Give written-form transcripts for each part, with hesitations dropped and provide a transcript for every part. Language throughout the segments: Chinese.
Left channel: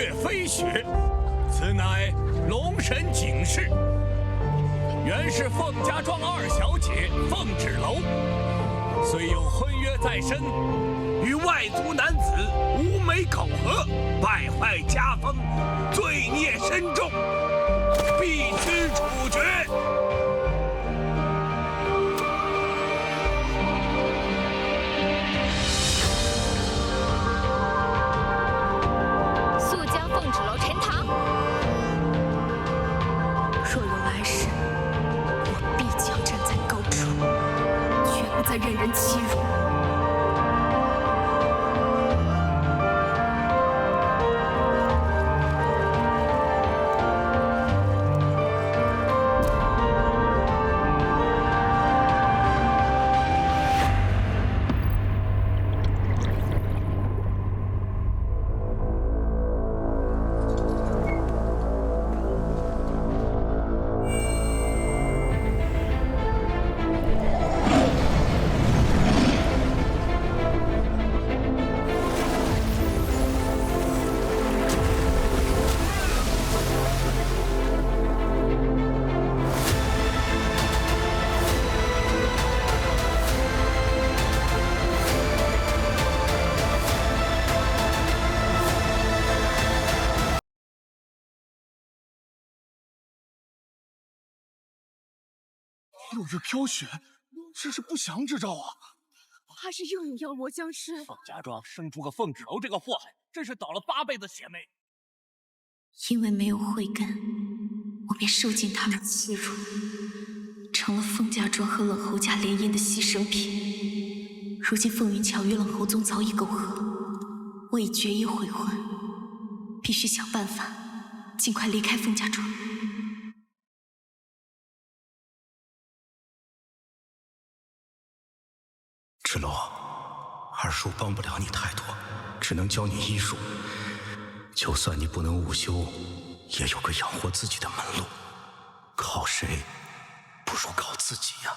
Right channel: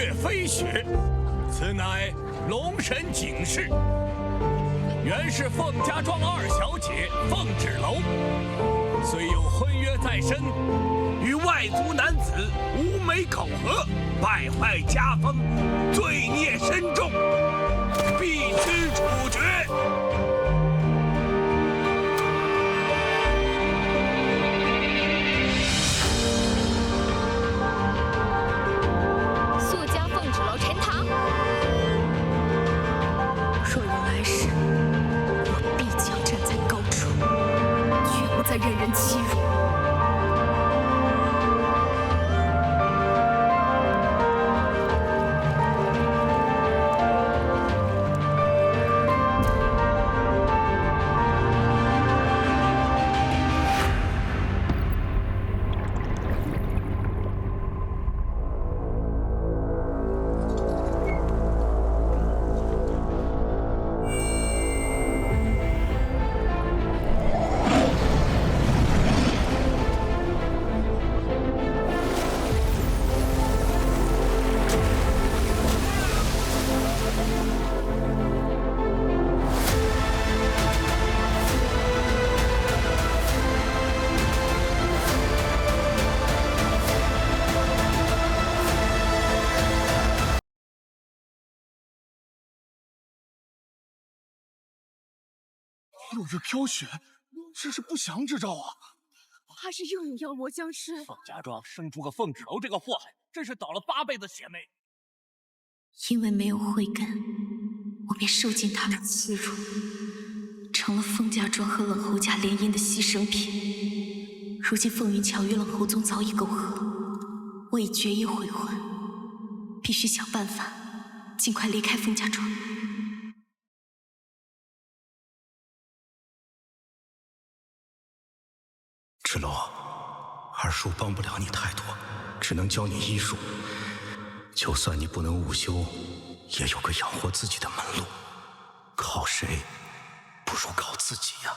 月飞雪，此乃龙神警示。原是凤家庄二小姐凤芷楼，虽有婚约在身，与外族男子无媒苟合，败坏家风，罪孽深重，必须处决。速将凤芷楼沉塘。若有来世，我必将站在高处，绝不再任人欺辱。落日飘雪，这是不祥之兆啊！怕是又有妖魔僵尸。凤家庄生出个凤芷楼这个祸害，真是倒了8辈子血霉。因为没有慧根，我便受尽他们欺辱，成了凤家庄和冷侯家联姻的牺牲品。如今凤云桥与冷侯宗早已苟合，我已决意悔婚，必须想办法尽快离开凤家庄。芷楼，二叔帮不了你太多，只能教你医术。就算你不能午休，也有个养活自己的门路。靠谁，不如靠自己呀。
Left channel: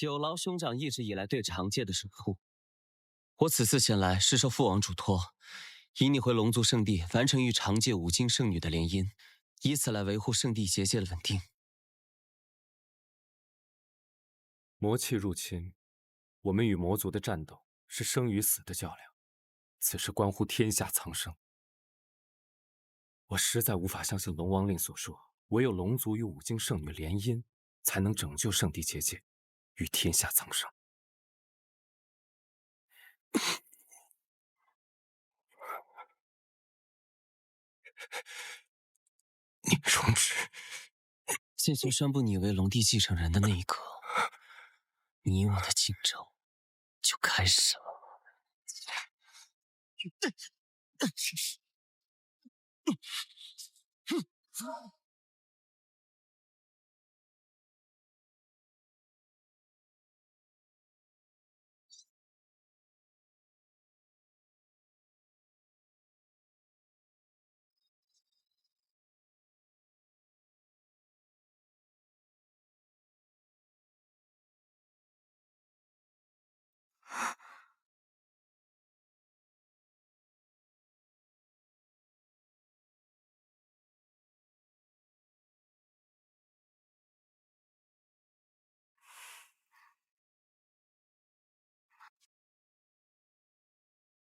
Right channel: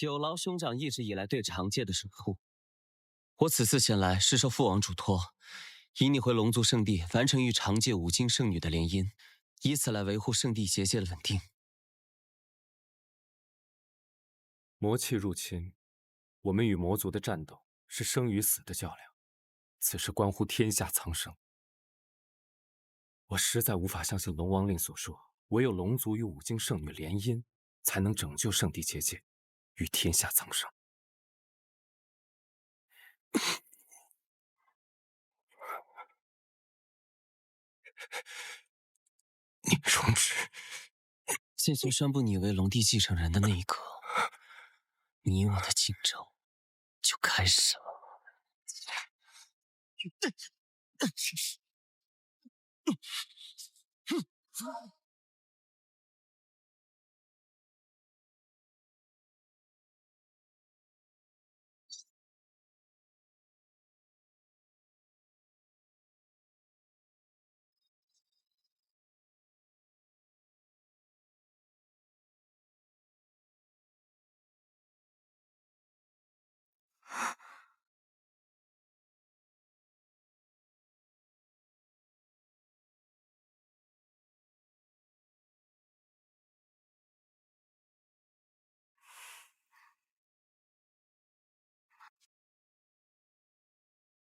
有劳兄长一直以来对长界的守护。我此次前来是受父王嘱托，引你回龙族圣地，完成与长界5金圣女的联姻，以此来维护圣地结界的稳定。魔气入侵，我们与魔族的战斗是生与死的较量，此事关乎天下苍生。我实在无法相信龙王令所说，唯有龙族与5金圣女联姻，才能拯救圣地结界，与天下苍生。你容止。界君宣布你为龙帝继承人的那一刻，你我的竞争就开始了。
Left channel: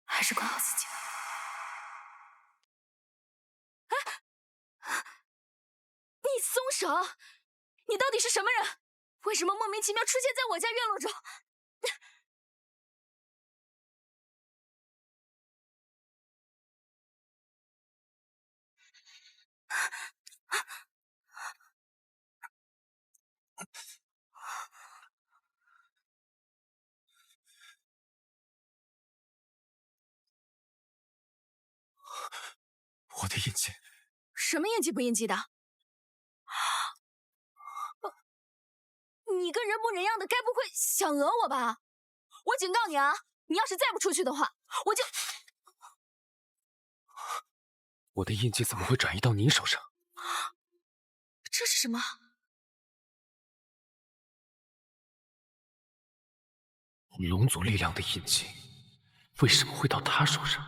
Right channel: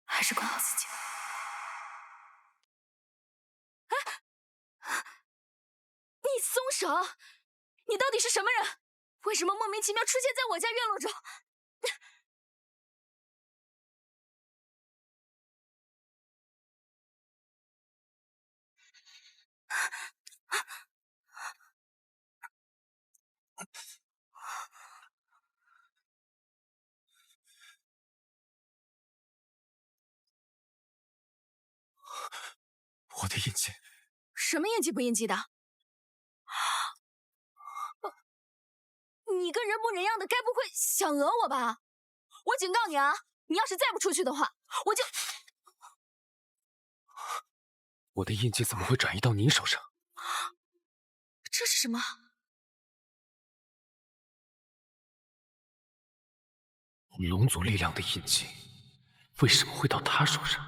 还是管好自己吧。你松手！你到底是什么人？为什么莫名其妙出现在我家院落中？我的印记。什么印记不印记的？你个人模人样的，该不会想讹我吧？我警告你啊，你要是再不出去的话，我就……我的印记怎么会转移到你手上？这是什么？龙族力量的印记，为什么会到他手上？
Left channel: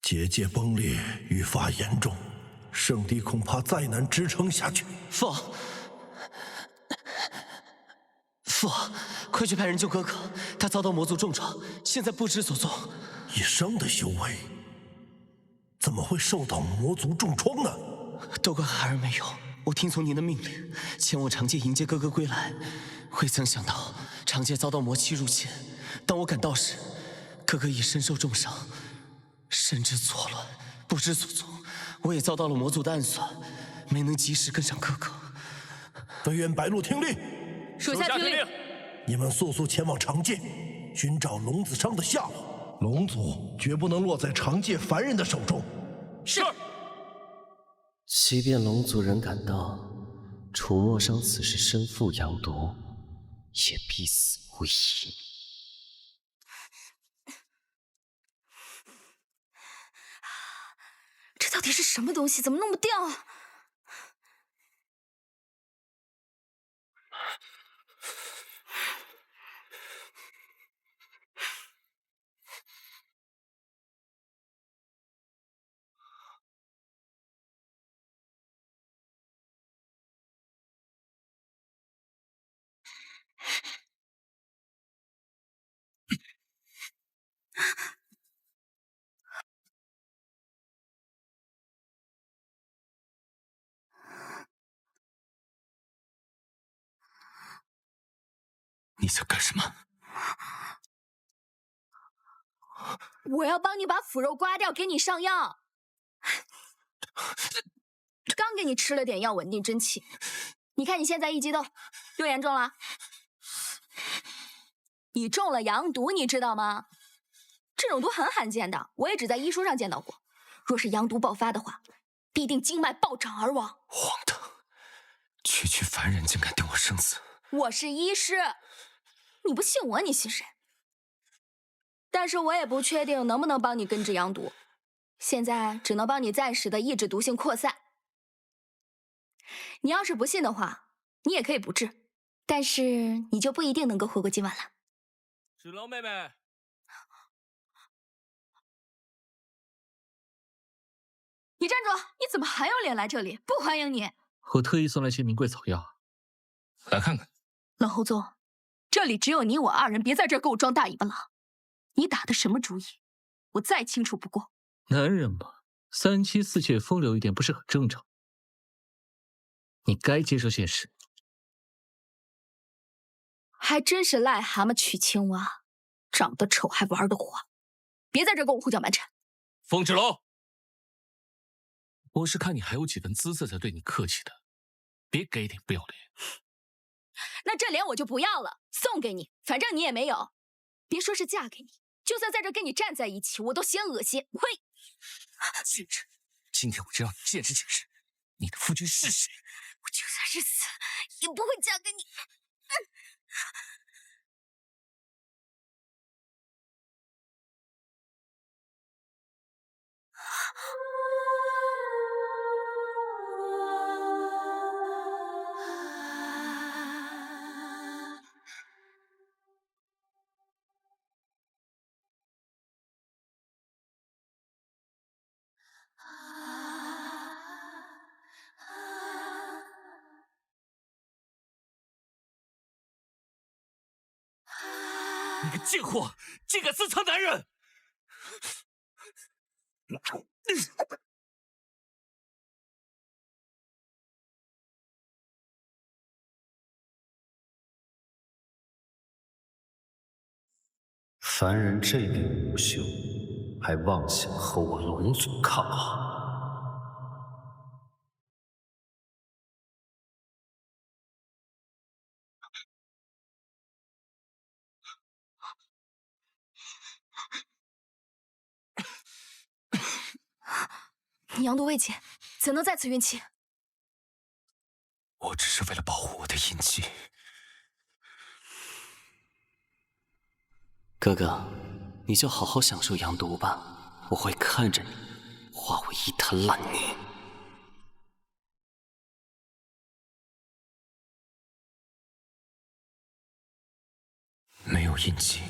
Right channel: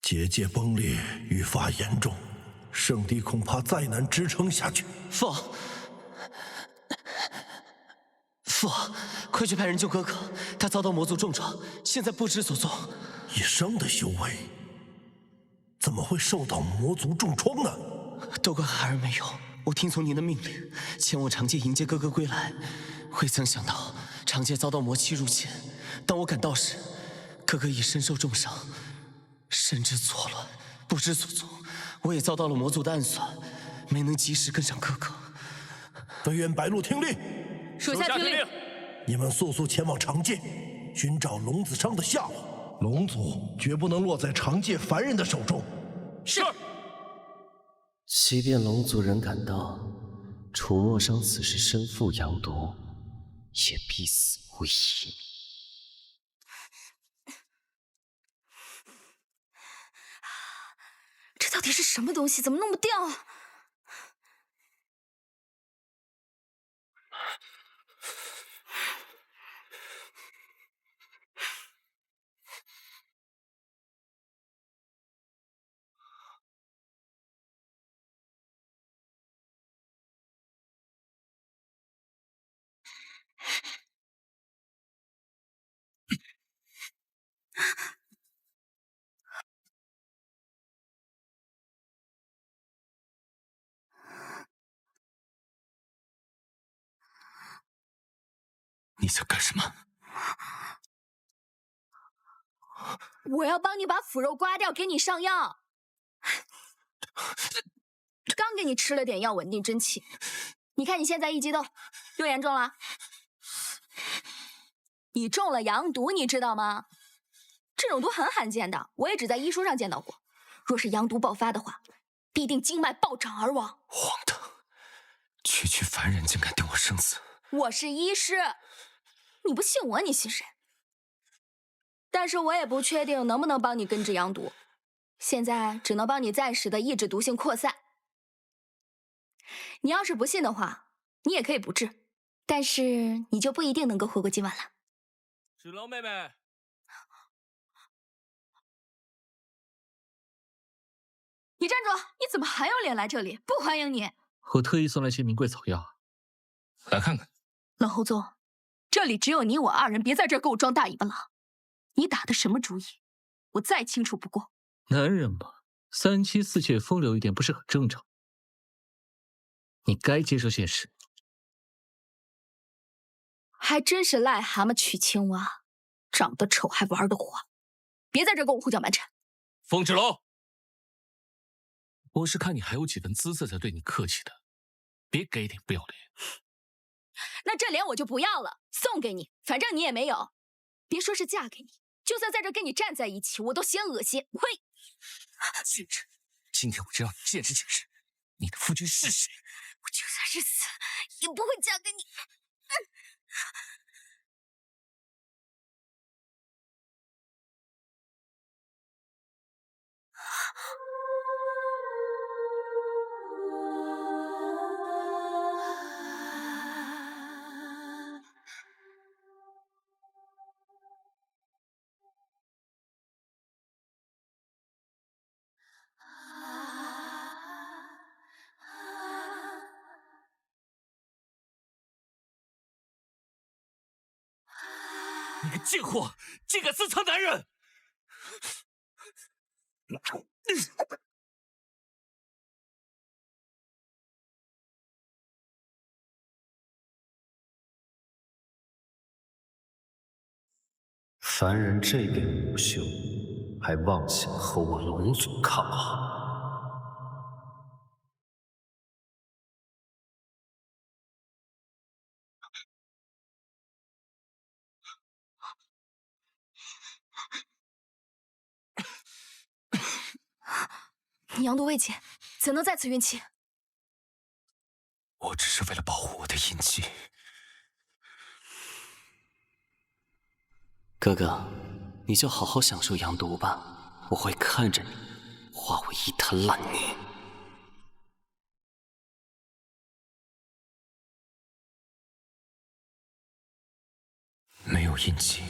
结界崩裂，愈发严重，圣地恐怕再难支撑下去。父，快去派人救哥哥，他遭到魔族重创，现在不知所踪。一生的修为，怎么会受到魔族重创呢？都怪孩儿没有，我听从您的命令，前往长界迎接哥哥归来。未曾想到长界遭到魔气入侵，当我赶到时，哥哥已身受重伤。神志错乱，不知所踪，我也遭到了魔族的暗算，没能及时跟上哥哥。飞燕白鹿听令，属下听令。你们速速前往长界，寻找龙子商的下落。龙族绝不能落在长界凡人的手中。是。即便龙族人赶到，楚墨商此时身负阳毒，也必死无疑。这到底是什么东西？怎么弄不掉啊？你在干什么？我要帮你把腐肉刮掉，给你上药。刚给你吃了点药，稳定真气。你看你现在一激动，又严重了。你中了阳毒，你知道吗？这种毒很罕见的，我也只在医书上见到过。若是阳毒爆发的话，必定经脉暴涨而亡。荒唐！区区凡人竟敢定我生死！我是医师，你不信我，你信谁？但是我也不确定能不能帮你根治阳毒，现在只能帮你暂时的抑制毒性扩散。你要是不信的话，你也可以不治，但是你就不一定能够活过今晚了。芷楼妹妹，你站住！你怎么还有脸来这里？不欢迎你！我特意送来些名贵草药，来看看。冷侯宗，这里只有你我二人，别在这儿给我装大尾巴狼。你打的什么主意？我再清楚不过。男人嘛，三妻四妾风流一点不是很正常？你该接受现实。还真是癞蛤蟆娶青蛙，长得丑还玩得花。别在这儿跟我胡搅蛮缠。风芷楼，我是看你还有几分姿色才对你客气的，别给点不要脸。那这脸我就不要了，送给你，反正你也没有。别说是嫁给你，就算在这跟你站在一起，我都嫌恶心。呸！贱人，今天我就让你见识见识你的夫君是谁。我就算是死，也不会嫁给你。你个贱货，竟敢私藏男人！凡人这点无秀，还妄想和我龙族抗衡？你阳毒未解，怎能在此运气？我只是为了保护我的印记。哥哥，你就好好享受阳毒吧，我会看着你化为一滩烂泥。没有印记，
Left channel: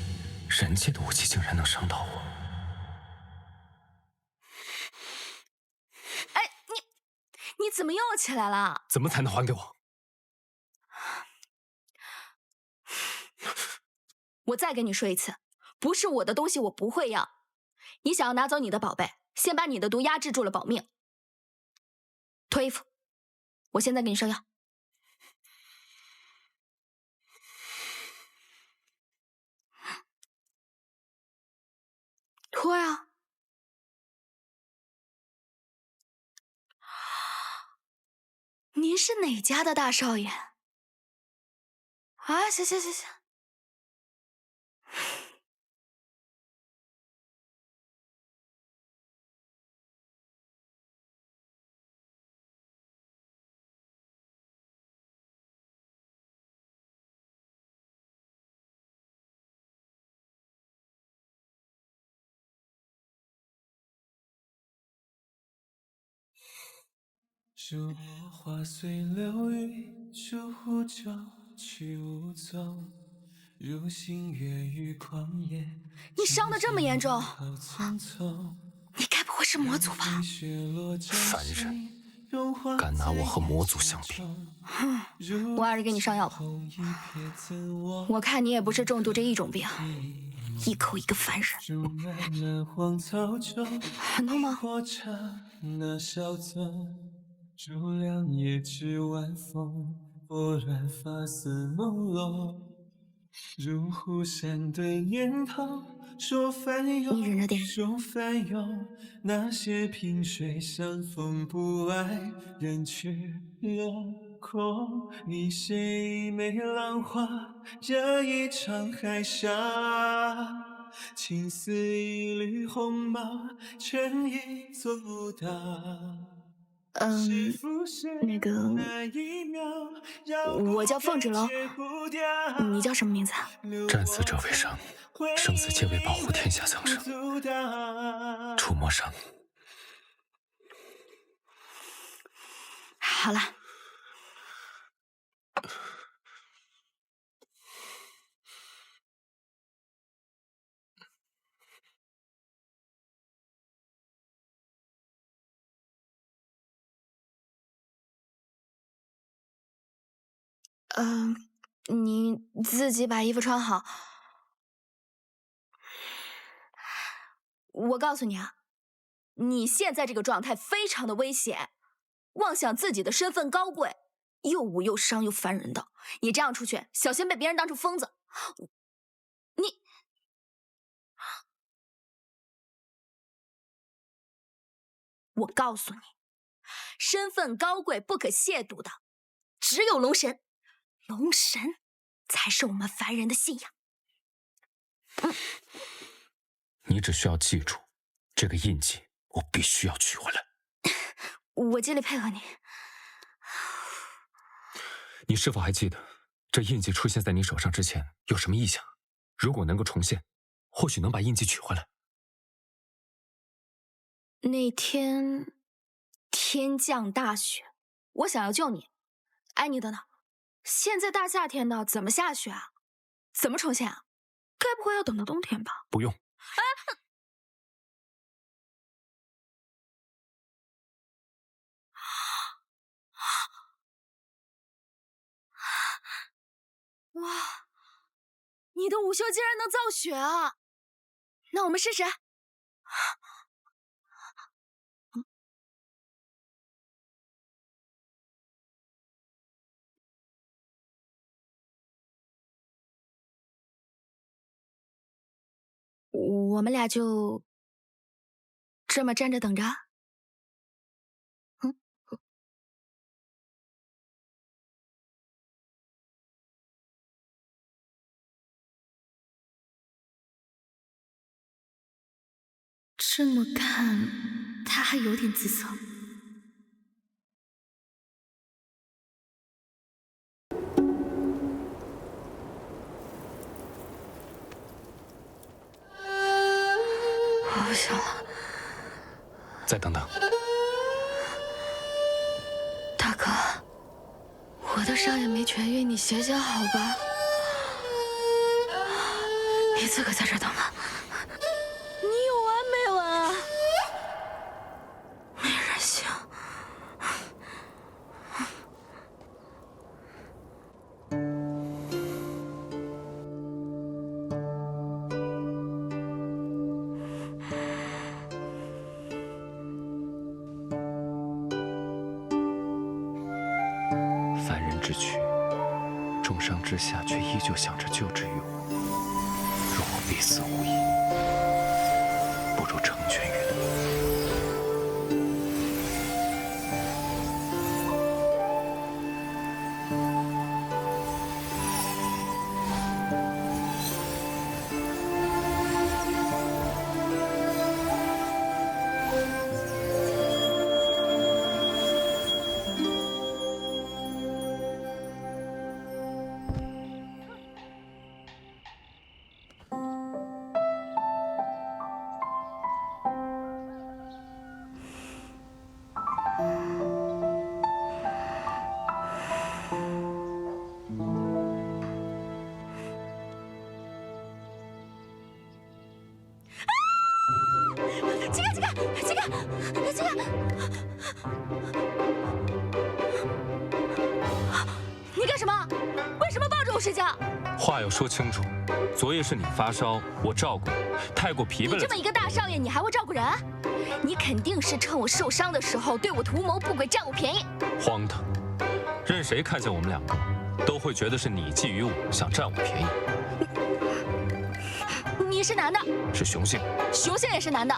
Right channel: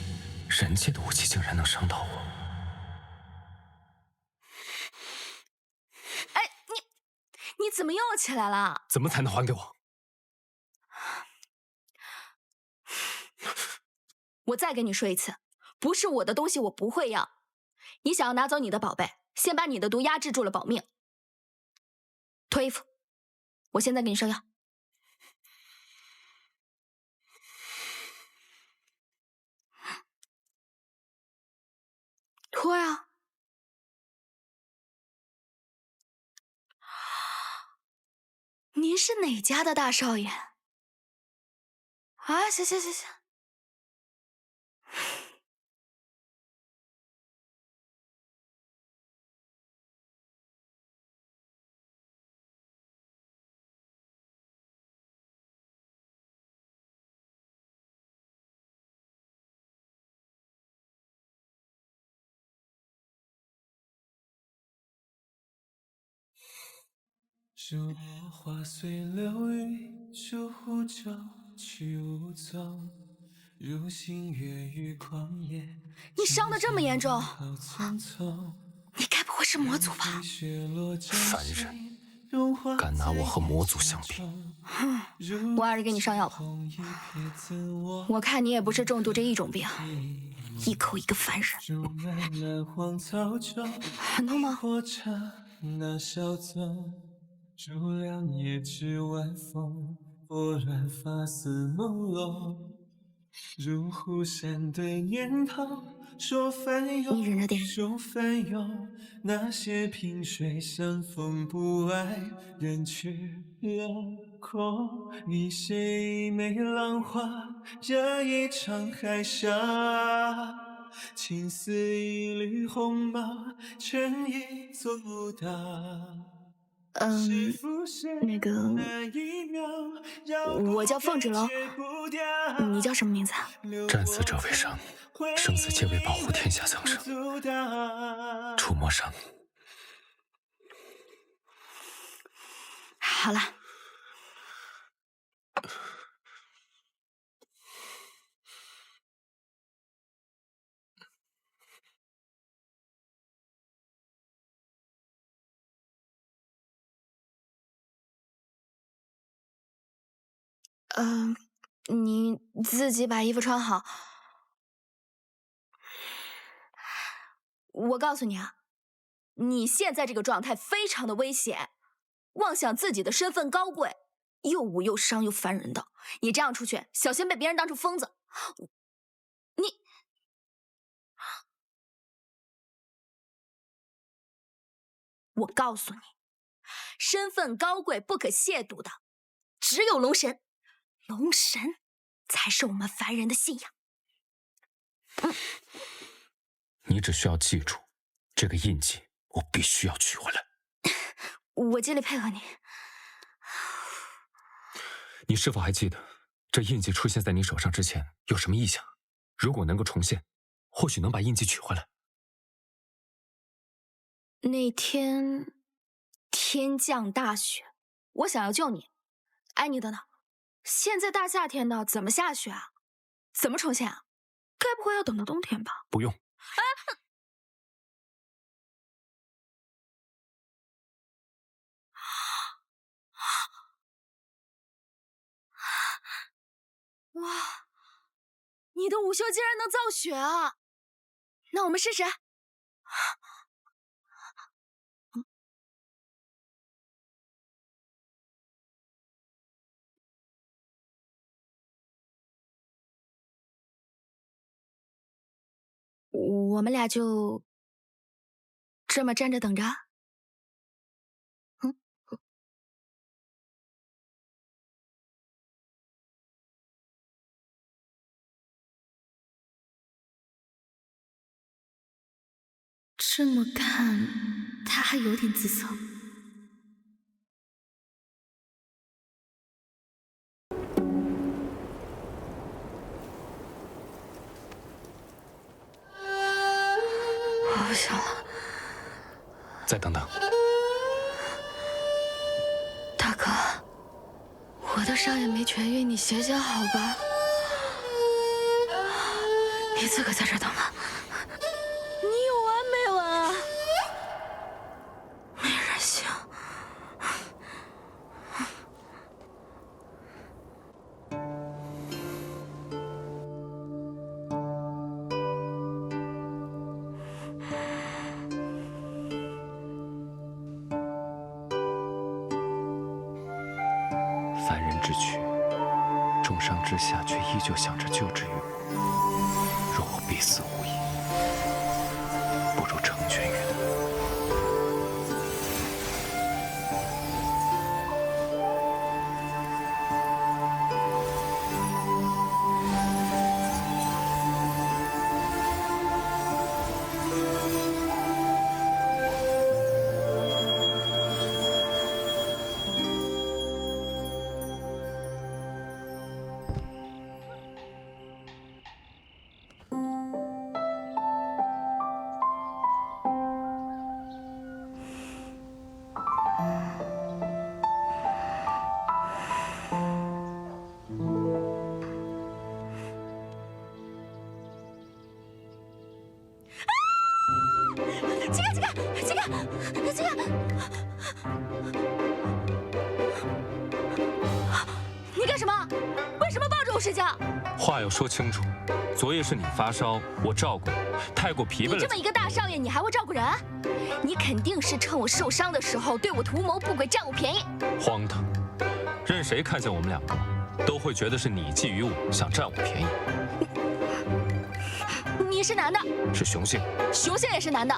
人界的武器竟然能伤到我。哎，你怎么又起来了？怎么才能还给我？我再跟你说一次，不是我的东西我不会要。你想要拿走你的宝贝，先把你的毒压制住了保命。脱衣服，我现在给你上药。脱呀！您是哪家的大少爷？啊，行行行行。如果花随流云，逐湖舟去无踪。如星月于旷野，你伤得这么严重，匆匆你该不会是魔族吧？凡人，敢拿我和魔族相比？哼，我还是给你上药吧。我看你也不是重度这一种病，一口一个凡人，很痛吗？如亮夜至晚风，拨乱发丝朦胧。如湖山对念头，说翻涌，说翻涌。那些萍水相逢不爱，人去楼空。你写一枚浪花，惹一场海沙。情似一缕鸿毛，权已做大。那个，我叫凤芷楼，你叫什么名字啊？战死者为生，生死皆为保护天下苍生。触摸上。好了。你自己把衣服穿好。我告诉你啊，你现在这个状态非常的危险，妄想自己的身份高贵，又武又伤又烦人的，你这样出去，小心被别人当成疯子。我告诉你，身份高贵不可亵渎的，只有龙神，龙神才是我们凡人的信仰。你只需要记住，这个印记我必须要取回来。我尽力配合你。你是否还记得，这印记出现在你手上之前有什么异象？如果能够重现，或许能把印记取回来。那天天降大雪，我想要救你。哎，你等等，现在大夏天的，怎么下雪啊？怎么重现啊？该不会要等到冬天吧？不用。哇，你的午休竟然能造雪啊！那我们试试。我们俩就这么站着等着。这么看，他还有点姿色。我不行了。再等等。大哥，我的伤也没痊愈，你歇歇好吧？你自个在这等吧。你有完没完啊？没人性。凡人之躯，重伤之下却依旧想着救治于我，若我必死无疑，不如成全于他。这个，你干什么？为什么抱着我睡觉？话要说清楚，昨夜是你发烧，我照顾你，太过疲惫了。你这么一个大少爷，你还会照顾人？你肯定是趁我受伤的时候对我图谋不轨，占我便宜。荒唐！任谁看见我们两个，都会觉得是你觊觎我，想占我便宜。你是男的，是雄性，雄性也是男的。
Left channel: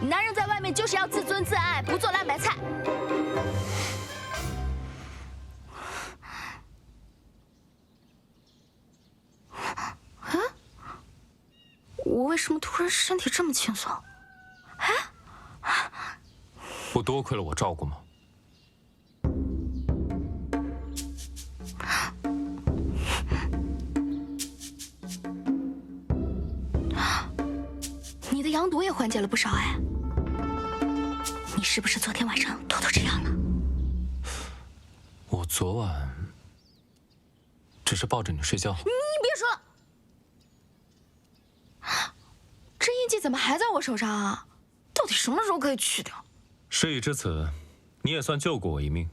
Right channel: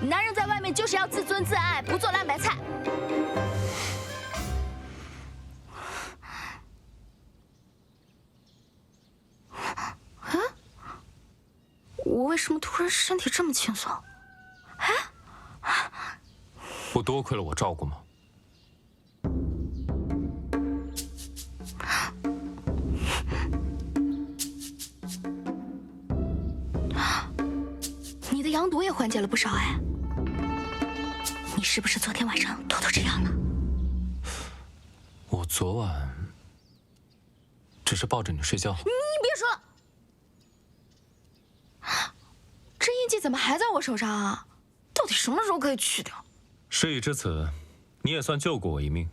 男人在外面就是要自尊自爱，不做烂白菜。啊？我为什么突然身体这么轻松？不多亏了我照顾吗？你的羊毒也缓解了不少哎。你是不是昨天晚上偷偷吃药了？我昨晚只是抱着你睡觉。你别说了，这印记怎么还在我手上啊？到底什么时候可以去掉？事已至此，你也算救过我一命。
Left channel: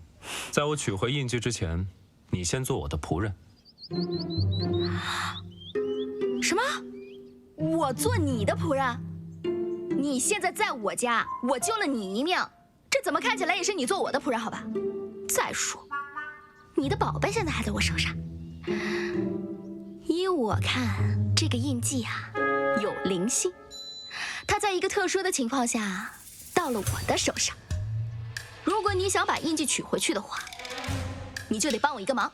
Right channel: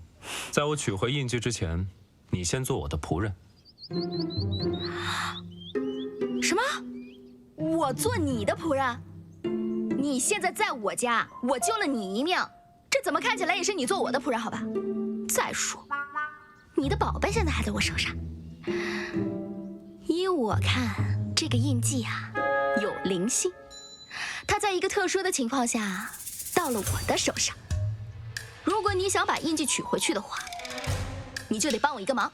在我取回印记之前，你先做我的仆人。什么？我做你的仆人？你现在在我家，我救了你一命，这怎么看起来也是你做我的仆人好吧？再说，你的宝贝现在还在我手上。依我看，这个印记啊，有灵性，它在一个特殊的情况下到了我的手上。如果你想把印记取回去的话，你就得帮我一个忙，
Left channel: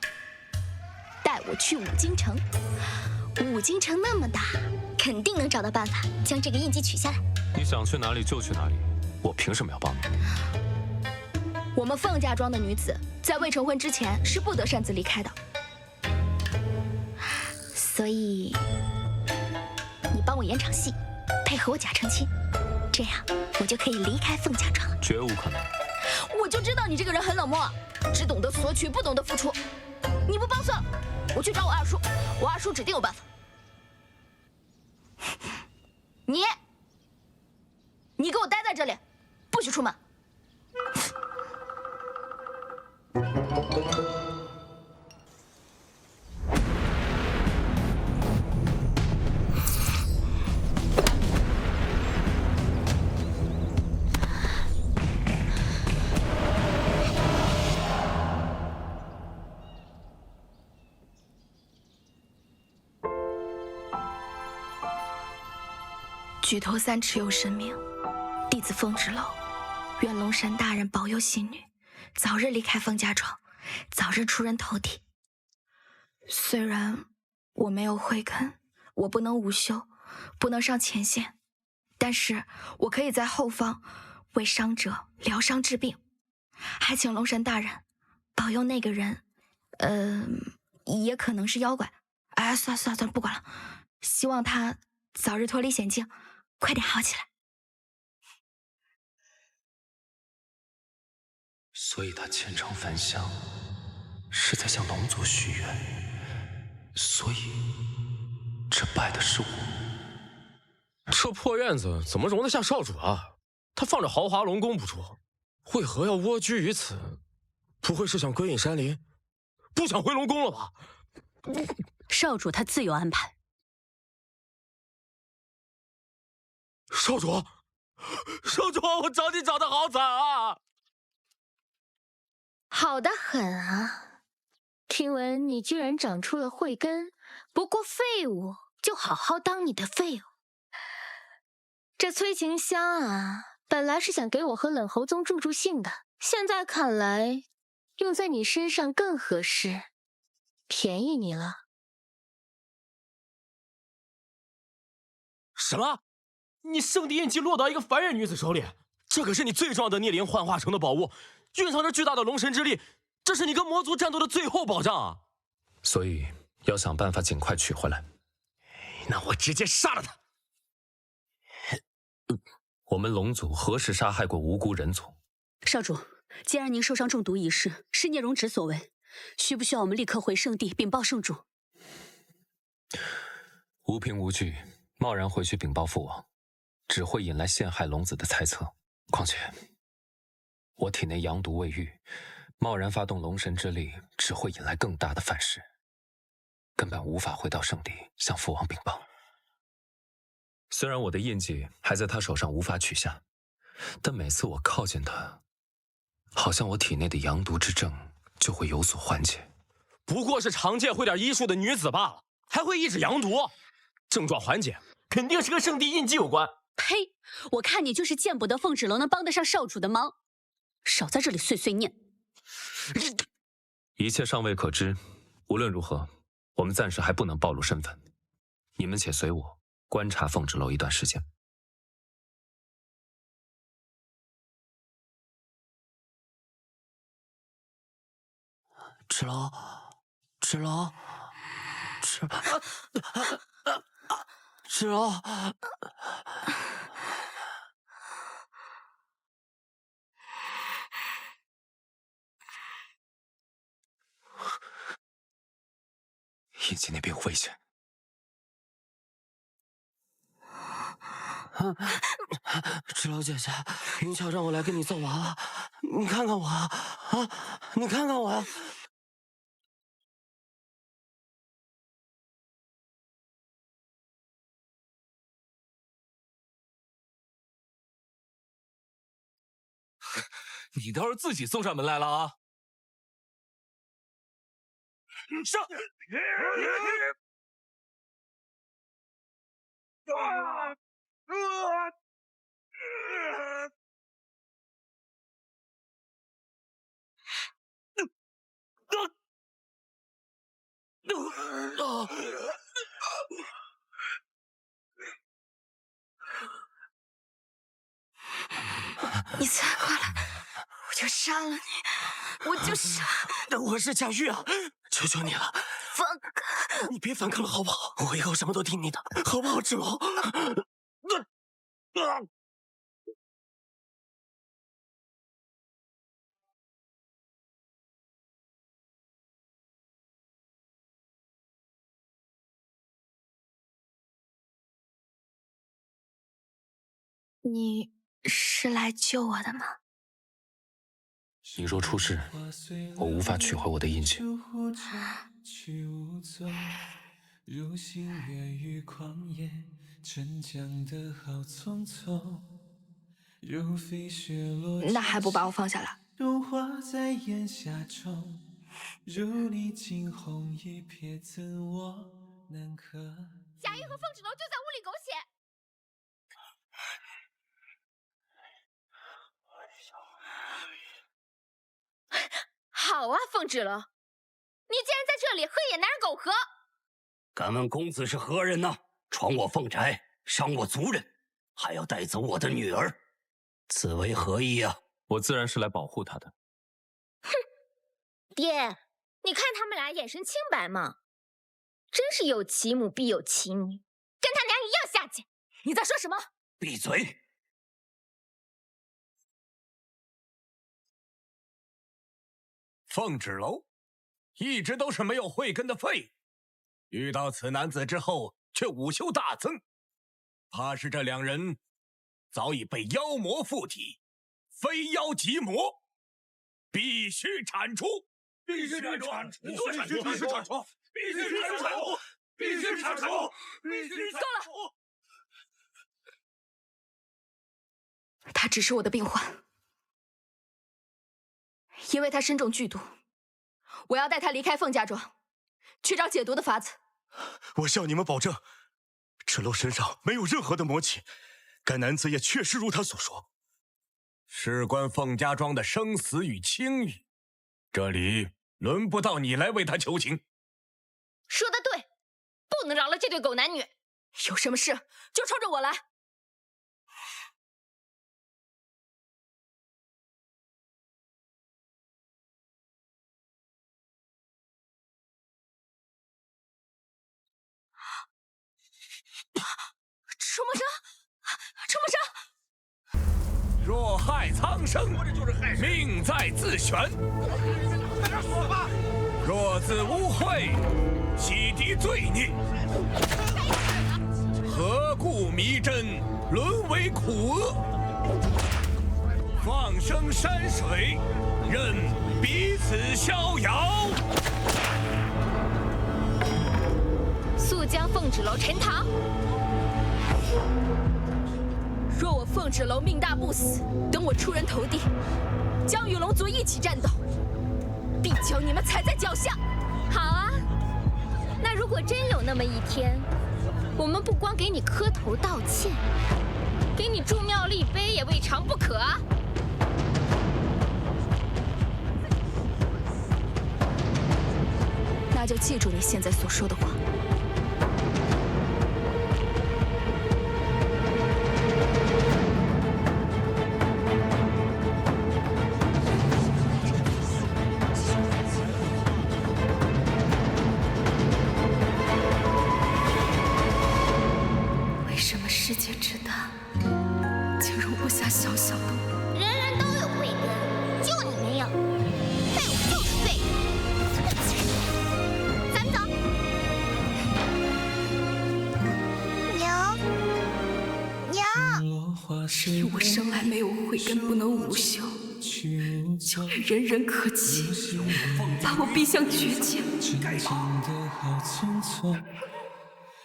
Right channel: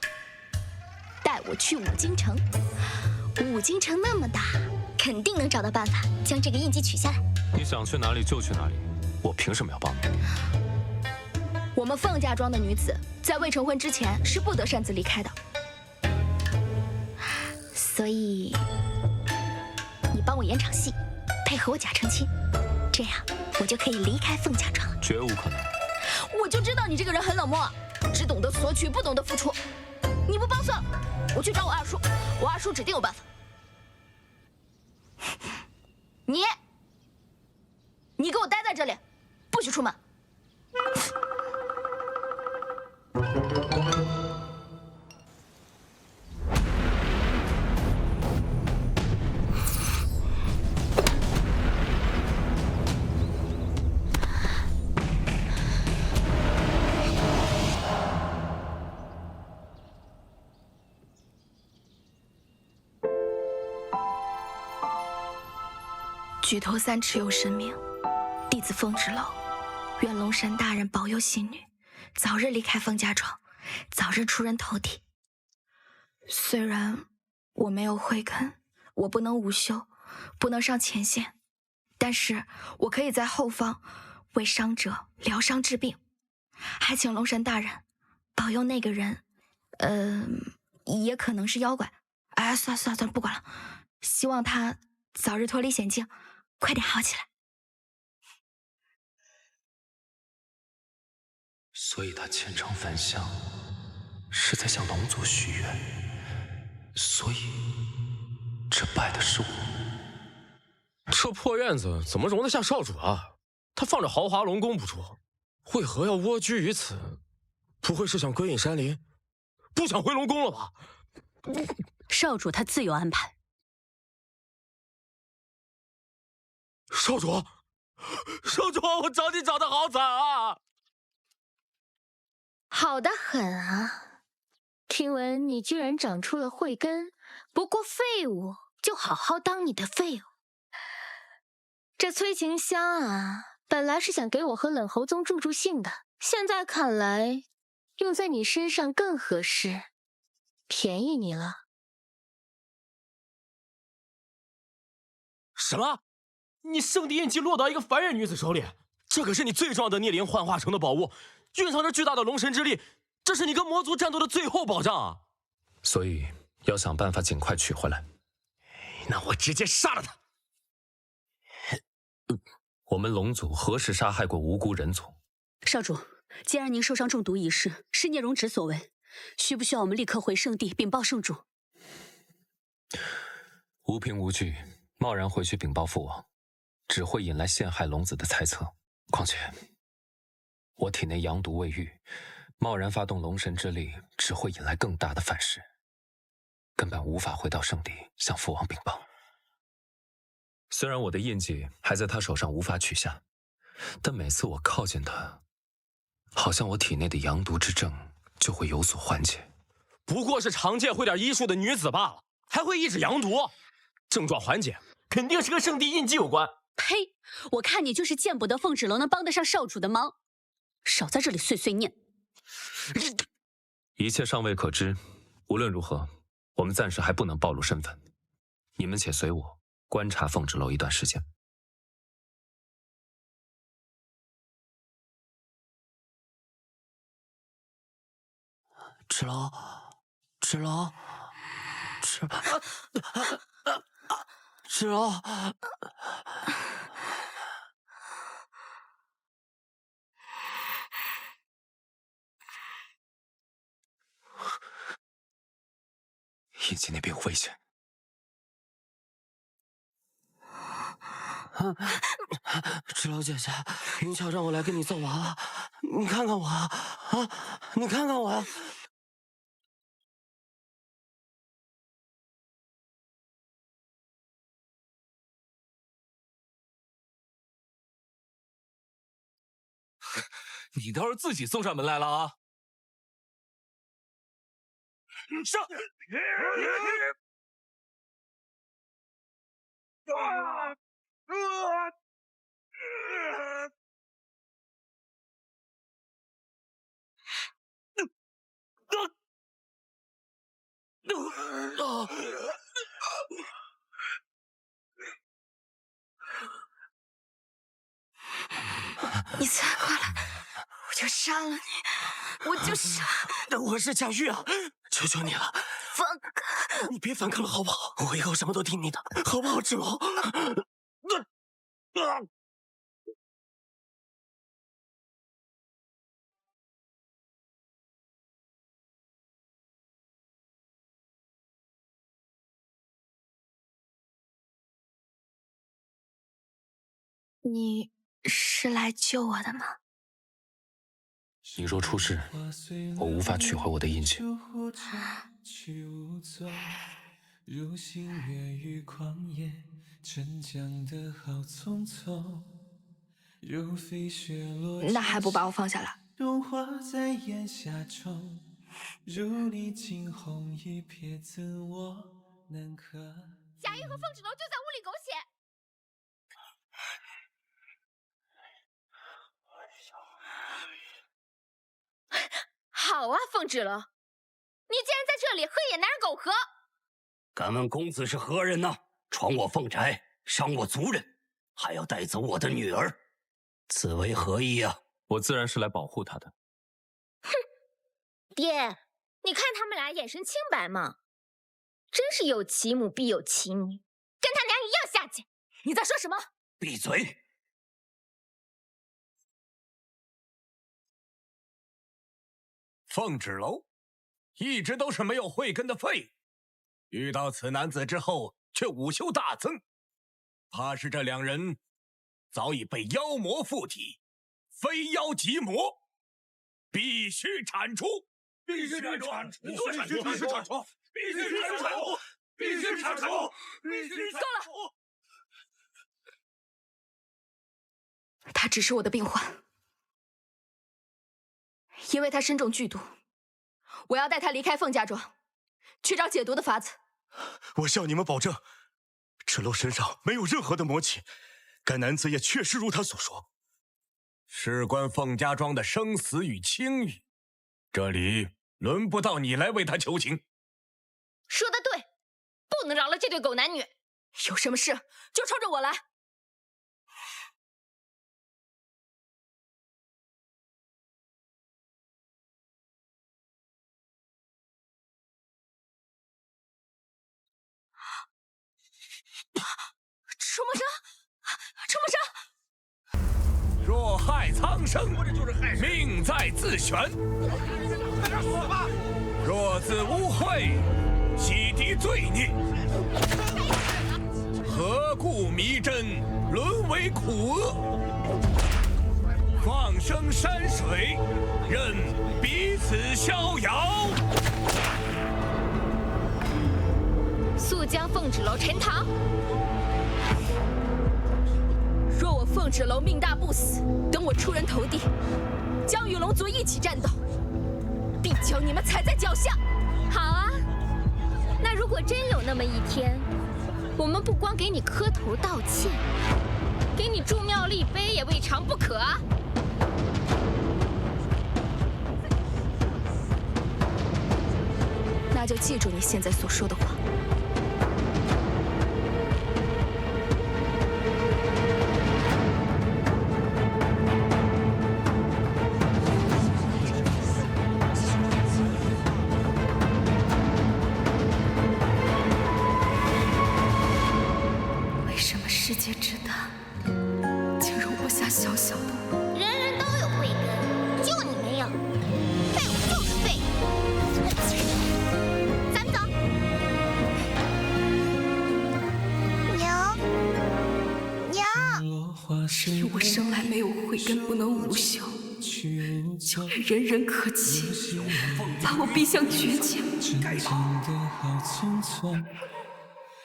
带我去五京城。五京城那么大，肯定能找到办法将这个印记取下来。你想去哪里就去哪里，我凭什么要帮你？我们凤家庄的女子在未成婚之前是不得擅自离开的，所以你帮我演场戏，配合我假成亲，这样我就可以离开凤家庄了。绝无可能！我就知道你这个人很冷漠，只懂得索取，不懂得付出。你不帮算了，我去找我二叔，我二叔指定有办法。你给我待在这里，不许出门。举头三尺有神明，弟子凤芷楼，愿龙神大人保佑喜女早日离开凤家庄，早日出人头地。虽然我没有慧根，我不能午休，不能上前线，但是我可以在后方为伤者疗伤治病，还请龙神大人保佑那个人，也可能是妖怪。哎，算了，不管了，希望他早日脱离险境，快点好起来。所以他虔诚返乡，是在向龙族许愿，所以这拜的是我。这破院子怎么容得下少主啊？他放着豪华龙宫不住，为何要蜗居于此？不会是想归隐山林，不想回龙宫了吧？少主他自有安排。少主，我找你找的好惨啊！好的很啊！听闻你居然长出了慧根，不过废物就好好当你的废物。这催情香啊，本来是想给我和冷侯宗助助兴的，现在看来用在你身上更合适，便宜你了。什么？你圣地印记落到一个凡人女子手里？这可是你最重要的孽灵幻化成的宝物，蕴藏着巨大的龙神之力，这是你跟魔族战斗的最后保障啊！所以要想办法尽快取回来。那我直接杀了他！我们龙族何时杀害过无辜人族？少主，既然您受伤中毒一事是聂荣芷所为，需不需要我们立刻回圣地禀报圣主？无凭无据，贸然回去禀报父王，只会引来陷害龙子的猜测。况且，我体内阳毒未愈，贸然发动龙神之力，只会引来更大的反噬，根本无法回到圣地向父王禀报。虽然我的印记还在他手上无法取下，但每次我靠近他，好像我体内的阳毒之症就会有所缓解。不过是常见会点医术的女子罢了，还会抑制阳毒，症状缓解肯定是跟圣地印记有关。呸！我看你就是见不得凤芷楼能帮得上少主的忙，少在这里碎碎念。一切尚未可知，无论如何，我们暂时还不能暴露身份。你们且随我观察凤芷楼一段时间。芷楼，芷楼，芷楼。印记那边有危险。芷楼姐姐，云巧让我来跟你揍娃娃，你看看我啊，你看看我呀。你倒是自己送上门来了啊！上！你再过来，我就杀了你！我就杀！我是贾玉啊，求求你了，放开！你别反抗了好不好？我以后什么都听你的，好不好，芷楼？你是来救我的吗？你若出事，我无法取回我的印记。那还不把我放下来？贾玉和凤芷楼就在屋里苟且。好啊，凤芷楼，你竟然在这里和野男人苟合！敢问公子是何人呢？闯我凤宅，伤我族人，还要带走我的女儿，此为何意啊？我自然是来保护她的。哼，爹，你看他们俩眼神清白吗？真是有其母必有其女，跟他娘一样下贱。你在说什么？闭嘴！凤芷楼一直都是没有慧根的废物，遇到此男子之后却武修大增，怕是这两人早已被妖魔附体，非妖即魔，必须铲除！必须铲除！必须铲除！必须铲除！必须铲除！必须铲除！必须铲除！够了！他只是我的病患，因为他身中剧毒，我要带他离开凤家庄，去找解毒的法子。我向你们保证，芷楼身上没有任何的魔气，该男子也确实如他所说。事关凤家庄的生死与清誉，这里轮不到你来为他求情。说得对，不能饶了这对狗男女。有什么事就冲着我来。出没生，出没生！若害苍生，命在自悬。若自污秽，洗涤罪孽，何故迷真，沦为苦厄？放生山水，任彼此逍遥。速将凤芷楼沉塘。若我凤芷楼命大不死，等我出人头地，将与龙族一起战斗，必将你们踩在脚下。好啊，那如果真有那么一天，我们不光给你磕头道歉，给你筑庙立碑也未尝不可啊。那就记住你现在所说的话。世界之大，竟容不下小小的我。人人都有慧根，就你没有。废物就是废物。咱们走。娘，是我生来没有慧根，不能武修，就连人人可欺，把我逼向绝境。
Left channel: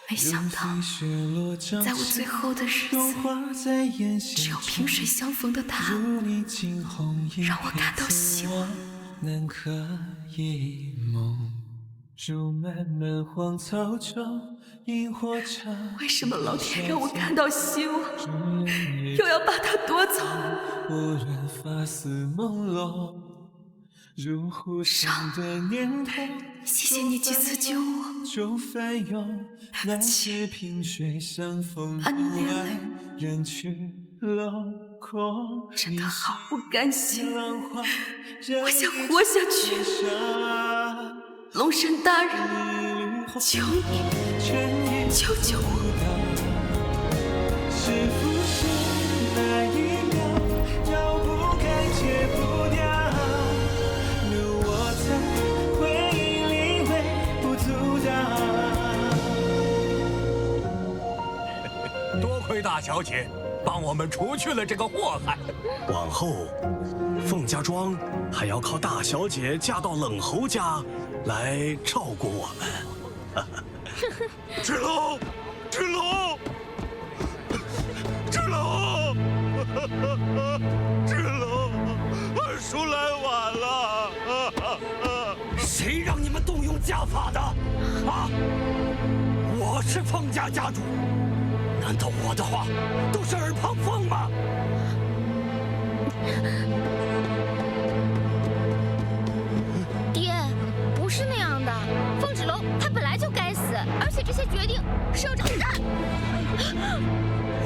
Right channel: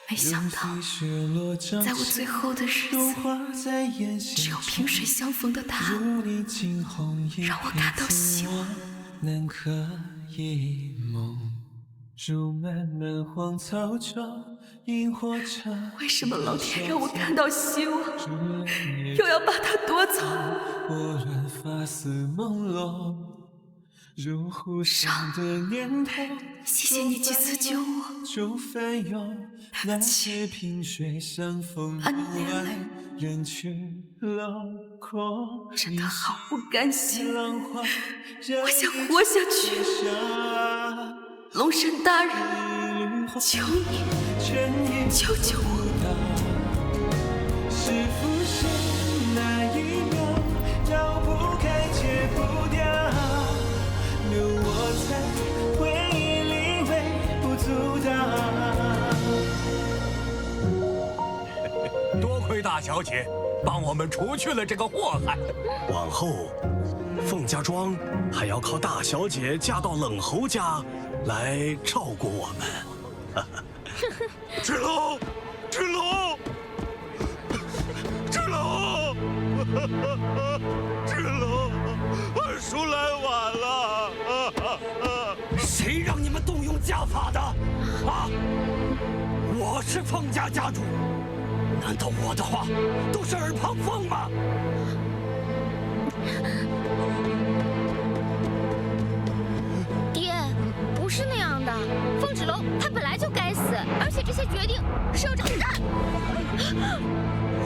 没想到，在我最后的日子，只有萍水相逢的他，让我感到希望。为什么老天让我看到希望，又要把它夺走？上，谢谢你几次救我。对不起，把你连累，真的好不甘心。我想活下去。龙神大人，求你救救我！是浮现那一秒，绕不开，戒不掉，留我在回忆里微不足道。多亏大小姐帮我们除去了这个祸害，往后凤家庄还要靠大小姐嫁到冷侯家来照顾我们。芷楼，芷楼，芷楼，芷楼，二叔来晚了。谁让你们动用家法的？啊！我是凤家家主，难道我的话都是耳旁风吗？爹，不是那样的。凤芷楼他本来就该死，而且这些决定是由长。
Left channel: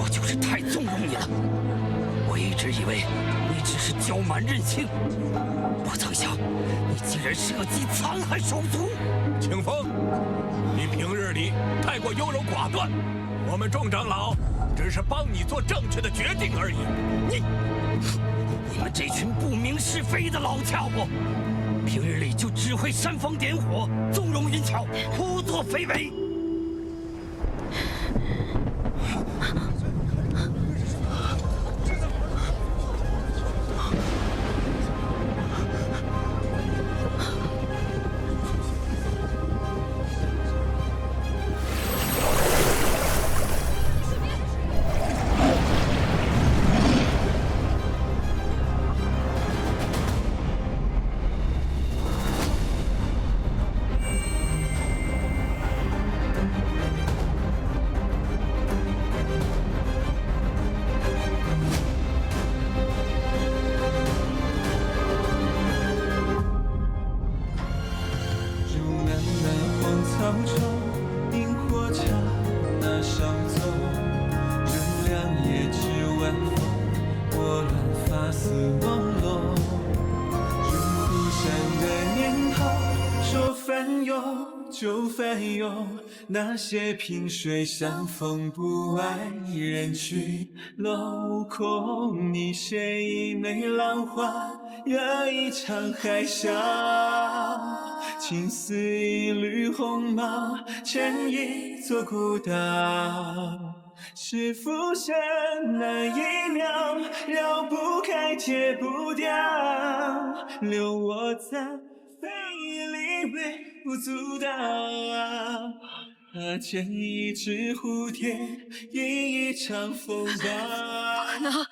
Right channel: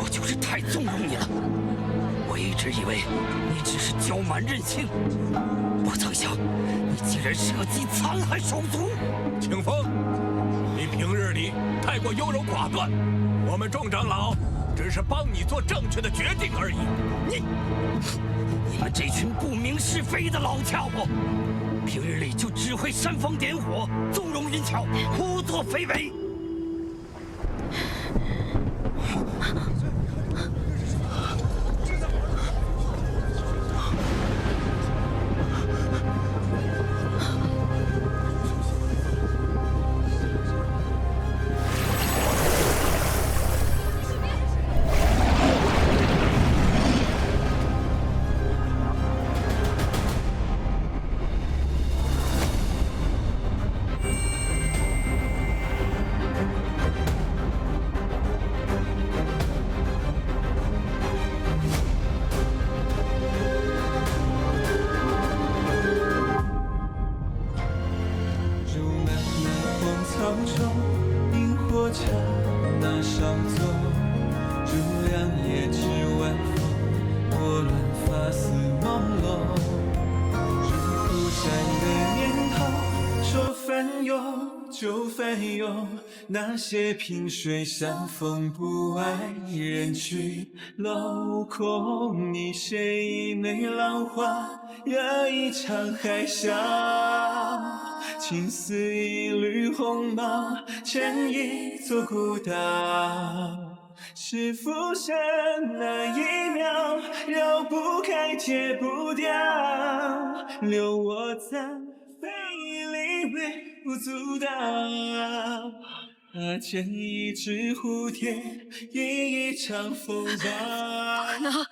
我就是太纵容你了。我一直以为你只是骄蛮任性，不曾想你竟然设计残害手足。清风，你平日里太过优柔寡断，我们众长老只是帮你做正确的决定而已。你们这群不明是非的老家伙，平日里就只会煽风点火、纵容淫巧、胡作非为。竹漫漫荒草中，萤火刹那稍纵。如两夜之晚风，拨乱发丝朦胧。如忽闪的念头，说翻涌就翻涌。那些萍水相逢不爱人去楼空，你写一枚浪花，惹一场海啸。情似一缕鸿毛，牵一座孤岛。是浮生那一秒，绕不开，戒不掉，留我在回忆里微不足道。见一只蝴蝶，忆一场风浪。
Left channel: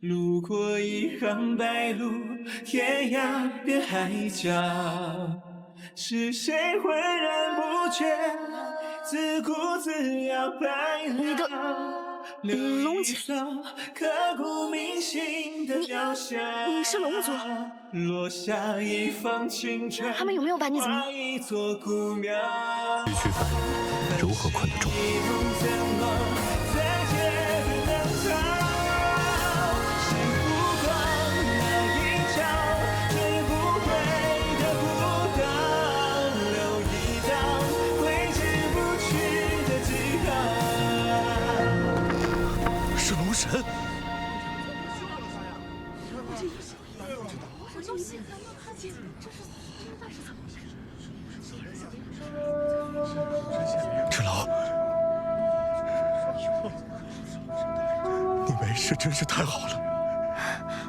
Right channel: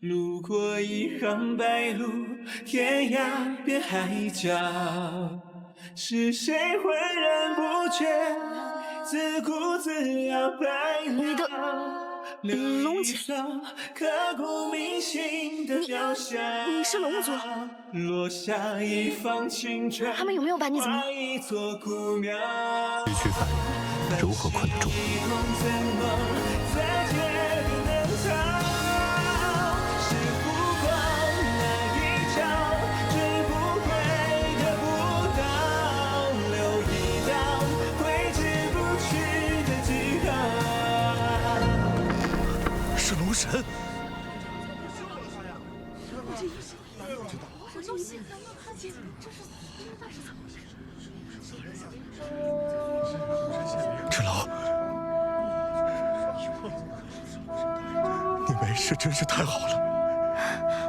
路过一行白鹭，天涯变海角。是谁浑然不觉，自顾自摇摆了？龙姐，刻骨铭心的雕像。你是龙族？落下一方青砖，他们有没有把你怎么？一座孤庙。区区凡人，如何困得住？怎么在街边能逃？是浮光那一角，追不回的步道，留一道挥之不去的记号。是龙神。芷老，你没事真是太好了。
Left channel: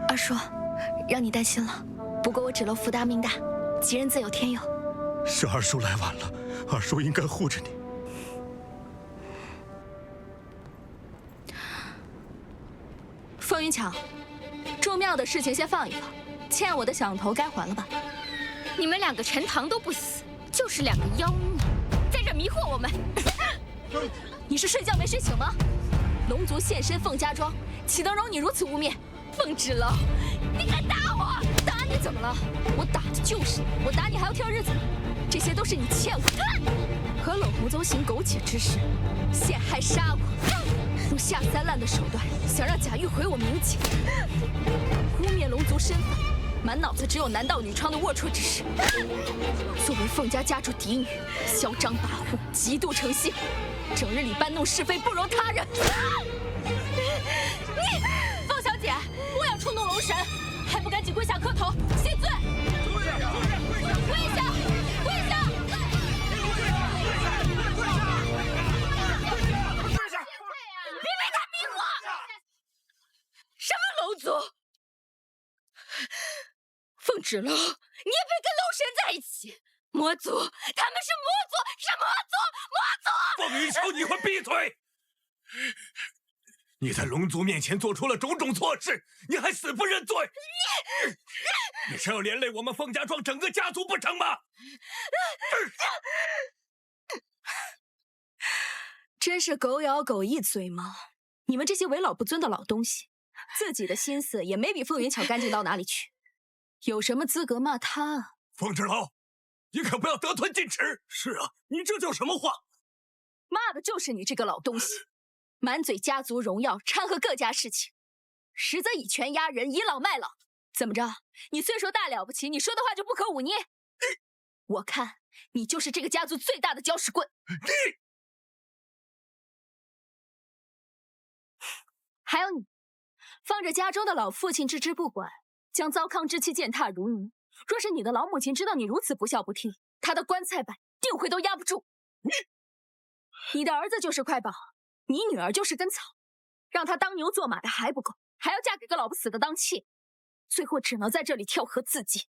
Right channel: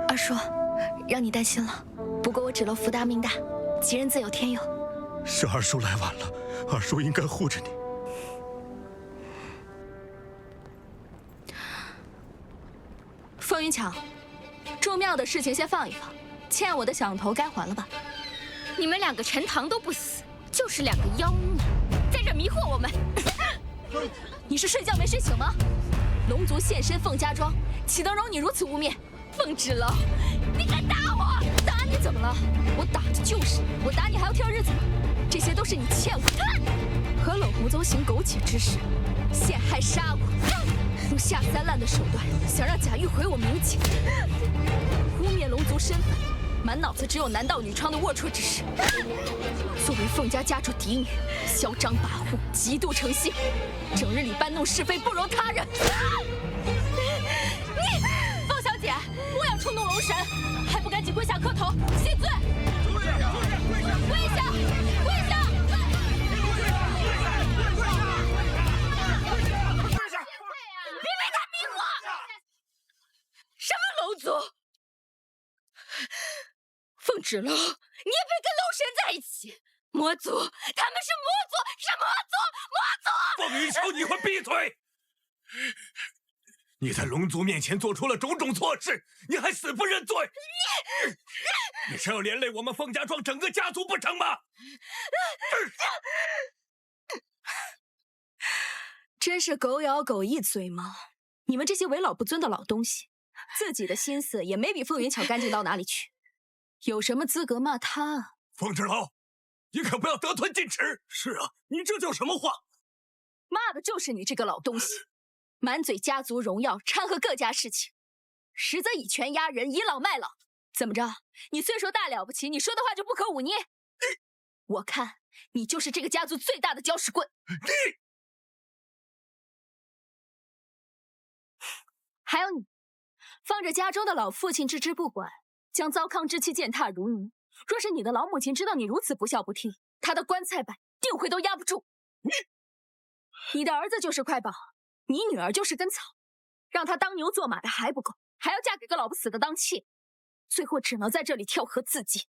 二叔，让你担心了。不过我芷楼福大命大，吉人自有天佑。是二叔来晚了，二叔应该护着你。凤云桥，住庙的事情先放一放，欠我的响头该还了吧？你们两个陈塘都不死，就是两个妖孽，在这迷惑我们。你是睡觉没睡醒吗？龙族现身凤家庄，岂能容你如此污蔑？凤芷楼，你敢打我？打你怎么了？我打的就是你，我打你还要挑日子吗？这些都是你欠我的。和冷红宗行苟且之事，陷害杀我，用下三滥的手段想让贾玉毁我名节，污蔑龙族身份，满脑子只有男盗女娼的龌龊之事。作为凤家家主嫡女，嚣张跋扈，极度成性，整日里搬弄是非，不容他人。你，凤小姐，不要触怒龙神，还不赶紧跪下磕头谢罪！跪下！跪下！跪下！跪下！别为他迷惑！什么龙族？凤芷楼，你也配跟龙神在一起？魔族，他们是魔族，是魔族，魔族！凤云秋，你快闭嘴！你在龙族面前做出了种种错事，你还死不认罪！你是要连累我们凤家庄整个家族不成吗？真是狗咬狗一嘴毛！你们这些为老不尊的老东西，自己的心思也没比凤云巧干净到哪里去，有什么资格骂他啊？凤芷楼，你可不要得寸进尺！是啊，你这叫什么话？骂的就是你这个老东西！满嘴家族荣耀，掺和各家事情，实则以权压人，倚老卖老。怎么着？你岁数大了不起，你说的话就不可忤逆？我看你就是这个家族最大的搅屎棍。还有你，放着家中的老父亲置之不管，将糟糠之妻践踏如泥。若是你的老母亲知道你如此不孝不悌，她的棺材板定会都压不住。你的儿子就是块宝，你女儿就是根草，让她当牛做马的还不够，还要嫁给个老不死的当妾，最后只能在这里跳河自尽。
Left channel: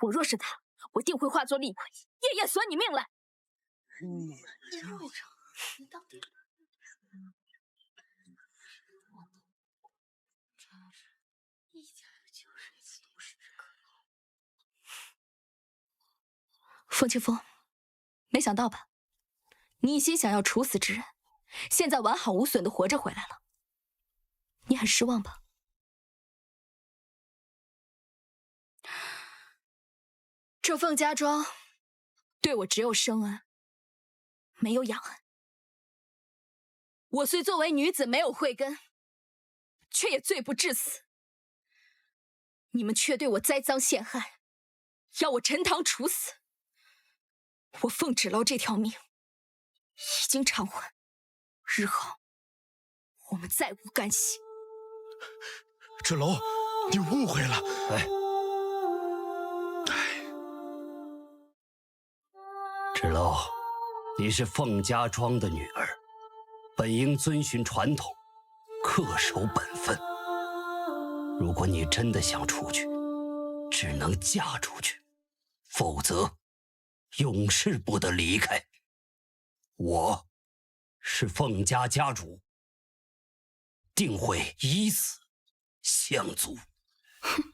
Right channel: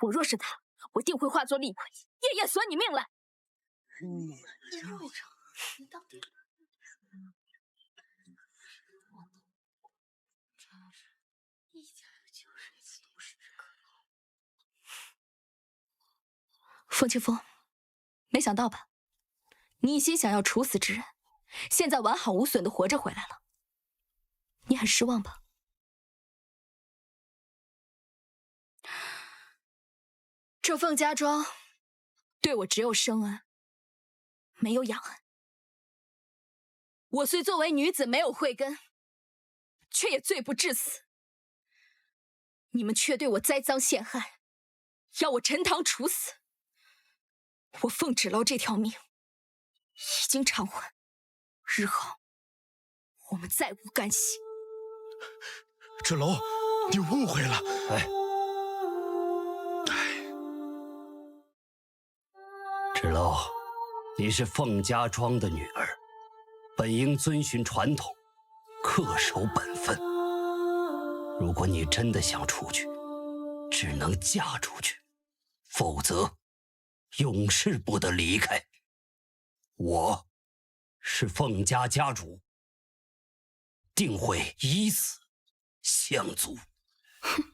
我若是他，我定会化作厉鬼，夜夜索你命来。肉肠，你到底？一家就是凤清风，没想到吧？你一心想要处死之人，现在完好无损的活着回来了，你很失望吧？这凤家庄对我只有生恩，没有养恩。我虽作为女子没有慧根，却也罪不至死。你们却对我栽赃陷害，要我陈塘处死。我凤芷楼这条命已经偿还，日后我们再无干系。芷楼，你误会了。芷楼，你是凤家庄的女儿，本应遵循传统，恪守本分。如果你真的想出去，只能嫁出去，否则永世不得离开。我是凤家家主，定会以死相阻。哼，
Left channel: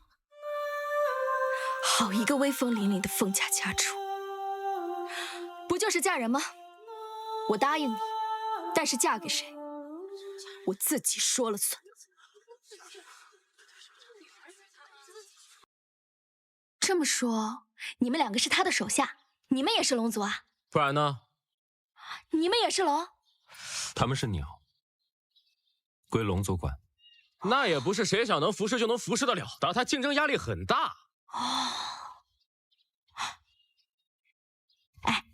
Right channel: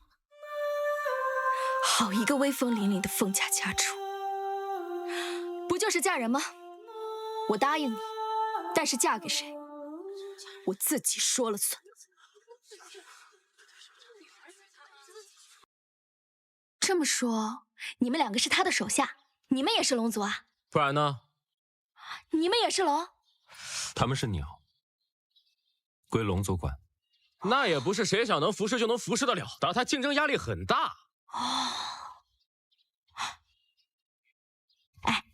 好一个威风凛凛的凤家家主！不就是嫁人吗？我答应你，但是嫁给谁，我自己说了算。这么说，你们两个是他的手下，你们也是龙族啊？不然呢？你们也是龙？他们是鸟，归龙族管。那也不是谁想能服侍就能服侍得了的，他竞争压力很大。哎，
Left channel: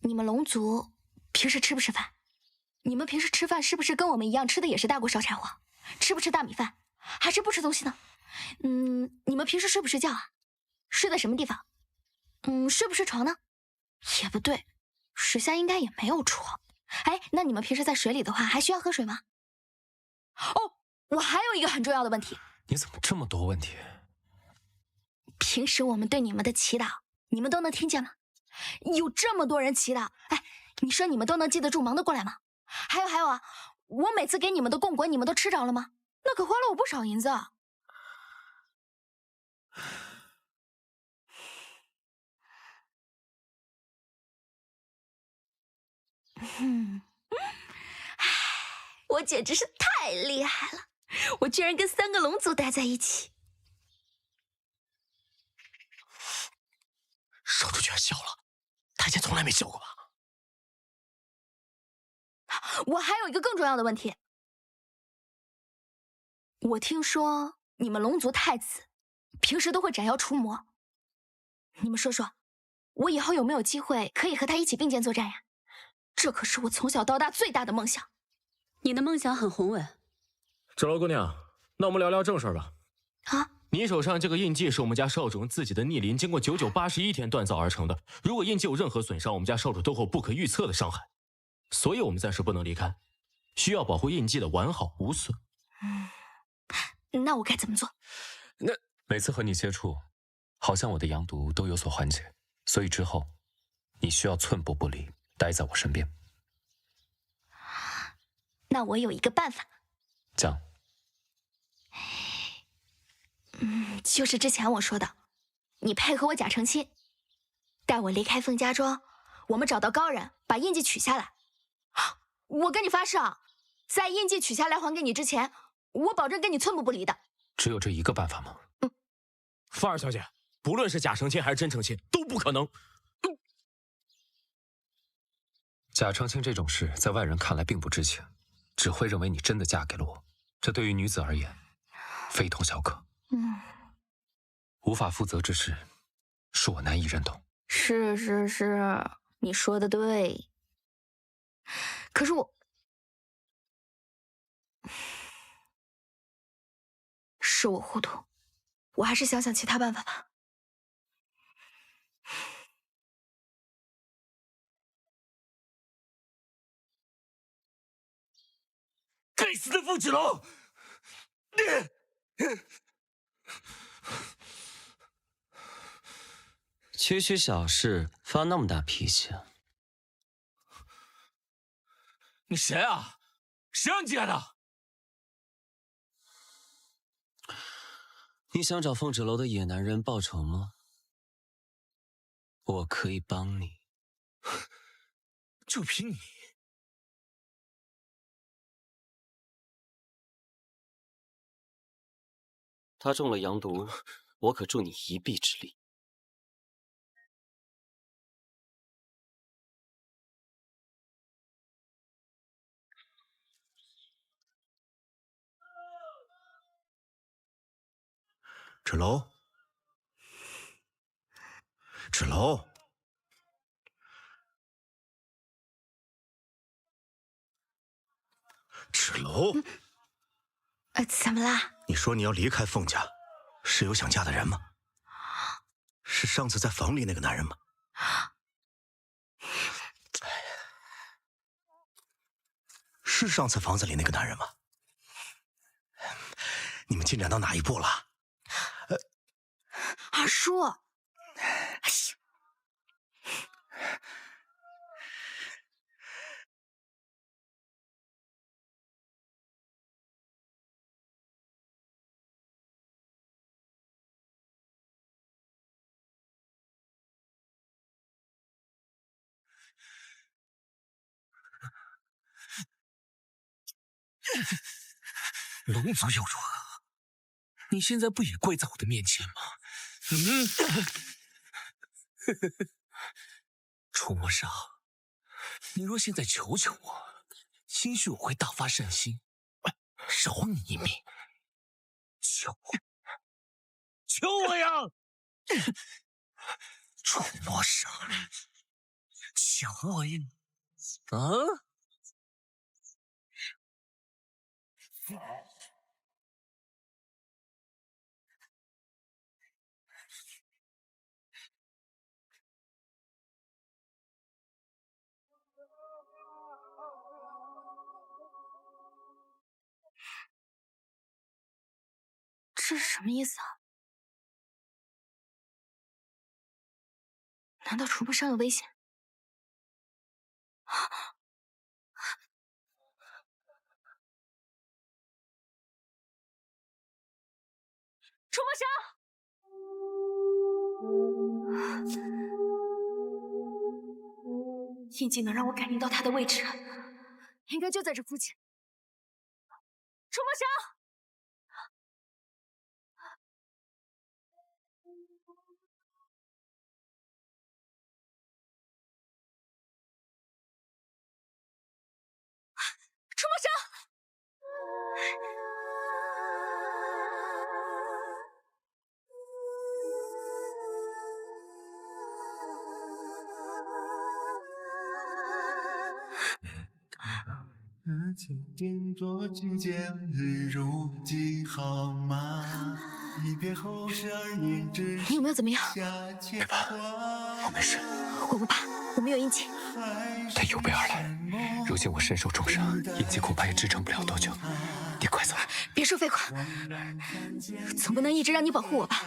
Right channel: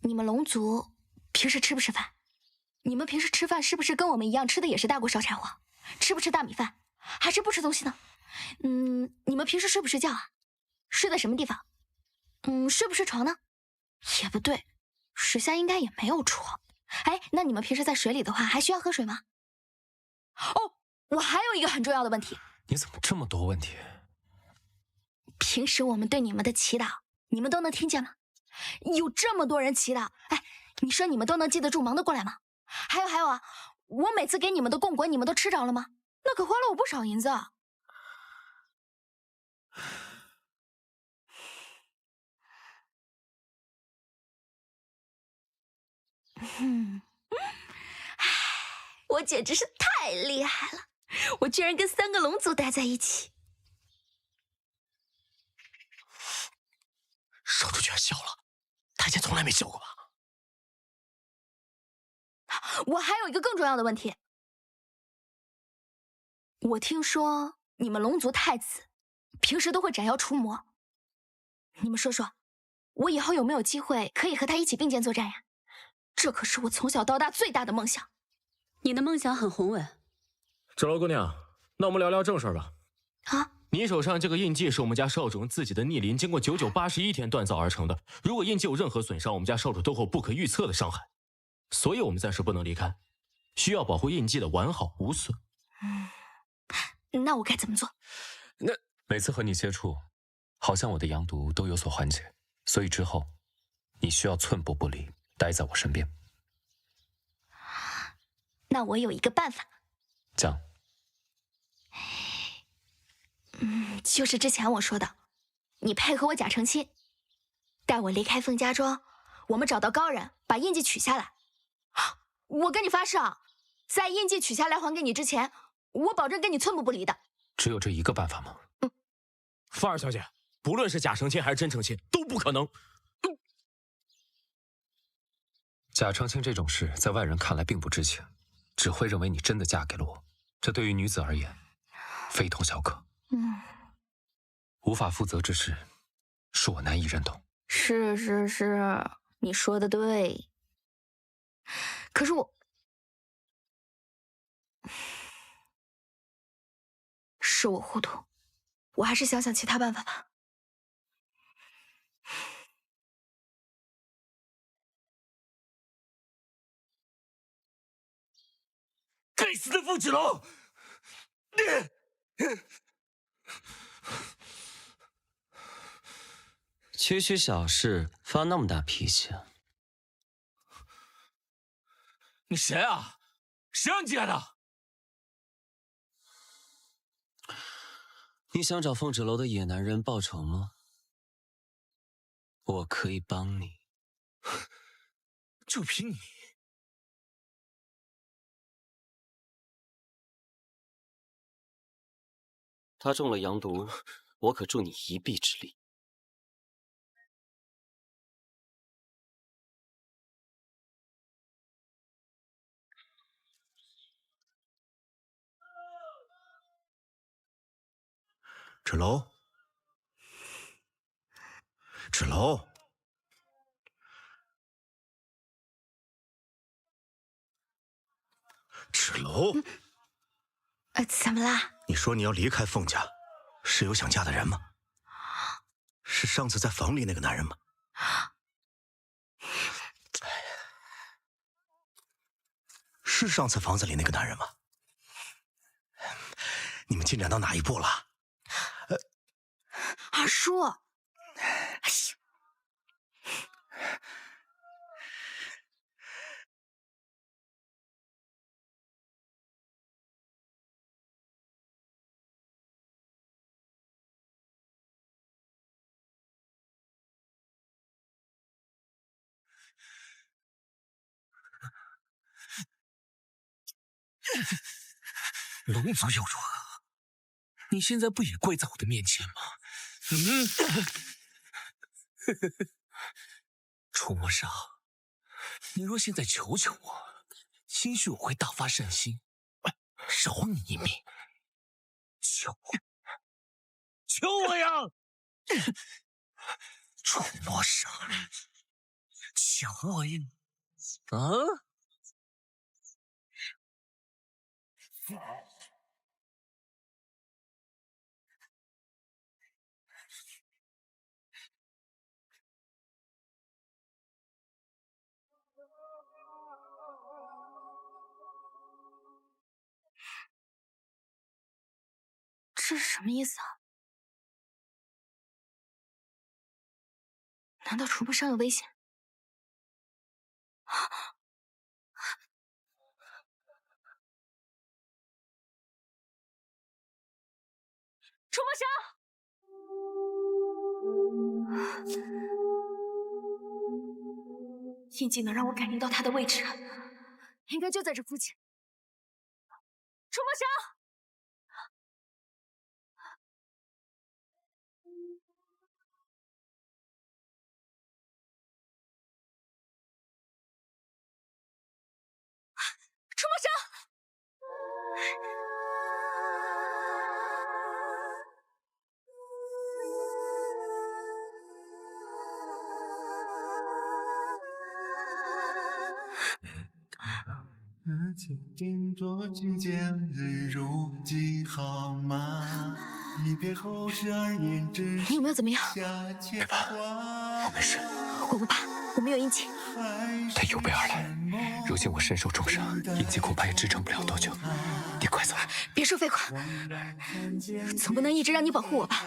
你们龙族平时吃不吃饭？你们平时吃饭是不是跟我们一样吃的也是大锅烧柴火？吃不吃大米饭？还是不吃东西呢？你们平时睡不睡觉啊？睡在什么地方？睡不睡床呢？也不对，水下应该也没有床。哎，那你们平时在水里的话，还需要喝水吗？哦，我还有一个很重要的问题。你怎么这么多问题？平时我们对你们的祈祷，你们都能听见吗？有这么多人祈祷，哎，你说你们都能记得住，忙得过来吗？还有啊，我每次给你们的供果，你们都吃着了吗？那可花了我不少银子啊。我简直是太厉害了！我居然跟3个龙族待在一起。少主居然笑了，他以前从来没笑过吧？我还有一个更重要的问题。我听说你们龙族太子平时都会斩妖除魔，你们说说，我以后有没有机会可以和他一起并肩作战呀？这可是我从小到大最大的梦想。你的梦想很宏伟。芷楼姑娘，那我们聊聊正事吧。啊，你手上这个印记是我们家少主用自己的逆鳞经过9981天锻造而成的，如果印记有任何损伤，我们家少主都会有不可预测的伤害，所以我们暂时不能离开，需要保护印记的完好无损。那我该怎么做？每次和你接触，好像我的阳毒都有所缓解，所以之后你需要寸步不离，待在我身边。那我有一个办法。讲。就是之前我说的，你配合我假成亲，带我离开凤家庄，我们找到高人，把印记取下来。我跟你发誓啊，在印记取下来还给你之前，我保证跟你寸步不离的。只有这一个办法吗？凤儿小姐，不论是假成亲还是真成亲，都不可能。贾承清这种事，在外人看来并不知情，只会认为你真的嫁给了我。这对于女子而言，非同小可。无法负责之事，恕我难以认同。是，你说的对。可是是我糊涂，我还是想想其他办法吧。该死的凤芷楼！区区小事发那么大脾气啊？你谁啊？谁让你进来的？你想找凤芷楼的野男人报仇吗？我可以帮你。就凭你！他中了阳毒，我可助你一臂之力。芷楼，芷楼，芷楼，怎么啦？你说你要离开凤家，是有想嫁的人吗？是上次在房里那个男人吗？是上次房子里那个男人吗？你们进展到哪一步了？二叔，龙族又如何？你现在不也跪在我的面前吗？楚墨少，你若现在求求我，兴许我会大发善心，饶你一命。求我呀！楚墨少，求我呀！这是什么意思啊？难道楚墨上有危险？楚墨少，印记能让我感应到他的位置，应该就在这附近。楚墨少。楚墨少，几点多君见日如几好吗？一别后12年之你有没有怎么样？别怕，我没事。我不怕，我没有印记。他有备而来，如今我身受重伤，印记恐怕也支撑不了多久。你快走！别说废话，总不能一直让你保护我吧？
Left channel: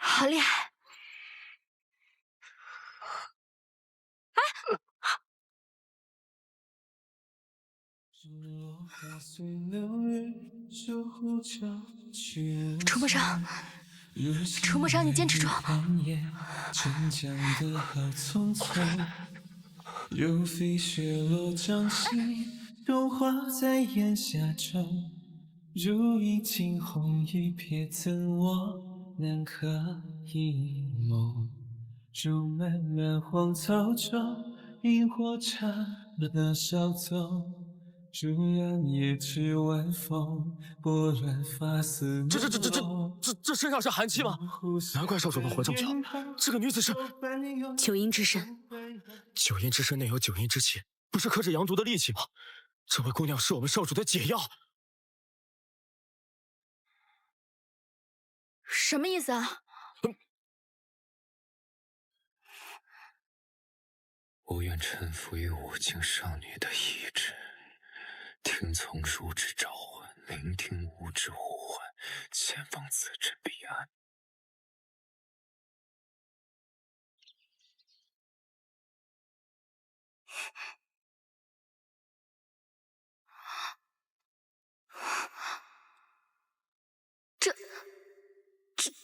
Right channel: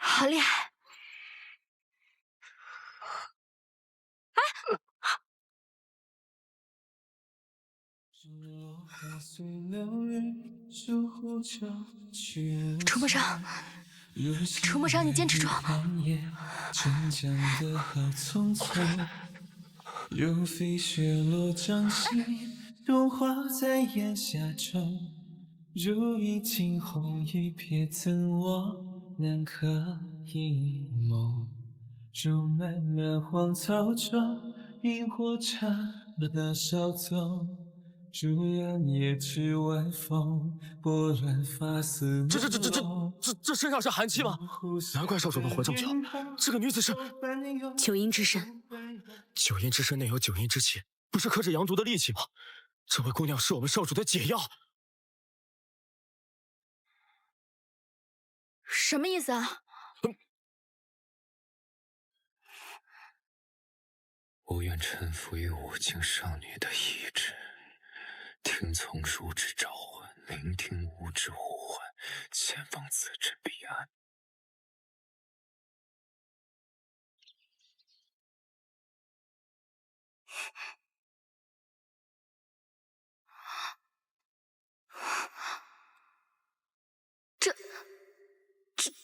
好厉害！楚墨裳，楚墨裳，你坚持住！如飞雪落掌心，融化在檐下中。如一惊鸿一瞥，怎我难可一梦？如漫漫荒草中，萤火刹那稍纵。如两叶枝晚风，拨乱发丝。这身上是寒气吗？难怪少主能活这么久。这个女子是九阴之身。九阴之身内有九阴之气，不是克制阳毒的利器吗？这位姑娘是我们少主的解药。什么意思啊？我愿臣服于五境少女的意志，听从汝之召唤，聆听吾之呼唤，前往此之彼岸。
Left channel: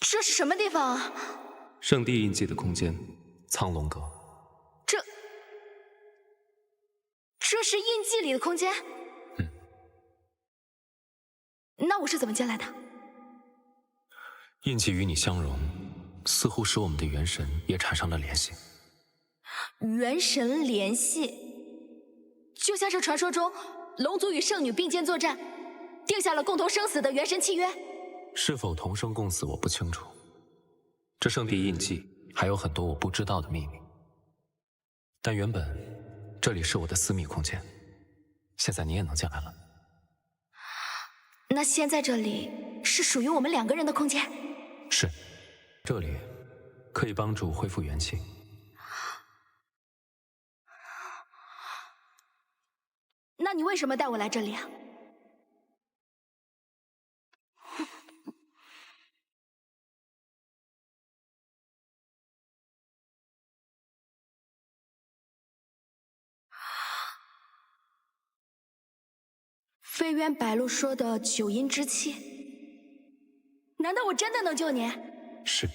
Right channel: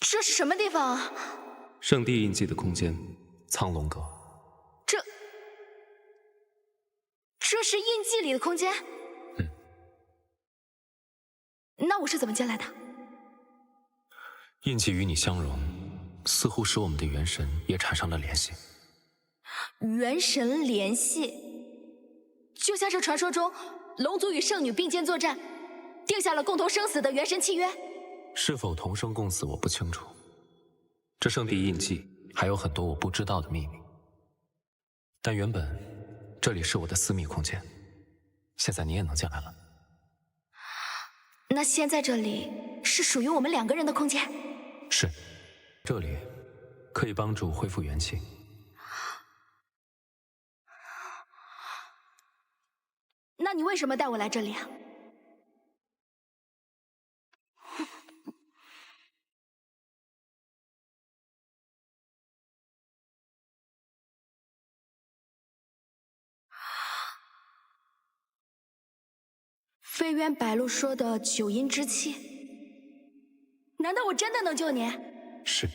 这是什么地方啊？圣地印记的空间，苍龙阁。这是印记里的空间？那我是怎么进来的？印记与你相融，似乎使我们的元神也产生了联系。元神联系，就像是传说中龙族与圣女并肩作战，定下了共同生死的元神契约。是否同生共死，我不清楚。这圣地印记还有很多我不知道的秘密。但原本这里是我的私密空间，现在你也能进来了。那现在这里是属于我们两个人的空间？是，这里可以帮助恢复元气。那你为什么带我来这里啊？飞渊白鹿说的九阴之气，难道我真的能救你？是。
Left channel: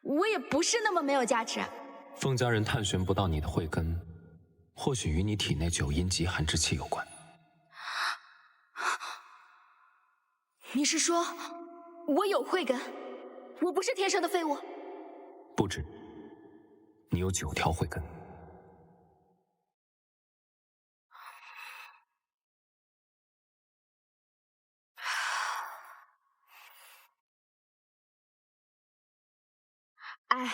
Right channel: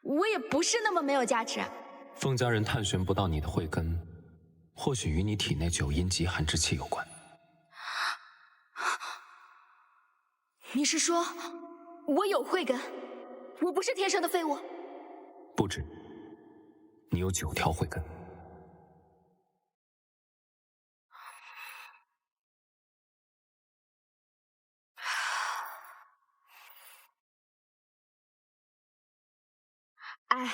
我也不是那么没有价值。凤家人探寻不到你的慧根，或许与你体内九阴极寒之气有关。你是说我有慧根，我不是天生的废物？不止，你有9条慧根。哎，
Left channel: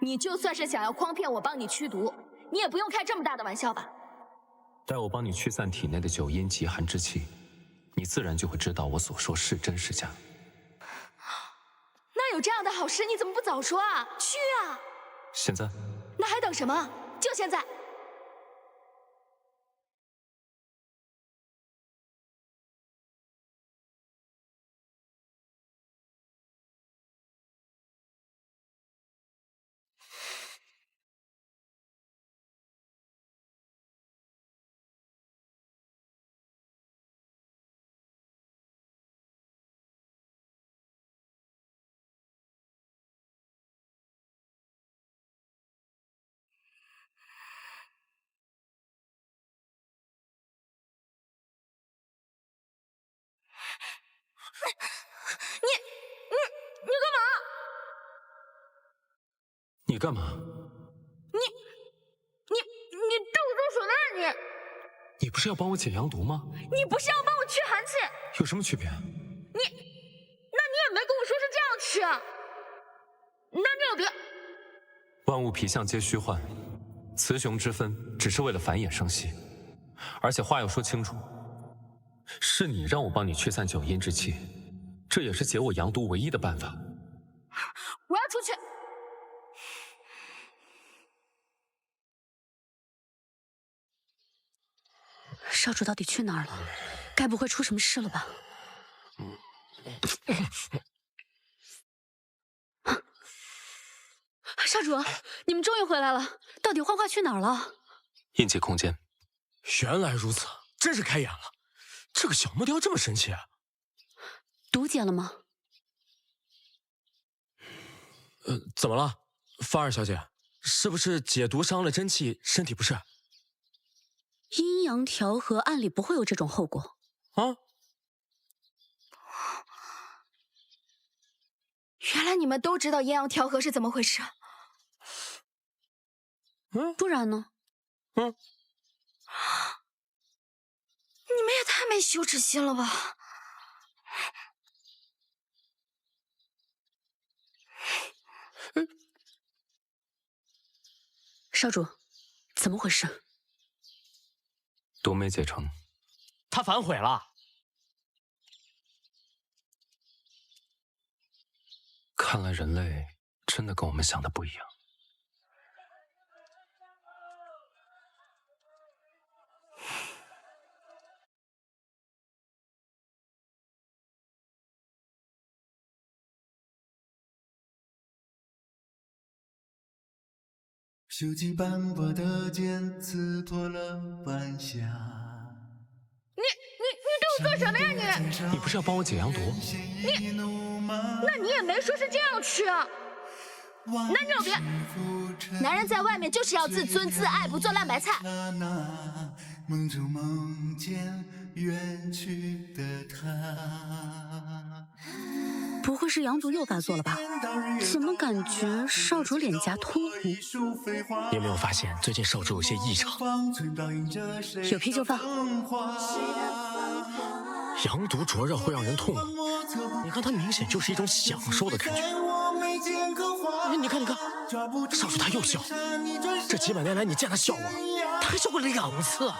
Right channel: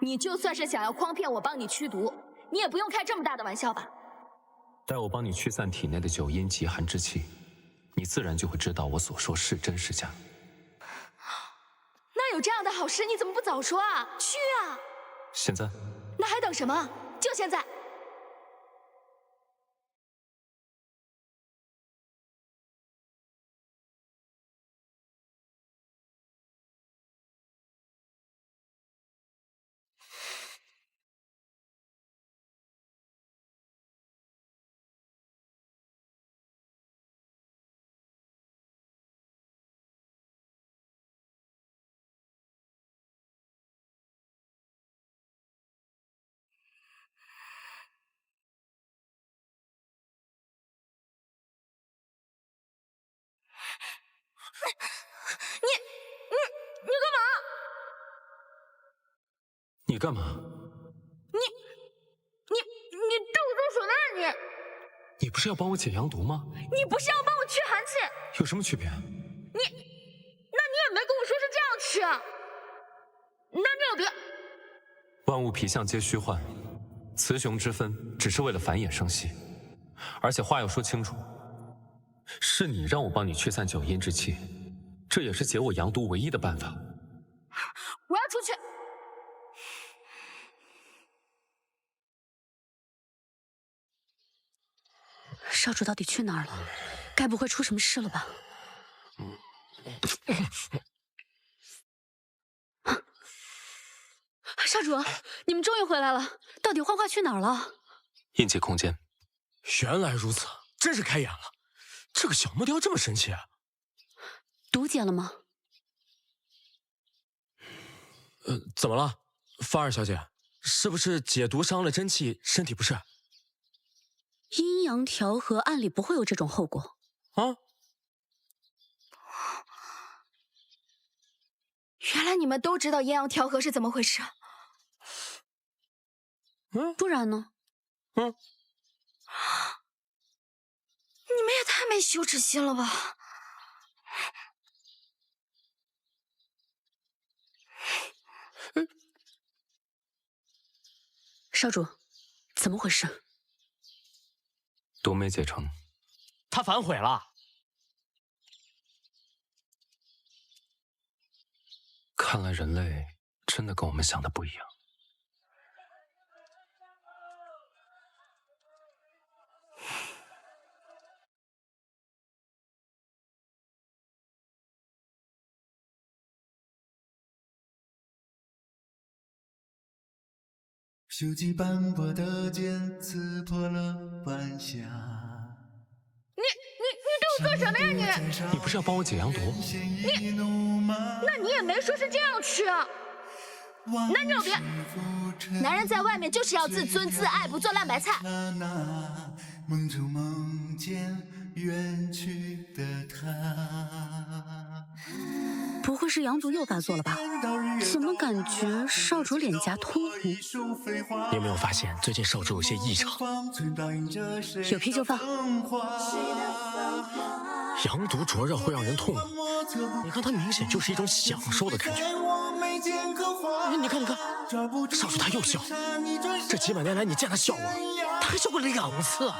你就算是想要诓骗我帮你驱毒，你也不用开这么大的玩笑吧？待我帮你驱散体内的九阴极寒之气，你自然就会知道我所说是真是假。那有这样的好事，你怎么不早说啊？去啊！现在？那还等什么？就现在！你干嘛？你干嘛？你对我动手呢？你不是要帮我解阳毒吗？你不是要帮我驱寒气？有什么区别？那你也没跟我说是这样驱啊？那你有别？万物皮相皆虚幻，雌雄之分只是为了繁衍生息，而且话要说清楚，是你让我帮你驱散九阴之气，这也是解我阳毒唯一的办法。我要出去。少主到底去哪儿了？该不会出什么事了吧？少主，你们终于回来了！到底幻化去哪儿了？印记空间。原来如此，真是开眼了。这个小木雕这么神奇啊！毒解了吗？怎么了，芳儿小姐？是不是解毒伤了真气，身体不适？阴阳调和，按理不会有这种后果啊！原来你们都知道阴阳调和是怎么回事。不然呢？你们也太没羞耻心了吧！少主，怎么回事？毒没解成，他反悔了。看来人类真的跟我们想的不一样。锈迹斑驳的剑刺破了晚霞。你对我做什么呀你？你不是要帮我解阳毒？那你也没说是这样去啊。男人有别，男人在外面就是要自尊自爱，不做烂白菜。梦中梦见远去的他。不会是阳毒又发作了吧？怎么感觉少主脸颊通红？你有没有发现最近少主有些异常？有屁就放。阳毒灼热会让人痛吗？你看他明显就是一种享受的感觉。你看，少主他又笑。这几百年来你见他笑过，他还笑过2次。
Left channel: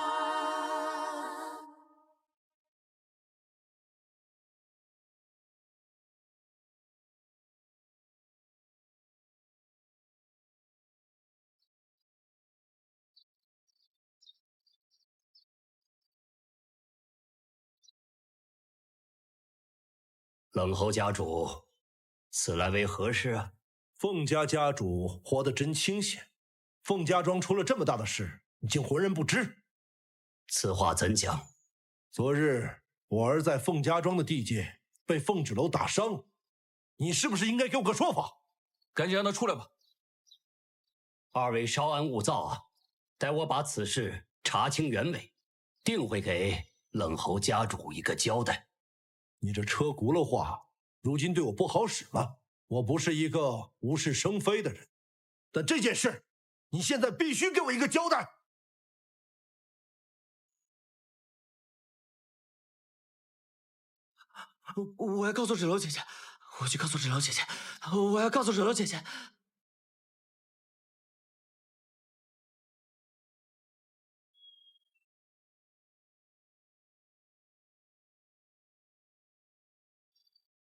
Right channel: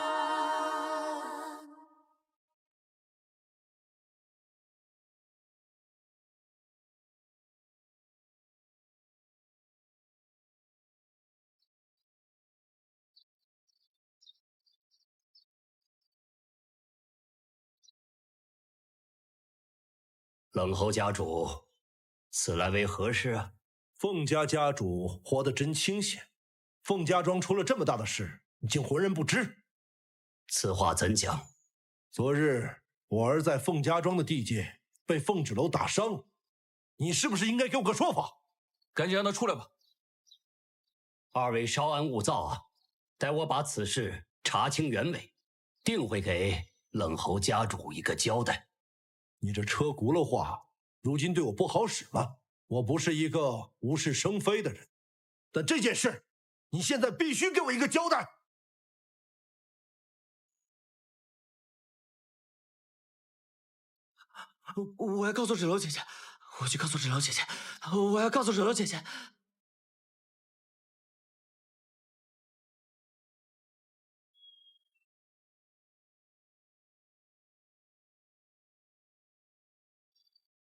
冷侯家主，此来为何事啊？凤家家主活得真清闲，凤家庄出了这么大的事，你竟浑然不知。此话怎讲？昨日我儿在凤家庄的地界被凤纸楼打伤，你是不是应该给我个说法？赶紧让他出来吧。二位稍安勿躁啊，待我把此事查清原委，定会给冷侯家主一个交代。你这车轱辘话，如今对我不好使了。我不是一个无事生非的人，但这件事，你现在必须给我一个交代。我要告诉纸楼姐姐，我去告诉纸楼姐姐，我要告诉纸楼姐姐。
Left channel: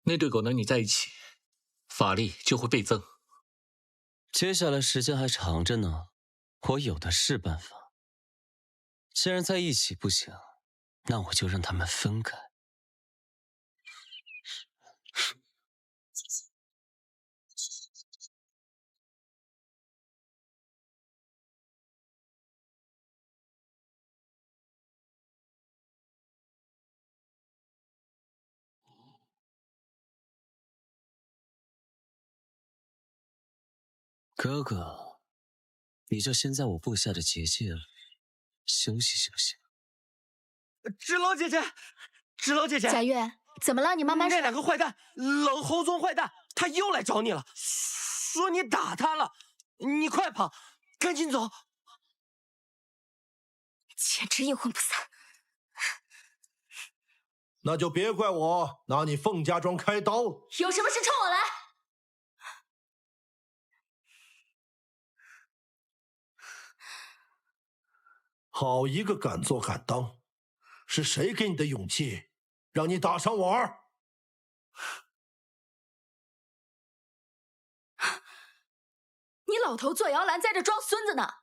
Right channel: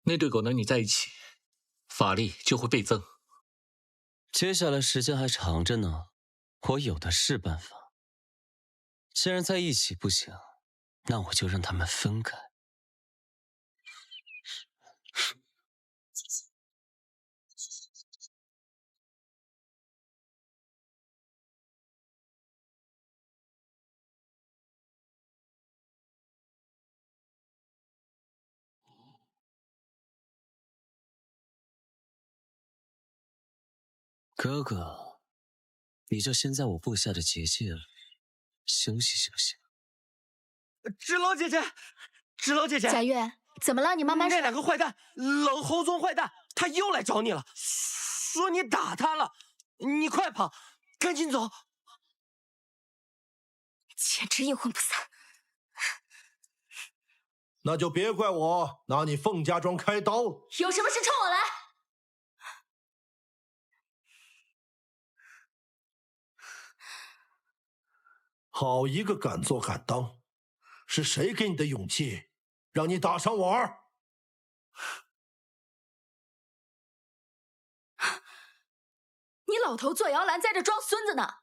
那对狗能你在一起，法力就会倍增。接下来时间还长着呢，我有的是办法。既然在一起不行，那我就让他们分开。哥哥，你就先在我布下的结界里休息休息。纸楼姐姐，纸楼姐姐，贾月，怎么了？你慢慢说。那2个坏蛋，冷侯宗坏蛋，他又来找你了，说你打他了，你快跑，赶紧走。简直阴魂不散。那就别怪我拿你凤家庄开刀了。有什么事冲我来。好一个敢做敢当！是谁给你的勇气，让你打伤我儿？你老头坐摇篮在这装孙子呢！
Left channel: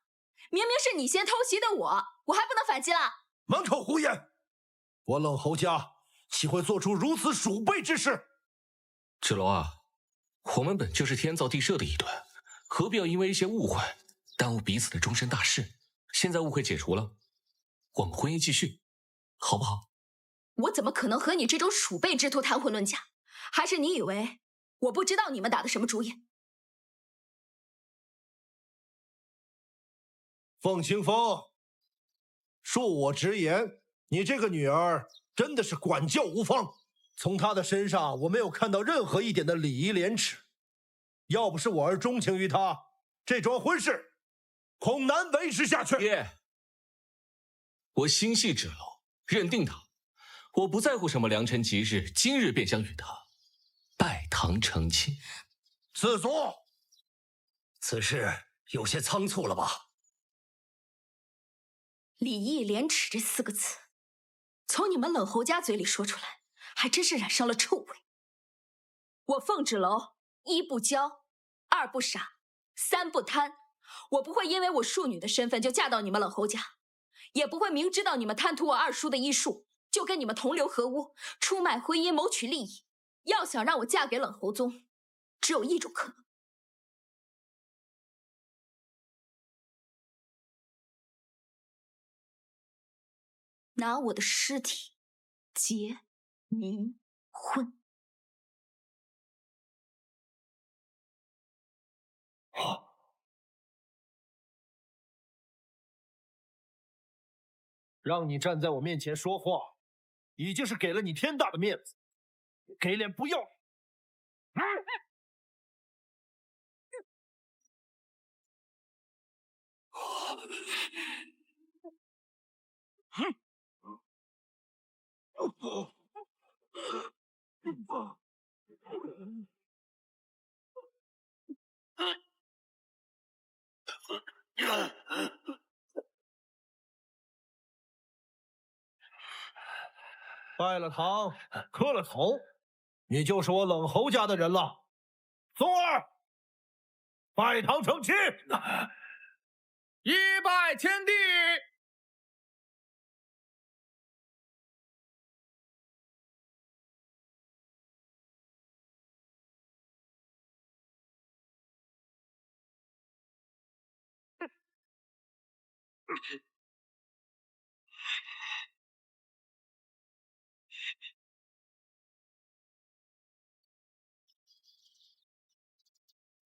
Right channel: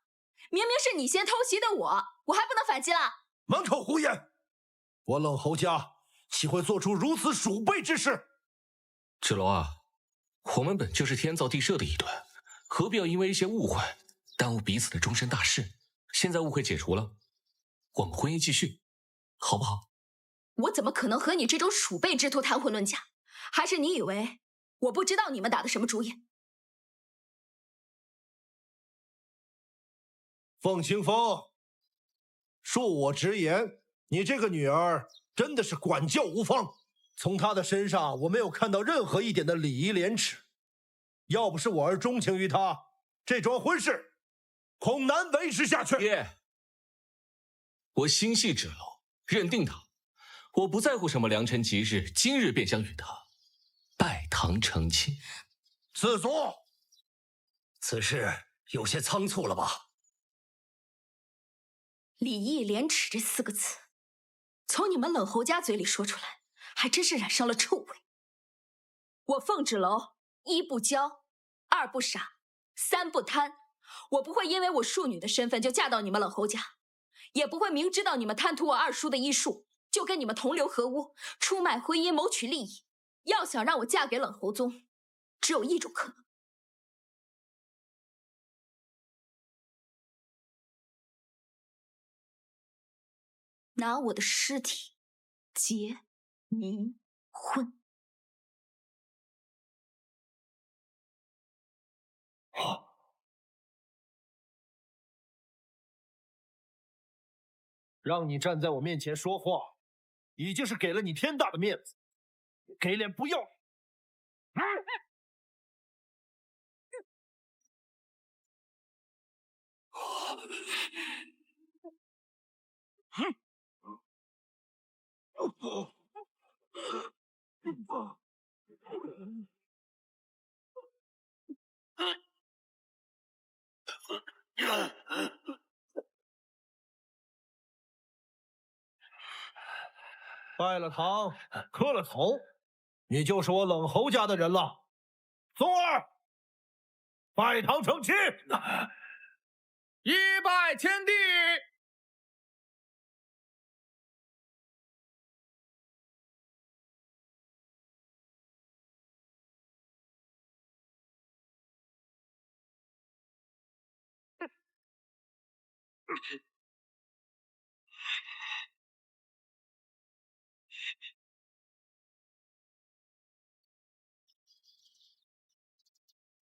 明明是你先偷袭的我还不能反击了？满口胡言！我冷侯家岂会做出如此鼠辈之事？芷楼啊，我们本就是天造地设的一对，何必要因为一些误会耽误彼此的终身大事？现在误会解除了，我们婚姻继续，好不好？我怎么可能和你这种鼠辈之徒谈婚论嫁？还是你以为我不知道你们打的什么主意？凤清风，恕我直言，你这个女儿真的是管教无方。从她的身上，我没有看到任何一点的礼仪廉耻。要不是我儿钟情于她，这桩婚事恐难维持下去。爹，我心系芷楼，认定她，我不在乎什么良辰吉日，今日便将与她拜堂成亲。子足，此事有些仓促了吧？礼义廉耻这4个字，从你们冷侯家嘴里说出来，还真是染上了臭味。我凤芷楼1不骄，2不傻，3不贪。我不会因为我庶女的身份就嫁到你们冷侯家，也不会明知道你们贪图我二叔的医术，就跟你们同流合污，出卖婚姻谋取利益。要想让我嫁给冷侯宗，只有一种可能。拿我的尸体结冥婚。让你站在我面前说话，已经是给了你天大的面子，给脸不要脸！拜了堂，磕了头，你就是我冷侯家的人了。宗儿，拜堂成亲，一拜天地。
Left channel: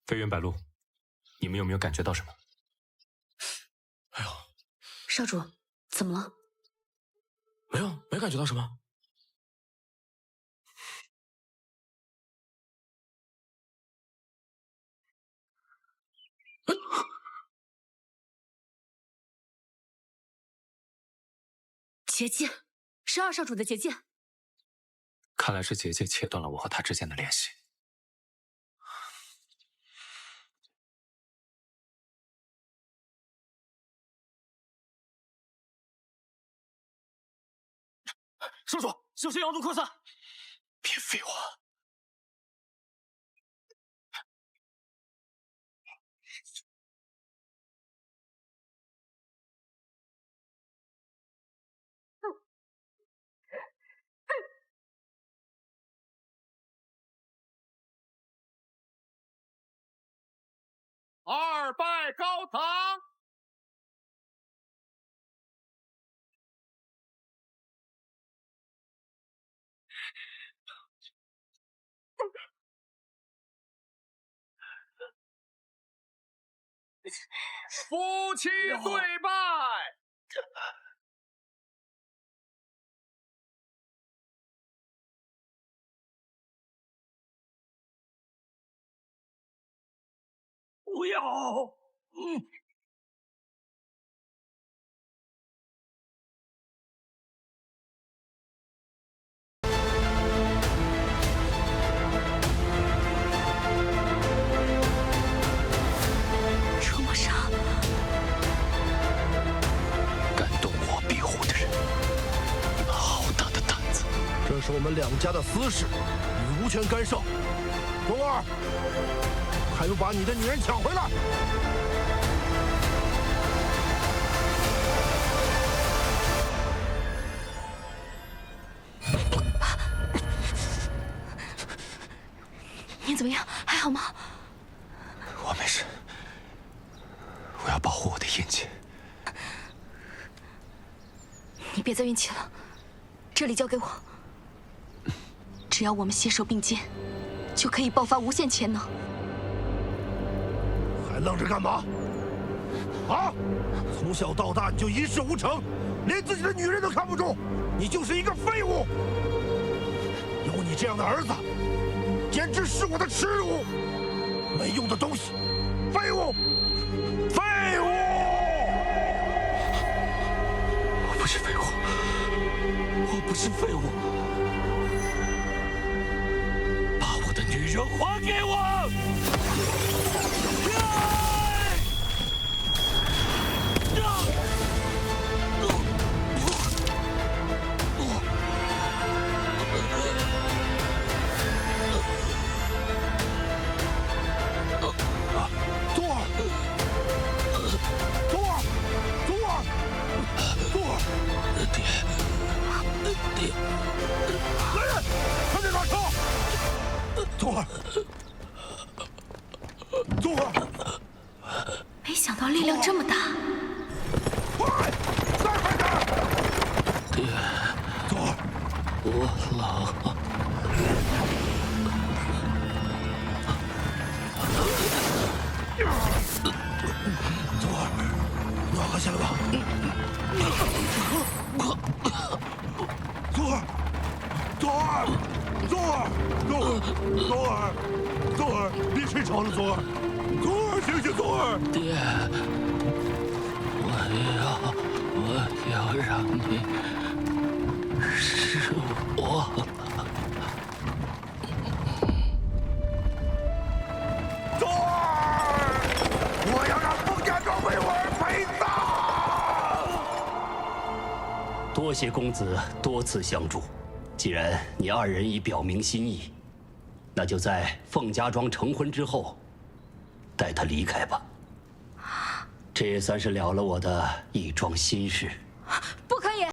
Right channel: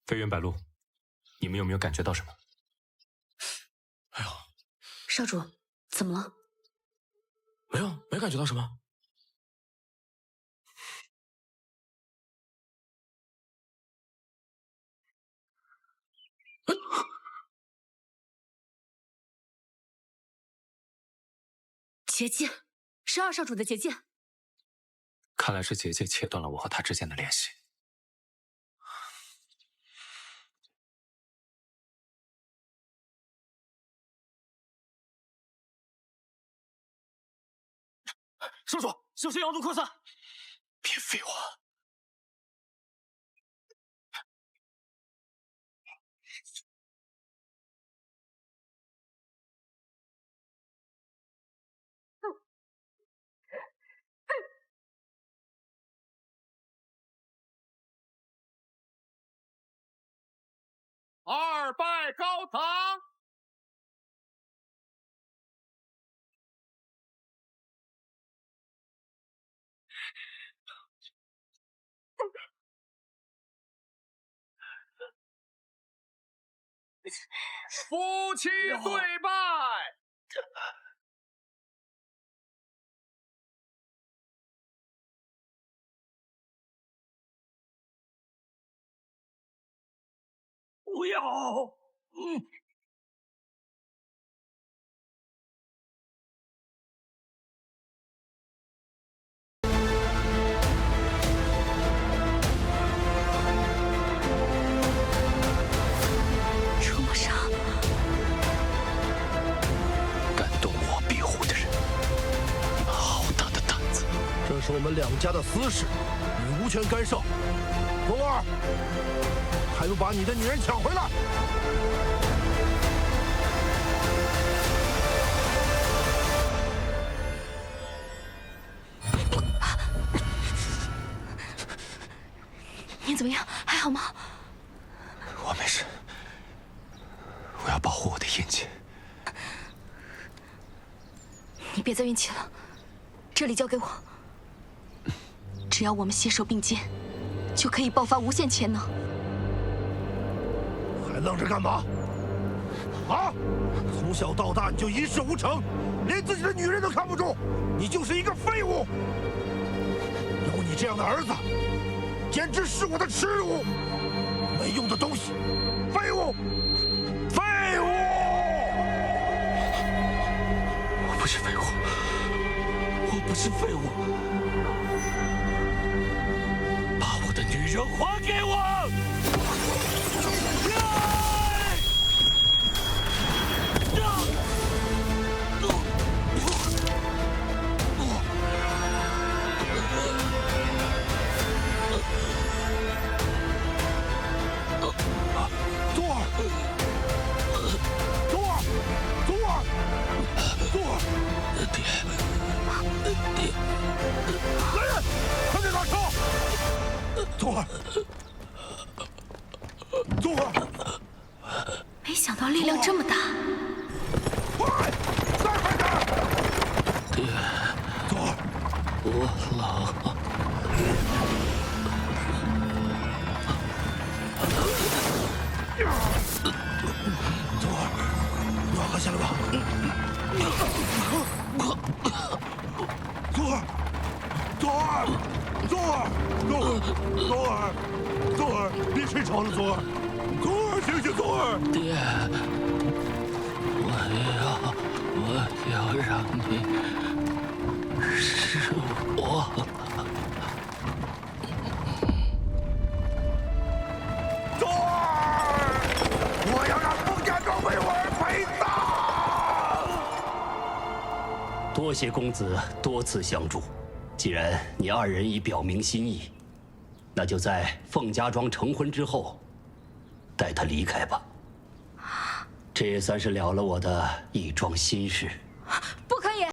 飞云白鹿，你们有没有感觉到什么？哎呦，少主，怎么了？没有，没感觉到什么。结界，是二少主的结界。看来是结界切断了我和他之间的联系。少主，小心杨都扩散！别废话。二拜高堂。夫妻对拜。不要！出魔杀，敢这是我们两家的私事，你无权干涉。宗儿，还不把你的女人抢回来！你怎么样？还好吗？我没事，我要保护我的印记。你别再运气了，这里交给我。只要我们携手并肩，就可以爆发无限潜能。还愣着干嘛？啊！从小到大你就一事无成，连自己的女人都看不住，你就是一个废物。有你这样的儿子，简直是我的耻辱！没用的东西，废物！废物！我不是废物，我不是废物，把我的女人还给我！宗儿，宗儿，宗儿，宗儿，爹，爹，来人，快点打车！宗儿，宗儿，没想到力量这么大。快，再快点！爹，宗儿，我老。宗儿，暖和下来吧。宗儿，宗儿，宗儿，宗儿，宗儿，别睡着了，宗儿，宗儿，醒醒，宗儿。爹，我要让你失望。宗儿，我要让凤家庄为我而陪葬。多谢公子多次相助，既然你二人已表明心意，那就在凤家庄成婚之后，带他离开吧。这也算是了了我的一桩心事。不可以！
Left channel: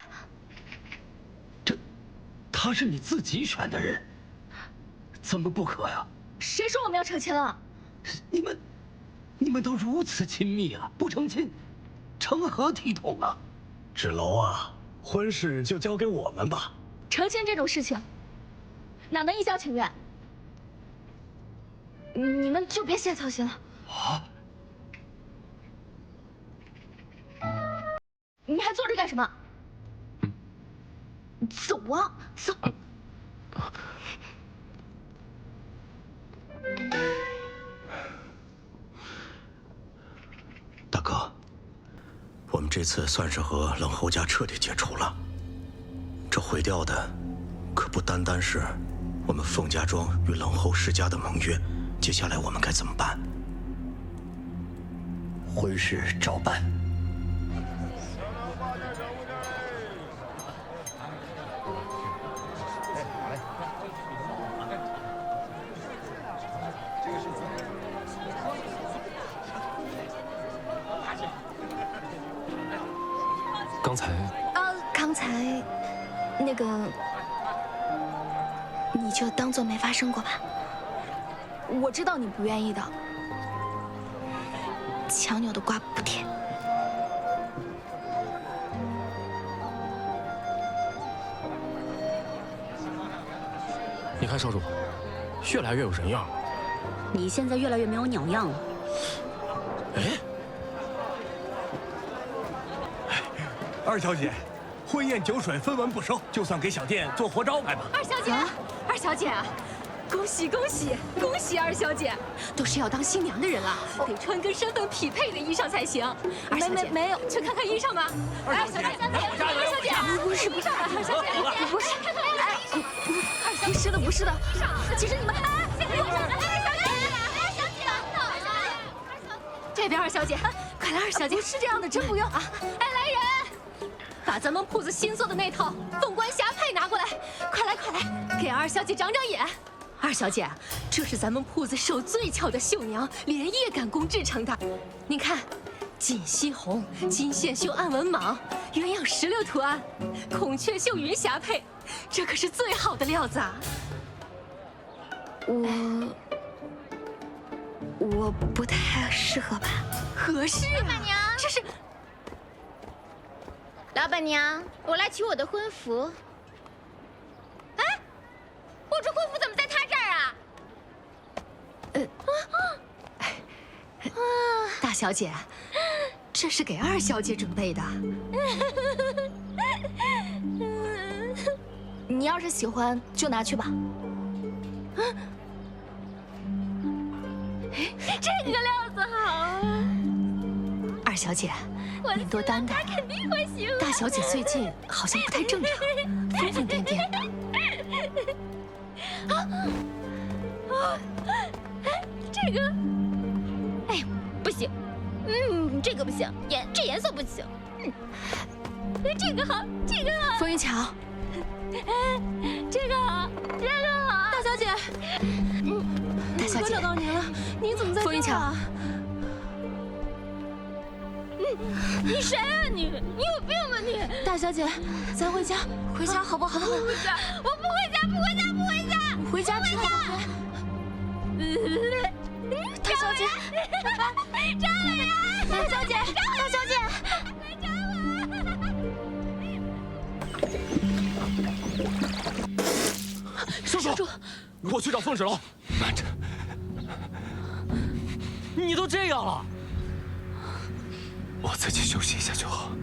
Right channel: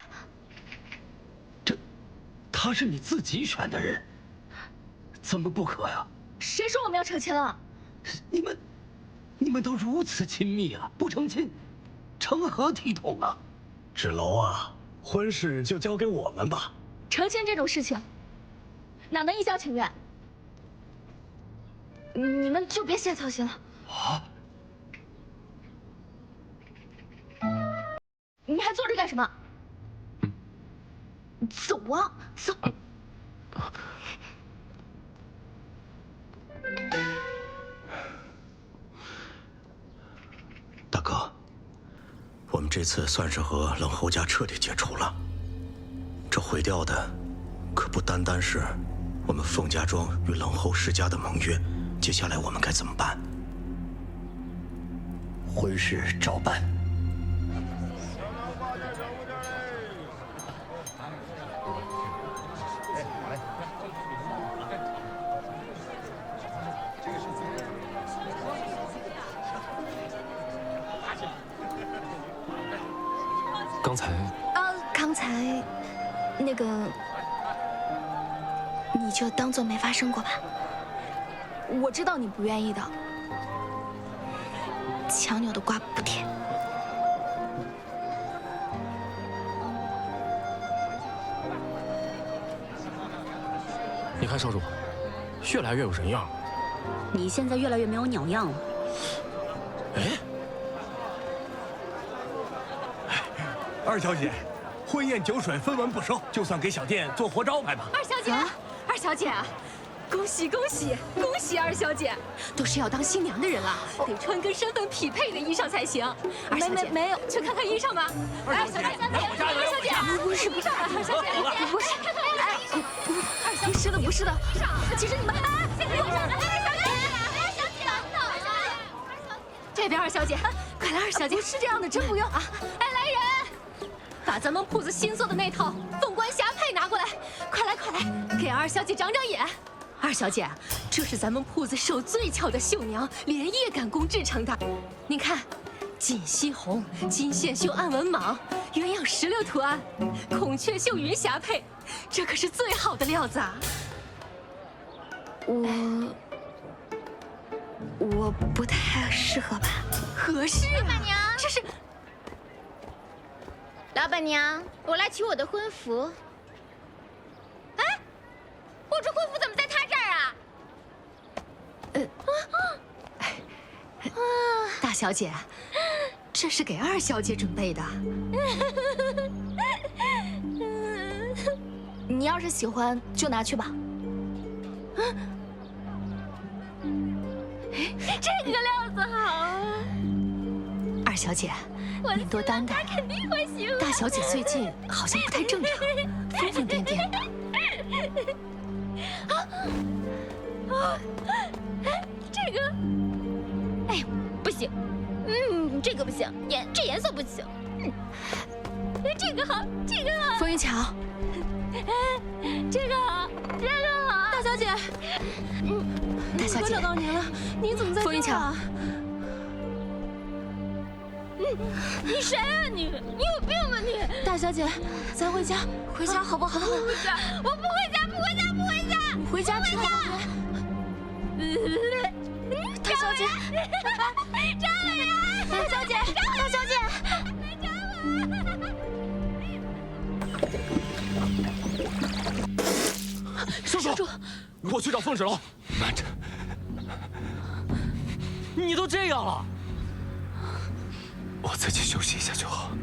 他是你自己选的人，怎么不可呀？谁说我们要成亲了？你们都如此亲密啊，不成亲，成何体统啊？芷楼啊，婚事就交给我们吧。成亲这种事情，哪能一厢情愿？你们就别瞎操心了。啊！你还坐着干什么？走啊，走！大哥，我们这次算是和冷侯家彻底解除了。这毁掉的，可不单单是我们凤家庄与冷侯世家的盟约。接下来我们该怎么办？婚事照办。刚才那个，你就当做没发生过吧。我知道你不愿意的。强扭的瓜不甜。你看少主，越来越有人样了。你现在越来越没有鸟样了。二小姐，婚宴酒水分文不收，就算给小店做活招牌吧。二小姐，二小姐，恭喜恭喜恭喜二小姐，都是要当新娘的人了，得穿跟身份匹配的衣裳才行。二小姐，没有，去看看衣裳吧。二小姐，二小姐，不是衣裳吧？二小姐，不是，看看衣裳。不是的，不是的。其实你们，这边二小姐，快来，二小姐，不是这样的，真不用啊！哎，来人，把咱们铺子新做的那套凤冠霞帔拿过来，快来快给二小姐长长眼。二小姐，这是咱们铺子手最巧的绣娘连夜赶工制成的。您看，锦溪红、金线绣暗纹蟒、鸳鸯石榴图案、孔雀绣云霞配，这可是最好的料子啊！我不太适合吧？合适啊！老板娘，这是。老板娘，我来取我的婚服。哎，我这婚服怎么在他这儿啊？大小姐，这是给二小姐准备的。你要是喜欢，就拿去吧。这个料子好啊！二小姐，您多担待。他肯定会喜欢。大小姐最近好像不太正常，疯疯癫癫的。这个，哎，不行，这个不行，这颜色不行，这个好，这个好。风云桥，这个好，这个好。大小姐，大小姐，我找到您了，您怎么在这儿啊？风云桥，你谁啊你？你有病吧你？大小姐，咱回家，回家好不好？不回家，我不回家，不回家，不回家！回家吃好不好？大小姐，张伟然，大小姐，大小姐。少主，我去找凤芷楼。慢着，你都这样了，我自己休息一下就好。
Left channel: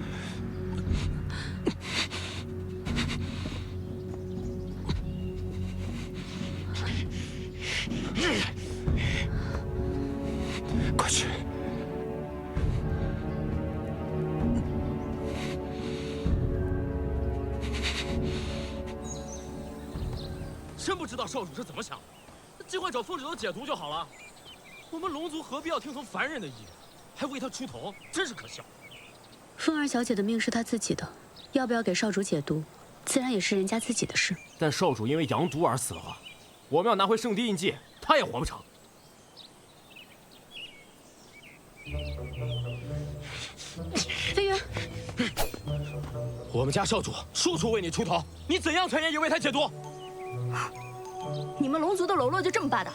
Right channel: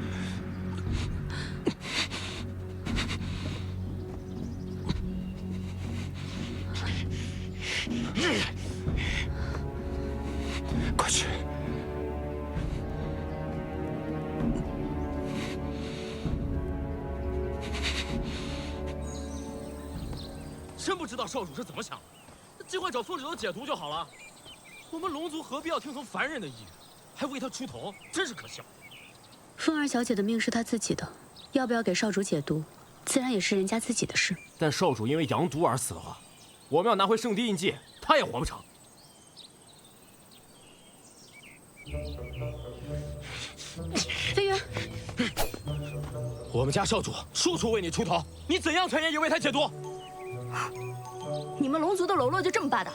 快去！真不知道少主是怎么想的，尽管找凤芷楼解毒就好了。我们龙族何必要听从凡人的意愿，还为他出头，真是可笑。凤儿小姐的命是她自己的，要不要给少主解毒，自然也是人家自己的事。但少主因为阳毒而死的话，我们要拿回圣地印记，他也活不成。飞云，我们家少主处处为你出头，你怎样才愿意为他解毒？你们龙族的喽啰就这么霸道？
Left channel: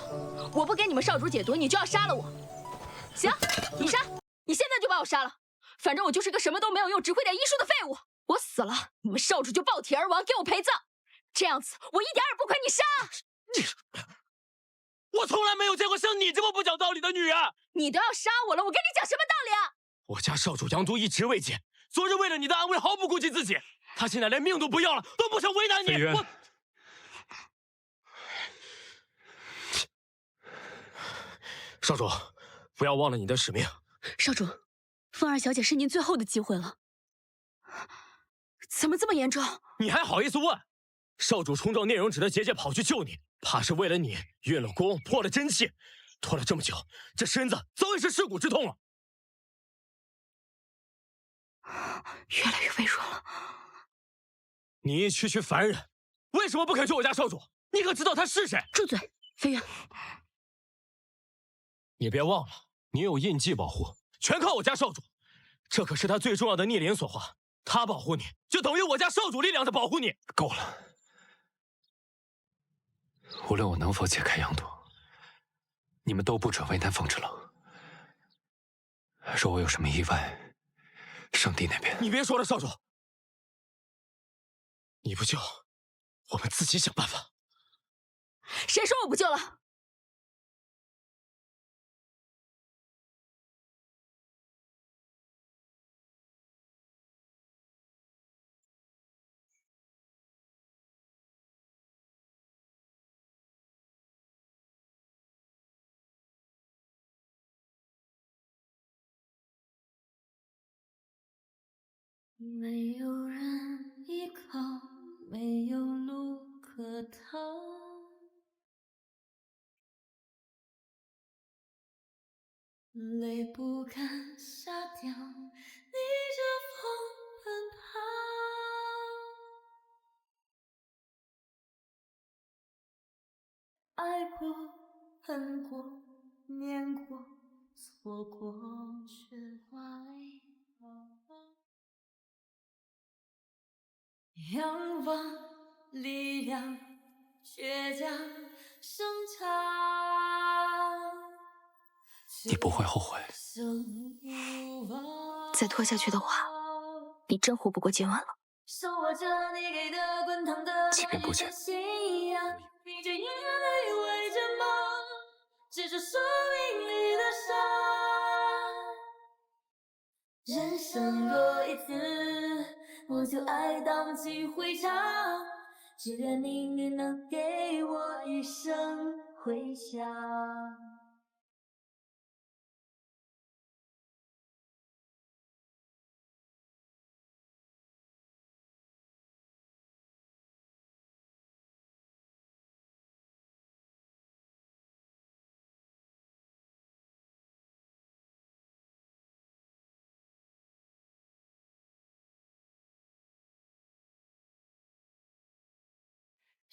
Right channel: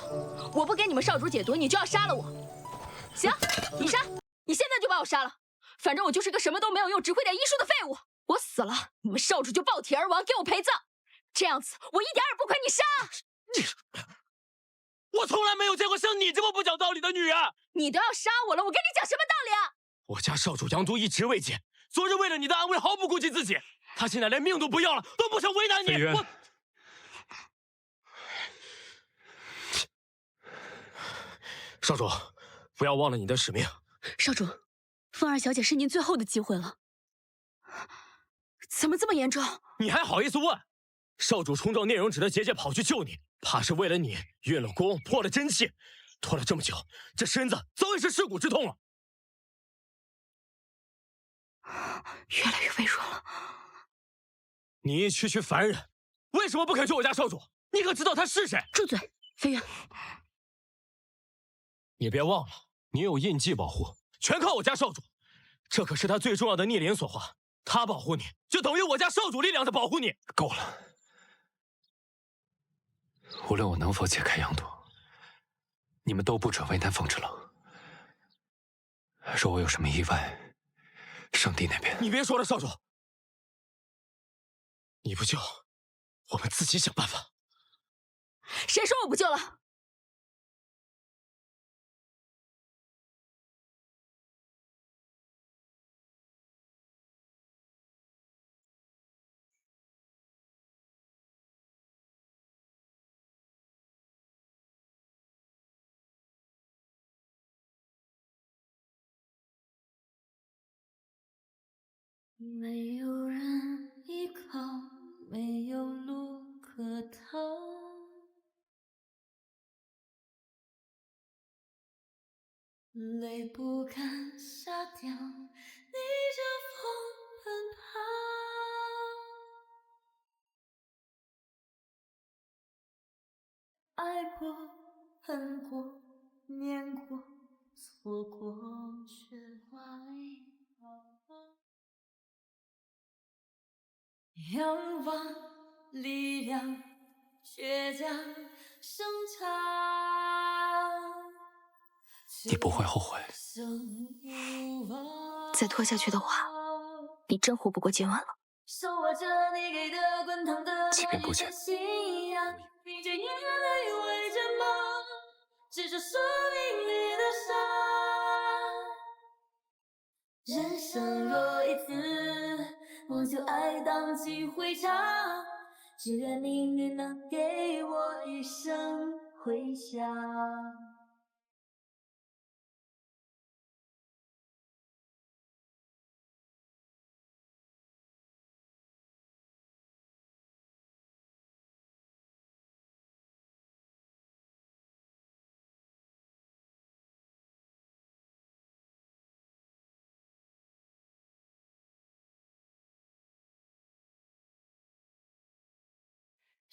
我不给你们少主解毒，你就要杀了我？行，你杀，你现在就把我杀了。反正我就是个什么都没有用，只会点医术的废物。我死了，你们少主就暴体而亡，给我陪葬。这样子，我一点也不亏你杀。我从来没有见过像你这么不讲道理的女人。你都要杀我了，我跟你讲什么道理啊？我家少主阳毒一直未解，昨日为了你的安危毫不顾及自己，他现在连命都不要了，都不想为难你。我。少主，不要忘了你的使命。少主，凤儿小姐是您最后的机会了。怎么这么严重？你还好意思问？少主冲撞聂荣芷的结界跑去救你，怕是为了你运了功，破了真气，拖了这么久，这身子早已是尸骨之痛了。越来越微弱了。你一区区凡人，为什么不肯救我家少主？你可知道他是谁？住嘴，飞云！你别忘了，你有印记保护，全靠我家少主，这可是他最重要的逆鳞所化。他保护你，就等于我家少主力量在保护你。够了！无论我能否解开阳毒，你们都不准为难凤芷楼。若我有什么意外，圣地那边……你别说了，少主，你不救，我们自己想办法。谁说我不救了？没有人依靠，没有路可逃，泪不敢下掉，逆着风奔跑。爱过，恨过，念过，错过，学会仰望力量，倔强生长。你不会后悔。再拖下去的话，你真活不过今晚了。即便不见，人生若一次，我就爱荡气回肠。只愿命运能给我一生回响。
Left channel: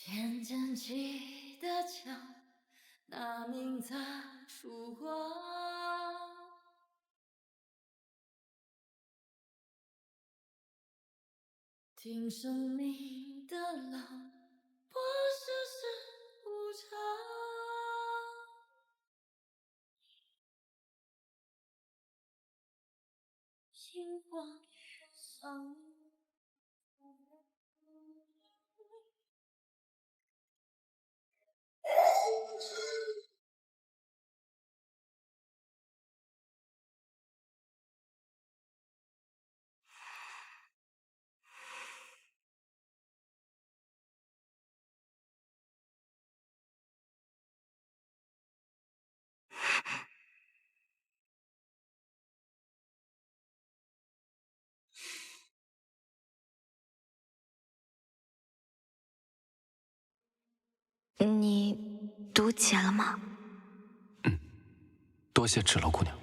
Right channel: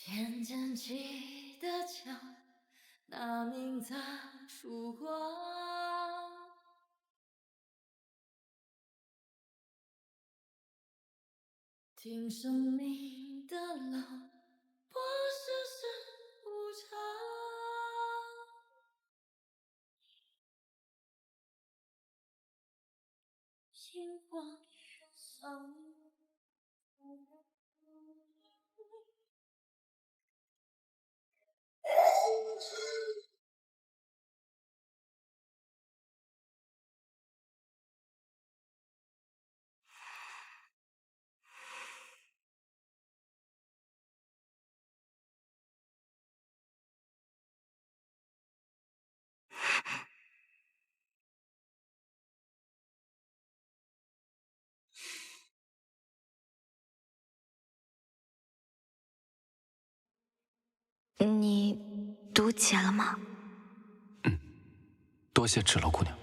偏捡起的枪，那名擦出光。听生命的浪，破世事无常。星光上。你读解了吗？多谢芷楼姑娘。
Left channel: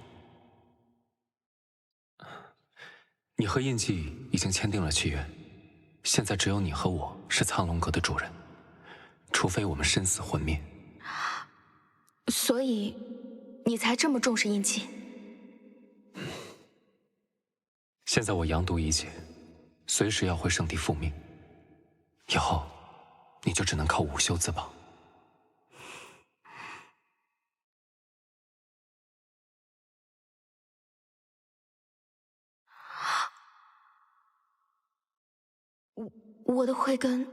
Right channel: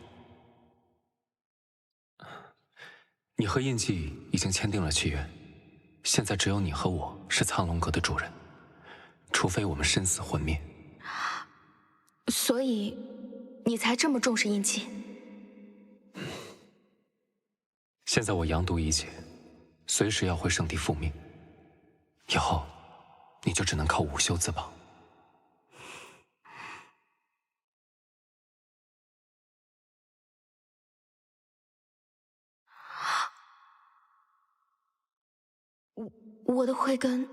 你和印记已经签订了契约，现在只有你和我是苍龙阁的主人，除非我们身死魂灭。所以，你才这么重视印记？现在我阳毒已解，随时要回圣地复命，以后你就只能靠午休自保。我的慧根，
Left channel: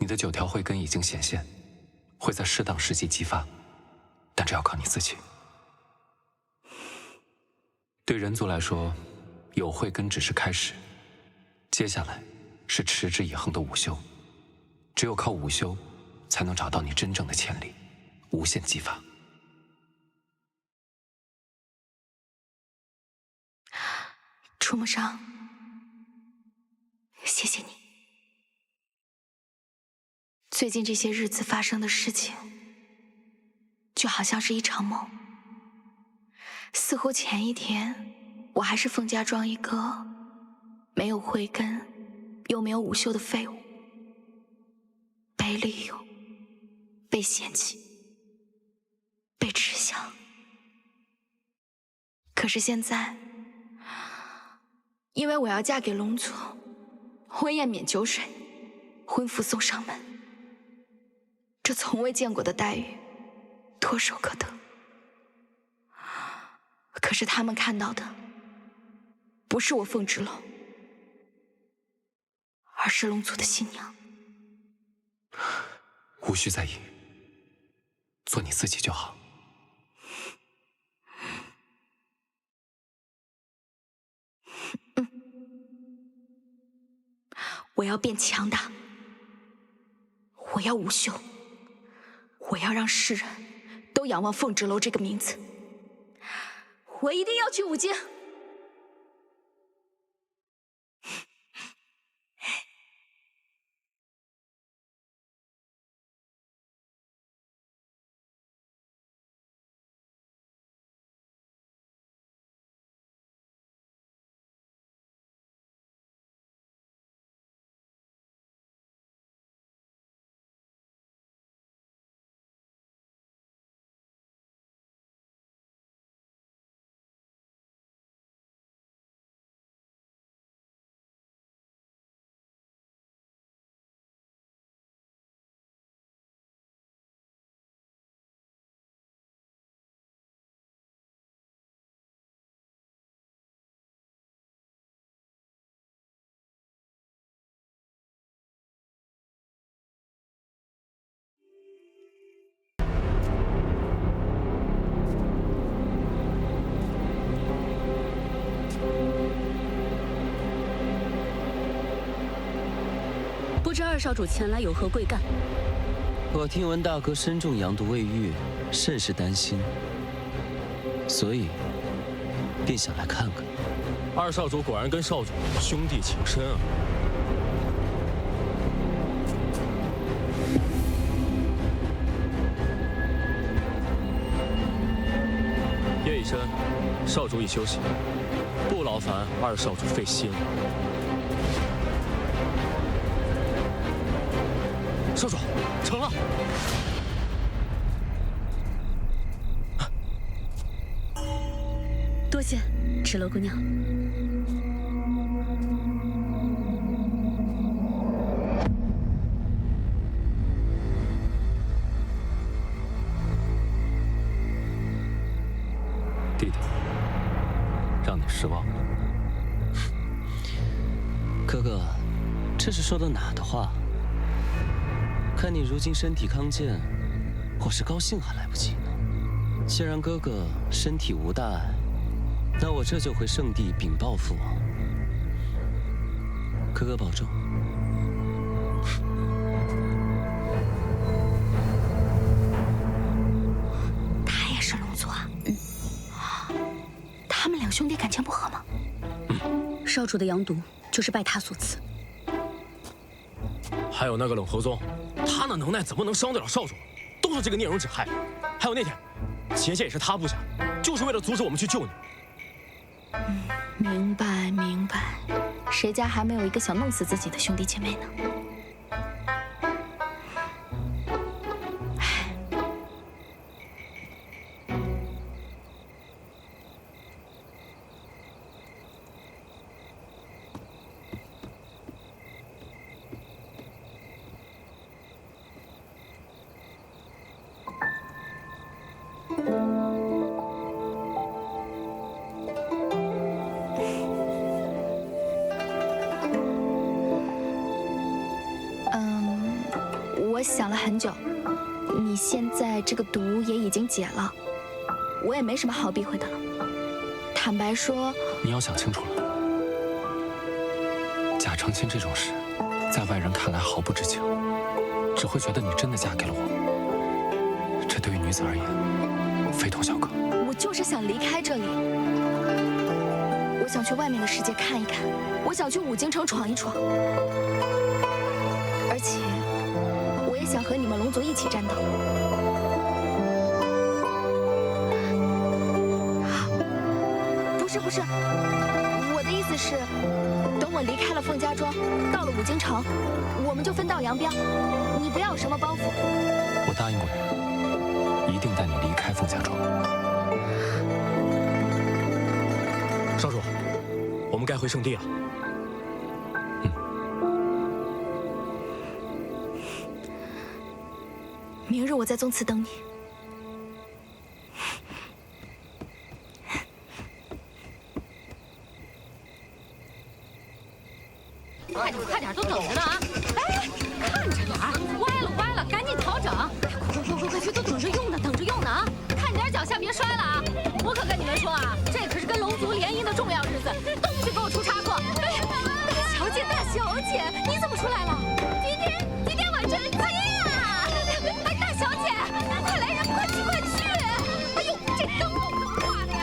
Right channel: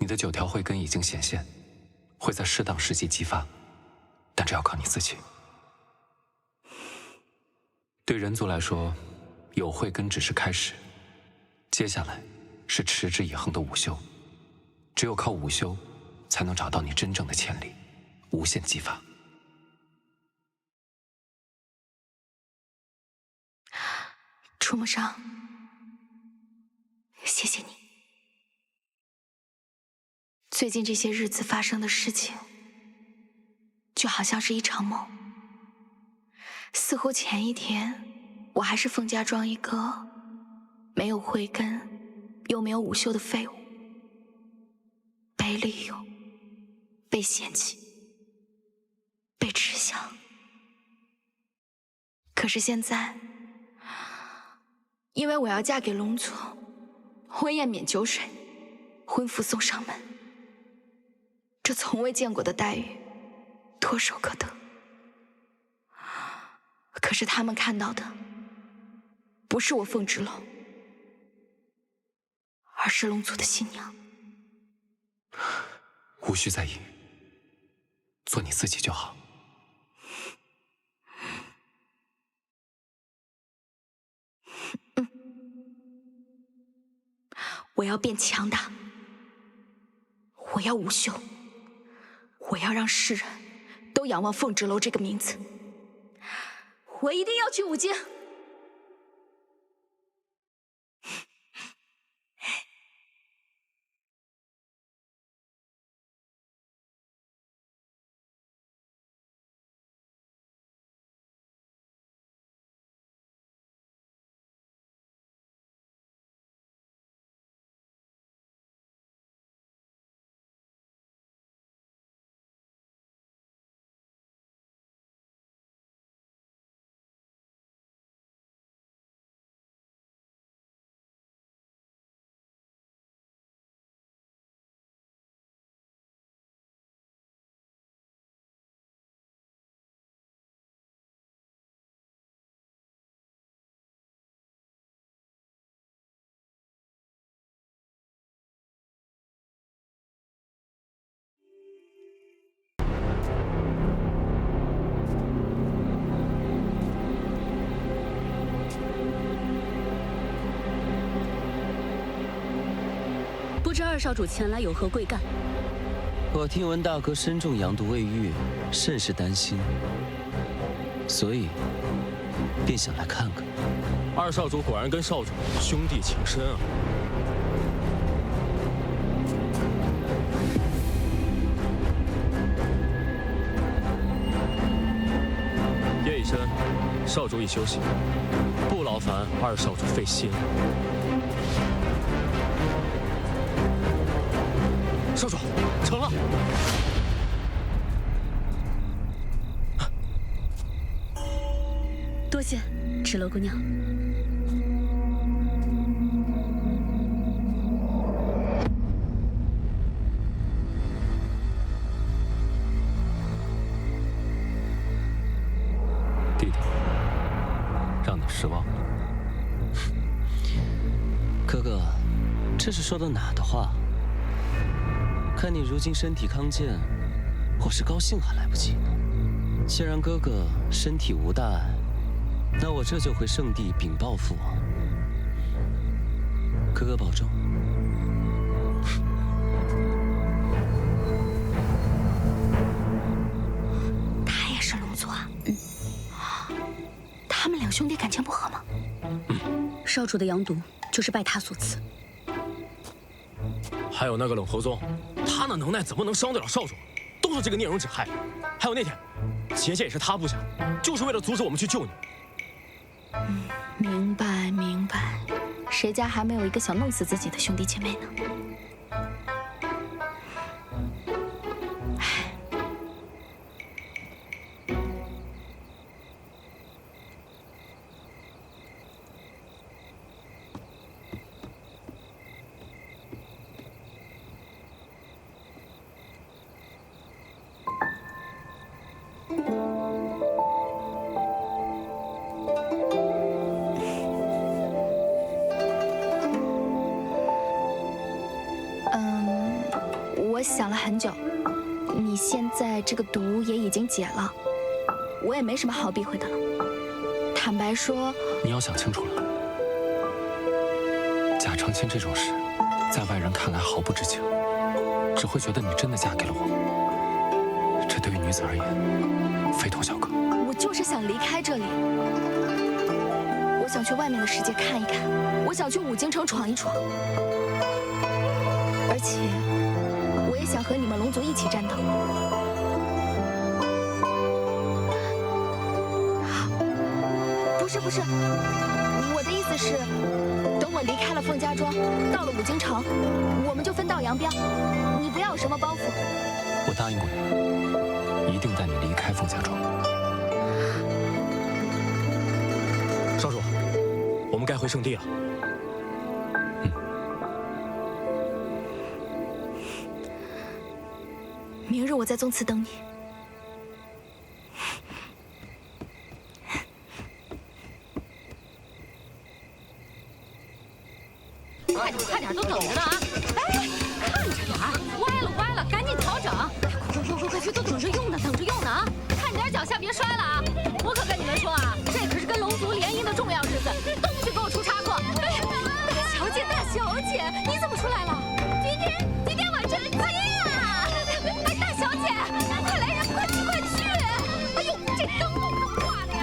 你的9条慧根已经显现，会在适当时机激发，但这要靠你自己。对人族来说，有慧根只是开始，接下来是持之以恒的午休。只有靠午休，才能找到你真正的潜力，无限激发。楚梦裳，谢谢你。最近这些日子发生的事情，就好像是一场梦。似乎前一天，我还是凤家庄一个没有慧根又没有午休的废物，被利用，被嫌弃，被耻笑。可是现在，因为我要嫁给龙族，婚宴免酒水，婚服送上门，这从未见过的待遇，唾手可得。可是他们看到的，不是我凤芷楼，而是龙族的新娘。无需在意，做你自己就好。我要变强大，我要午休，我要让世人都仰望凤芷楼这个名字。我一定要去五经。不知二少主前来有何贵干？我听闻大哥身中阳毒未愈，甚是担心，所以便想来看看。二少主果然跟少主兄弟情深啊！夜已深，少主已休息，不劳烦二少主费心了。少主，成了。多谢，芷楼姑娘。弟弟，让你失望了。哥哥，这是说的哪的话？看你如今身体康健，我是高兴还来不及呢。既然哥哥身体无大碍，那我这就回圣地禀报父王。哥哥保重。他也是龙族啊？他们两兄弟感情不和吗？少主的阳毒就是拜他所赐。还有那个冷侯宗，他那能耐怎么能伤得了少主？都是这个聂荣芷害的。还有那天，结界也是他布下的，就是为了阻止我们去救你。明白明白，谁家还没有一个想弄死自己的兄弟姐妹呢？我想了很久，你现在这个毒也已经解了，我也没什么好避讳的了。坦白说，你要想清楚了，假成亲这种事，在外人看来毫不知情，只会觉得你真的嫁给了我。这对于女子而言，非同小可。我就是想离开这里，我想去外面的世界看一看，我想去五京城闯一闯，而且我也想和你们龙族一起战斗。不是，我的意思是，等我离开了凤家庄，到了五京城，我们就分道扬镳，你不要有什么包袱。我答应过你，一定带你离开凤家庄。少主，我们该回圣地了。明日我在宗祠等你。快点，都等着呢啊！哎，看着点儿，歪了，赶紧调整！快去，都等着用呢啊！看点脚下别摔了啊！我可跟你们说啊，这可是跟龙族联姻的重要日子，都不许给我出差错！哎，大小姐，你怎么出来了？今天我成亲了！哎，大小姐，快来人，快去！哎呦，这灯笼怎么挂的呀？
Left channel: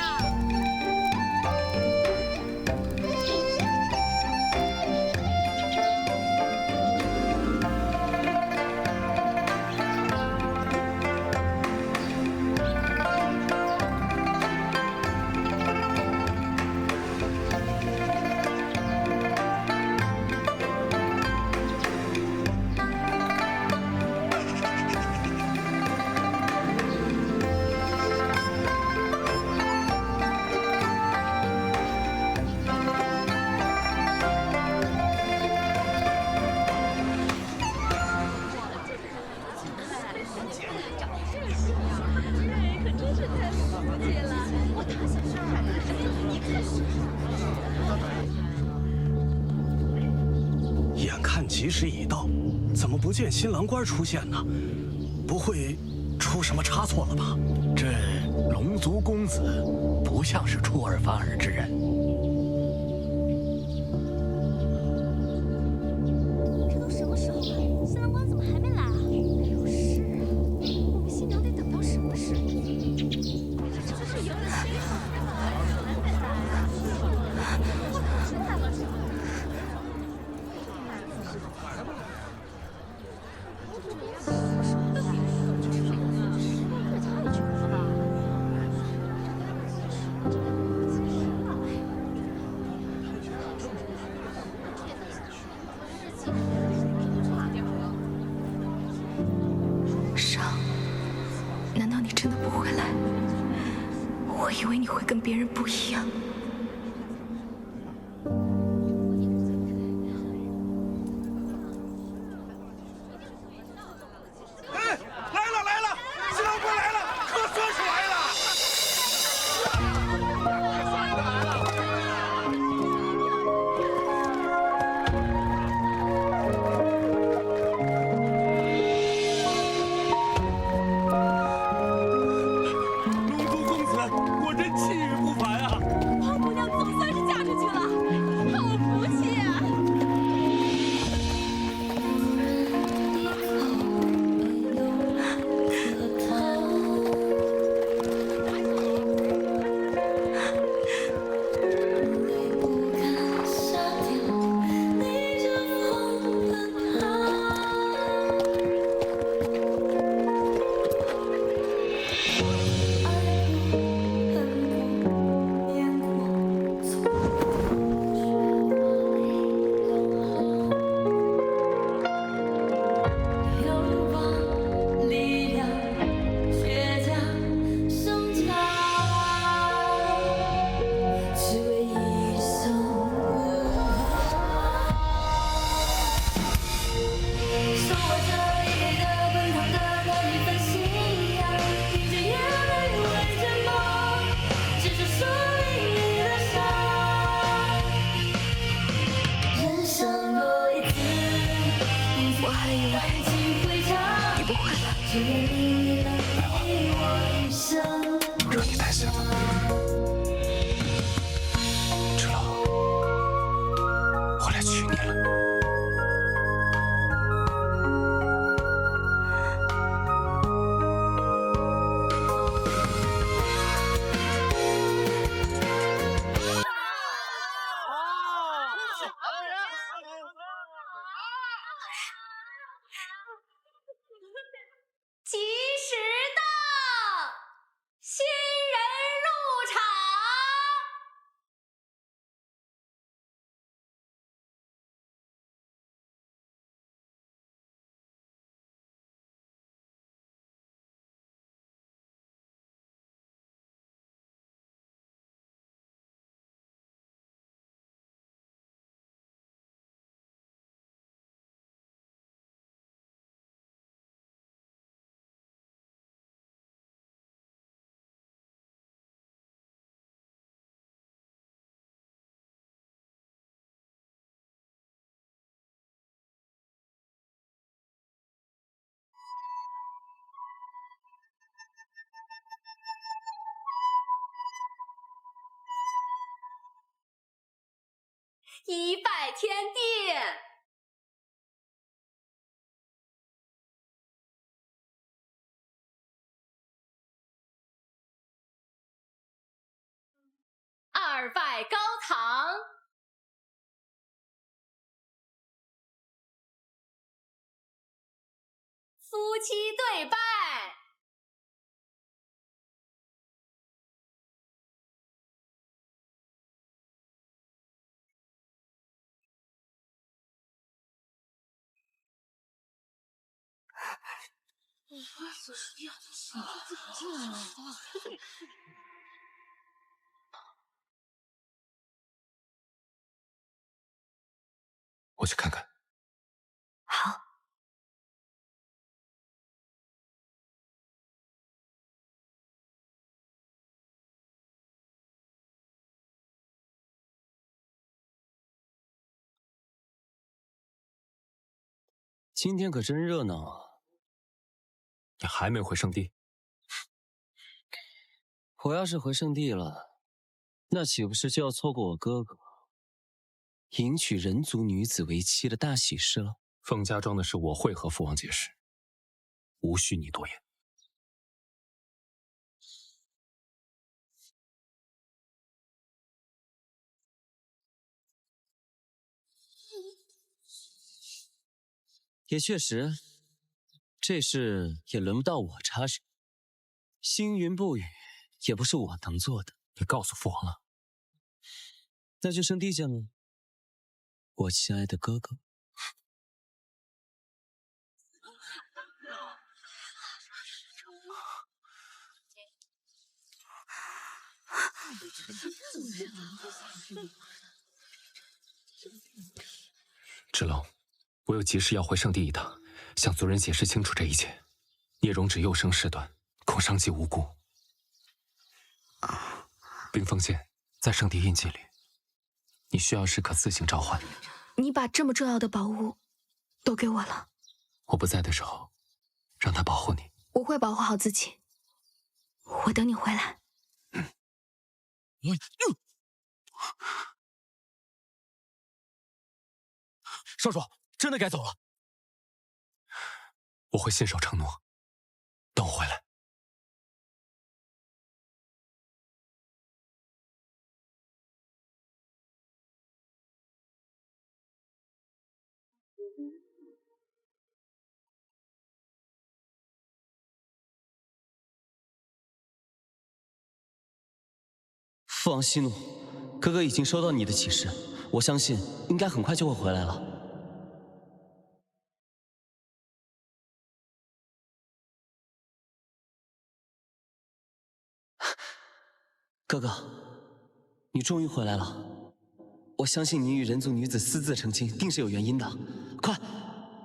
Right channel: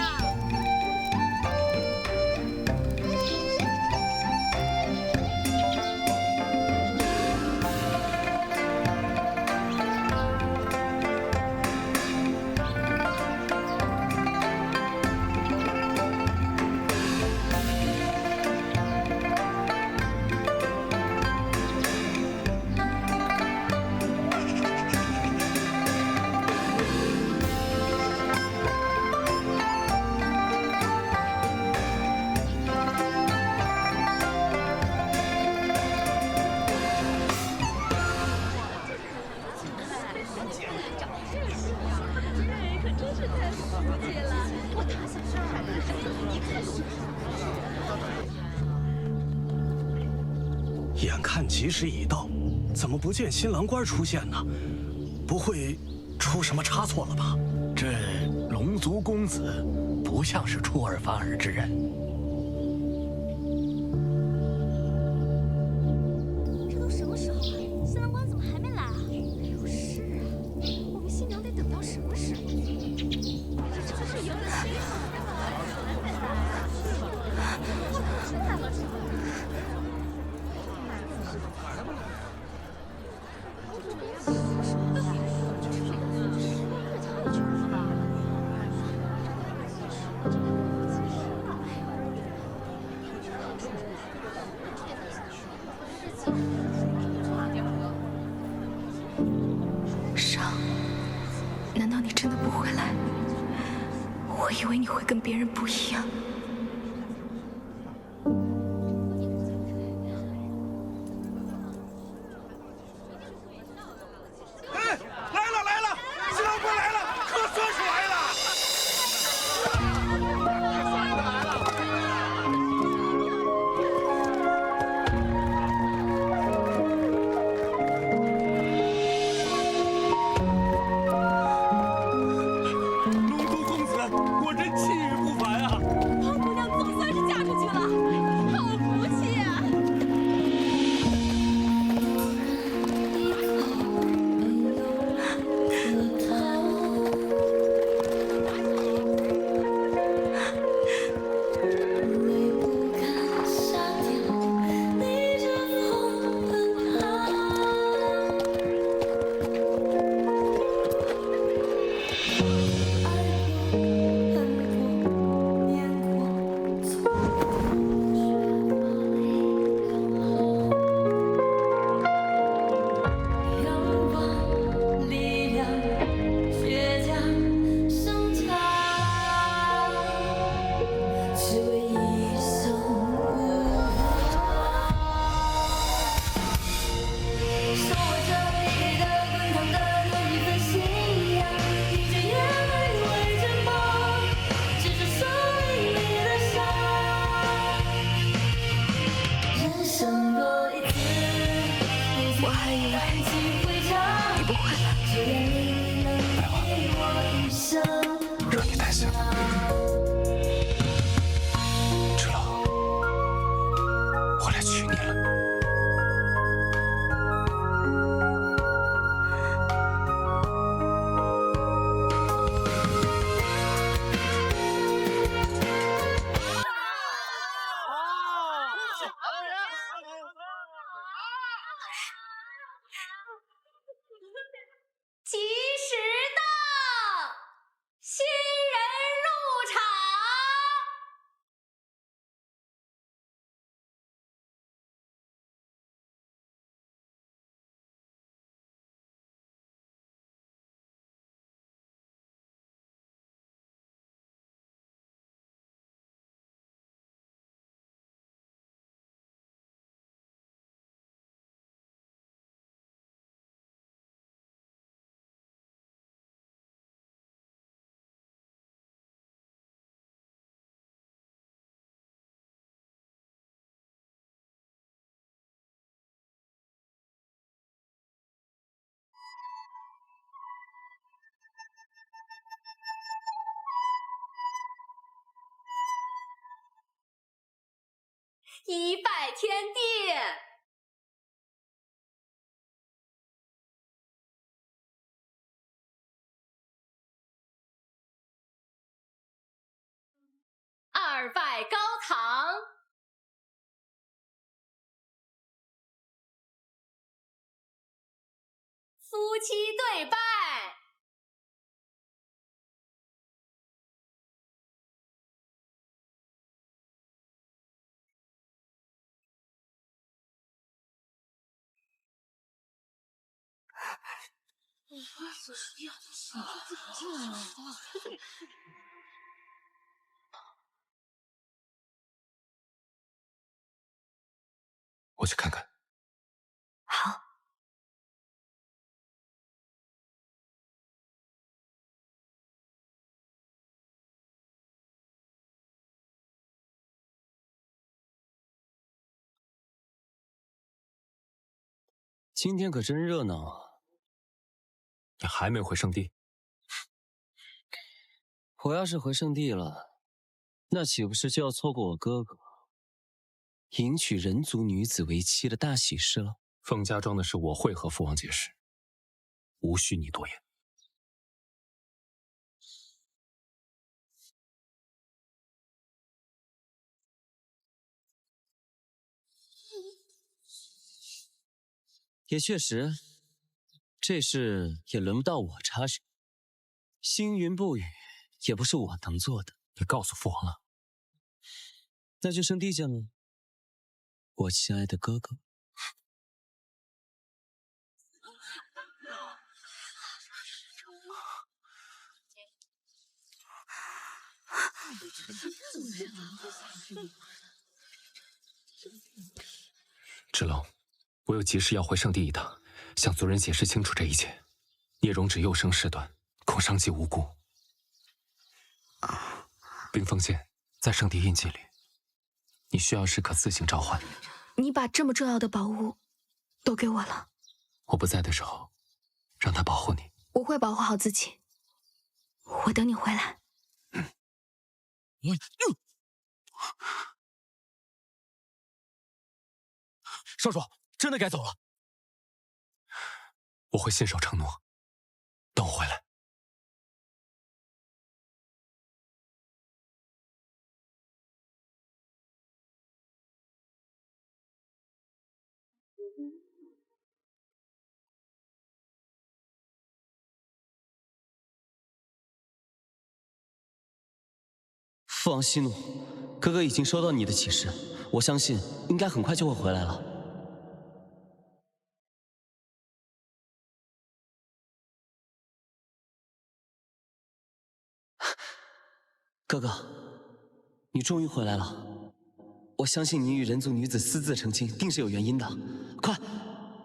眼看吉时已到，怎么不见新郎官出现呢？不会出什么差错了吧？这龙族公子不像是出尔反尔之人。这都什么时候难道你真的不回来？我以为你会跟别人不一样。哎，来了来了，新郎官来了，可算是来了。 龙族公子果真气宇不凡啊！胖姑娘总算是嫁出去了，好福气啊！泪不敢下掉，逆着风奔跑。 爱过，恨过，念过，错过，却华丽良好。仰望力量，倔强生长，只为一生无望。手握着你给的滚烫的那一份信仰。 凝着眼泪为着梦，执着生命里的伤。人生若一次，我还以为你不会来。只愿命运能陪我一生。让你担心了，芷楼，我来娶你了。 吉时到，新人入场。一拜天地，二拜高堂，夫妻对拜。 我去看看。好。今天可真热闹啊！你还没回圣地？我要是回圣地了，那岂不是就要错过我哥哥迎娶人族女子为妻的大喜事了？凤家庄的事我会和父王解释，无需你多言。也确实，这事也轮不到我插手。星云不语，也不是我能做的。你告诉父王了？那就圣地见了，我亲爱的哥哥。芷楼，我有急事要回圣地一趟，向族人解释清楚这一切。聂荣芷幼生事端，恐伤及无辜。冰封剑在圣地印记里，你需要时可自行召唤。你把这么重要的宝物都给我了，我不在的时候，让他保护你。我会保护好自己。我等你回来。少主，真的该走了。我会信守承诺，等我回来。父王息怒，哥哥已经收到你的启示，我相信应该很快就会回来了。哥哥，你终于回来了。我相信你与人族女子私自成亲，定是有原因的。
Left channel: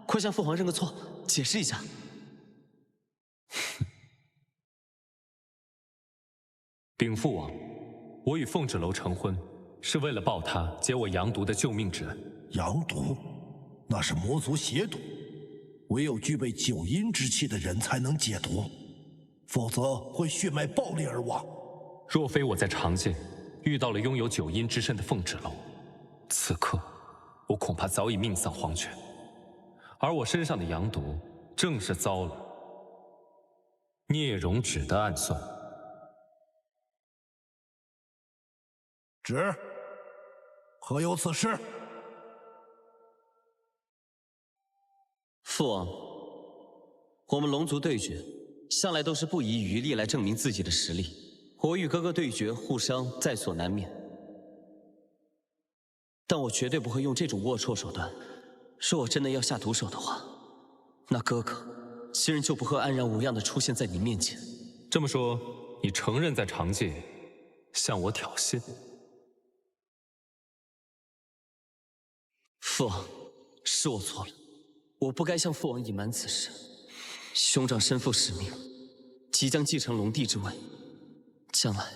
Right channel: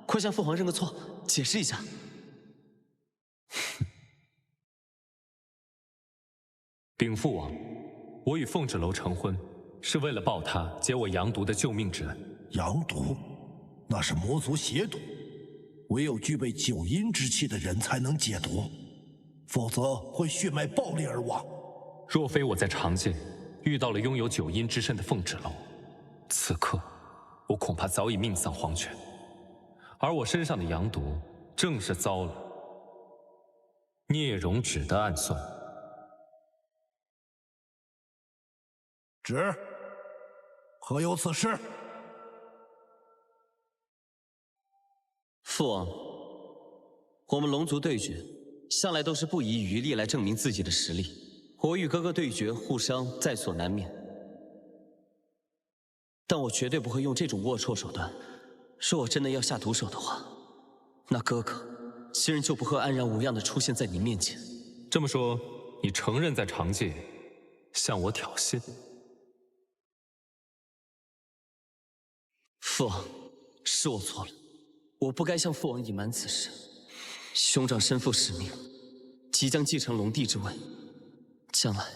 快向父皇认个错，解释一下。禀父王，我与凤芷楼成婚，是为了报他解我阳毒的救命之恩。阳毒，那是魔族邪毒，唯有具备九阴之气的人才能解毒，否则会血脉爆裂而亡。若非我在长界遇到了拥有九阴之身的凤芷楼，此刻我恐怕早已命丧黄泉。而我身上的阳毒，正是遭了聂荣芷的暗算。旨，何有此事？父王，我们龙族对决，向来都是不遗余力来证明自己的实力。我与哥哥对决，互伤在所难免，但我绝对不会用这种龌龊手段。若我真的要下毒手的话，那哥哥今日就不会安然无恙地出现在你面前。这么说，你承认在长界向我挑衅？父王，是我错了，我不该向父王隐瞒此事。兄长身负使命，即将继承龙帝之位，将来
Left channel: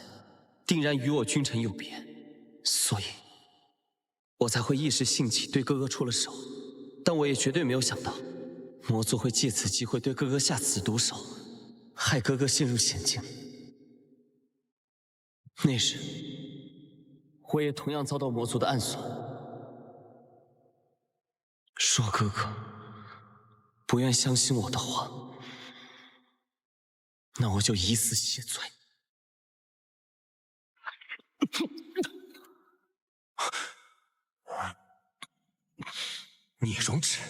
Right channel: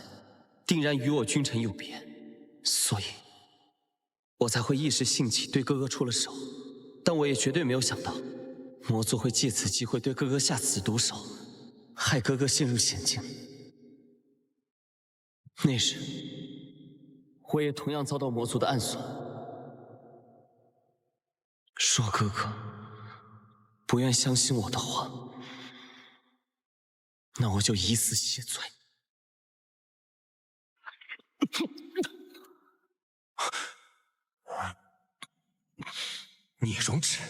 定然与我君臣有别，所以我才会一时兴起对哥哥出了手。但我也绝对没有想到，魔族会借此机会对哥哥下此毒手，害哥哥陷入险境。那时，我也同样遭到魔族的暗算。若哥哥不愿相信我的话，那我就以死谢罪。聂荣芷，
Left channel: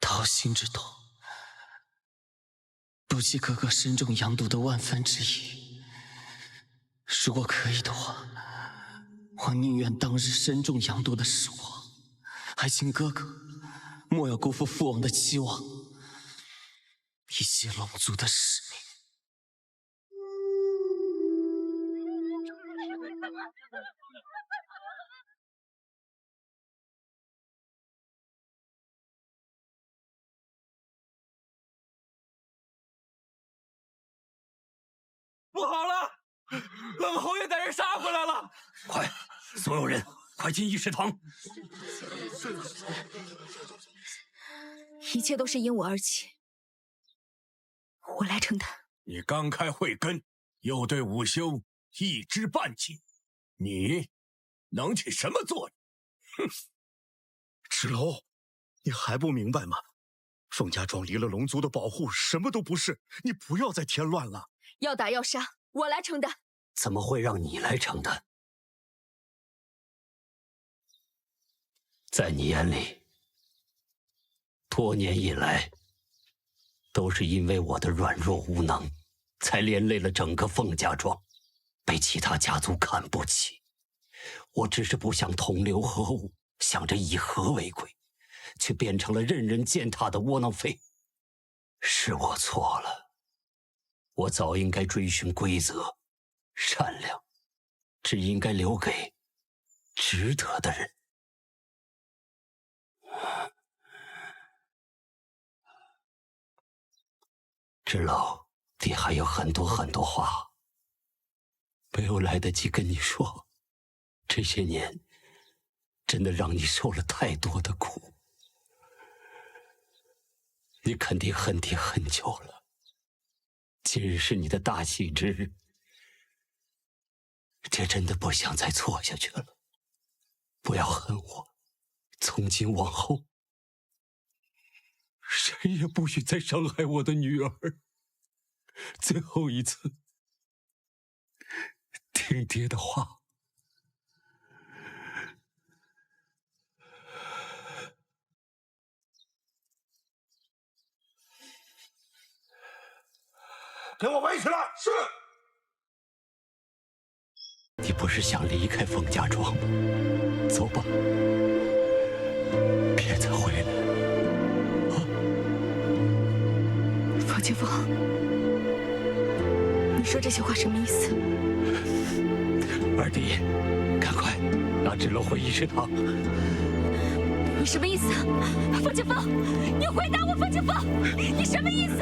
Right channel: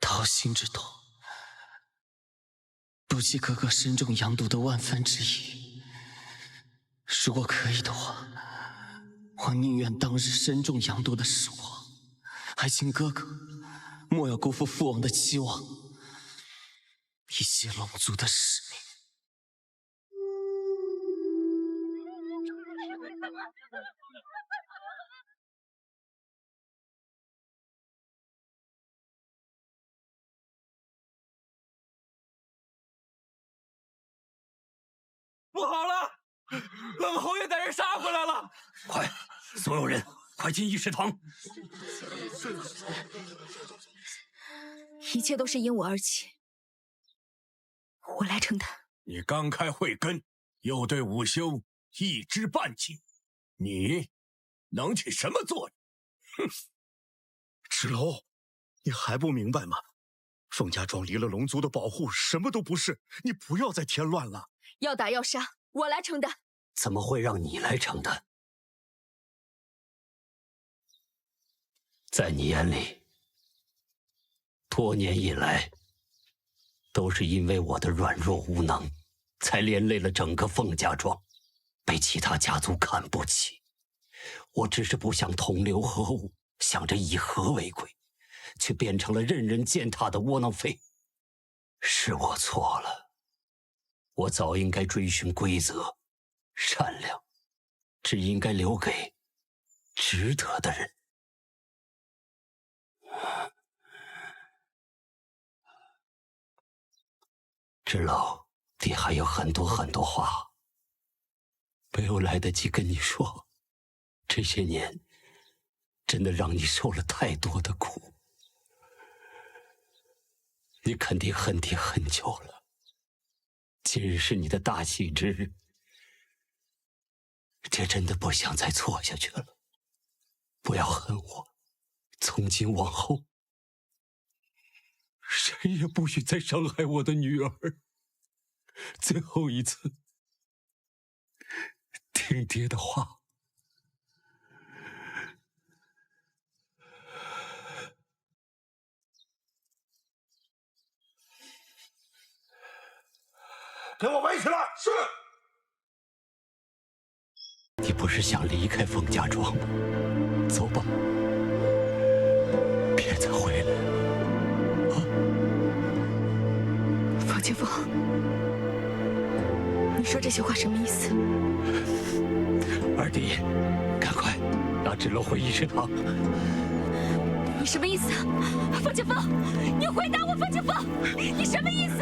掏心之痛，不计哥哥身中阳毒的万分之一。如果可以的话，我宁愿当日身中阳毒的是我，还请哥哥莫要辜负父王的期望，以及龙族的使命。不好了，冷侯爷带人杀回来了！快，所有人快进议事堂！一切都是因我而起，我来承担。你刚开慧根，又对武修一知半解，你能起什么作用？哼！芷楼，你还不明白吗？凤家庄离了龙族的保护，什么都不是。你不要再添乱了。要打要杀，我来承担。怎么会让你来承担？在你眼里，多年以来，都是因为我的软弱无能，才连累了整个凤家庄，被其他家族看不起。我只是不想同流合污，想着以和为贵，却变成了任人践踏的窝囊废。是我错了，我早应该追寻规则，善良只应该留给值得的人。知老，爹还有很多话没有来得及跟你说。这些年真的让你受了太多的苦，你肯定恨爹很久了。今日是你的大喜之日，爹真的不想再错下去了。不要恨我，从今往后，谁也不许再伤害我的女儿。最后一次，听爹的话。给我围起来！是。你不是想离开凤家庄吗？走吧，别再回来了。啊！方清风，你说这些话什么意思？二弟，赶快拿纸篓回议事堂。你什么意思？方清风，你回答我，方清风，你什么意思？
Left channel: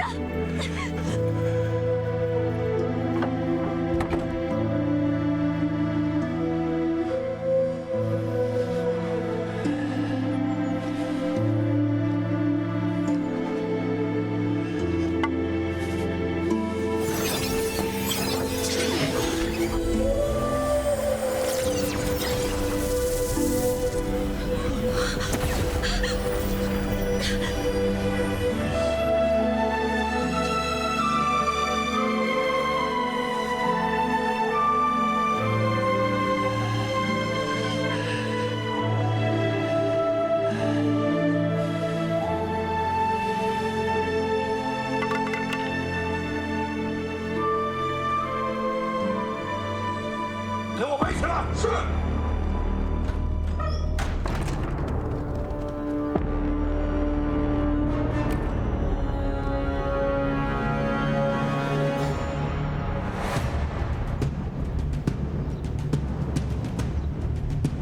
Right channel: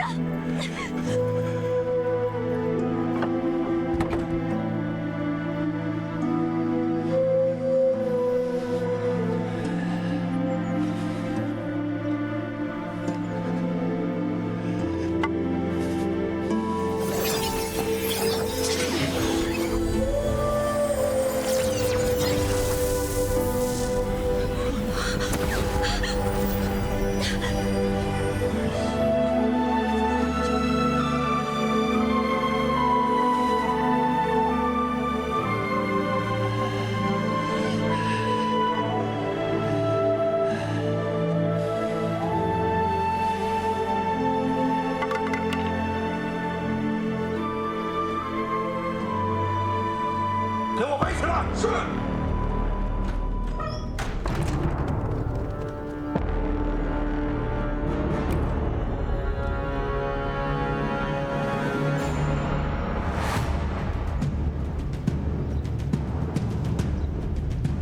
给我围起来！是。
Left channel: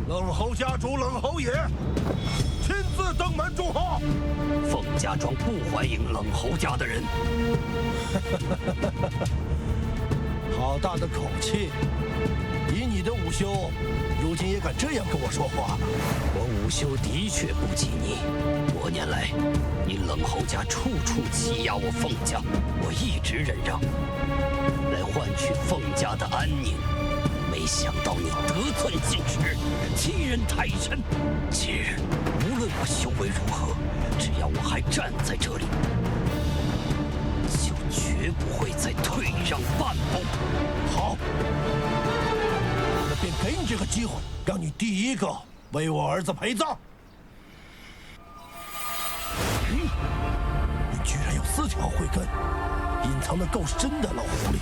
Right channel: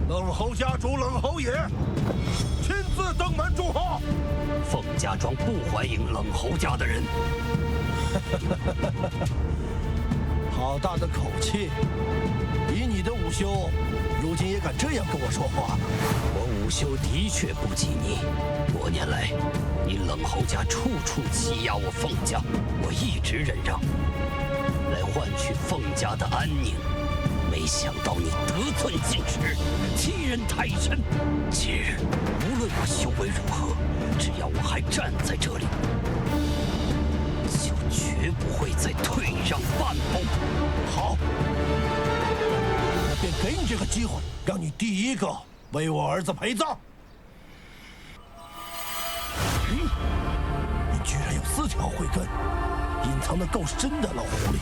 冷侯家主冷侯爷亲自登门祝贺。凤家庄不欢迎冷侯家的人。好大的口气！以你的午休，如今也敢这样跟我说话了？我午休的确不及你。多年来，你冷侯家处处欺压我凤家，我一直忍让，来换取凤家的安宁。没想到你得寸进尺，欺人太甚。今日无论我修为如何，只要我还站在这里，就绝不会再退让半步。好。我便给你这个机会，让你第一个为我儿子陪葬。你居然有4条慧根，隐藏得够深的老狐狸。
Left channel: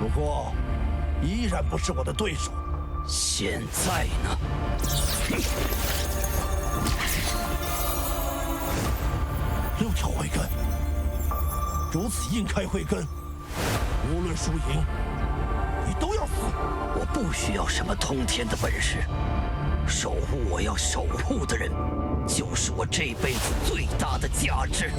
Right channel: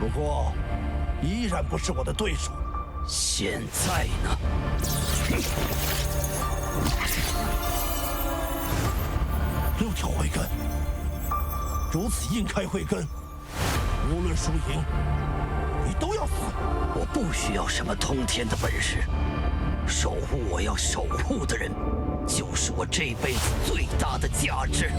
不过，依然不是我的对手。现在呢？6条慧根，如此硬开慧根，无论输赢，你都要死。我不需要什么通天的本事，守护我要守护的人，就是我这辈子最大的价值。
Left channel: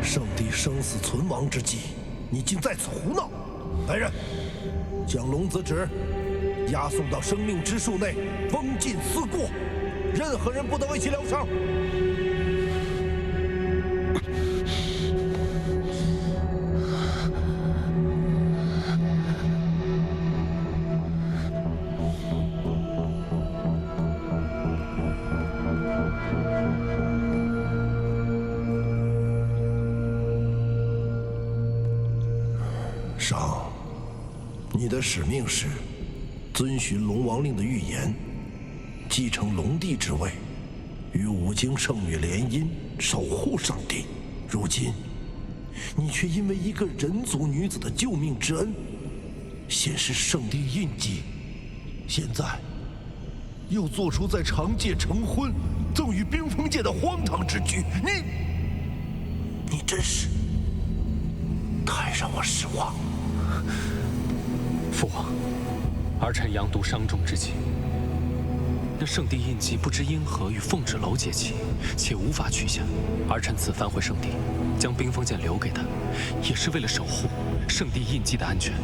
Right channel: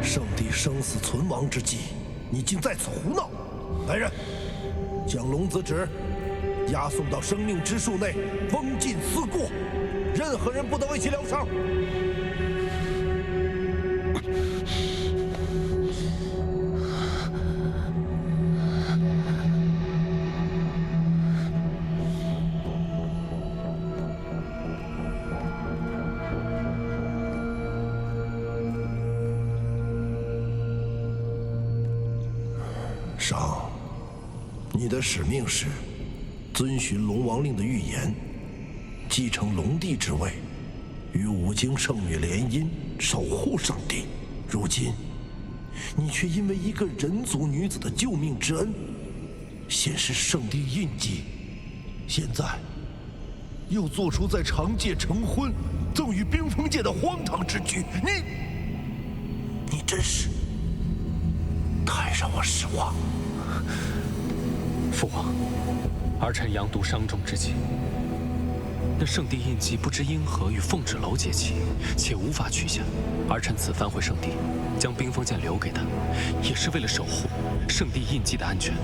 圣地生死存亡之际，你竟在此胡闹！来人，将龙子旨押送到生命之树内，封禁思过，任何人不得为其疗伤。上，你的使命是遵循龙王令的预言，继承龙帝之位，与五经圣女联姻，守护圣地。如今，你却因为一个人族女子的救命之恩，显示圣地印记，现在又做出在长界成婚，赠与冰封界的荒唐之举，你真是太让我失望。父王，儿臣阳毒伤重之际，那圣地印记不知因何与凤芷楼结起，且无法取下。儿臣此番回圣地，将冰封剑留给他，也是为了守护圣地印记的安全。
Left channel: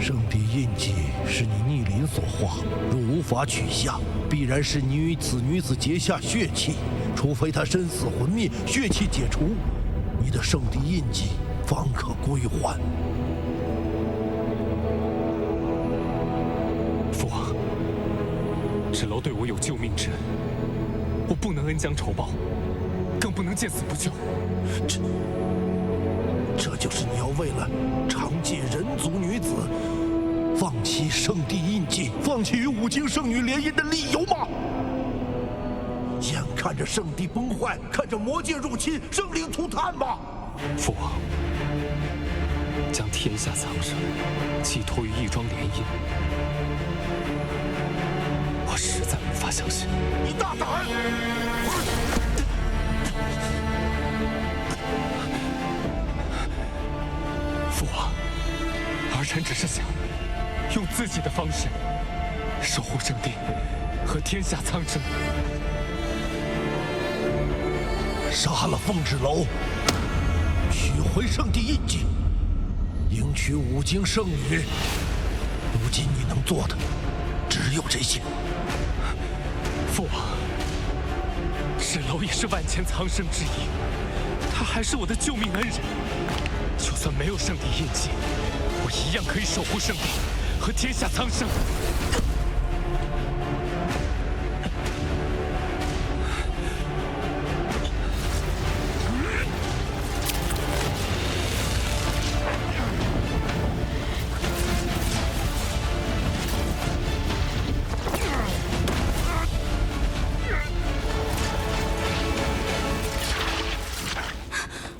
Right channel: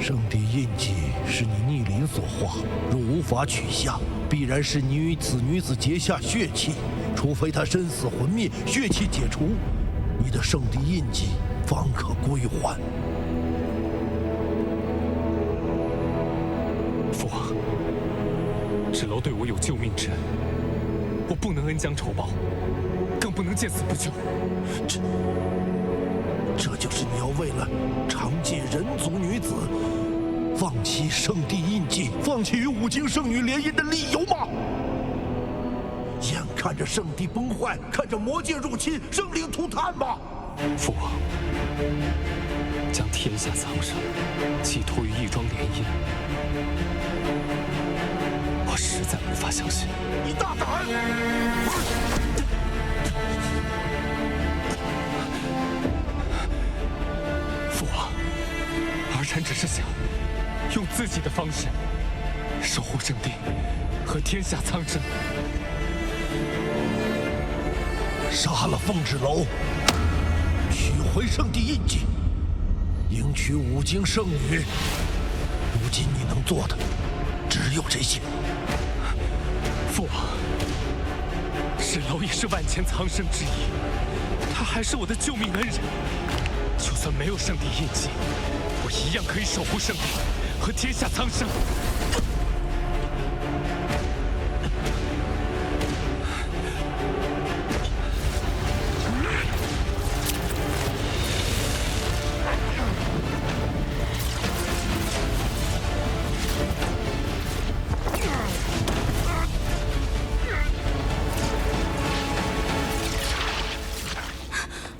圣地印记是你逆鳞所化，若无法取下，必然是你与此女子结下血气。除非她身死魂灭，血气解除，你的圣地印记方可归还。父王，芷楼对我有救命之恩，我不能恩将仇报，更不能见死不救。这就是你要为了长界人族女子放弃圣地印记，放弃与五经圣女联姻的理由吗？眼看着圣地崩坏，看着魔界入侵，生灵涂炭吗？父王，将天下苍生寄托于一桩联姻，我实在无法相信。你大胆！父王，儿臣只是想用自己的方式守护圣地和天下苍生。杀了凤芷楼，取回圣地印记，迎娶五经圣女。如今你能做的只有这些。父王，芷楼也是万千苍生之一，他还是我的救命恩人。就算没有圣地印记，我一样可以守护圣地和天下苍生。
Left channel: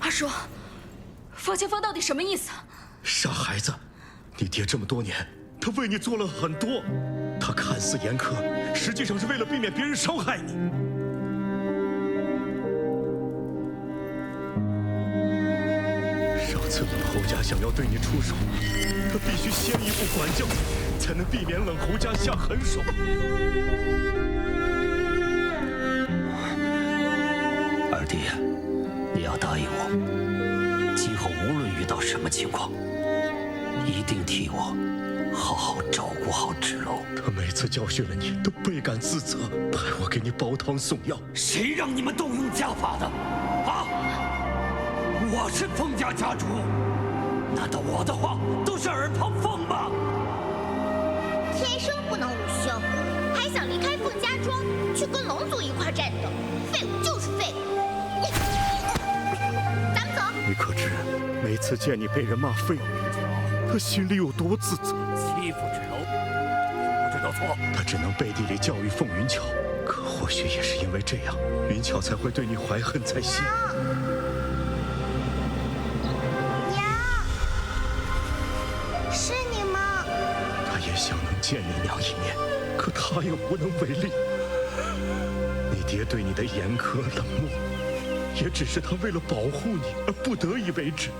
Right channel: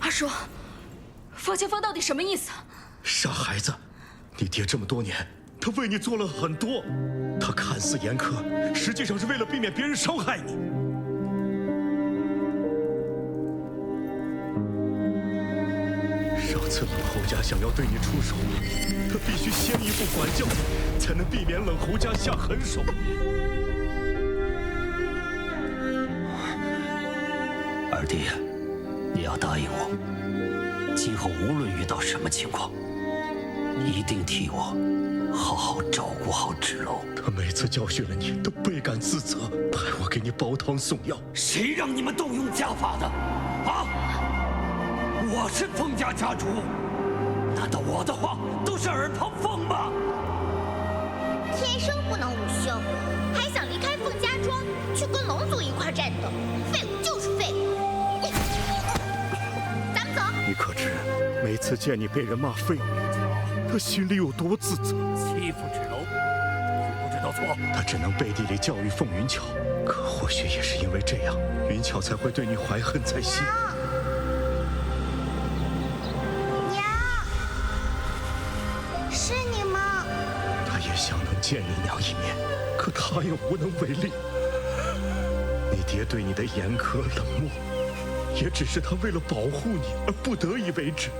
二叔，方前锋到底什么意思？傻孩子，你爹这么多年，他为你做了很多，他看似严苛，实际上是为了避免别人伤害你。上次冷侯家想要对你出手，他必须先一步管教你，才能避免冷侯家下狠手。二弟，你要答应我，今后无论遇到什么情况，一定替我好好照顾好芷楼。他每次教训了你，都倍感自责，派我给你煲汤送药。谁让你们动用家法的？啊！我是凤家家主，难道我的话都是耳旁风吗？天生不能午休，还想离开凤家庄去跟龙族一块战斗，废物就是废物。咱们走。你可知，每次见你被人骂废物，他心里有多自责？欺负芷楼，知不知道错？他只能背地里教育凤云巧，可或许也是因为这样，云巧才会对你怀恨在心。娘，是你吗？他也想能见你娘一面，可他也无能为力。你爹对你的严苛冷漠，也只是他为了保护你而不得已为之。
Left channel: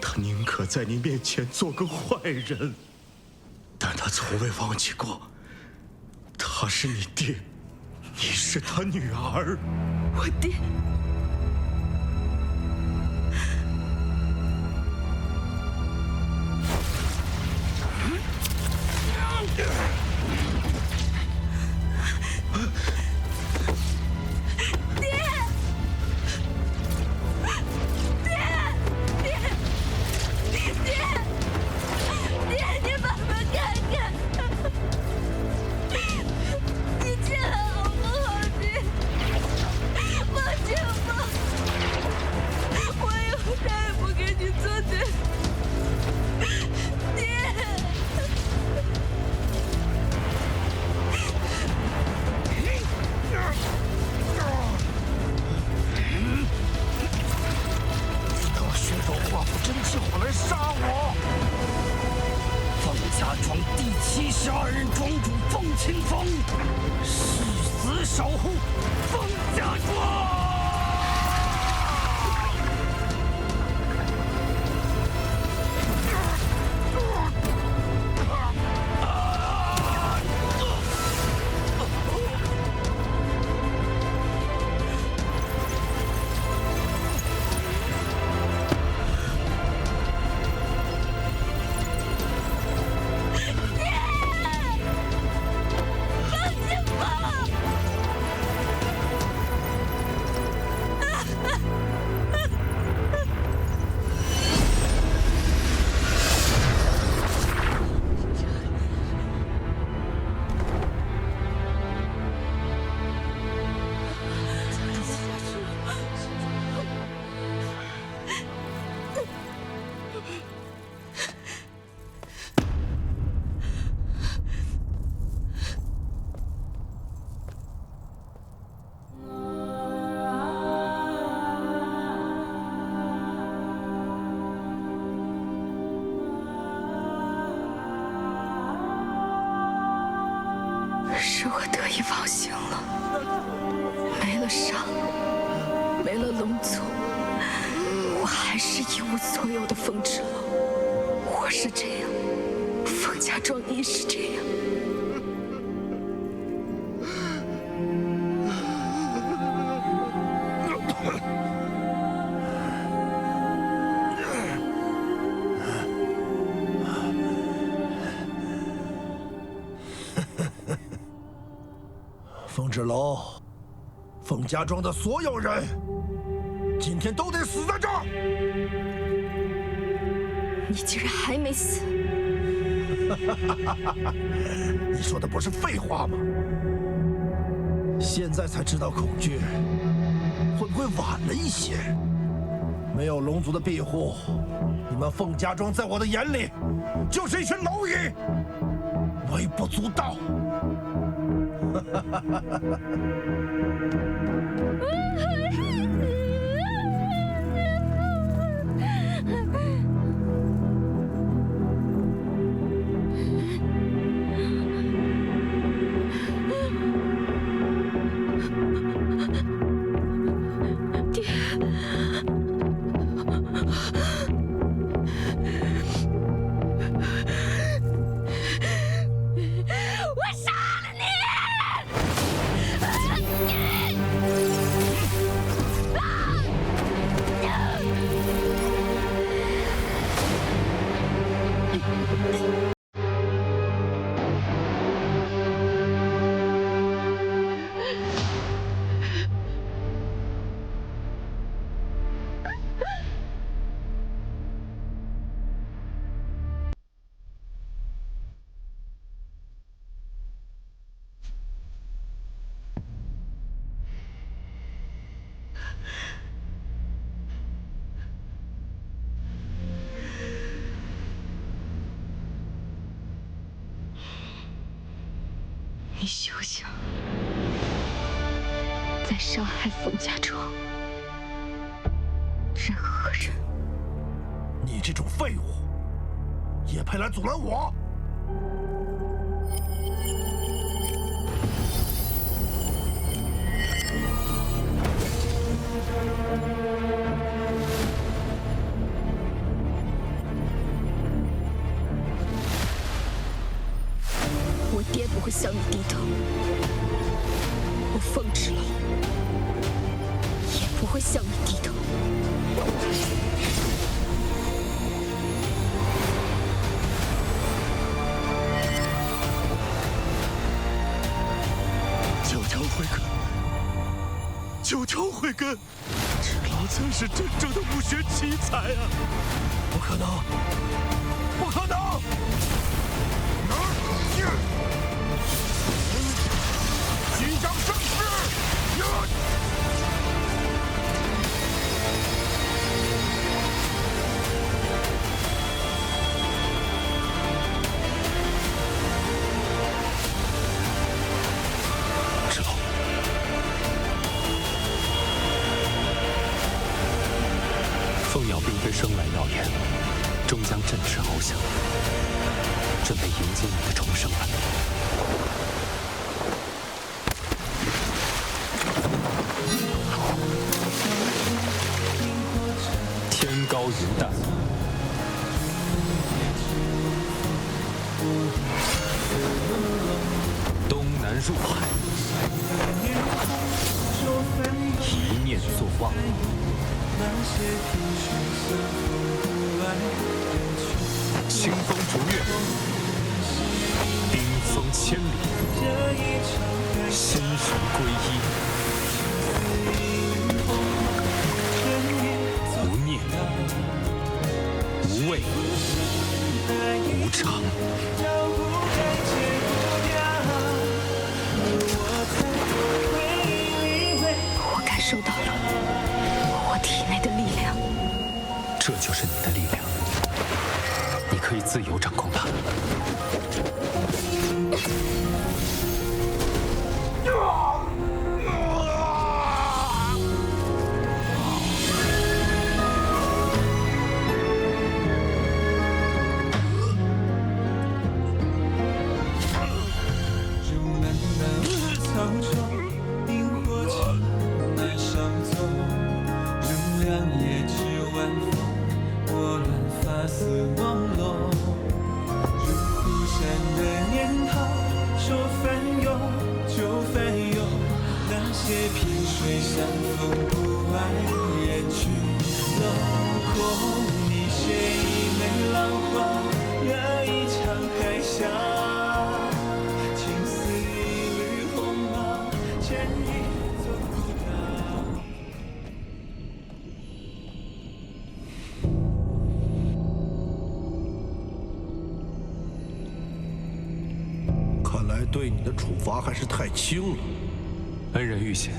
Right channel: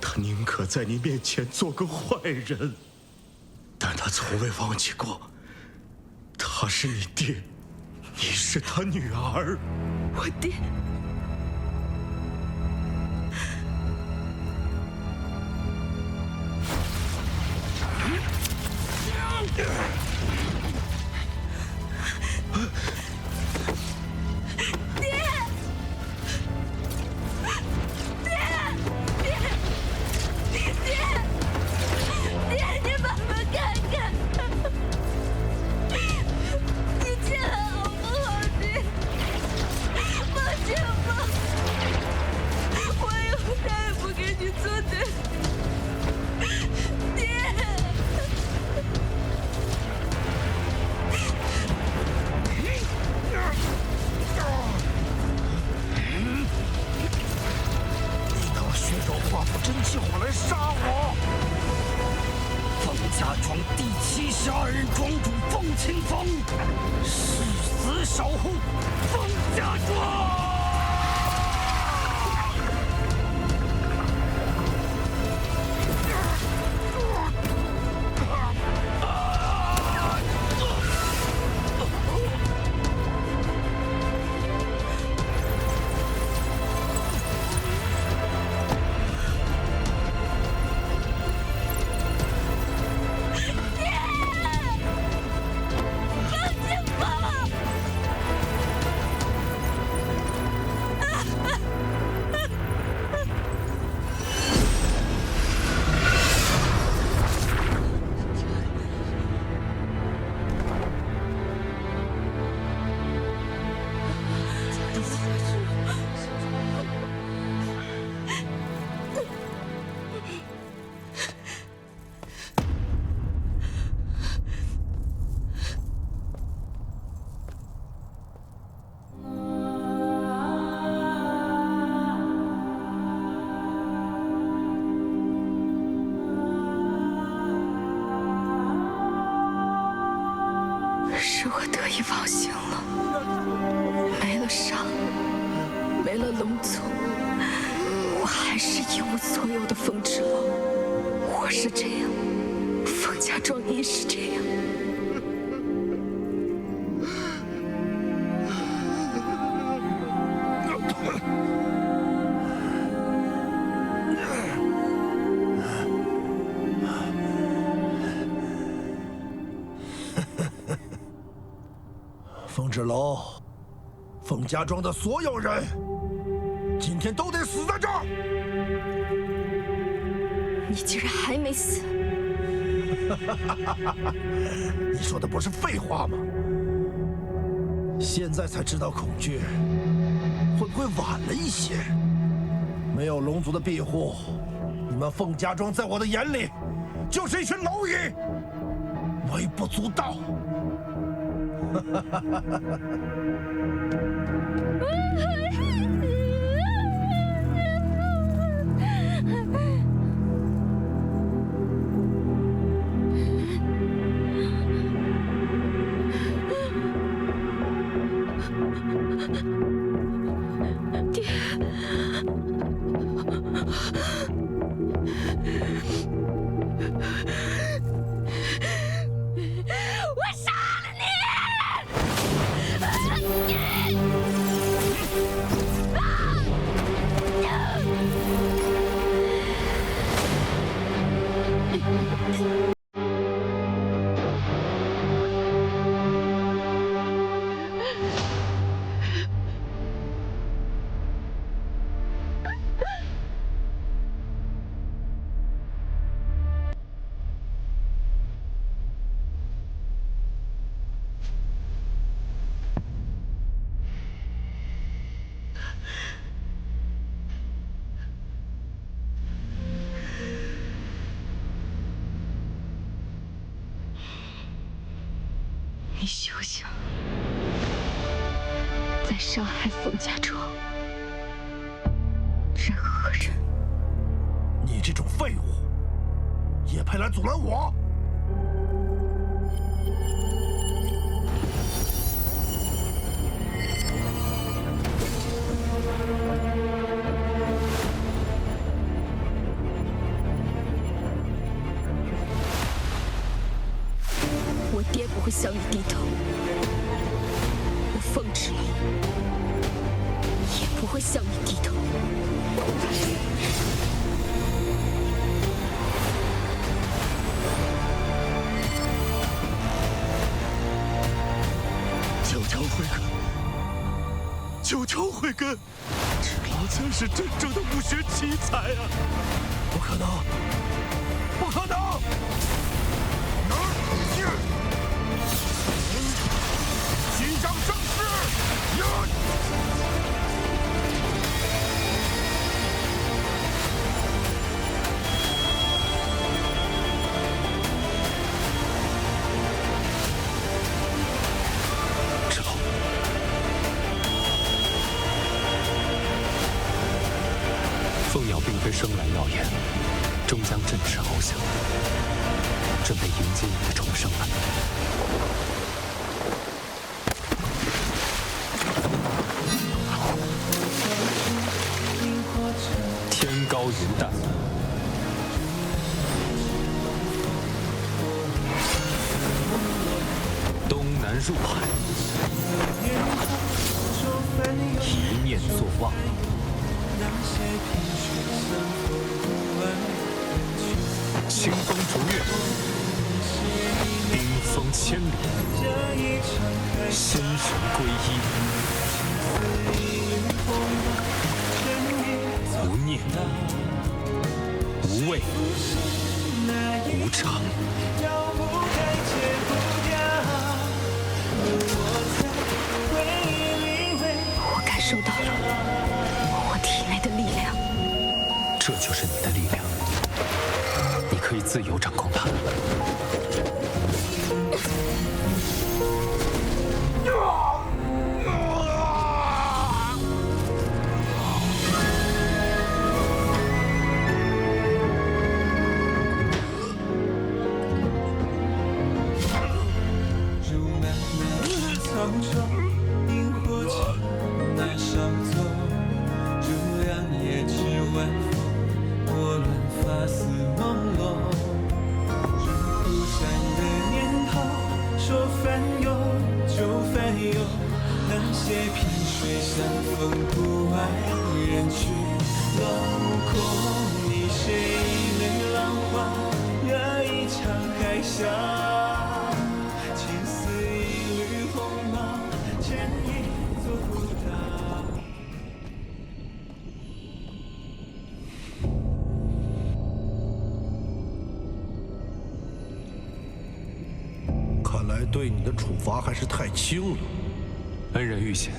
他宁可在你面前做个坏人，但他从未忘记过，他是你爹，你是他女儿。我爹。你进来好不好，爹？手化作真气火来杀我！凤家庄第72任庄主凤清风，誓死守护凤家庄。是我得意忘形了，没了伤，没了龙族，我还是一无所有的风之楼。我是这样，凤家庄亦是这样。凤之楼，凤家庄的所有人，今天都得死在这儿！你竟然还没死！你说的不是废话吗？现在才知道恐惧，会不会晚了一些？没有龙族的庇护，你们凤家庄在我的眼里就是一群蝼蚁，微不足道。爹，我杀了你！你休想再伤害凤家庄任何人！你这种废物，也配来阻拦我？我爹不会向你低头，我凤之楼也不会向你低头。求求慧根，求求慧根，芷劳才是真正的武学奇才啊！不可能，不可能！虚张声势！芷劳，凤鸟并非生来耀眼，终将振翅翱翔，准备迎接你的重生了。天高云淡，东南入海，一念作忘。清风逐月，冰封千里，心神归一，无念，无畏，无常。我感受到了我体内的力量，这就是你的力量，你可以自由掌控它。草中萤火虫难稍走，如亮夜之晚风，拨乱发丝朦胧。如忽闪的念头，说翻涌就翻涌。那些萍水相逢不爱人去楼空，你写一枚浪花，惹一场海啸。情似一缕鸿毛，牵一座孤岛。看来对你的处罚还是太轻了。恩人遇险，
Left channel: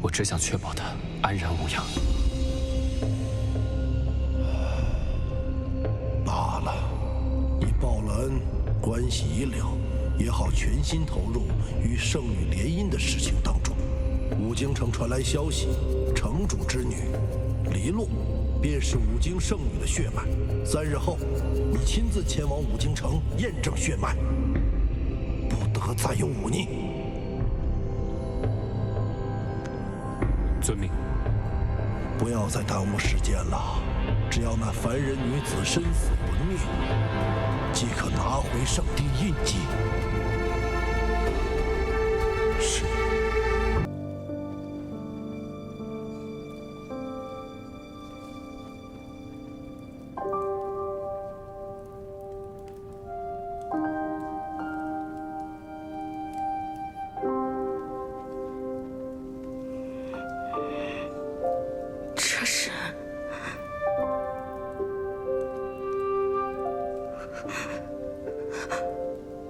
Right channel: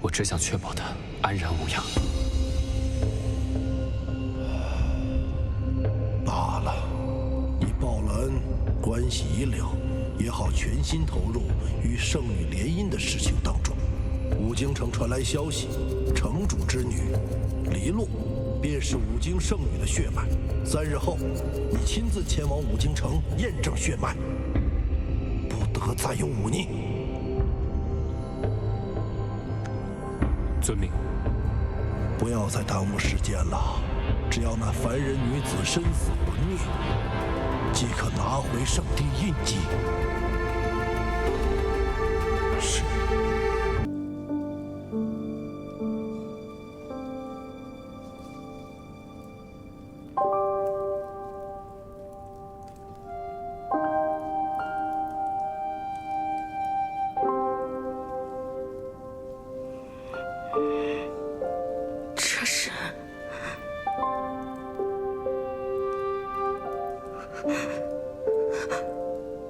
我只想确保他安然无恙。罢了，你报了恩，关系已了，也好全心投入与圣女联姻的事情当中。武京城传来消息，城主之女黎洛便是武京圣女的血脉。3日后，你亲自前往武京城验证血脉，不得再有忤逆。遵命。不要再耽误时间了，只要那凡人女子身死魂灭，即可拿回圣地印记。是。这是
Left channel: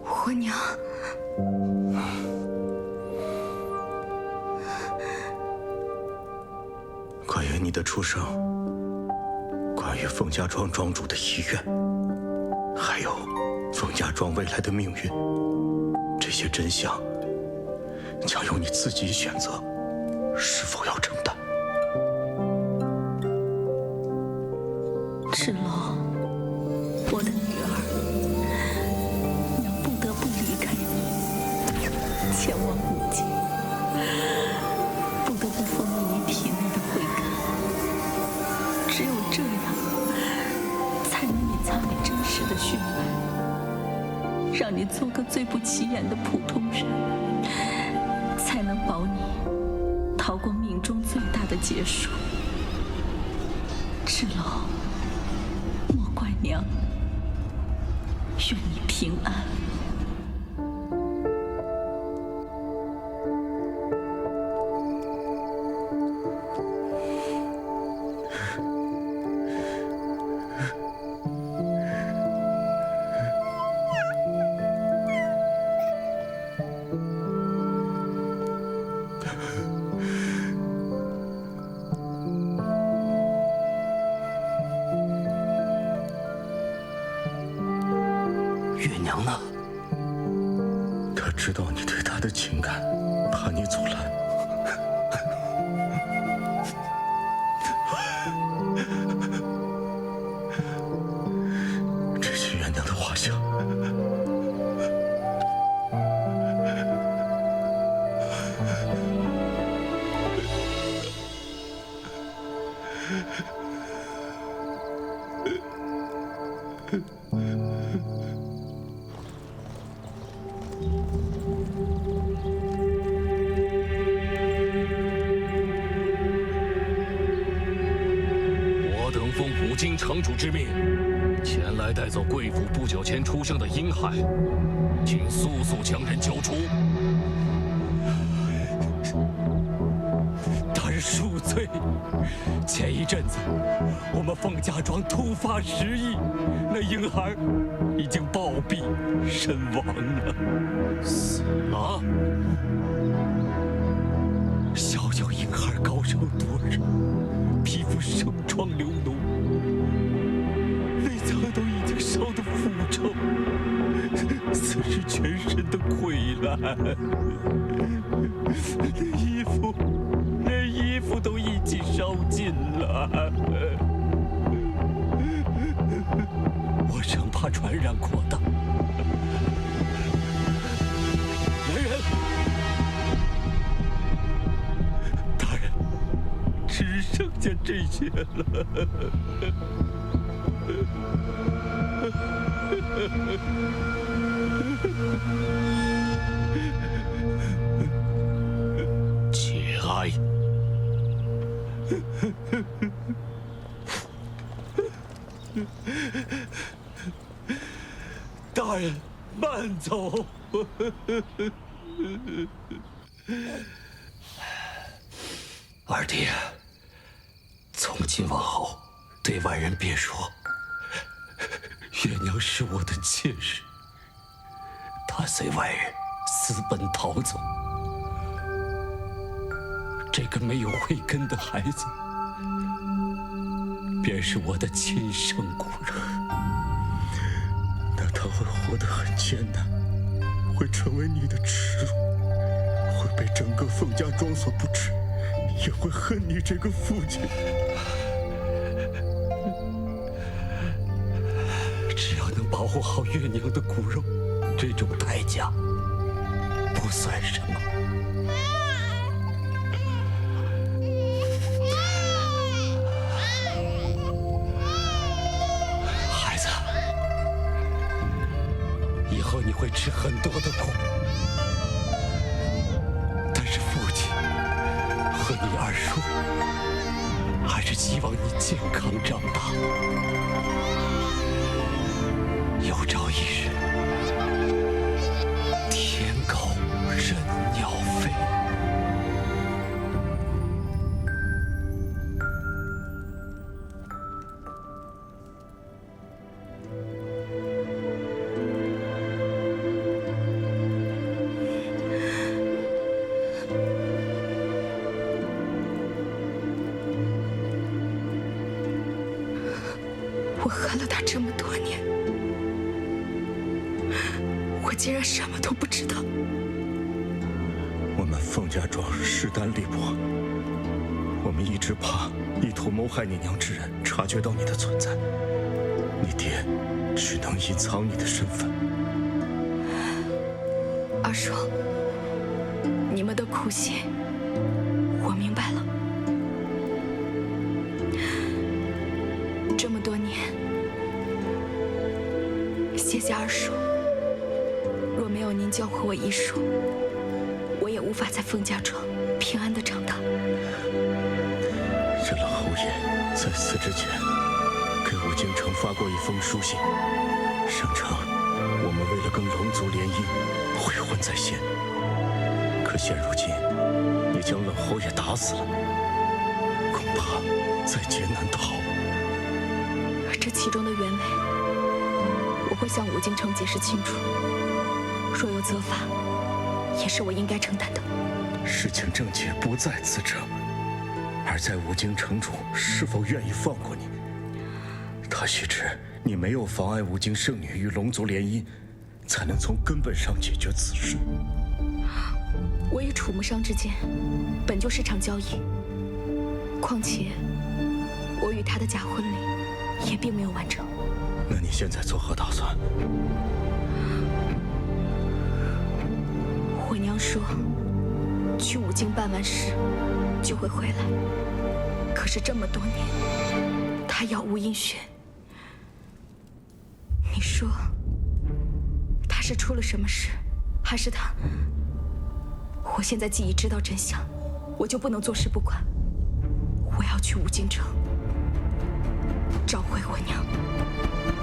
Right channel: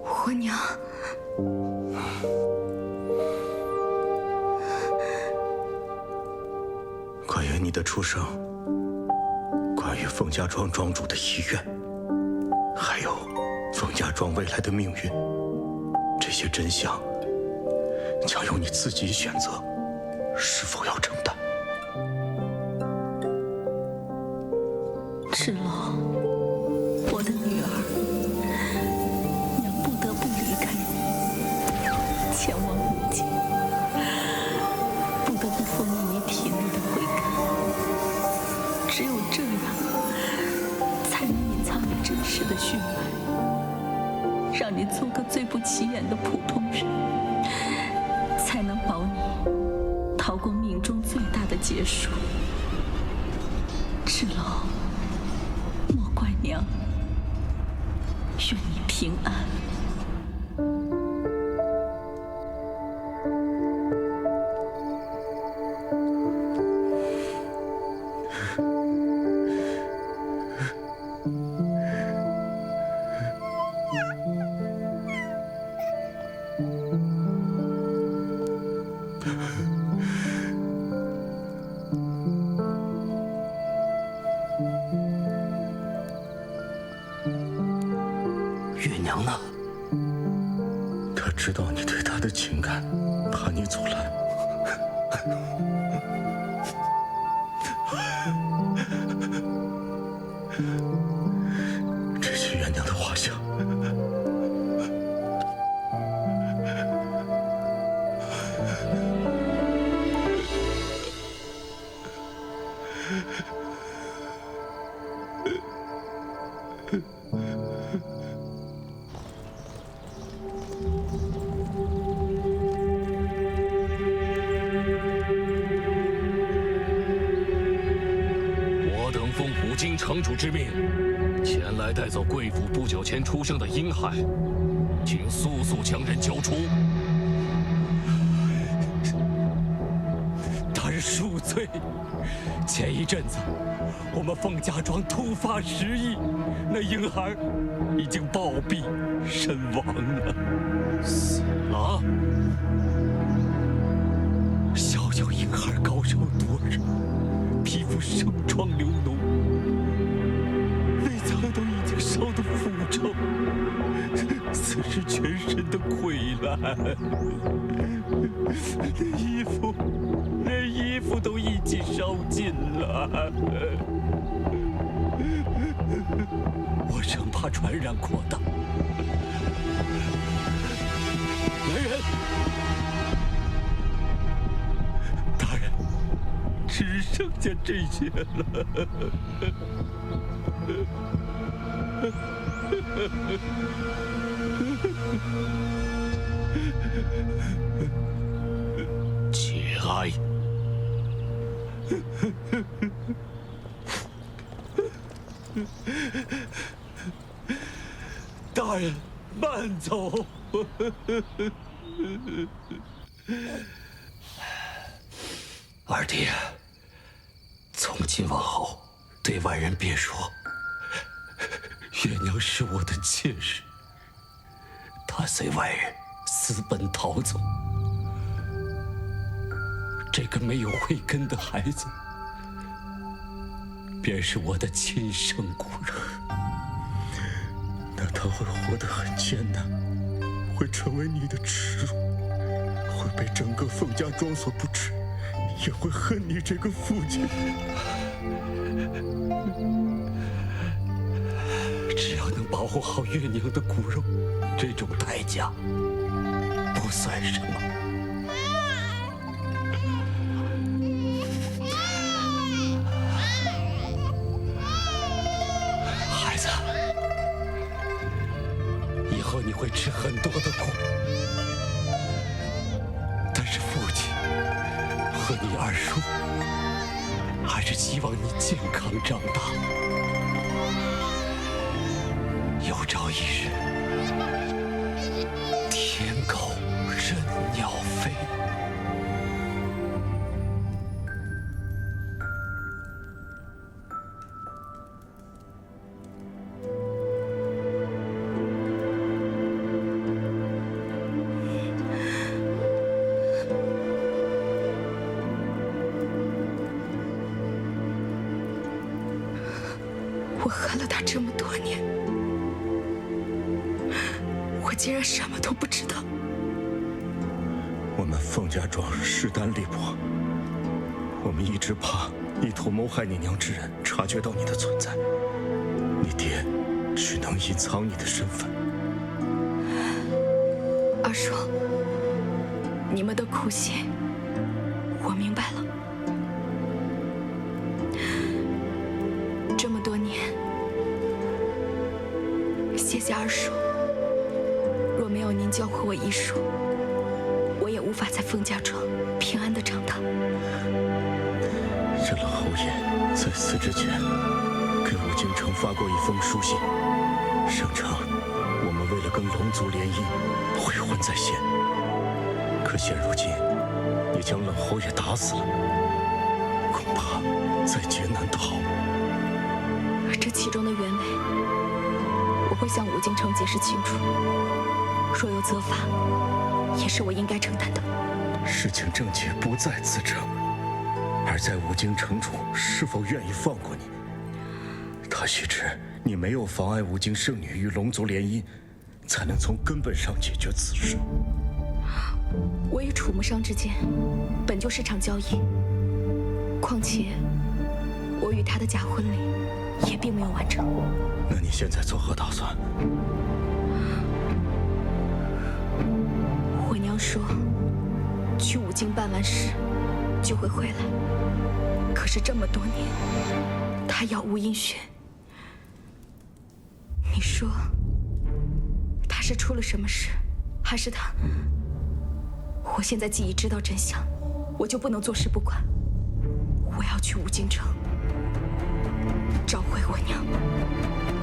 我娘。关于你的出生，关于凤家庄庄主的遗愿，还有凤家庄未来的命运，这些真相将由你自己选择，是否要承担。芷楼，我的女儿，娘不得不离开你，前往武京，不得不封印你体内的慧根。只有这样，才能隐藏你真实的血脉，让你做个最不起眼的普通人，才能保你逃过命中最大的劫数。芷楼，莫怪娘，愿你平安。月娘呢？他知道你对他的情感，怕你阻拦。这些月娘的画像，我等奉五京城主之命，前来带走贵府不久前出生的婴孩，请速速将人交出。大人恕罪，前一阵子我们凤家庄突发失忆，那婴孩已经暴毙身亡了。死了？小小婴孩高烧多日，皮肤生疮流脓，内脏都已经烧得腐臭，此时全身都溃烂，连衣服都一起烧尽了。我生怕传染扩大。来人！大人，只剩下这些了。节哀。大人，慢走。二弟，从今往后，对外人别说月娘是我的妾室，她随外人私奔逃走。这个没有慧根的孩子，便是我的亲生骨肉。那他会活得很艰难，会成为你的耻辱，会被整个凤家庄所不齿，也会恨你这个父亲。只要能保护好月娘的骨肉，这种代价不算什么。孩子，以后你会吃很多的苦，但是父亲和你二叔还是希望你健康长大。有朝一日，天狗任鸟飞。我恨了他这么多年，我竟然什么都不知道。我们凤家庄势单力薄，我们一直怕意图谋害你娘之人察觉到你的存在，你爹只能隐藏你的身份。二叔，你们的苦心，我明白了。这么多年，谢谢二叔。若没有您教会我医术，我也无法在凤家庄平安的长大。这冷侯爷在死之前，给武京城发过一封书信，声称我们为了跟龙族联姻，悔婚在先。可现如今，你将冷侯爷打死了，恐怕在劫难逃。这其中的原委，我会向武京城解释清楚。若有责罚，也是我应该承担的。事情症结不在此者，而在武京城主是否愿意放过你。他须知你没有妨碍武京圣女与龙族联姻，才能从根本上解决此事。我与楚木商之间本就是场交易，况且我与他的假婚礼也并没有完成。那你现在作何打算？我娘说，去五境办完事就会回来。可是这么多年，她杳无音讯。你说，她是出了什么事，还是她？我现在既已知道真相，我就不能坐视不管。我要去五境城，找回我娘。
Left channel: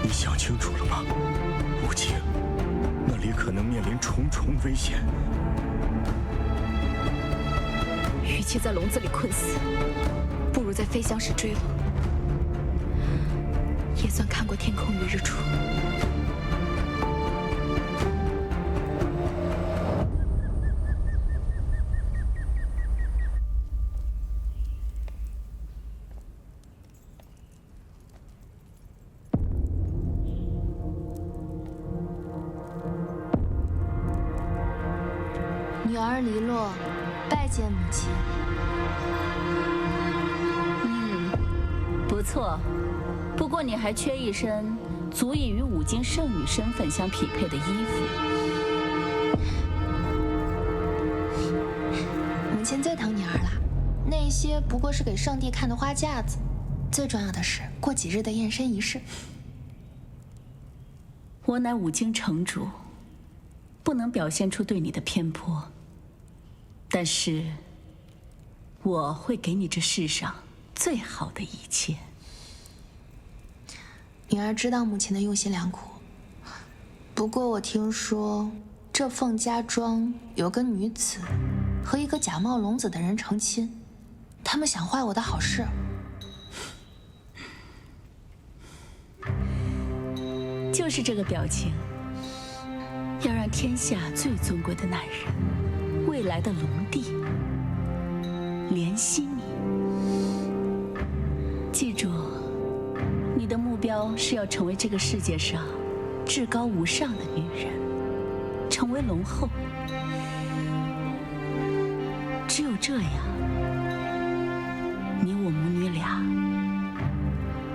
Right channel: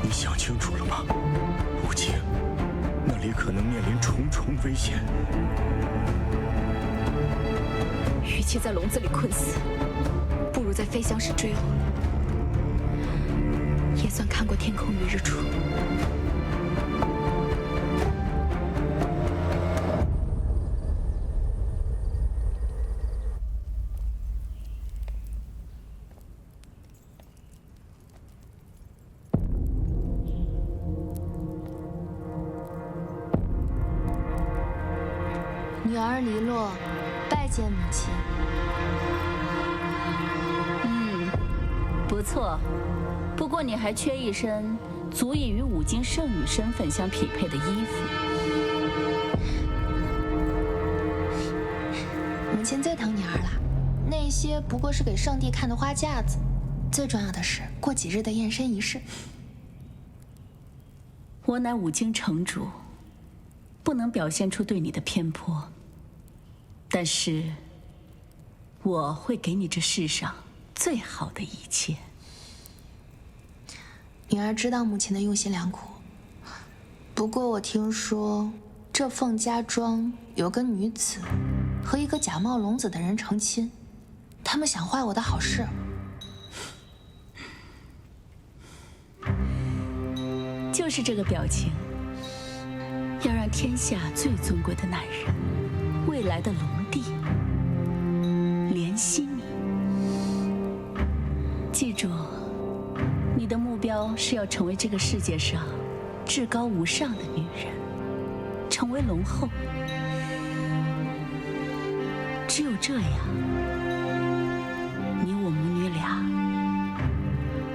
你想清楚了吗？无境，那里可能面临重重危险。与其在笼子里困死，不如在飞翔时坠落，也算看过天空与日出。女儿黎洛，拜见母亲。不错，不过你还缺一身足以与五境圣女身份相匹配的衣服。母亲最疼女儿了，那些不过是给上帝看的花架子，最重要的是过几日的验身仪式。我乃五境城主，不能表现出对你的偏颇，但是我会给你这世上最好的一切。女儿知道母亲的用心良苦，不过我听说这凤家庄有个女子和一个假冒龙子的人成亲，他们想坏我的好事。就是这个表情，要让天下最尊贵的男人，未来的龙帝怜惜你。记住，你的目标是要成为这个世界上至高无上的女人，成为龙后。只有这样，你我母女俩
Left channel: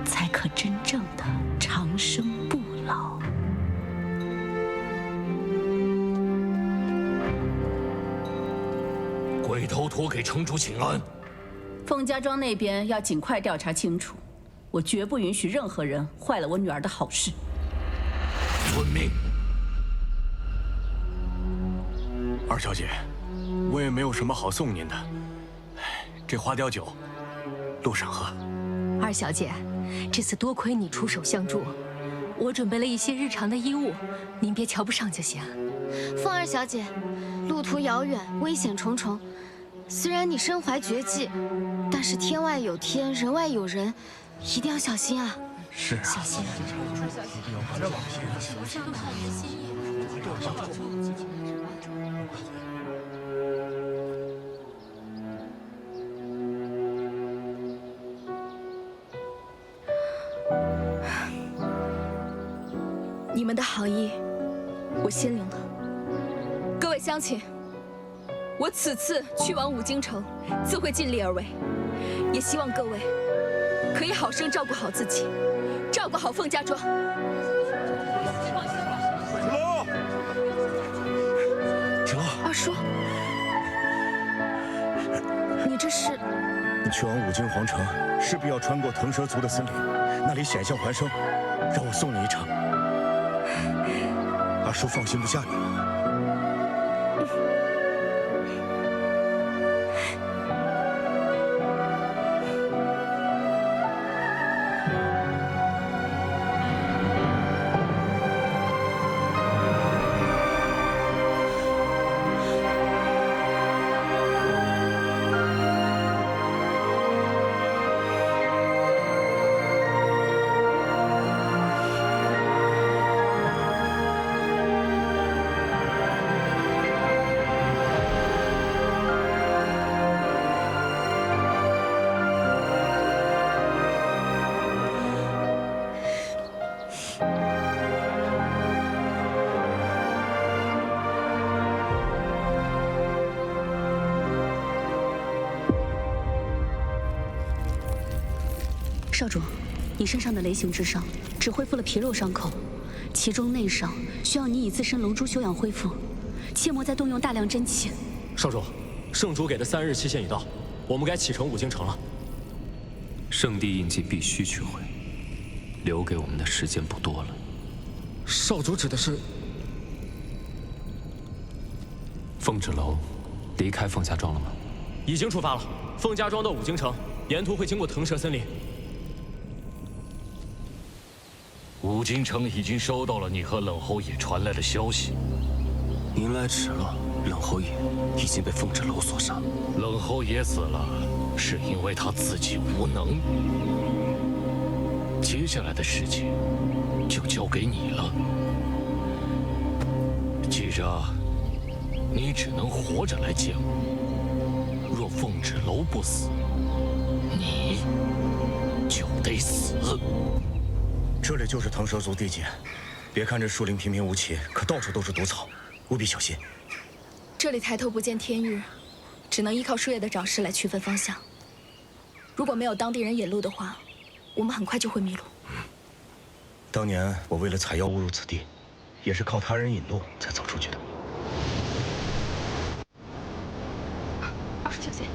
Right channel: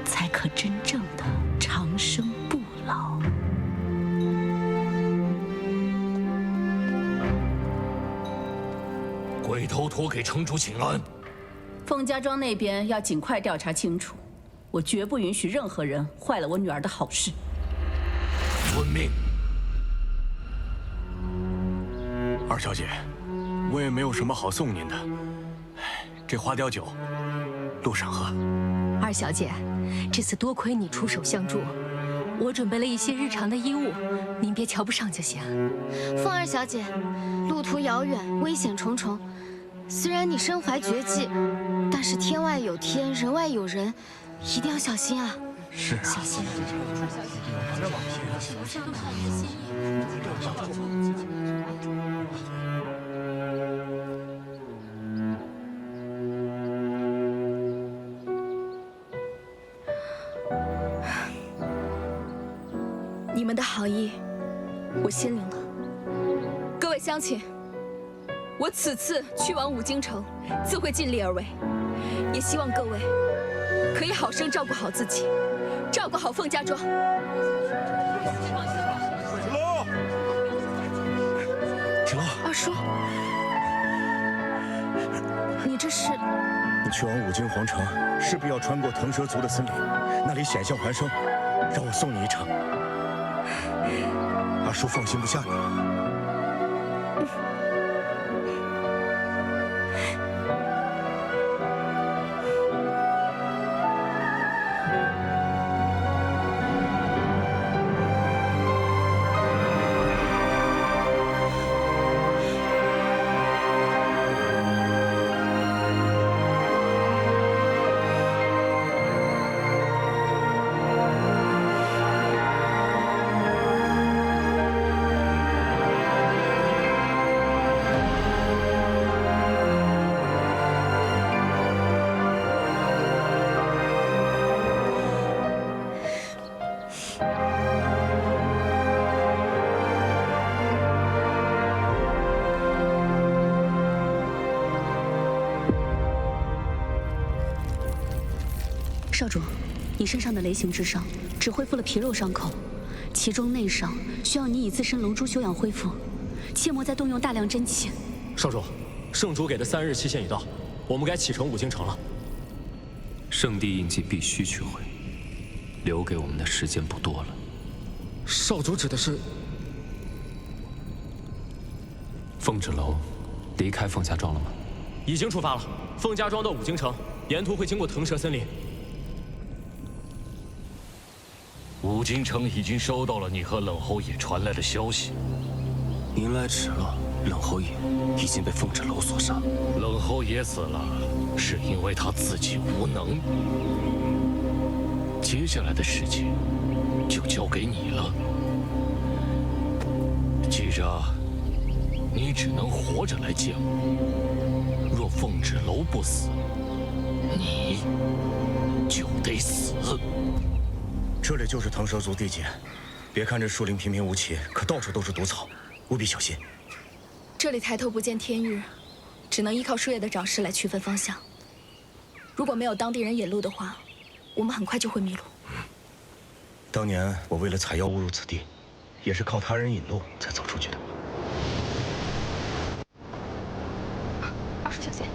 才可真正的长生不老。鬼头陀给城主请安。凤家庄那边要尽快调查清楚，我绝不允许任何人坏了我女儿的好事。遵命。二小姐，我也没有什么好送您的，这花雕酒，路上喝。二小姐，这次多亏你出手相助，我准备了一些日常的衣物，您别瞧不上就行。凤二小姐，路途遥远，危险重重。虽然你身怀绝技，但是天外有天，人外有人，一定要小心啊！是啊，小心。你们的好意，我心领了。各位乡亲，我此次去往五京城，自会尽力而为，也希望各位可以好生照顾好自己，照顾好凤家庄。芷楼，二叔，你这是？你去往五京皇城，势必要穿过腾蛇族的森林，那里险象环生，让我送你一程。二叔放心不下你了。少主，你身上的雷刑之伤只恢复了皮肉伤口，其中内伤需要你以自身龙珠修养恢复，切莫再动用大量真气。少主，圣主给的3日期限已到，我们该启程五京城了。圣地印记必须取回，留给我们的时间不多了。少主指的是？凤芷楼离开凤家庄了吗？已经出发了，凤家庄到五京城，沿途会经过腾蛇森林。五京城已经收到了你和冷侯爷传来的消息，您来迟了，冷侯爷已经被凤芷楼所杀。冷侯爷死了，是因为他自己无能。接下来的事情就交给你了，记着，你只能活着来见我。若凤芷楼不死，你就得死。这里就是腾蛇族地界，别看这树林平平无奇，可到处都是毒草，务必小心。这里抬头不见天日，只能依靠树叶的长势来区分方向。如果没有当地人引路的话，我们很快就会迷路。当年我为了采药误入此地，也是靠他人引路才走出去的。二叔小心。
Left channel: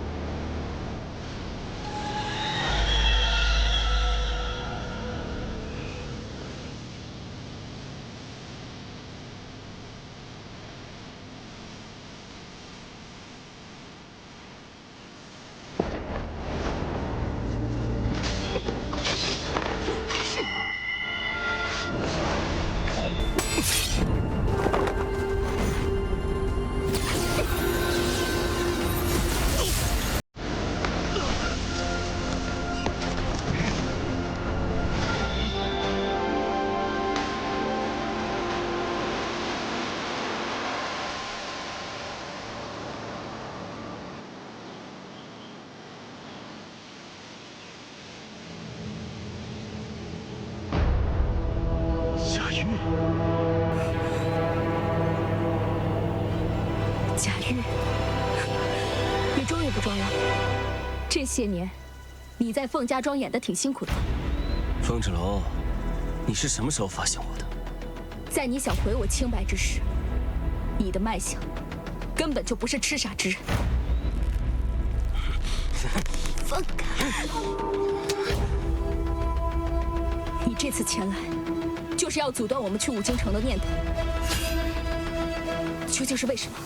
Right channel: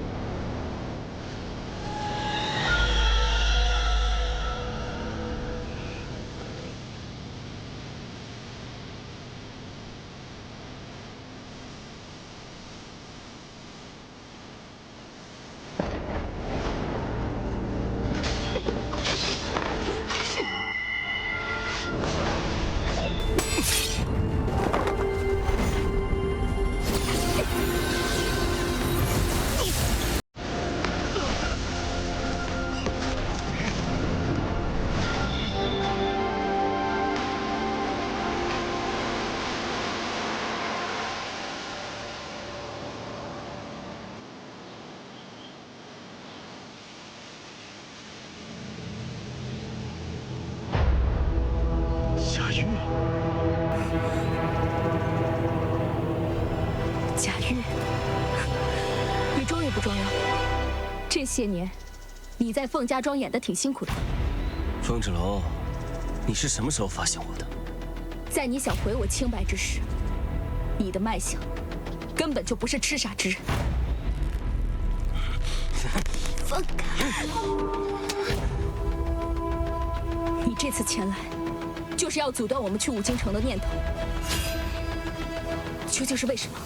贾玉，你终于不装了。这些年，你在凤家庄演得挺辛苦的吧？凤芷楼，你是什么时候发现我的？在你想毁我清白之时，你的脉象根本就不是痴傻之人。放开！你这次前来，就是要阻断我们去五京城的念头。究竟是为什么？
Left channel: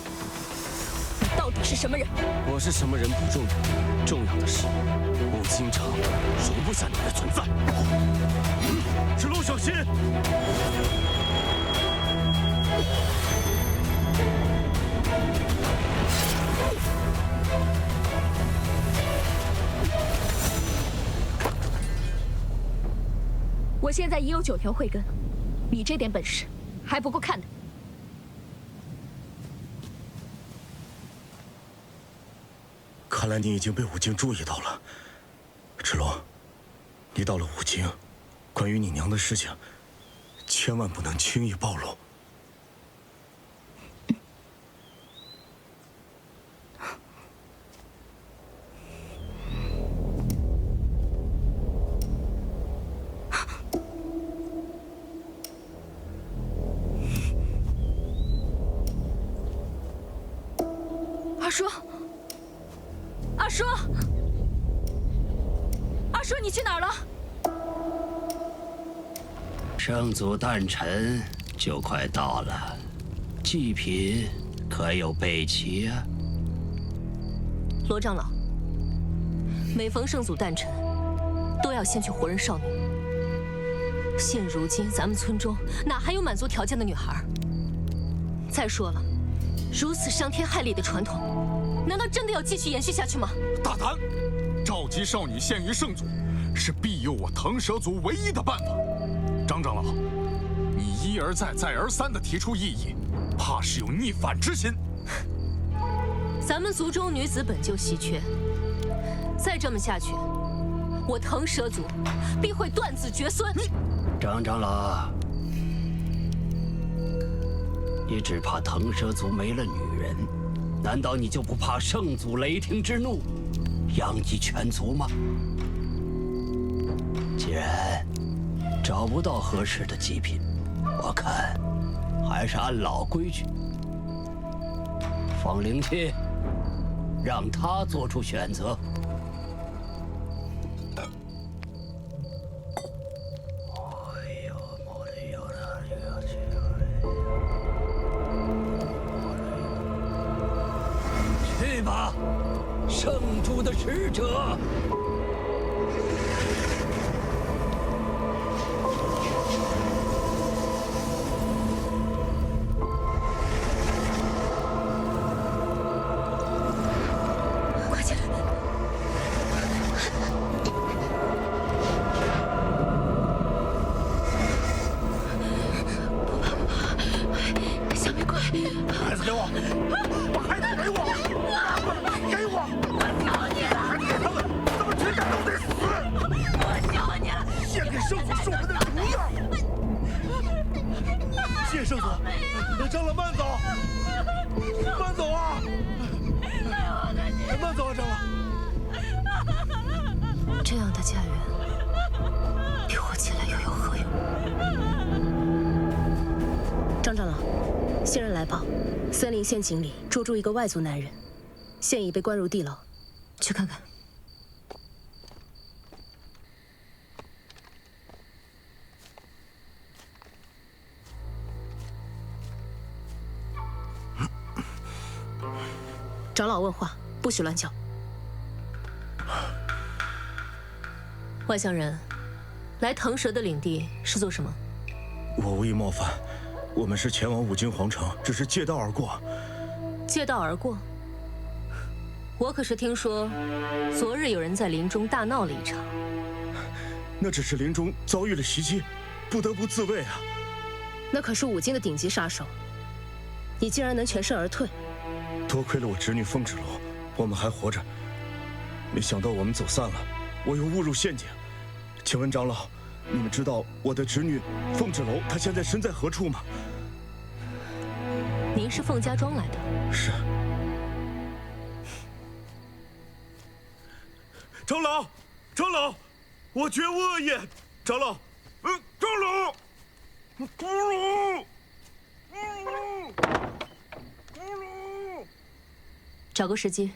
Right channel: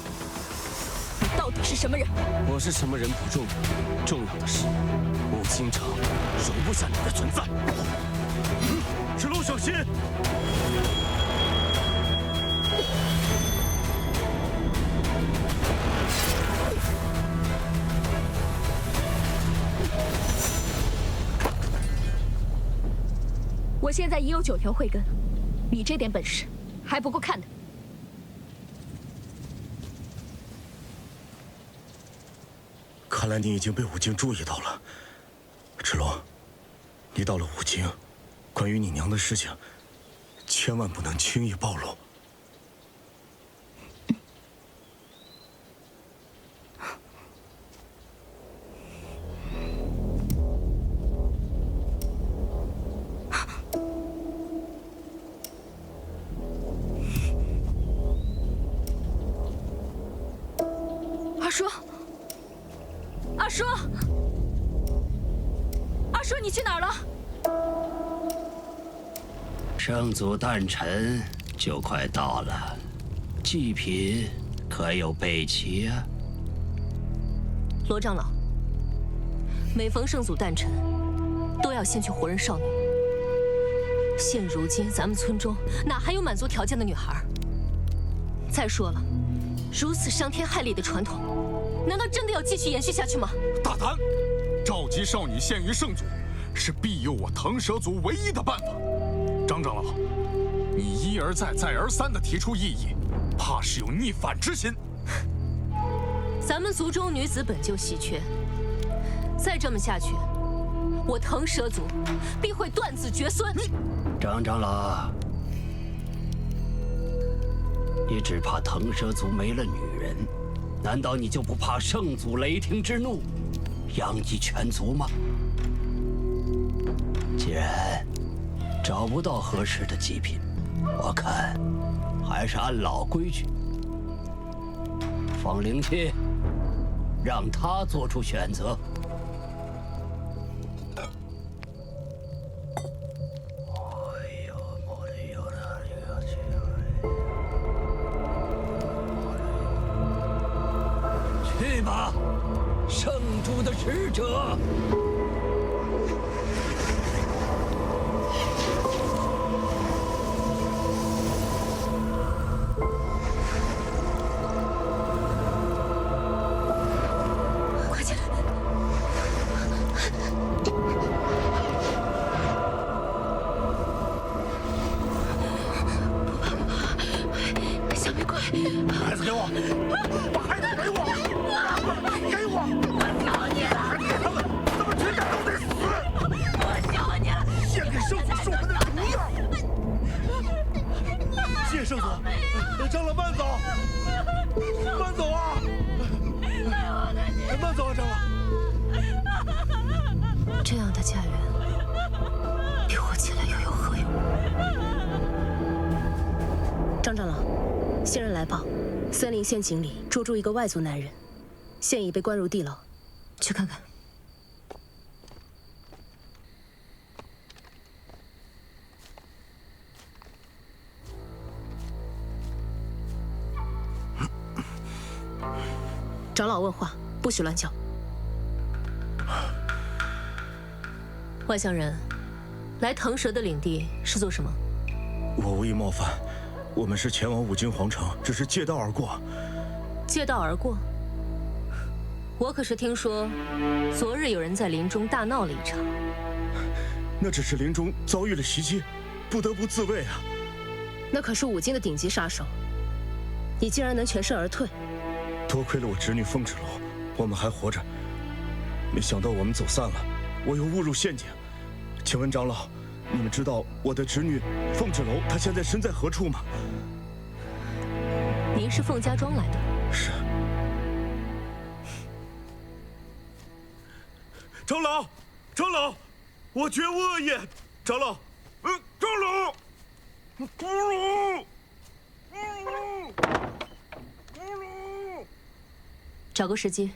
你到底是什么人？我是什么人不重要，重要的是，五京城容不下你的存在。芷楼小心！我现在已有9条慧根，你这点本事还不够看的。看来你已经被五京注意到了，芷楼，你到了五京，关于你娘的事情，千万不能轻易暴露。二叔，二叔，二叔，你去哪儿了？圣祖诞辰就快到了，祭品可有备齐啊？罗长老，每逢圣祖诞辰，都要先去活人少女。现如今咱们村中哪还有满足条件的女孩？再说了，如此伤天害理的传统，难道真的要继续延续下去吗？大胆！召集少女献于圣祖，是庇佑我腾蛇族唯一的办法。张长老，你一而再、再而三地提出异议，怕是有逆反之心。咱们族中女子本就稀缺，再这么下去，我腾蛇族必会断子绝孙。张长老，你只怕腾蛇族没了女人，难道你就不怕圣祖雷霆之怒，殃及全族吗？既然找不到合适的祭品，我看还是按老规矩，放灵气，让他做出选择。去吧，圣主的使者。快起来！不怕不怕，小玫瑰，孩子给我，把孩子给我！给我！我求你了！孩子给他们，他们全家都得死！我求你了！献给圣祖是我们的荣耀！谢圣祖，长老慢走，慢走啊！慢走啊，长老！这样的家园，比活起来又有何用？张长老，仙人来报，森林陷阱里捉住一个外族男人，现已被关入地牢，去看看。长老问话，不许乱叫。外乡人，来腾蛇的领地是做什么？我无意冒犯，我们是前往五金皇城，只是借道而过。借道而过？我可是听说，昨日有人在林中大闹了一场。那只是林中遭遇了袭击，不得不自卫啊。那可是五金的顶级杀手，你竟然能全身而退？多亏了我侄女凤芷楼，我们还活着。没想到我们走散了，我又误入陷阱。请问长老，你们知道我的侄女凤芷楼她现在身在何处吗？您是凤家庄来的？是。长老，长老，我绝无恶意。长老，长老，长老。找个时机。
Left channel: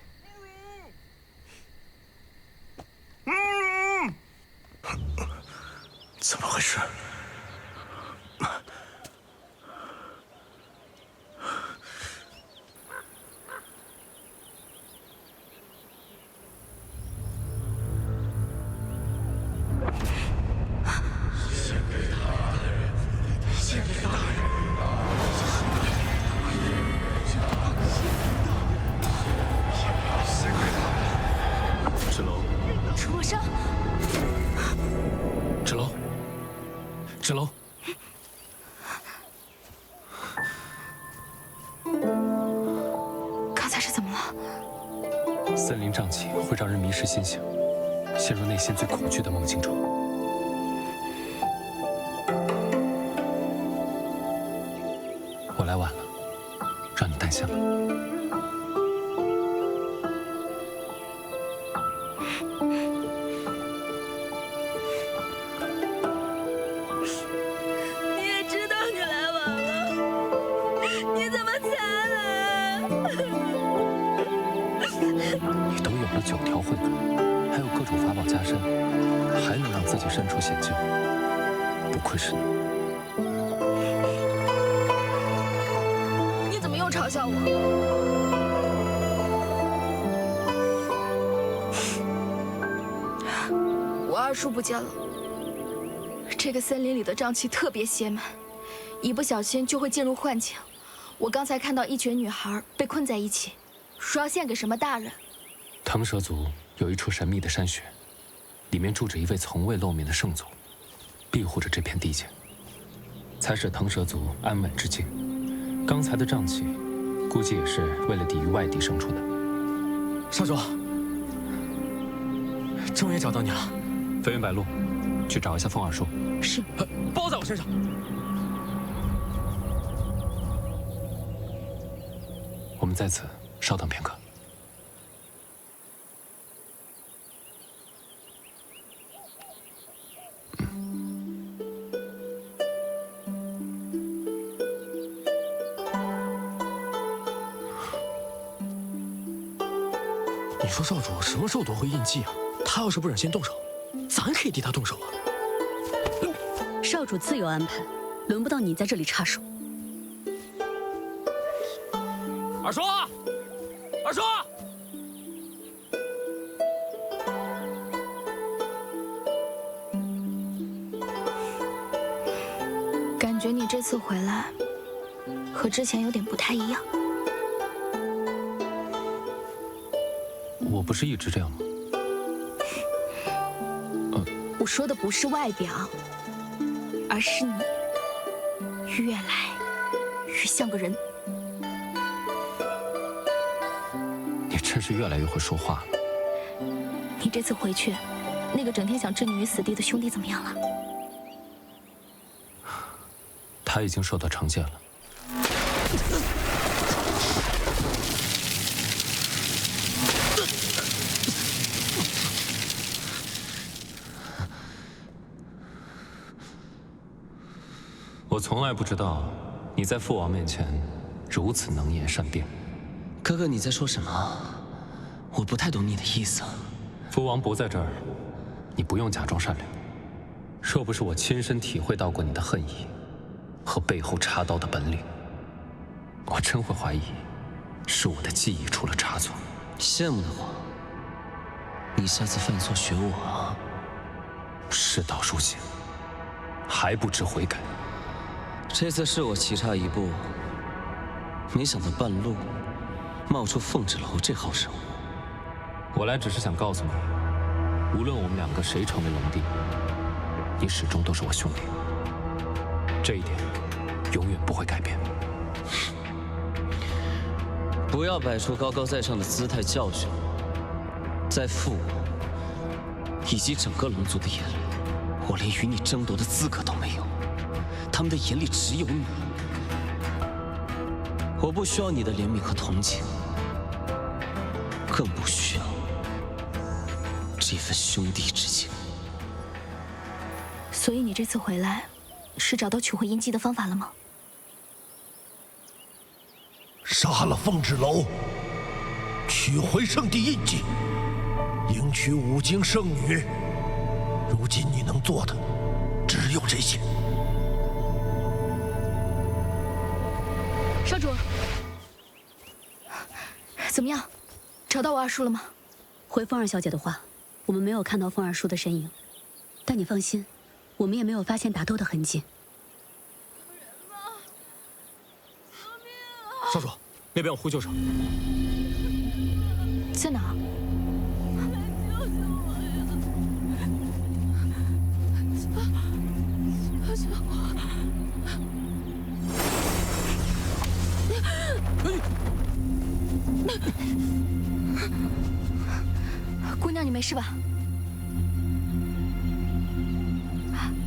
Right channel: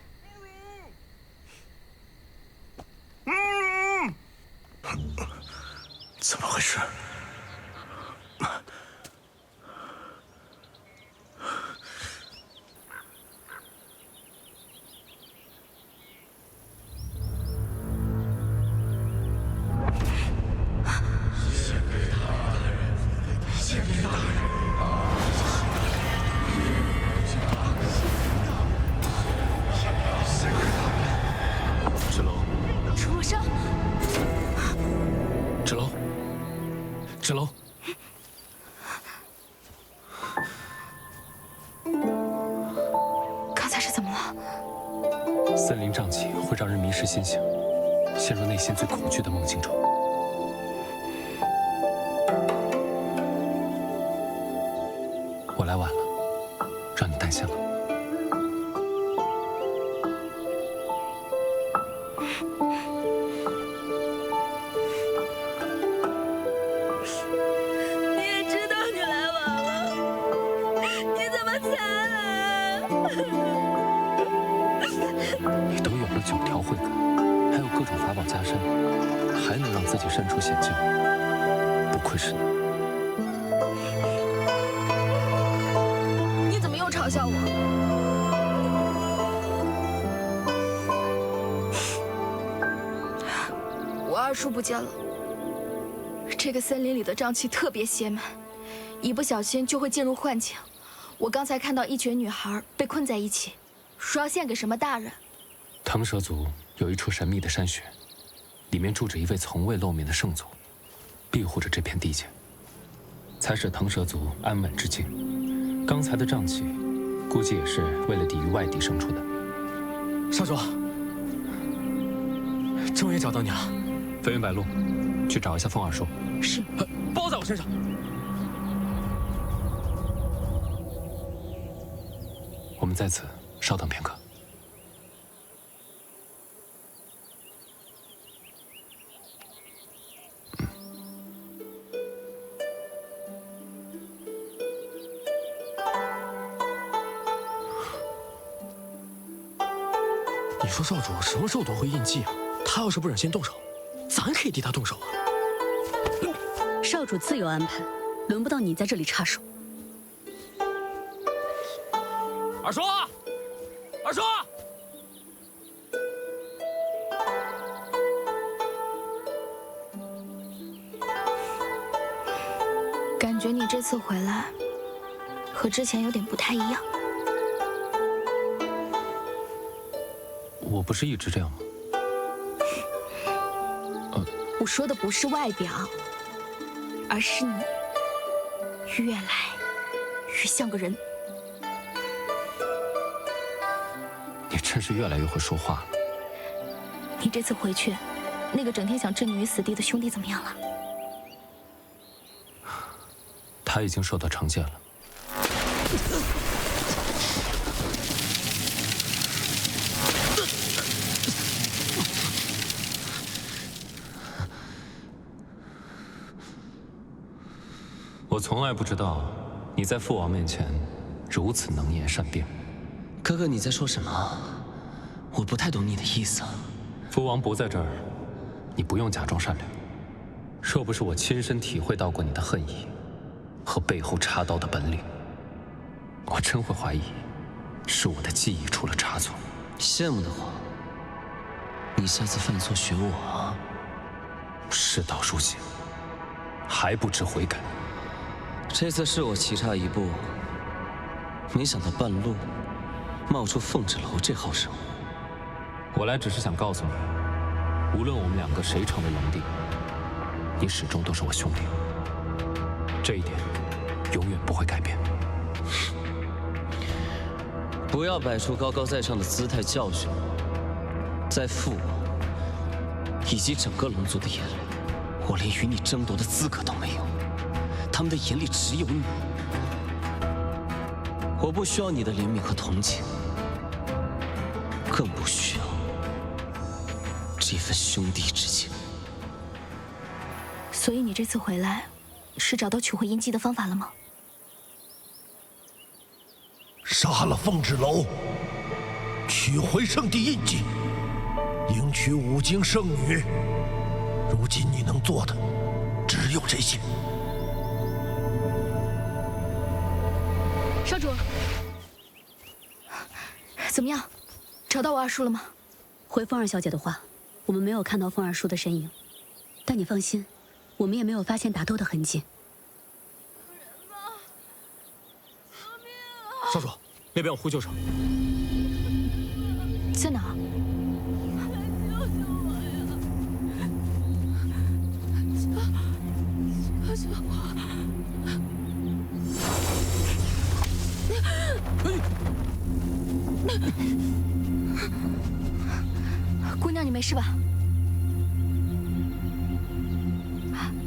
怎么回事？献给大人，献给大人。芷楼，楚若生，芷楼，芷楼，刚才是怎么了？森林瘴气会让人迷失心性，陷入内心最恐惧的梦境中。我来晚了，让你担心了。你也知道你来晚了，你怎么才来？你都有了9条慧根，还有各种法宝加身，还能让自己身处险境，不愧是你。你怎么又嘲笑我？我二叔不见了。这个森林里的瘴气特别邪门，一不小心就会进入幻境。我刚才看到一群女孩被困在一起，说要献给什么大人。腾蛇族有一处神秘的山穴，里面住着一位从未露面的圣祖，庇护着这片地界，才使腾蛇族安稳之境。刚才的瘴气，估计也是为了抵御外敌生出的。少主，终于找到你了。飞云白鹿，去找一下风二叔。是。包在我身上。我们在此稍等片刻。说少主什么时候夺回印记啊？他要是不忍心动手，咱可以替他动手啊。少主自有安排，轮不到你在这里插手。二叔，二叔。 感觉你这次回来和之前有点不太一样。我不是一直这样吗？我说的不是外表，而是你越来越像个人。你真是越来越会说话了。你这次回去，那个整天想置你于死地的兄弟怎么样了？ 他已经受到惩戒了。我从来不知道你在父王面前如此能言善辩。哥哥，你在说什么？我不太懂你的意思。父王不在这儿，你不用假装善良。若不是我亲身体会到过你的恨意。 和背后插刀的本领，我真会怀疑是我的记忆出了差错。羡慕的话，你下次犯错学我啊！事到如今，还不知悔改。这次是我棋差一步，没想到半路冒出凤芷楼这号人物。我来只是想告诉你，无论我们两个谁成为龙帝，你始终都是我兄弟。这一点。 永远不会改变。不要摆出高高在上的姿态教训我，在父王以及整个龙族的眼里，我连与你争夺的资格都没有。他们的眼里只有你。我不需要你的怜悯和同情，更不需要这份兄弟之情。所以你这次回来，是找到取回印记的方法了吗？ 杀了凤芷楼，取回圣地印记，迎娶五经圣女。如今你能做的只有这些。少主，怎么样？找到我二叔了吗？回凤儿小姐的话，我们没有看到凤二叔的身影，但你放心，我们也没有发现打斗的痕迹。 少主，那边有呼救声，在哪？来救救我呀！救救我！姑娘，你没事吧？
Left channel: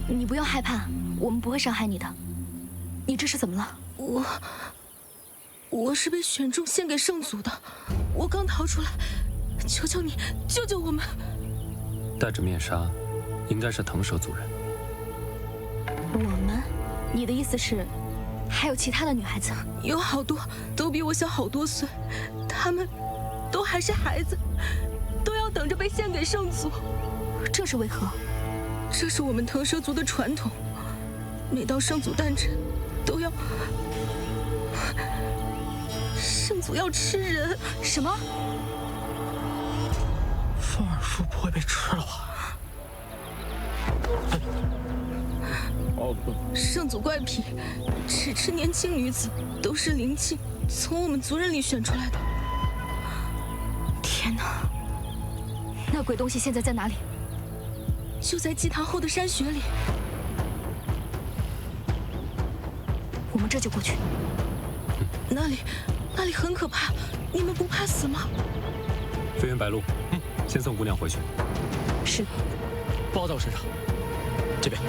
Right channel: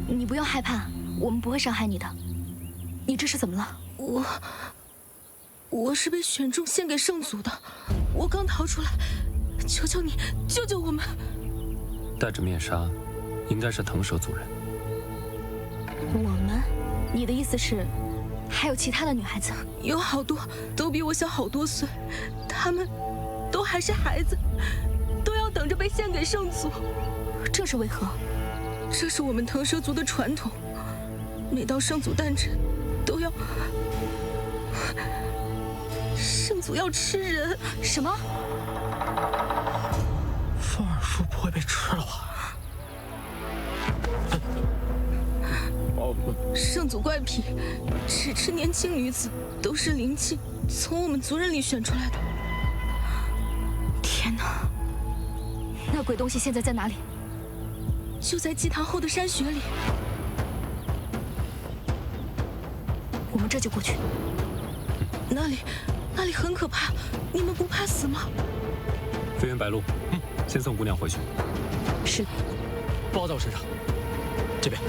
你不用害怕，我们不会伤害你的。你这是怎么了？我是被选中献给圣祖的，我刚逃出来，求求你救救我们！戴着面纱，应该是腾蛇族人。我们？你的意思是，还有其他的女孩子？有好多，都比我小好多岁，她们都还是孩子，都要等着被献给圣祖。这是为何？这是我们腾蛇族的传统，每到圣祖诞辰，都要。 圣祖要吃人？什么？凤二叔不会被吃了吧？圣祖怪癖，只吃年轻女子，都是灵气从我们族人里选出来的。天哪！那鬼东西现在在哪里？就在祭坛后的山穴里。我们这就过去。那里很可怕，你们不怕死吗？飞云白鹿，先送姑娘回去。是。包在我身上。这边。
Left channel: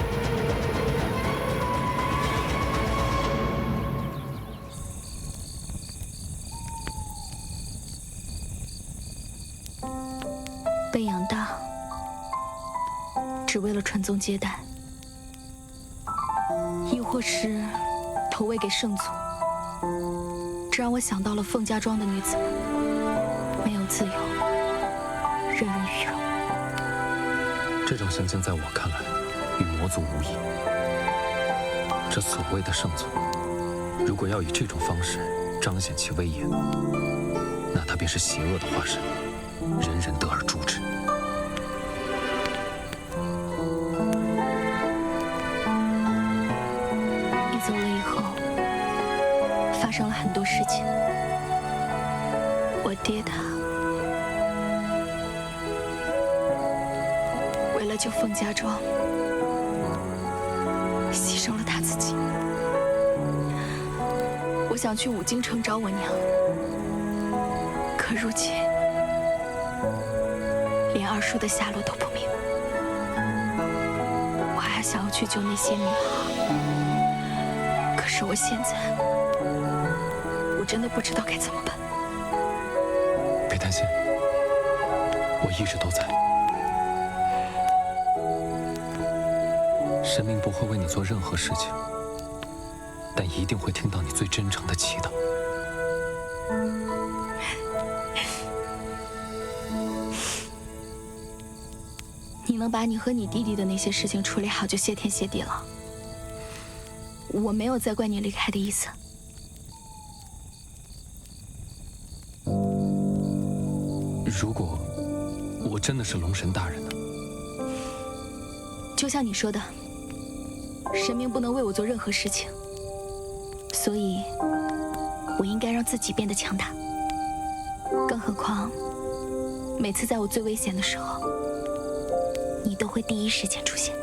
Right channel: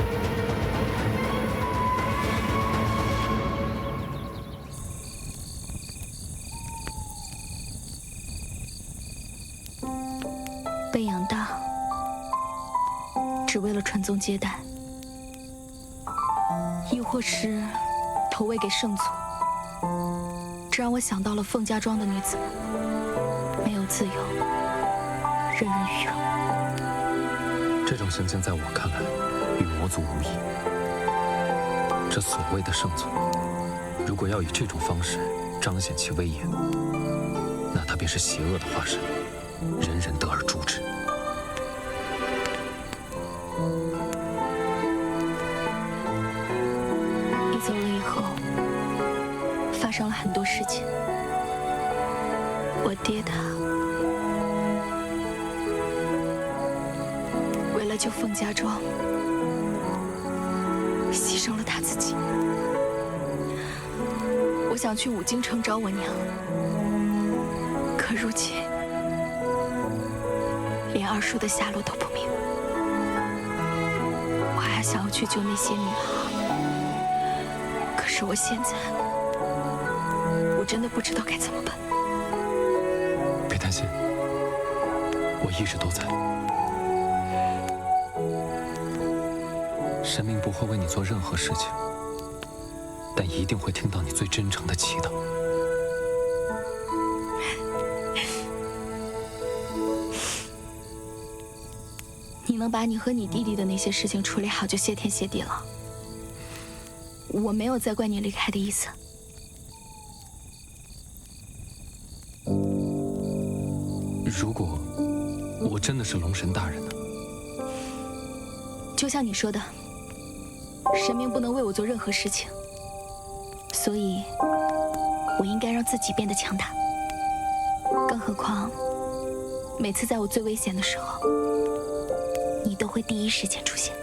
被养大，只为了传宗接代，亦或是投喂给圣祖。这让我想到了凤家庄的女子们，没有自由，任人鱼肉。这种行径在我看来，与魔族无异。这所谓的圣祖，如果要以这种方式彰显其威严，那他便是邪恶的化身，人人得而诛之。你走了以后，发生了很多事情。我爹他为了救凤家庄，牺牲了他自己。我想去五京城找我娘，可如今连二叔的下落都不明。我还想要去救那些女孩，可是我现在，我真的不知道该怎么办。别担心，我一直都在。神明不会为你做任何事情，但一定会听到你最真诚的祈祷。你能把你和你弟弟的那些事情处理好，就谢天谢地了。我没有再怪你离开的意思。如果我真的是龙神大人呢？就像你说的，神明不能为我做任何事情，所以我应该让自己变得强大。更何况，每次在我最危险的时候，你都会第一时间出现。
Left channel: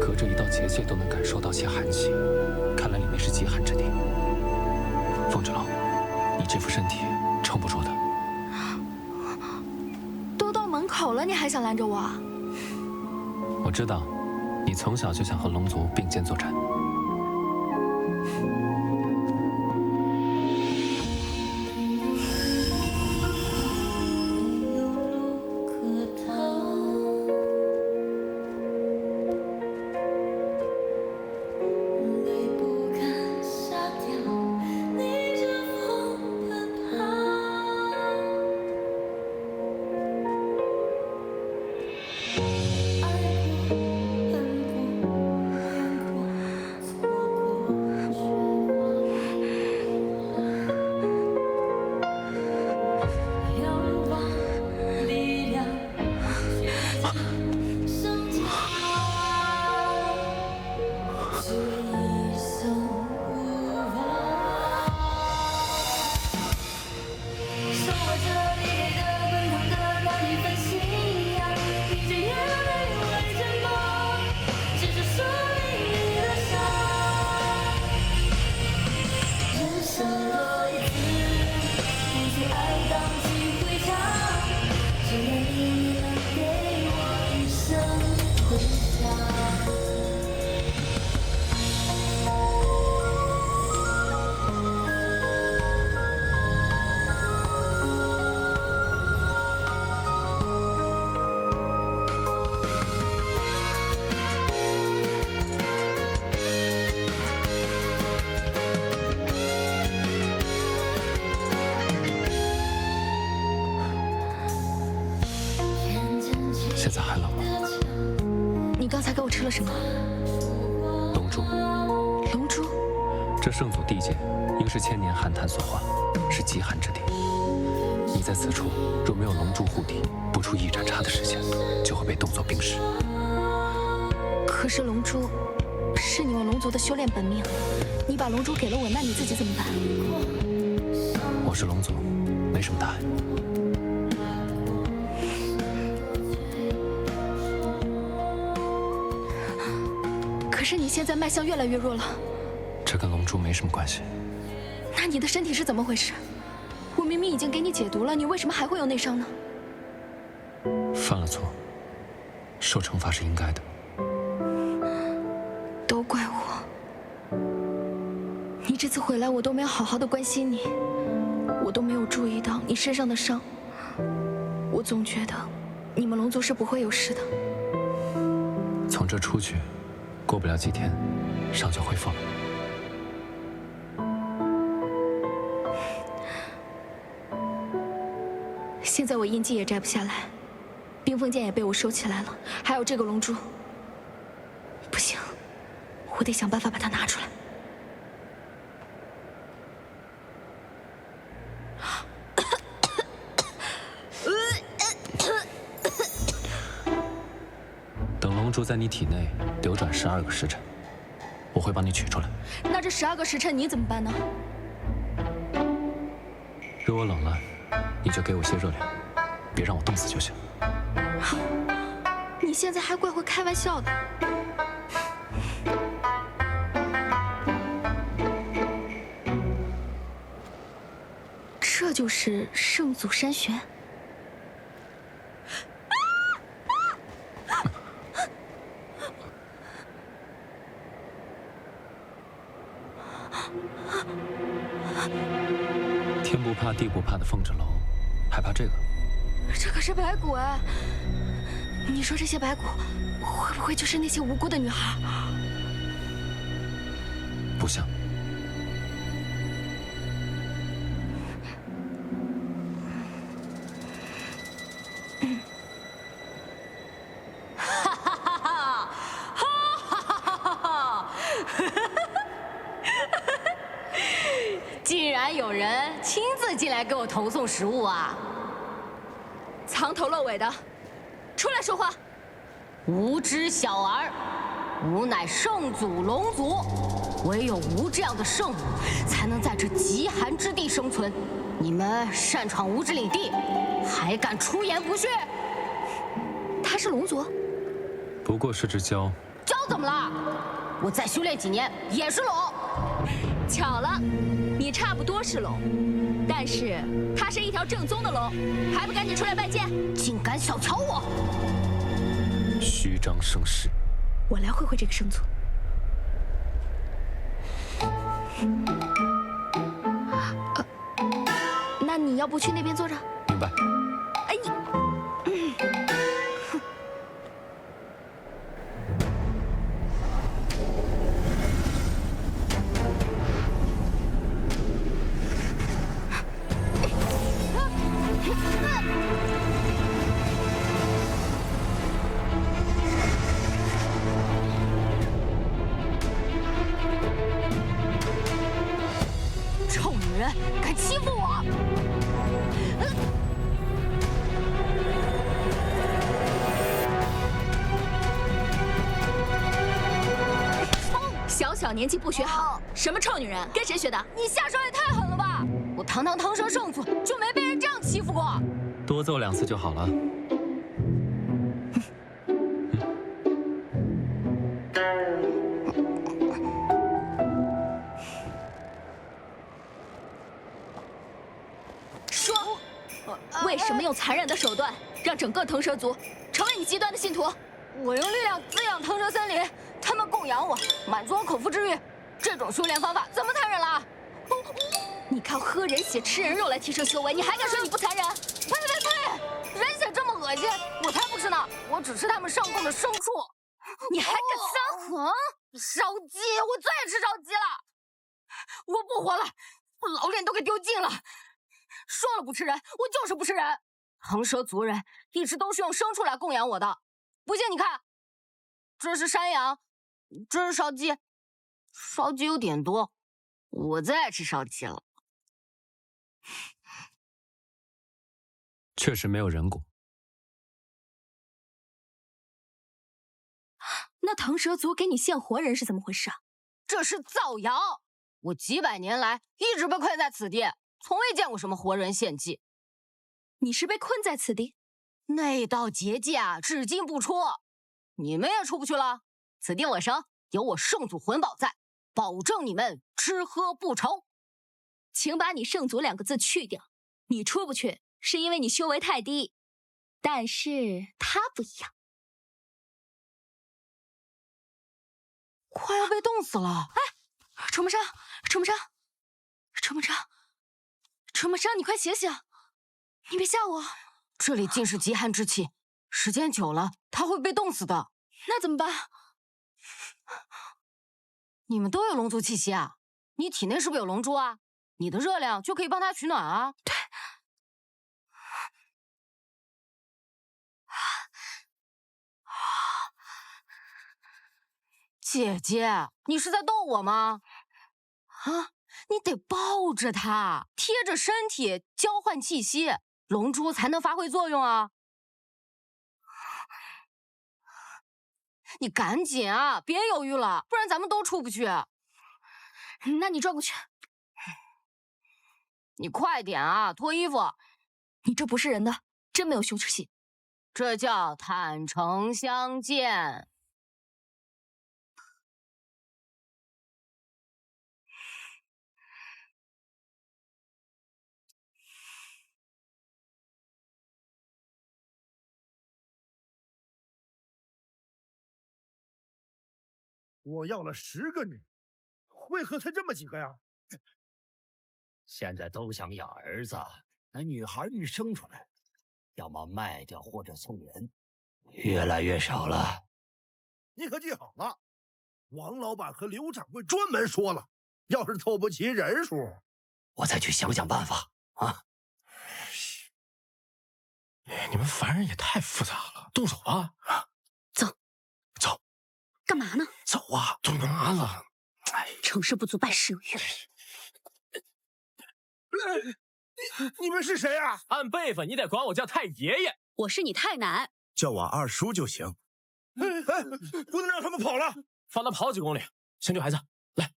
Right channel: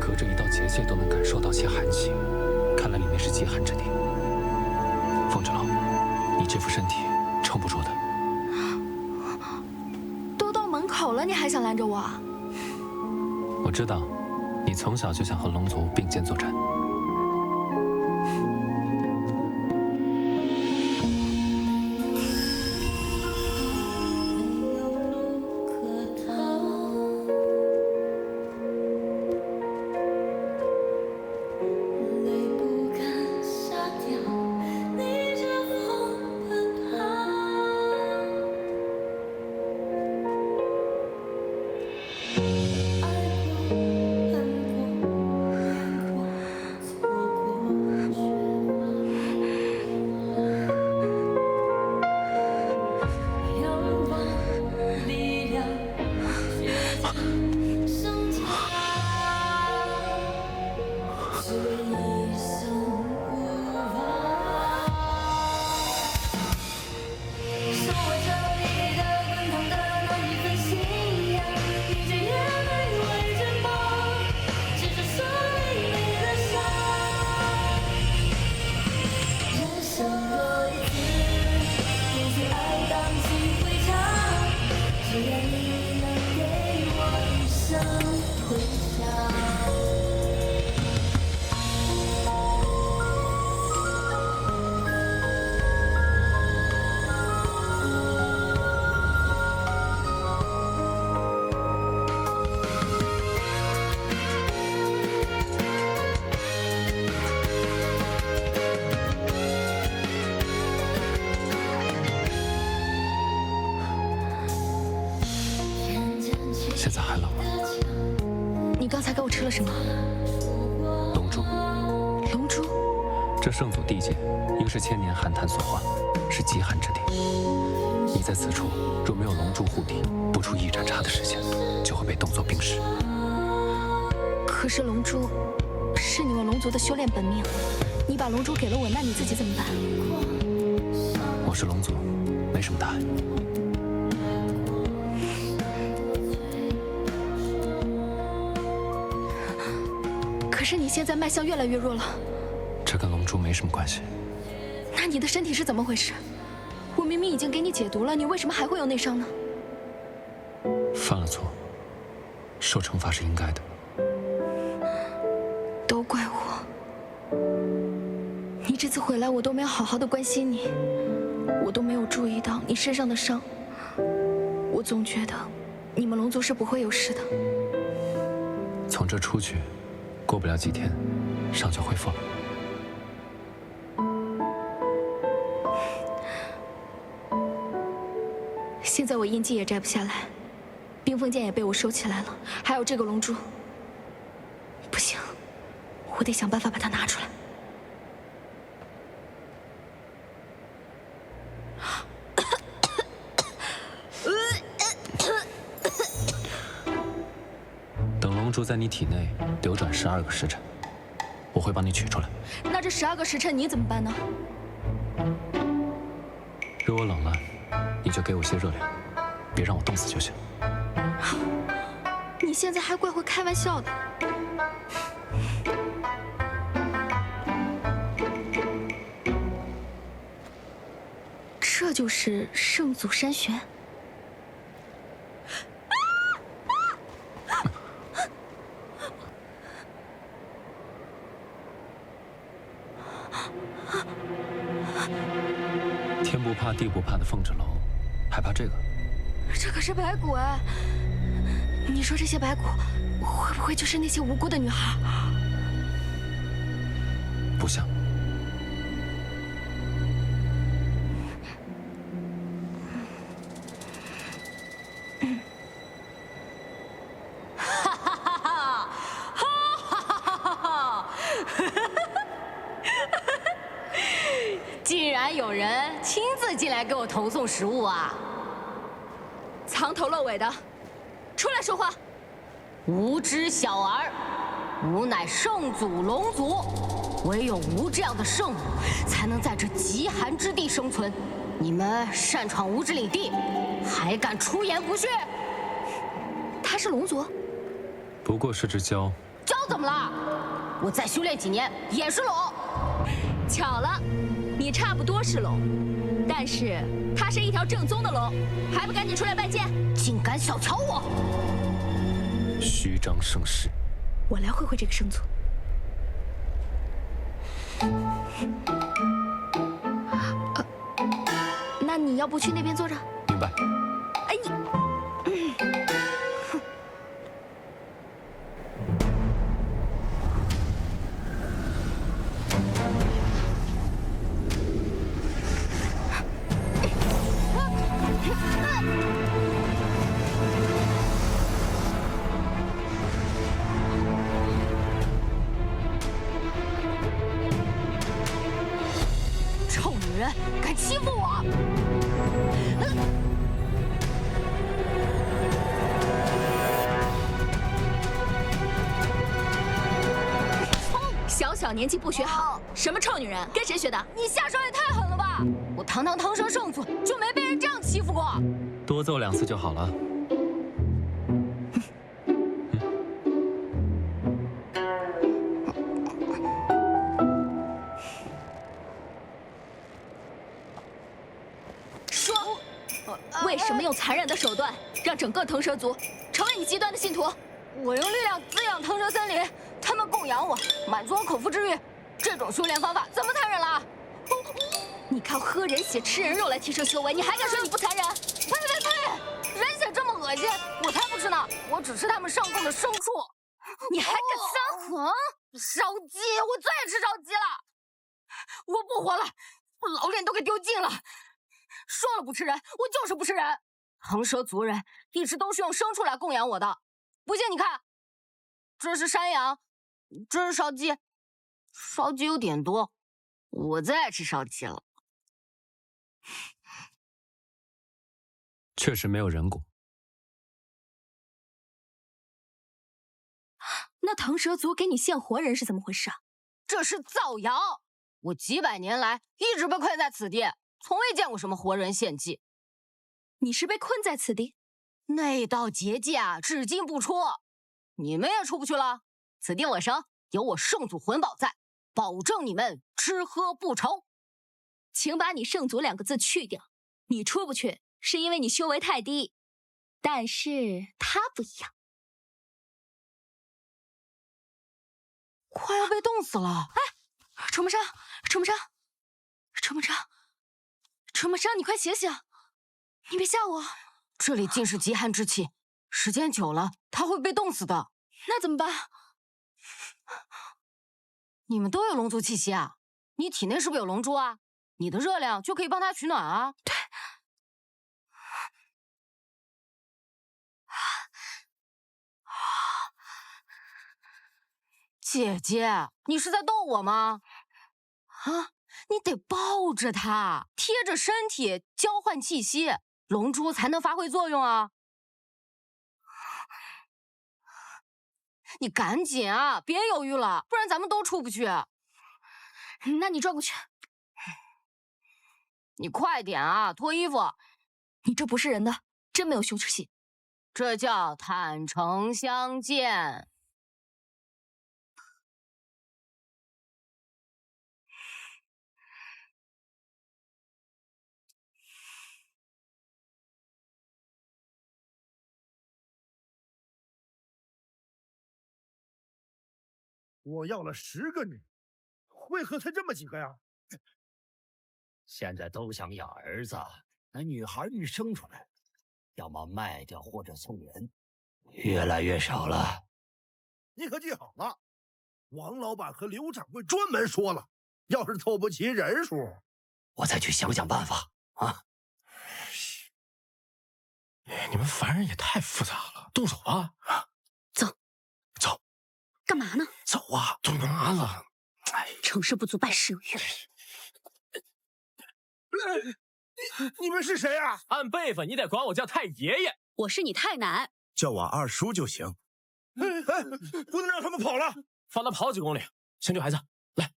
隔着一道结界都能感受到其寒气，看来里面是极寒之地。凤芷楼，你这副身体撑不住的。都到门口了，你还想拦着我？我知道，你从小就想和龙族并肩作战。泪不敢下掉，逆着风奔跑。爱过，恨过，恋过，错过，却化为仰望力量，决定生长。只为一生无望，手握着你给的滚烫的那一份信仰，逆着眼泪为着梦，执着生命里的伤。人生若一次，不惧爱荡气回肠，只愿你能给我一生回响。现在还冷吗？你刚才给我吃了什么？龙珠。龙珠？这圣祖地界应是千年寒潭所化，是极寒之地。你在此处若没有龙珠护体，不出一盏茶的时间，就会被冻作冰石。可是龙珠是你们龙族的修炼本命，你把龙珠给了我，那你自己怎么办？我是龙族，没什么大碍。可是你现在脉象越来越弱了，这跟龙珠没什么关系。那你的身体是怎么回事？我明明已经给你解毒了，你为什么还会有内伤呢？犯了错，受惩罚是应该的。都怪我，你这次回来我都没有好好的关心你，我都没有注意到你身上的伤，我总觉得你们龙族是不会有事的。从这出去，过不了几天，伤就恢复了。现在我印记也摘不下来，冰封剑也被我收起来了，还有这个龙珠。不行，我得想办法把它拿出来。等龙珠在你体内流转12个时辰，我会帮你取出来。那这12个时辰你怎么办呢？如果冷了，你就给我些热量，别让我冻死就行。你现在还怪会开玩笑的。这就是圣祖山玄。天不怕地不怕的凤蛰楼，还怕这个？这可是白骨哎！你说这些白骨会不会就是那些无辜的女孩？不像。哈哈哈哈！哈哈哈哈！竟然有人亲自进来给我投送食物啊！藏头露尾的，出来说话！无知小儿，吾乃圣祖龙族，唯有吾这样的圣母，才能在这极寒之地生存。你们擅闯吾之领地，还敢出言不逊？他是龙族，不过是只蛟。蛟怎么了？我再修炼几年也是龙。巧了，你差不多是龙，但是他是一条正宗的龙，还不赶紧出来拜见！竟敢小瞧我！虚张声势。我来会会这个圣祖。那你要不去那边坐着？明白。哎你，臭女人，敢欺负我！小小年纪不学好，什么臭女人？跟谁学的？你下手也太狠了吧！我堂堂腾蛇圣祖就没被人这样欺负过。多揍2次就好了。说，为什么用残忍的手段让整个腾蛇族成为你极端的信徒？我用力量滋养腾蛇森林，他们供养我，满足我口腹之欲。这种修炼方法怎么残忍了？你靠喝人血、吃人肉来提升修为，你还敢说你不残忍？呸呸呸！人血这么恶心，我才不吃呢！我只吃他们上供的牲畜。你还敢撒谎？烧鸡，我最爱吃烧鸡了！我不活了，我老脸都给丢尽了。说了不吃人，我就是不吃人。腾蛇族人一直都是用牲畜来供养我的。不信你看，这是山羊，这是烧鸡，烧鸡有点多，我最爱吃烧鸡了。确实没有人骨。那腾蛇族给你献活人是怎么回事啊？这是造谣！我几百年来一直被困在此地，从未见过什么活人献祭。你是被困在此地？那道结界啊，至今不出，你们也出不去了。此地我生，有我圣祖魂宝在，保证你们吃喝不愁。请把你圣祖2个字去掉。你出不去是因为你修为太低，但是他不一样。快要被冻死了！哎，楚梦生，楚梦生，楚梦生，楚梦生，你快醒醒！你别吓我！这里尽是极寒之气，时间久了他会被冻死的。那怎么办？你们都有龙族气息啊？你体内是不是有龙珠啊？你的热量就可以帮他取暖啊。对。姐姐，你是在逗我吗？啊，你得抱着他，贴着身体交换气息，龙珠才能发挥作用啊。你赶紧啊，别犹豫了，不然咱们都出不去。那你转过去。你快点啊，脱衣服。你这不是人的，真没有羞耻心。这叫坦诚相见。我要了10个女，为何才这么几个呀？现在都想养儿子，那女孩一生出来，要么卖掉或者送人，越来越少了。你可记好了，王老板和刘掌柜专门说了，要是凑不齐人数，我再去想想办法啊！你们凡人也太复杂了，动手吧！走，走，干嘛呢？走啊！都干嘛了？哎，成事不足败事有余。你们是谁啊？按辈分，你得管我叫太爷爷。我是你太奶，叫我二叔就行。不能让他们跑了，放他跑几公里。小女孩子，来。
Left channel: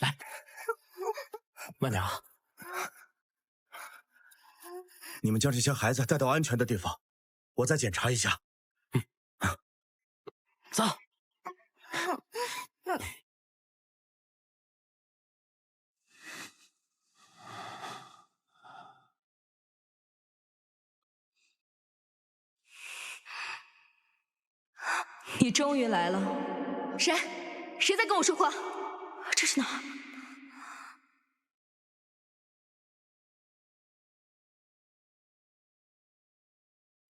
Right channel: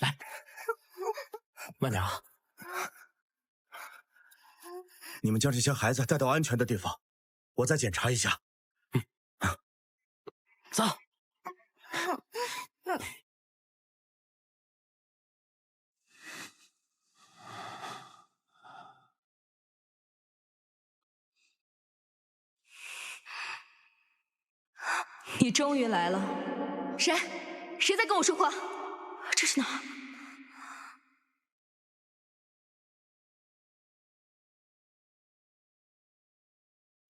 来，慢点啊！你们将这些孩子带到安全的地方，我再检查一下。走。你终于来了，谁？谁在跟我说话？这是哪儿？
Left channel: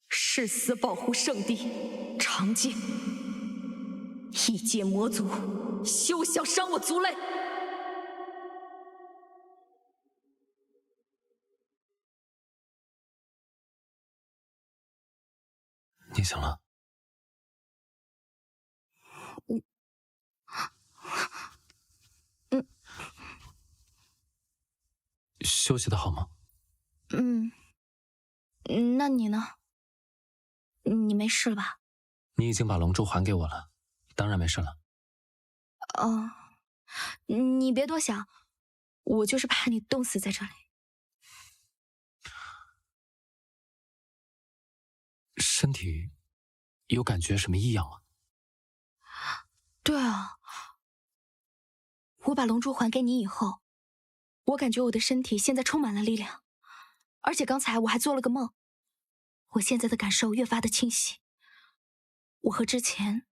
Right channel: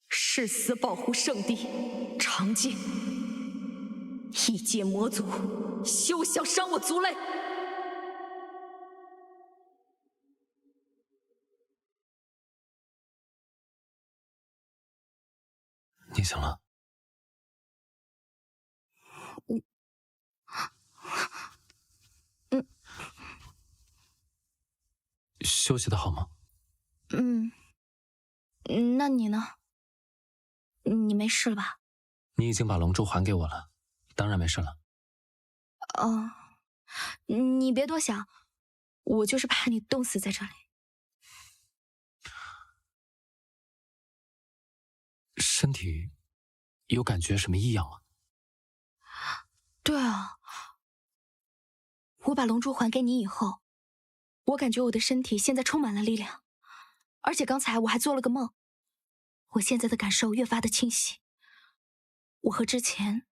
誓死保护圣地长界，异界魔族，休想伤我族类！你醒了？休息的好吗？那你呢？你没事吧？你已经把龙珠还给我了，当然没事了。哦，你别多想，我就是怕你冻死在这里。身体有感觉什么异样吗？对啊，我把龙珠还给你以后，我感觉我的身体现在充满了力量，而且刚才我还做了个梦，我现在的感受越发的清晰，我和之前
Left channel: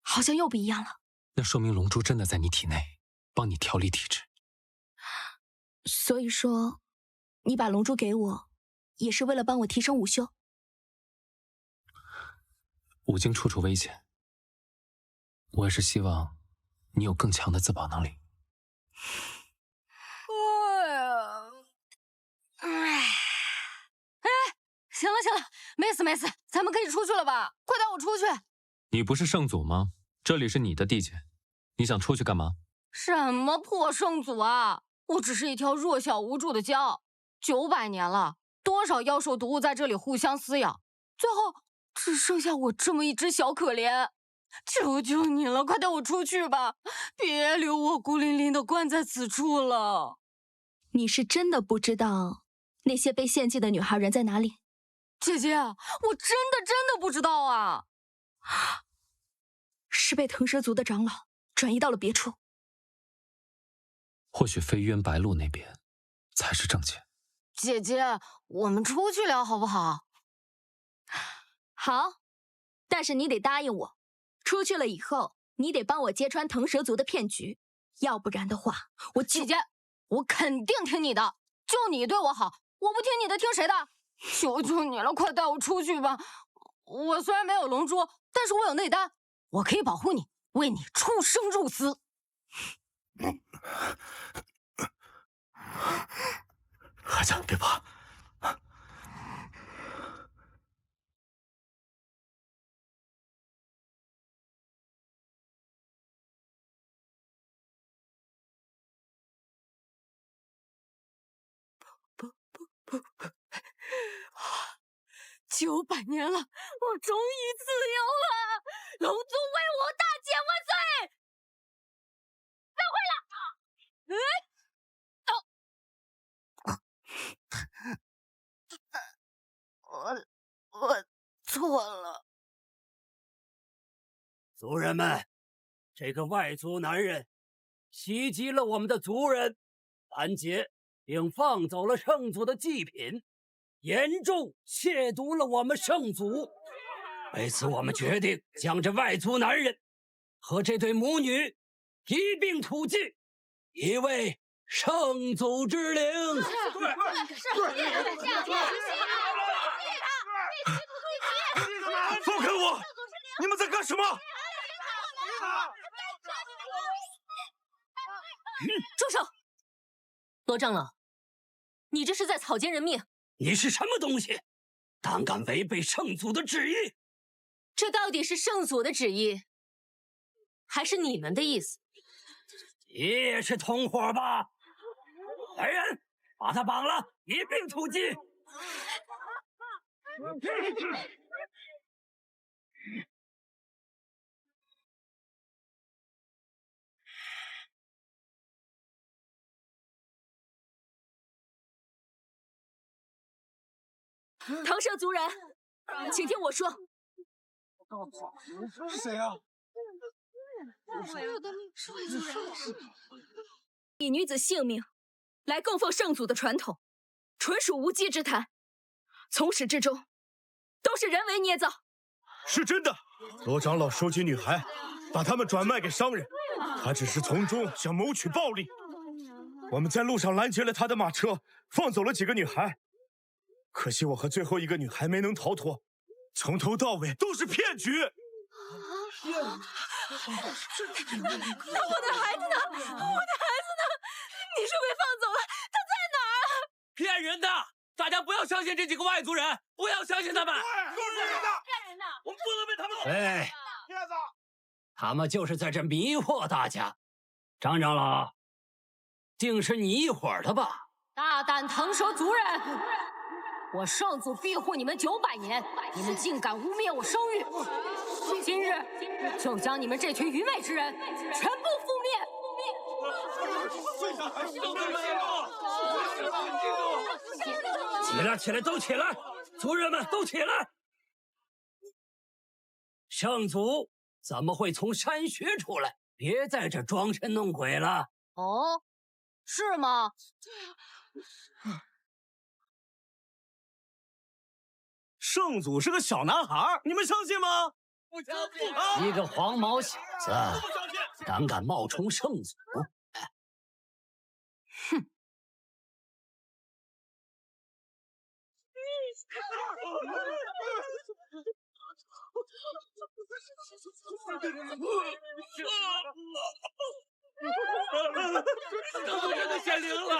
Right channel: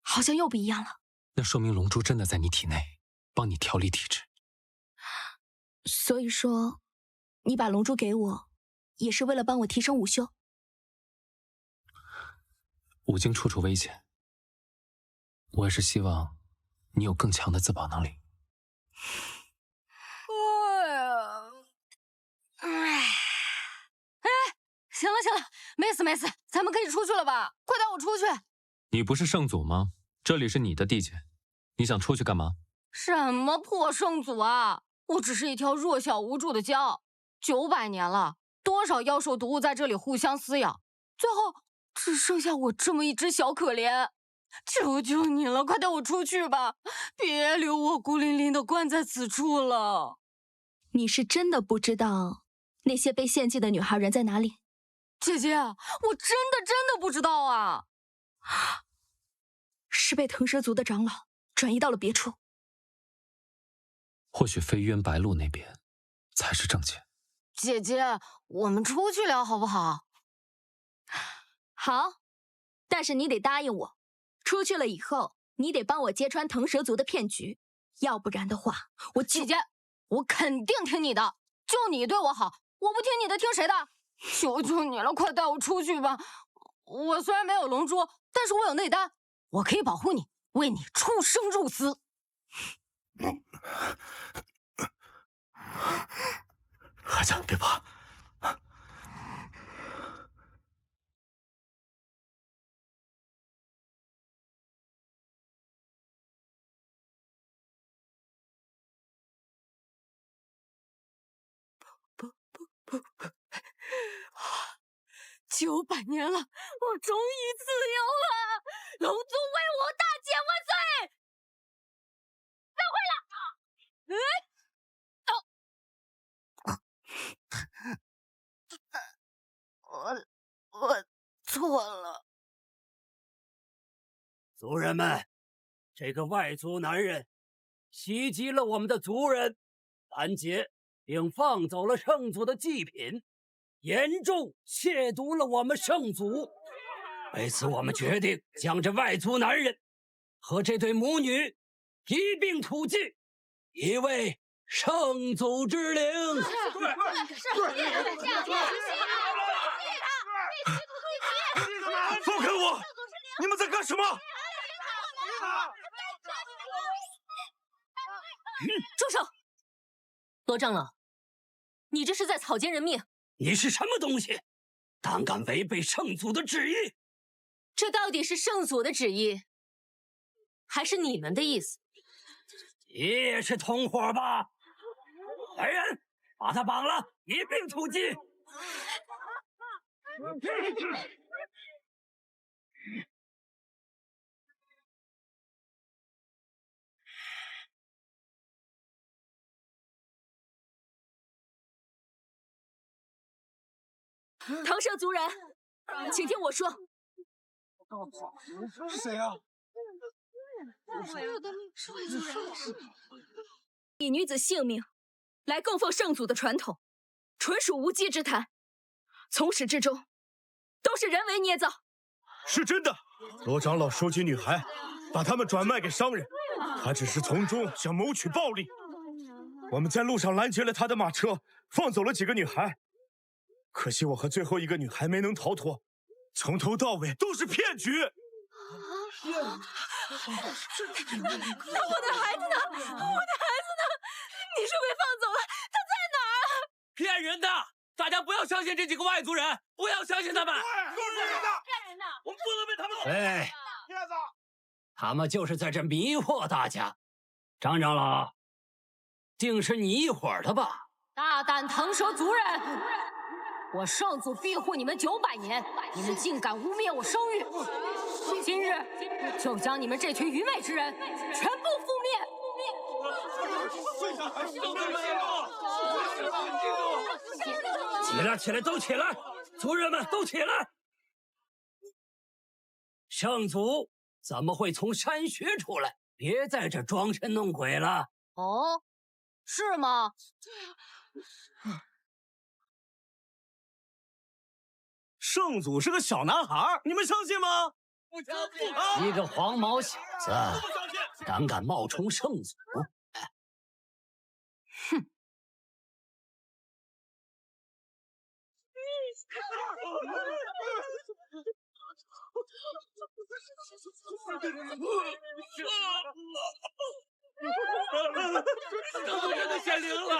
好像又不一样了。那说明龙珠真的在你体内，帮你调理体质。所以说，你把龙珠给我，也是为了帮我提升武修。武经处处危险，我也是希望你有更强的自保能力。行了行了，没死没死，咱们可以出去了吧？快带我出去！你不是圣祖吗？这里是你的地界，你想出去干嘛？什么破圣祖啊！我只是一条弱小无助的蛟，900年了，多少妖兽毒物在这里互相撕咬，最后只剩下我这么一只小可怜。求求你了，快带我出去吧，别留我孤零零的关在此处了。你是真的不知道那些被献祭的女孩人在哪里？姐姐，我真的不知道啊！是被腾蛇族的长老转移到了别处。或许飞渊白鹿那边才是正解。姐姐，我们出去聊好不好？好，但是你得答应我，出去了以后，你得帮我揭穿腾蛇族的骗局，要不然的话，姐姐，我肯定听你的，就你对我好，我不听你的，听谁的？求求你了，快带我出去吧！我虽然没有龙珠，但是我有内丹，我可以保护你，为你出生入死。孩子，别怕。900年了，我终于自由了！龙族威武，大姐万岁！再回来！我错了。族人们，这个外族男人袭击了我们的族人，拦截并放走了圣祖的祭品，严重亵渎了我们圣祖。为此，我们决定将这外族男人和这对母女一并土祭，以为圣祖之灵。放开我！你们在干什么？住手！罗长老，你这是在草菅人命！你是什么东西？胆敢违背圣祖的旨意？这到底是圣祖的旨意，还是你们的意思？你也是同伙吧？来人，把他绑了，一并土祭！唐舍族人，请听我说。是谁啊？以女子性命来供奉圣祖的传统，纯属无稽之谈，从始至终都是人为捏造。是真的，罗长老收集女孩，把她们转卖给商人，他只是从中想谋取暴利。我们在路上拦截了他的马车，放走了几个女孩。可惜我和最后一个女孩没能逃脱，从头到尾都是骗局。那我的孩子呢？我的孩子呢？你是被放走了？他在哪儿？骗人的！大家不要相信这几个外族人，不要相信他们。都是骗人的！骗人的！我们不能被他们对，骗子！他们就是在这迷惑大家。张长老，定是你一伙的吧？大胆腾蛇族人！我圣祖庇护你们900年，你们竟敢污蔑我生育！今日就将你们这群愚昧之人全部覆灭！起来，起来，都起来！族人们都起来！圣祖怎么会从山穴出来？别在这装神弄鬼了！哦，是吗？圣祖是个小男孩，你们相信吗？不相信啊！一个黄毛小子，胆敢冒充圣祖！哼！圣祖真的显灵了！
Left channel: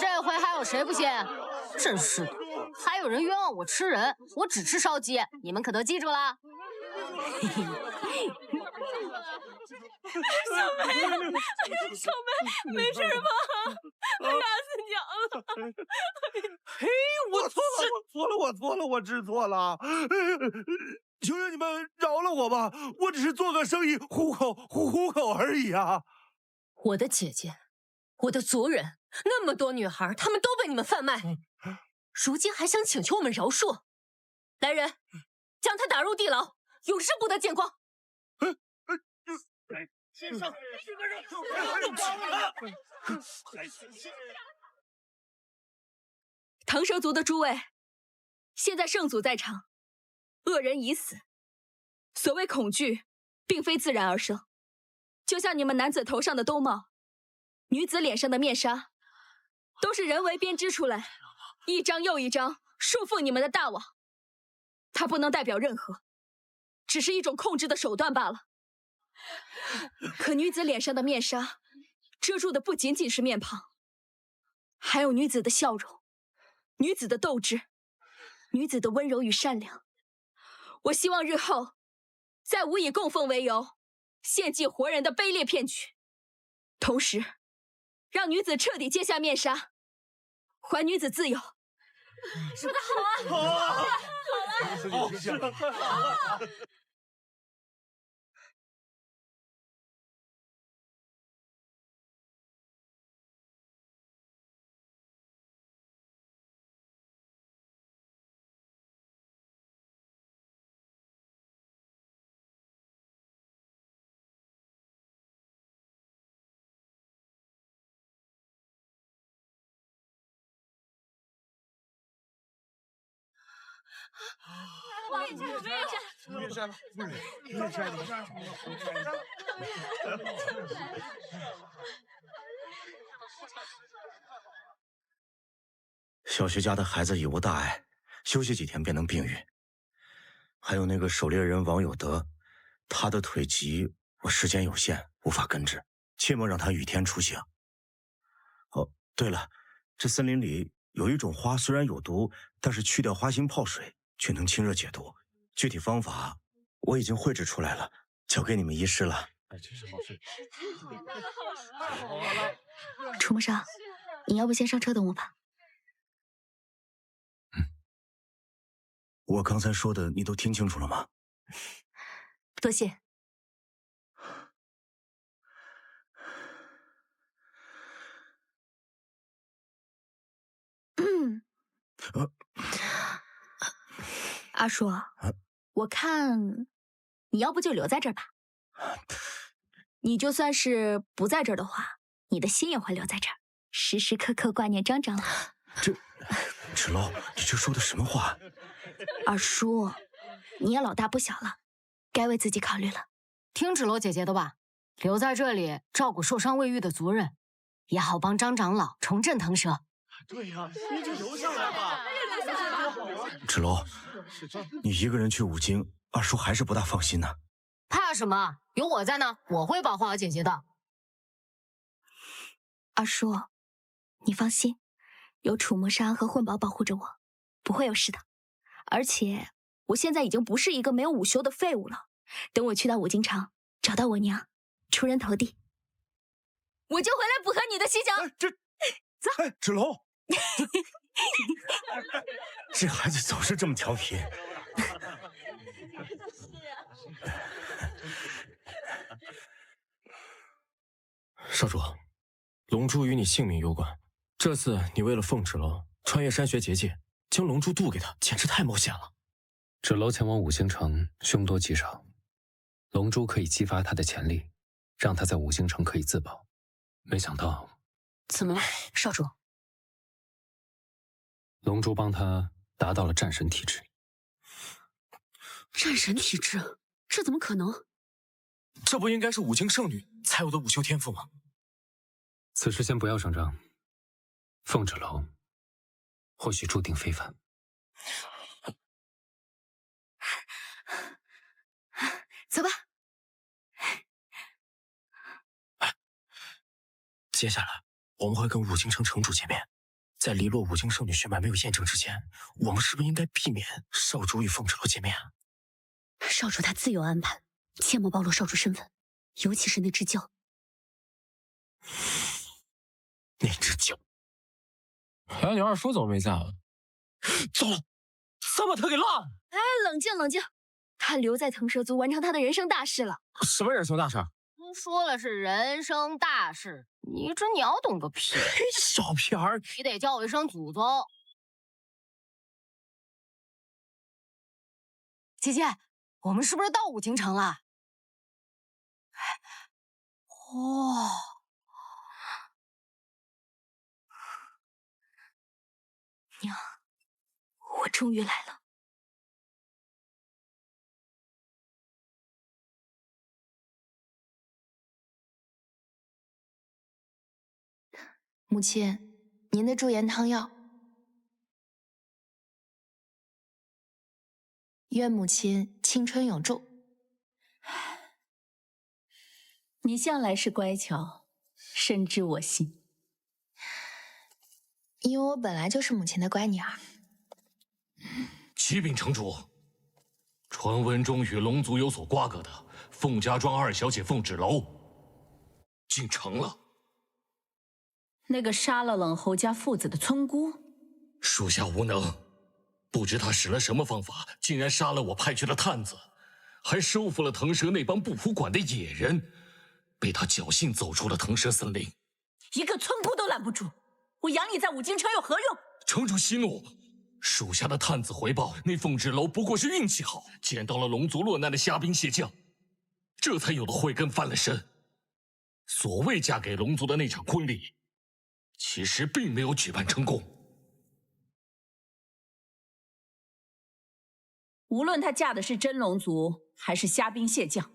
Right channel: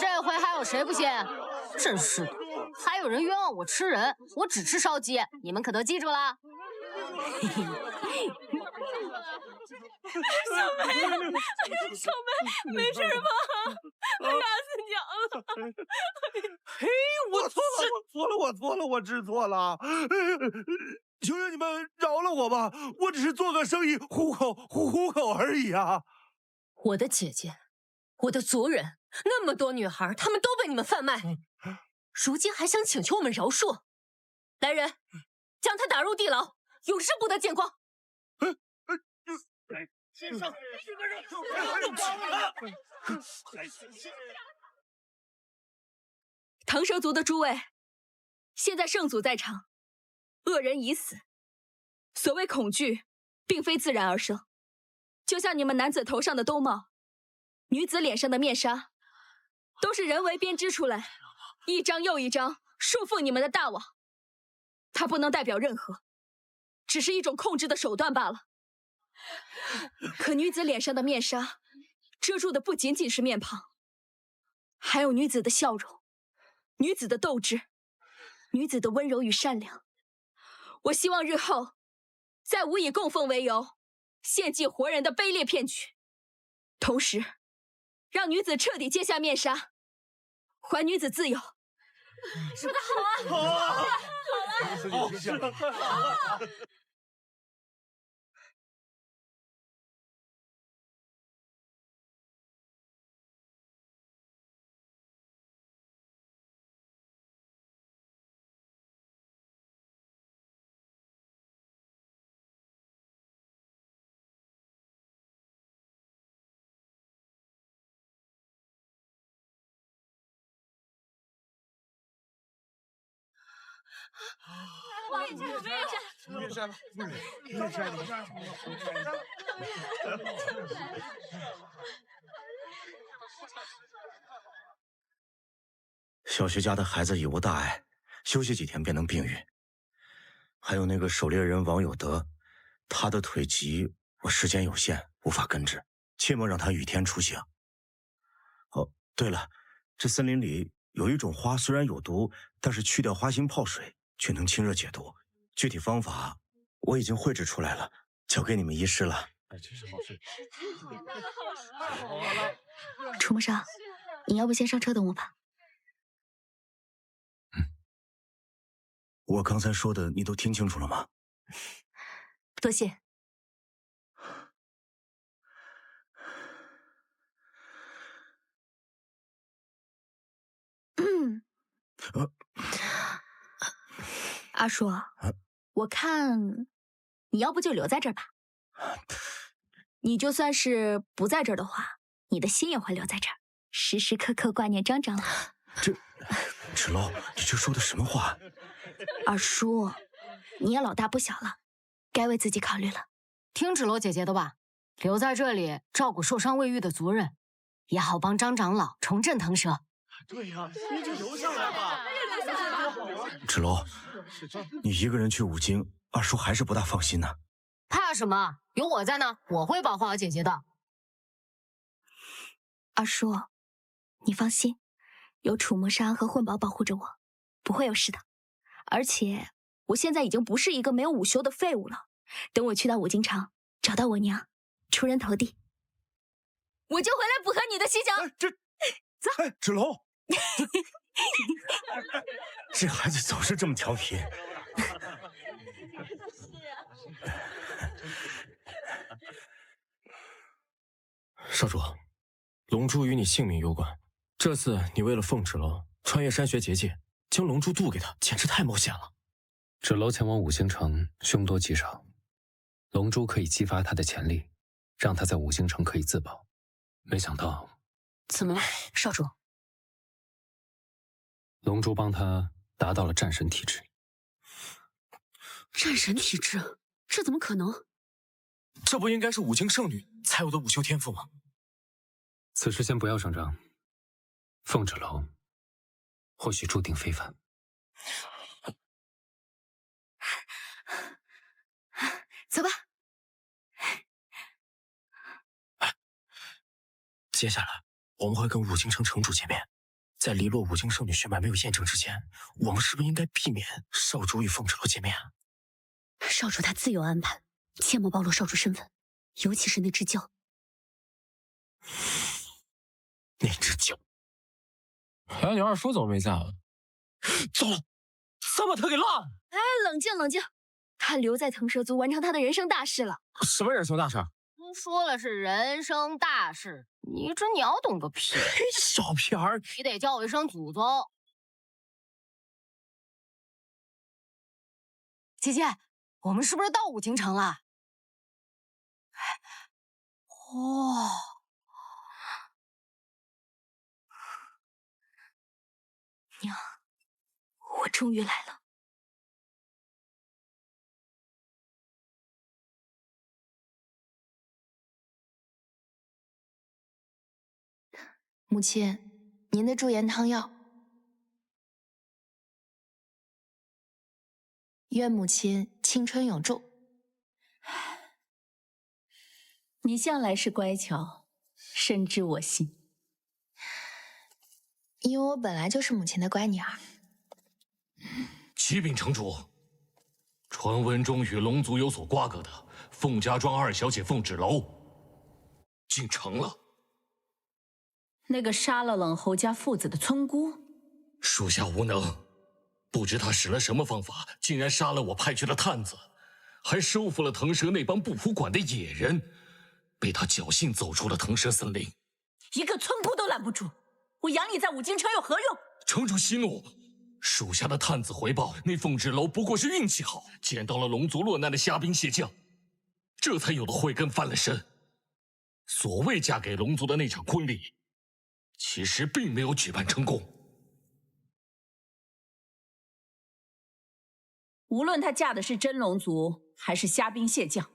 这回还有谁不信？真是的，还有人冤枉我吃人，我只吃烧鸡，你们可都记住了？小梅，小梅，没事吧？吓死娘了！嘿，我错了，我知错了。求求你们饶了我吧，我只是做个生意糊口而已啊。我的姐姐，我的族人，那么多女孩，她们都被你们贩卖，如今还想请求我们饶恕？来人，将她打入地牢，永世不得见光！唐蛇族的诸位，现在圣祖在场，恶人已死。所谓恐惧，并非自然而生，就像你们男子头上的兜帽，女子脸上的面纱，都是人为编织出来，一张又一张束缚你们的大网。它不能代表任何，只是一种控制的手段罢了。可女子脸上的面纱，遮住的不仅仅是面庞，还有女子的笑容，女子的斗志，女子的温柔与善良。我希望日后，再无以供奉为由献祭活人的卑劣骗局，同时让女子彻底揭下面纱，还女子自由。说得好啊！好啊！好啊！面山，面山，小徐家的孩子已无大碍，休息几天便能病愈。还有那个狩猎人王有德，他的腿疾，我时间有限，无法根治，切莫让他雨天出行。哦，对了，这森林里有一种花，虽然有毒，但是去掉花心泡水，却能清热解毒。具体方法我已经绘制出来了，交给你们医师了。哎，真是好事！楚木少，你要不先上车等我吧？我刚才说的你都听清楚了吗？多谢。阿叔，我看你要不就留在这儿吧。你就算是不在这儿的话，你的心也会留在这儿，时时刻刻挂念张长老。芷楼，你这说的什么话？二叔，你也老大不小了，该为自己考虑了。听芷楼姐姐的吧，留在这里照顾受伤未愈的族人，也好帮张长老重振腾蛇。对呀，你就留下来吧。芷楼，你一个人去五京，二叔还是不大放心呢。怕什么？有我在呢，我会保护好姐姐的。二叔，你放心，有楚魔山和混宝保护着我，不会有事的。而且我现在已经不是一个没有午休的废物了。等我去到五京城，找到我娘，出人头地，我就回来补和你的西墙。走，芷楼，这孩子总是这么调皮。少主，龙珠与你性命攸关，这次你为了凤芷楼穿越山穴结界，将龙珠渡给他，简直太冒险了。芷楼前往五京城，凶多吉少，龙珠可以激发他的潜力，让他在五京城可以自保。没想到，怎么了，少主？龙珠帮他达到了战神体质。战神体质？这怎么可能？这不应该是五京圣女才有的午休天赋吗？此事先不要声张，凤芷楼或许注定非凡。走吧。接下来我们会跟五京城城主见面，在离落五京圣女血脉没有验证之前，我们是不是应该避免少主与凤芷楼见面啊？少主他自有安排，切莫暴露少主身份，尤其是那只鹪。那只鹪，哎，你二叔怎么没在啊？糟了，咱把他给落了！哎，冷静冷静，他留在腾蛇族完成他的人生大事了。什么人生大事？说了是人生大事，你这鸟懂个屁！小屁孩，你得叫我一声祖宗。姐姐，我们是不是到五京城了？哦，娘，我终于来了。母亲，您的驻颜汤药。愿母亲青春永驻。你向来是乖巧，深知我心。因为我本来就是母亲的乖女儿。启禀城主，传闻中与龙族有所瓜葛的凤家庄二小姐凤芷楼，竟成了。那个杀了冷侯家父子的村姑，属下无能，不知他使了什么方法，竟然杀了我派去的探子，还收服了腾蛇那帮不服管的野人，被他侥幸走出了腾蛇森林。一个村姑都拦不住，我养你在五京城有何用？城主息怒，属下的探子回报，那凤芷楼不过是运气好，捡到了龙族落难的虾兵蟹将，这才有了慧根翻了身。所谓嫁给龙族的那场婚礼，其实并没有举办成功。无论她嫁的是真龙族还是虾兵蟹将，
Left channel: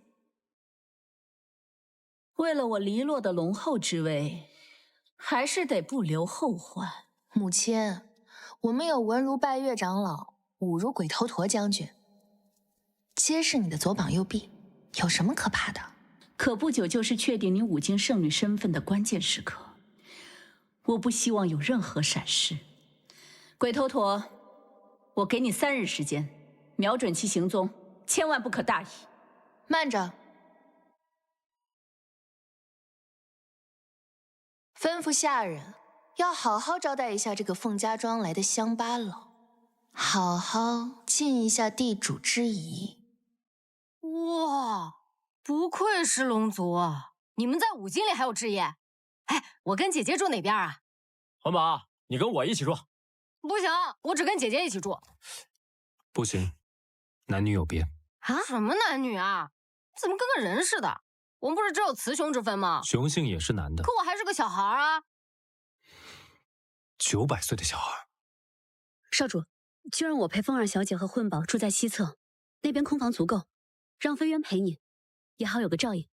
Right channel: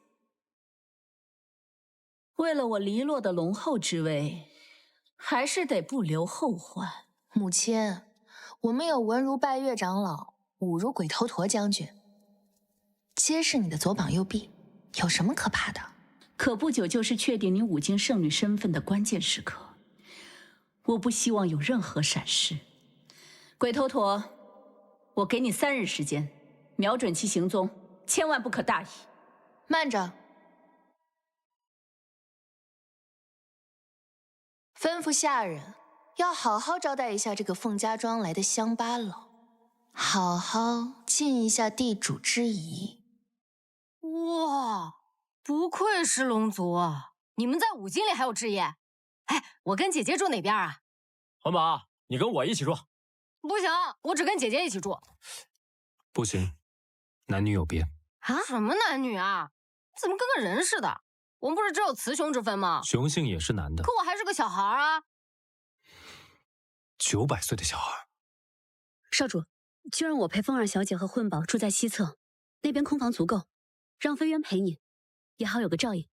为了我黎落的龙后之位，还是得不留后患。母亲，我们有文如拜月长老，武如鬼头陀将军，皆是你的左膀右臂，有什么可怕的？可不久就是确定你五京圣女身份的关键时刻，我不希望有任何闪失。鬼头陀，我给你3日时间，瞄准其行踪，千万不可大意。慢着，吩咐下人要好好招待一下这个凤家庄来的乡巴佬，好好尽一下地主之谊。哇，不愧是龙族啊！你们在五京里还有置业？哎，我跟姐姐住哪边啊？环宝，你跟我一起住。不行，我只跟姐姐一起住。不行，男女有别。啊？什么男女啊？怎么跟个人似的？我们不是只有雌雄之分吗？雄性也是男的。可我还是个小孩啊！900岁的小孩。少主，就让我陪风儿小姐和混宝住在西侧，那边空房足够，让飞渊陪你，也好有个照应。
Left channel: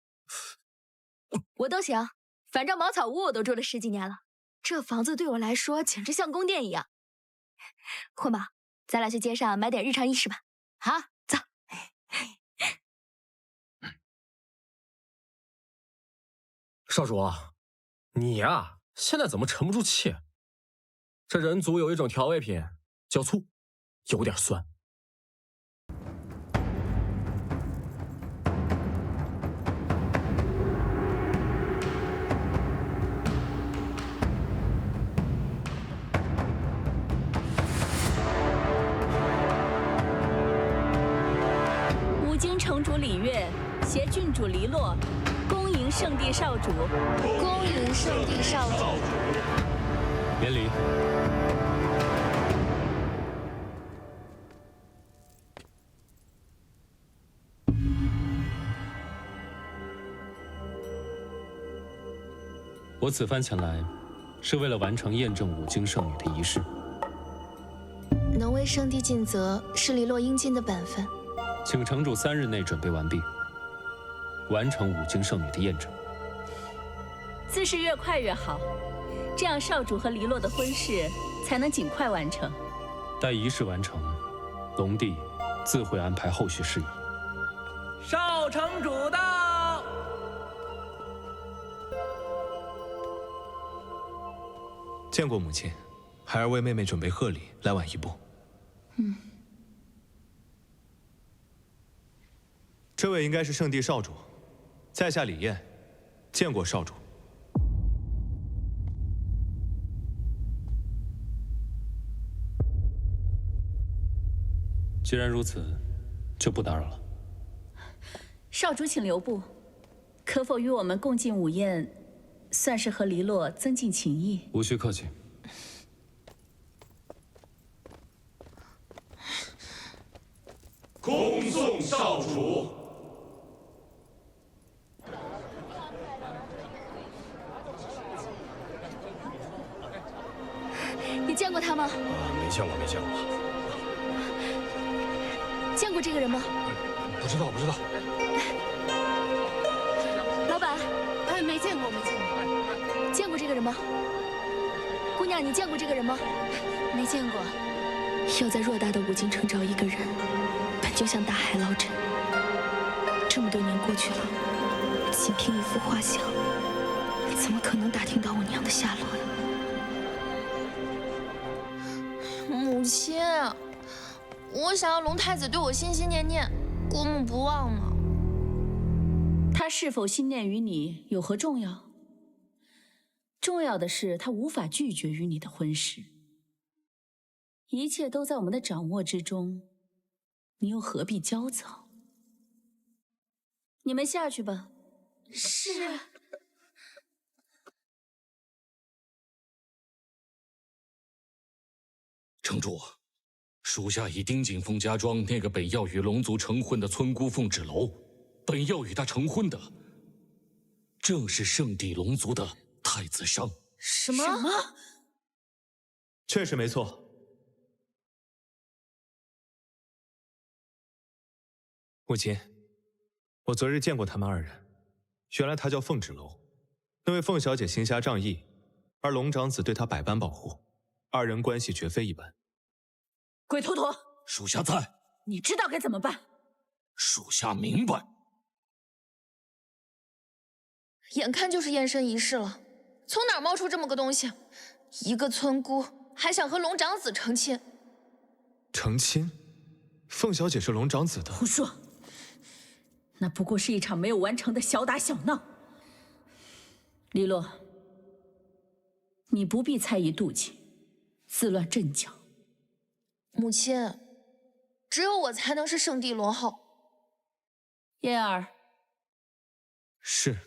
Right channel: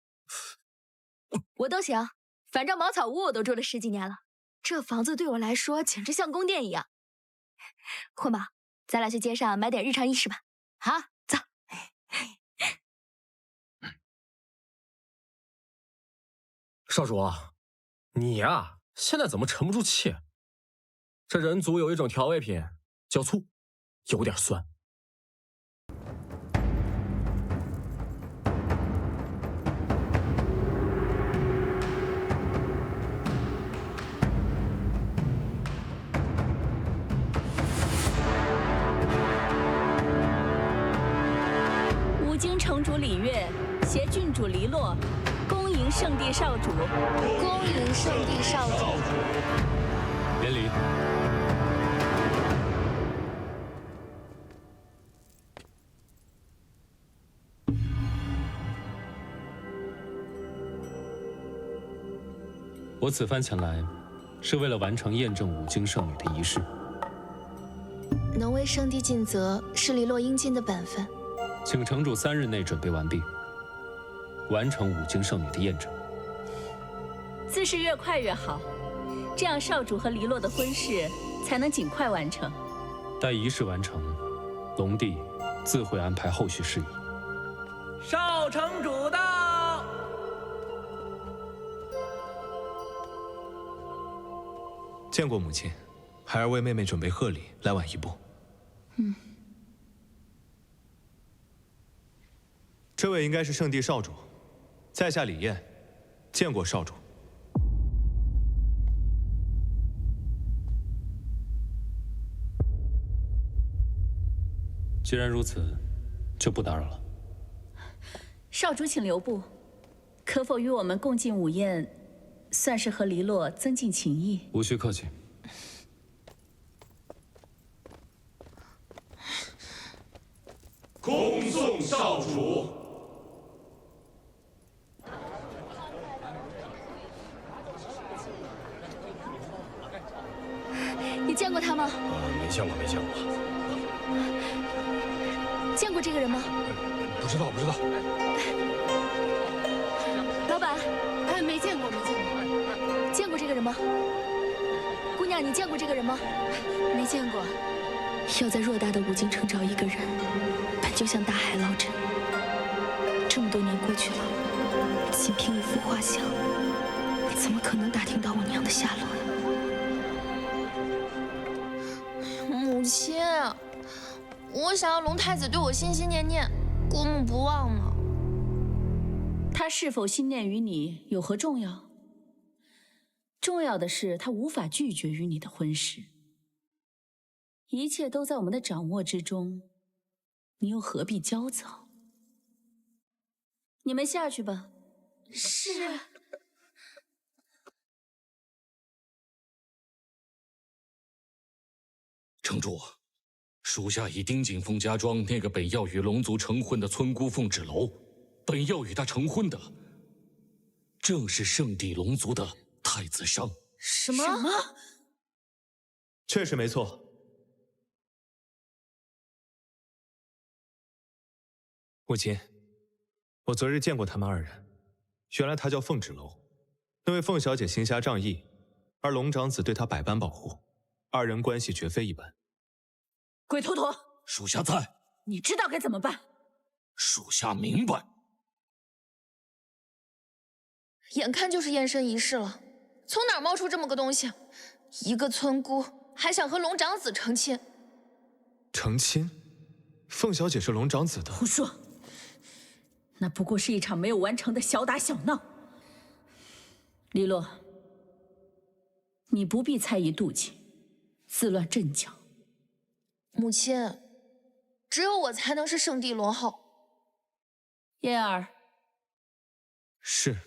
我都行，反正茅草屋我都住了10几年了，这房子对我来说简直像宫殿一样。混宝，咱俩去街上买点日常衣饰吧。好，走。少主啊，你呀，现在怎么沉不住气？这人族有一种调味品叫醋，有点酸。五京城主李月携郡主黎洛，恭迎圣地少主。恭迎圣地少主。免礼。我此番前来，是为了完成验证五京圣女的仪式。能为圣地尽责，是黎洛应尽的本分。请城主3日内准备完毕，完成五京圣女的验证。自是越快越好，这样少主和黎洛的婚事才能尽快完成。待仪式完成，龙帝自会安排后续事宜。少城主到。见过母亲，孩儿为妹妹准备贺礼，来晚一步。这位应该是圣地少主，在下李燕，见过少主。既然如此，就不打扰了。少主请留步，可否与我们共进午宴，算是和黎洛增进情谊？无需客气。恭送少主。你见过他吗？没见过，没见过。见过这个人吗？不知道，不知道。老板，哎，没见过，没见过。见过这个人吗？姑娘，你见过这个人吗？没见过。要在偌大的五京城找一个人，本就像大海捞针。这么多年过去了，仅凭一幅画像，怎么可能打听到我娘的下落呀？母亲，我想要龙太子对我心心念念，过目不忘嘛。他是否心念于你有何重要？重要的是他无法拒绝于你的婚事。一切都在我们的掌握之中，你又何必焦躁？你们下去吧。是。城主，属下已盯紧凤家庄那个本要与龙族成婚的村姑凤芷楼，本要与她成婚的，正是圣地龙族的太子商。什么？确实没错。母亲，我昨日见过他们二人，原来他叫凤芷楼，那位凤小姐行侠仗义，而龙长子对她百般保护，二人关系绝非一般。鬼头陀，属下在。你知道该怎么办？属下明白。眼看就是验身仪式了，从哪儿冒出这么个东西？一个村姑还想和龙长子成亲？成亲？凤小姐是龙长子的？胡说！那不过是一场没有完成的小打小闹。黎洛，你不必猜疑妒忌，自乱阵脚。母亲，只有我才能是圣地龙后。燕儿。是。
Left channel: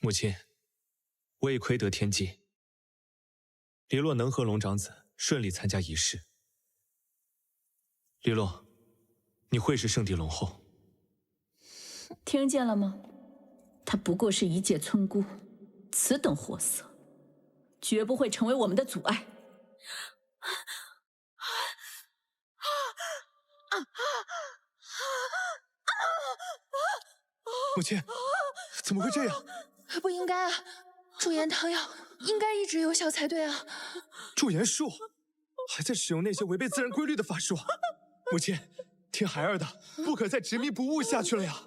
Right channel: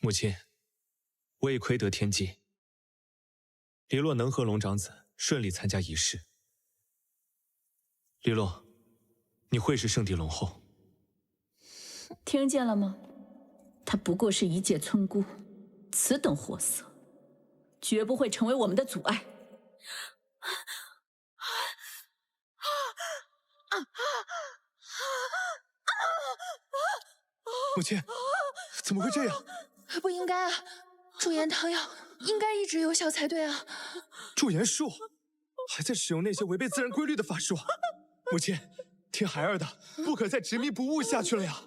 母亲，我已窥得天机。黎洛能和龙长子顺利参加仪式。黎洛，你会是圣地龙后。听见了吗？她不过是一介村姑，此等货色，绝不会成为我们的阻碍。母亲，怎么会这样？不应该啊！驻颜汤药应该一直有效才对啊！驻颜术还在使用那些违背自然规律的法术。母亲，听孩儿的，不可再执迷不悟下去了呀！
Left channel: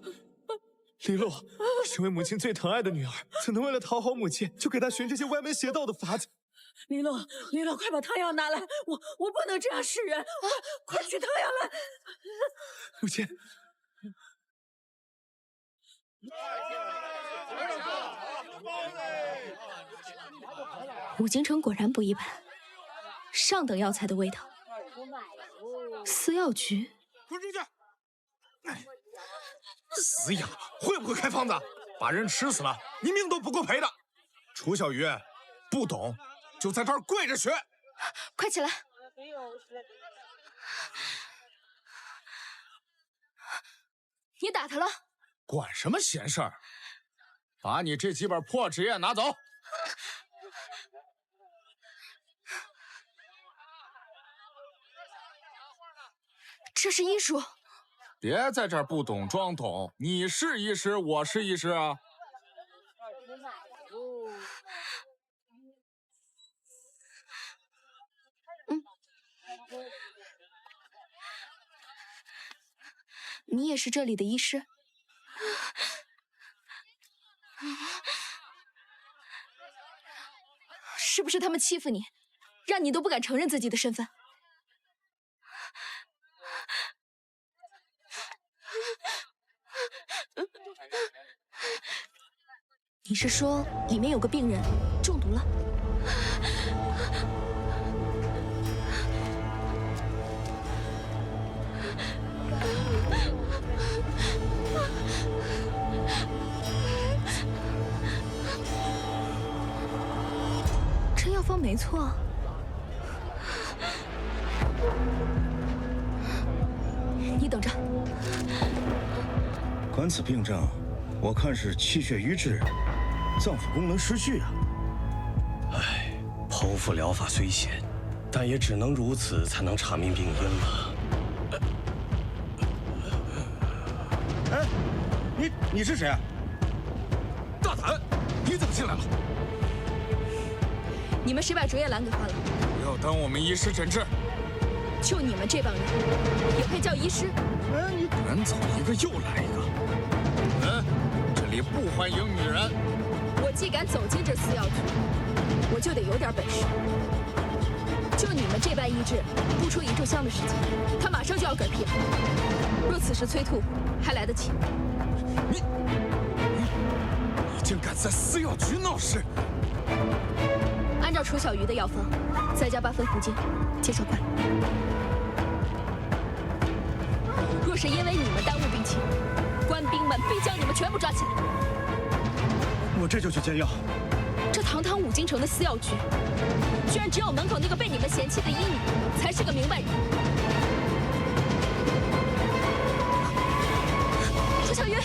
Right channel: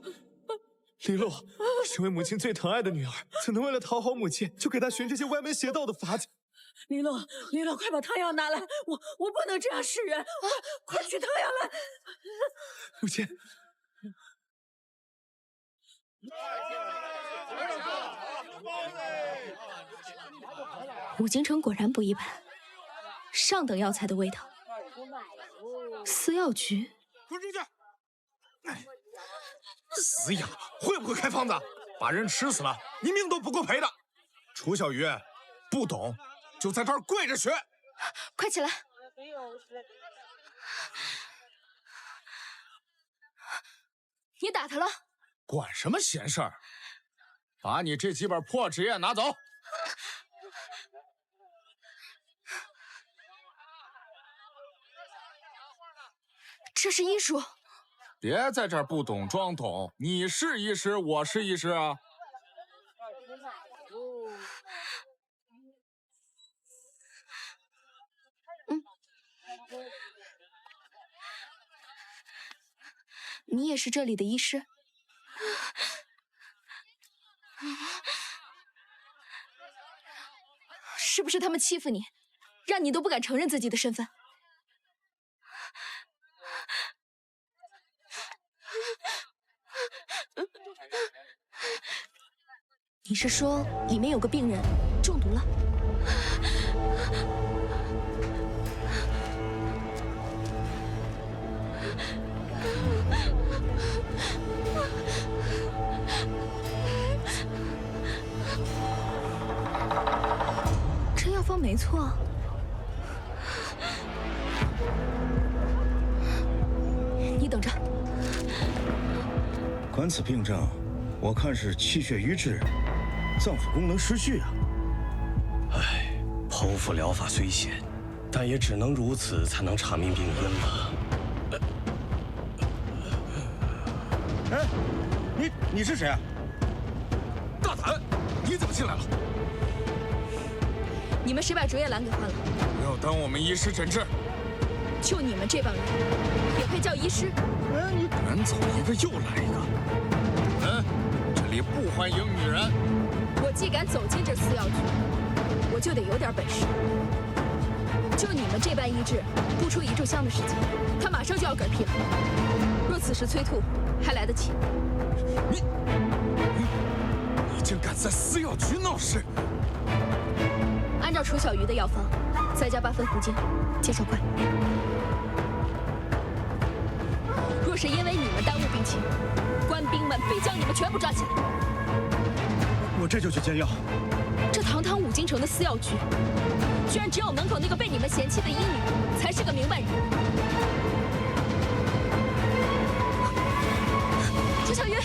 黎洛，身为母亲最疼爱的女儿，怎能为了讨好母亲，就给她寻这些歪门邪道的法子？黎洛，黎洛，快把汤药拿来！我不能这样示人！快取汤药来！母亲。五京城果然不一般，上等药材的味道。司药局，滚出去！死哑巴，会不会开方子？把人吃死了，你命都不够赔的。楚小鱼，不懂就在这儿跪着学。快起来！你打他了？管什么闲事儿！把你这几本破纸页拿走。这是医术。别在这儿不懂装懂，你是医师，我是医师啊。你也是这里的医师？是不是他们欺负你，让你都不敢承认自己的身份？你是说里面有个病人中毒了？这药方没错。你等着。观此病症，我看是气血瘀滞，脏腑功能失序啊。剖腹疗法虽险，但也只能如此才能查明病因了。哎，你是谁啊？大胆！你怎么进来了？你们谁把竹叶兰给换了？不要耽误我们医师诊治。就你们这帮人，也配叫医师？哎，你赶走一个又来一个。滚！这里不欢迎女人。我既敢走进这私药局，我就得有点本事。就你们这般医治，不出1炷香的时间，他马上就要嗝屁了。若此时催吐，还来得及。你竟敢在私药局闹事！按照楚小鱼的药方，再加8分胡精，见效快。若是因为你们耽误病情，官兵们必将你们全部抓起来。我这就去煎药。这堂堂5京城的私药局，居然只有门口那个被你们嫌弃的医女才是个明白人。楚小鱼，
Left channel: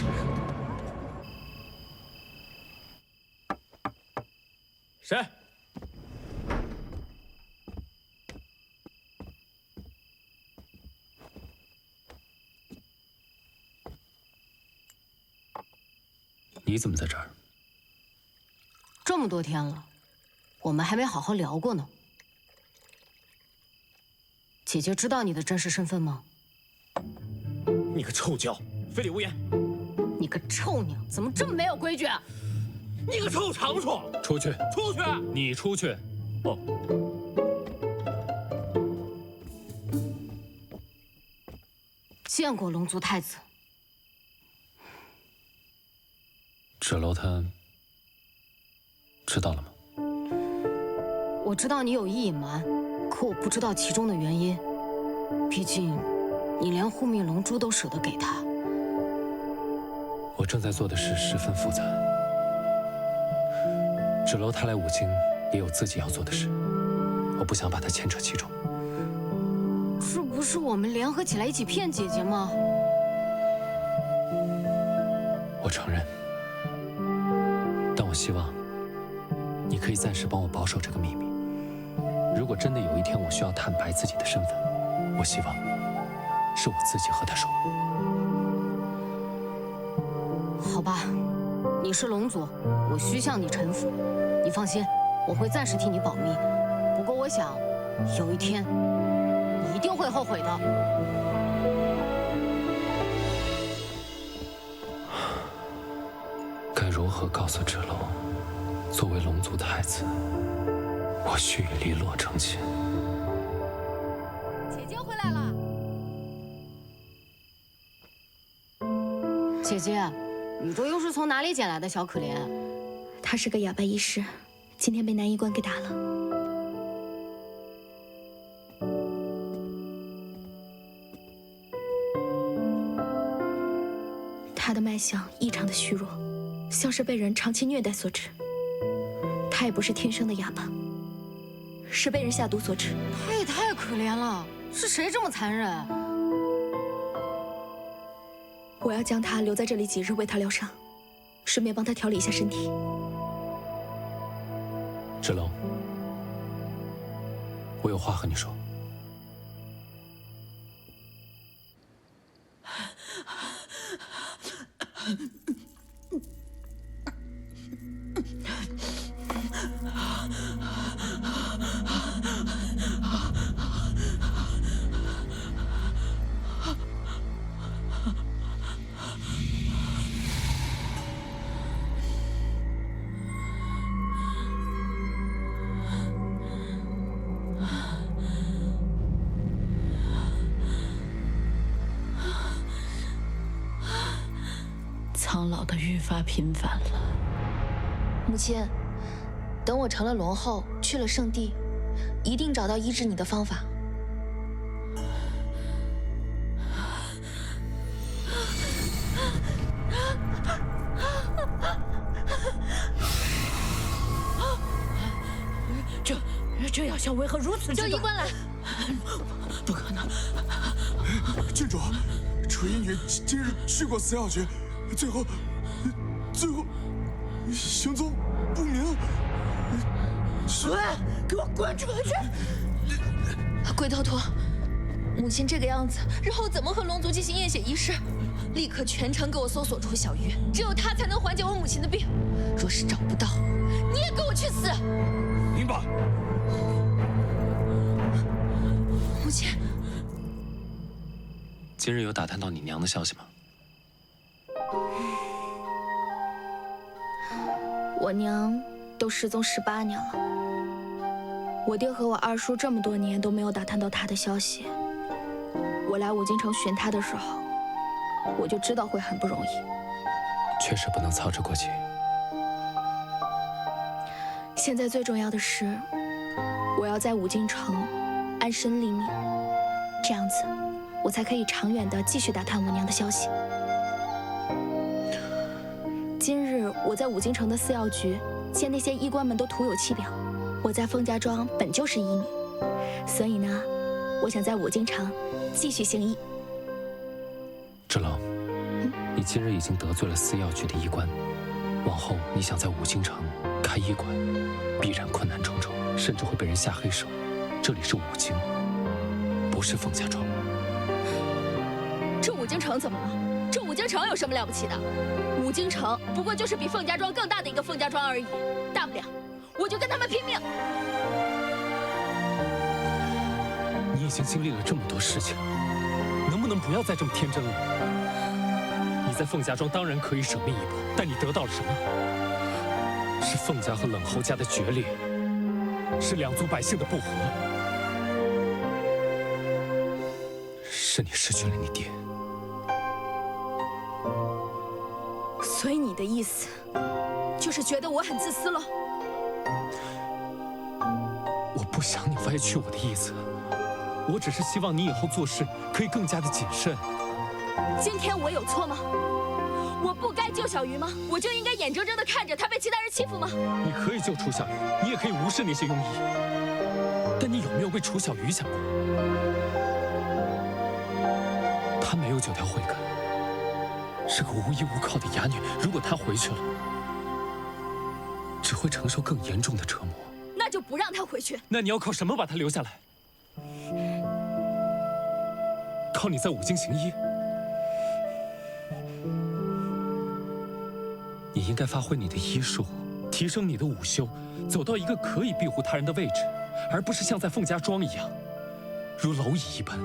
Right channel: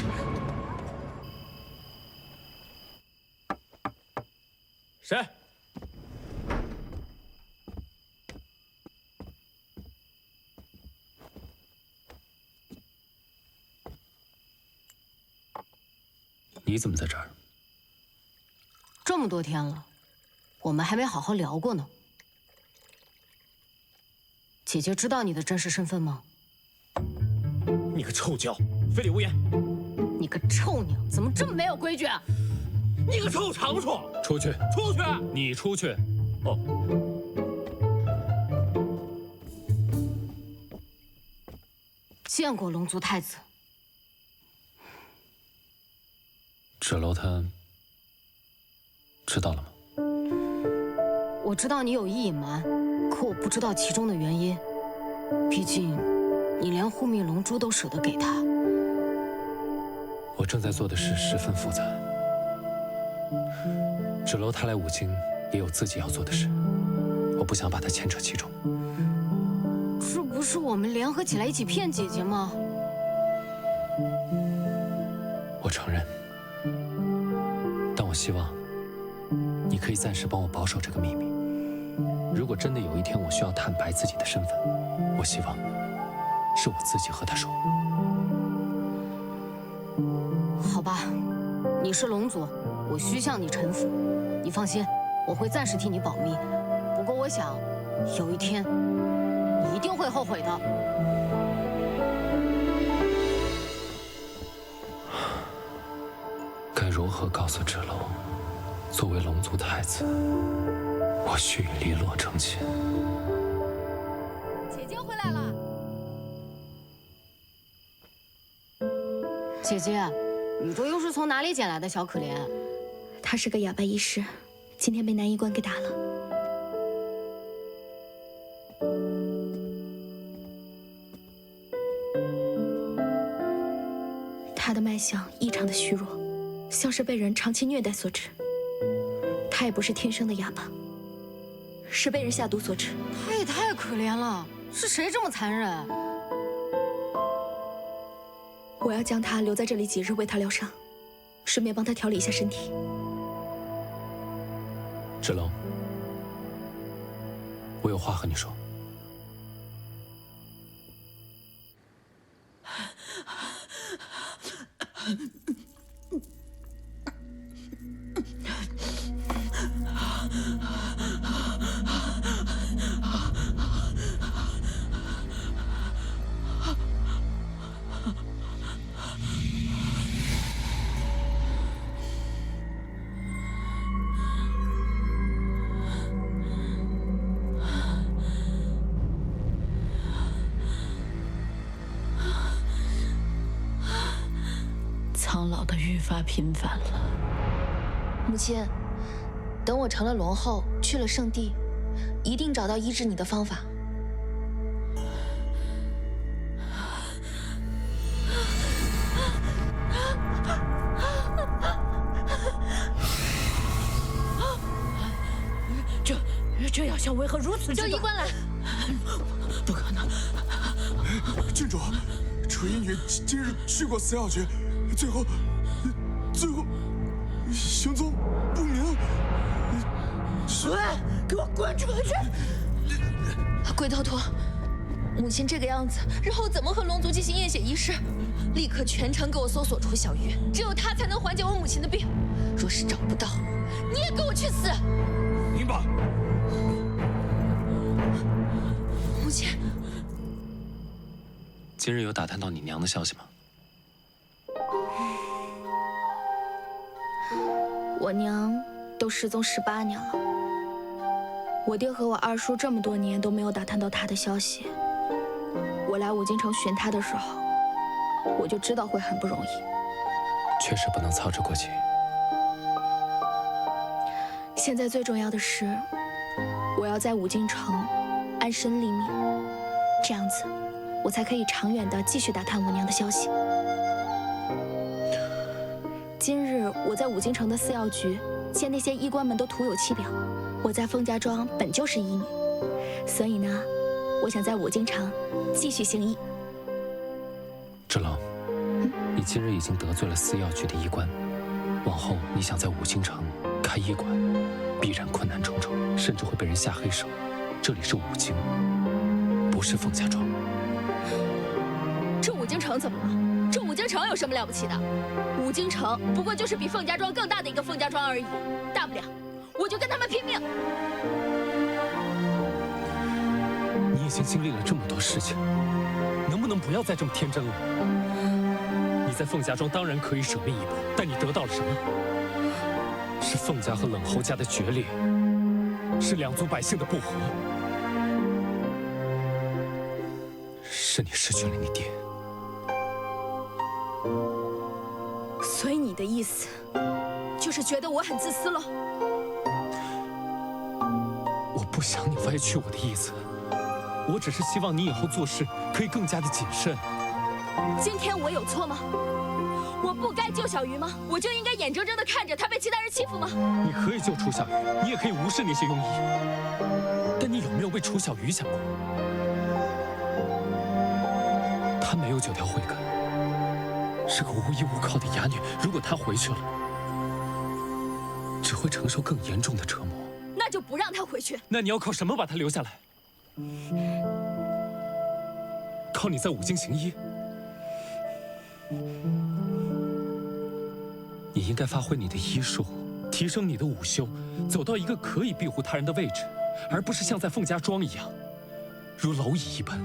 谁？你怎么在这儿？这么多天了，我们还没好好聊过呢。姐姐知道你的真实身份吗？你个臭娇，非礼勿言！你个臭娘，怎么这么没有规矩啊？你个臭长虫！出去！出去！你出去！哦。见过龙族太子。芷楼他知道了吗？我知道你有意隐瞒，可我不知道其中的原因。毕竟，你连护命龙珠都舍得给他。我正在做的事十分复杂。芷楼他来5京也有自己要做的事，我不想把他牵扯其中。这不是我们联合起来一起骗姐姐吗？我承认，但我希望你可以暂时帮我保守这个秘密。如果真的有一天我需要坦白自己的身份，我希望是我自己和他说。好吧，你是龙族，我需向你臣服。你放心，我会暂时替你保密。不过我想，有一天你一定会后悔的。该如何告诉芷楼，作为龙族太子，我须与黎洛成亲？姐姐回来了。姐姐，你这又是从哪里捡来的小可怜？他是个哑巴医师，今天被男医官给打了。他的脉象异常的虚弱，像是被人长期虐待所致。他也不是天生的哑巴，是被人下毒所致。他也太可怜了，是谁这么残忍？我要将他留在这里几日，为他疗伤，顺便帮他调理一下身体。芷楼，我有话和你说。苍老的愈发频繁了。母亲，等我成了龙后，去了圣地，一定找到医治你的方法。这药效为何如此之短？叫医官来！不可能！郡主，楚医女今日去过私药局，最后行踪不明。滚！给我滚出去！鬼头陀，母亲这个样子，日后怎么和龙族进行验血仪式？立刻全城给我搜索楚小鱼，只有他才能缓解我母亲的病。若是找不到，你也给我去死！明白。母亲，今日有打探到你娘的消息吗？我娘都失踪18年了，我爹和我二叔这么多年都没有打探到她的消息。我来五京城寻她的时候，我就知道会很不容易。确实不能操之过急。现在最重要的是，我要在五京城安身立命，这样子我才可以长远的继续打探我娘的消息。今日我在五京城的司药局见那些医官们都徒有其表，我在凤家庄本就是医女，所以呢，我想在五京城继续行医。芷楼，你今日已经得罪了司药局的医官，往后你想在五京城开医馆，必然困难重重，甚至会被人下黑手。这里是五京，不是凤家庄。这五京城怎么了？这五京城有什么了不起的？五京城不过就是比凤家庄更大的一个凤家庄而已，大不了我就跟他们拼命。你已经经历了这么多事情，能不能不要再这么天真了？你在凤家庄当然可以舍命一搏，但你得到了什么？是凤家和冷侯家的决裂，是两族百姓的不和，是你失去了你爹。所以你的意思，就是觉得我很自私了？我不想你歪曲我的意思，我只是希望你以后做事可以更加的谨慎。今天我有错吗？我不该救小鱼吗？我就应该眼睁睁地看着他被其他人欺负吗？你可以救楚小鱼，你也可以无视那些庸医，但你有没有为楚小鱼想过？她没有9条慧根，是个无依无靠的哑女。如果她回去了，只会承受更严重的折磨。那就不让她回去。那你要靠什么把她留下来？靠你在五京行医？你应该发挥你的医术，提升你的武修，走到一个可以庇护他人的位置，而不是像在凤家庄一样，如蝼蚁一般，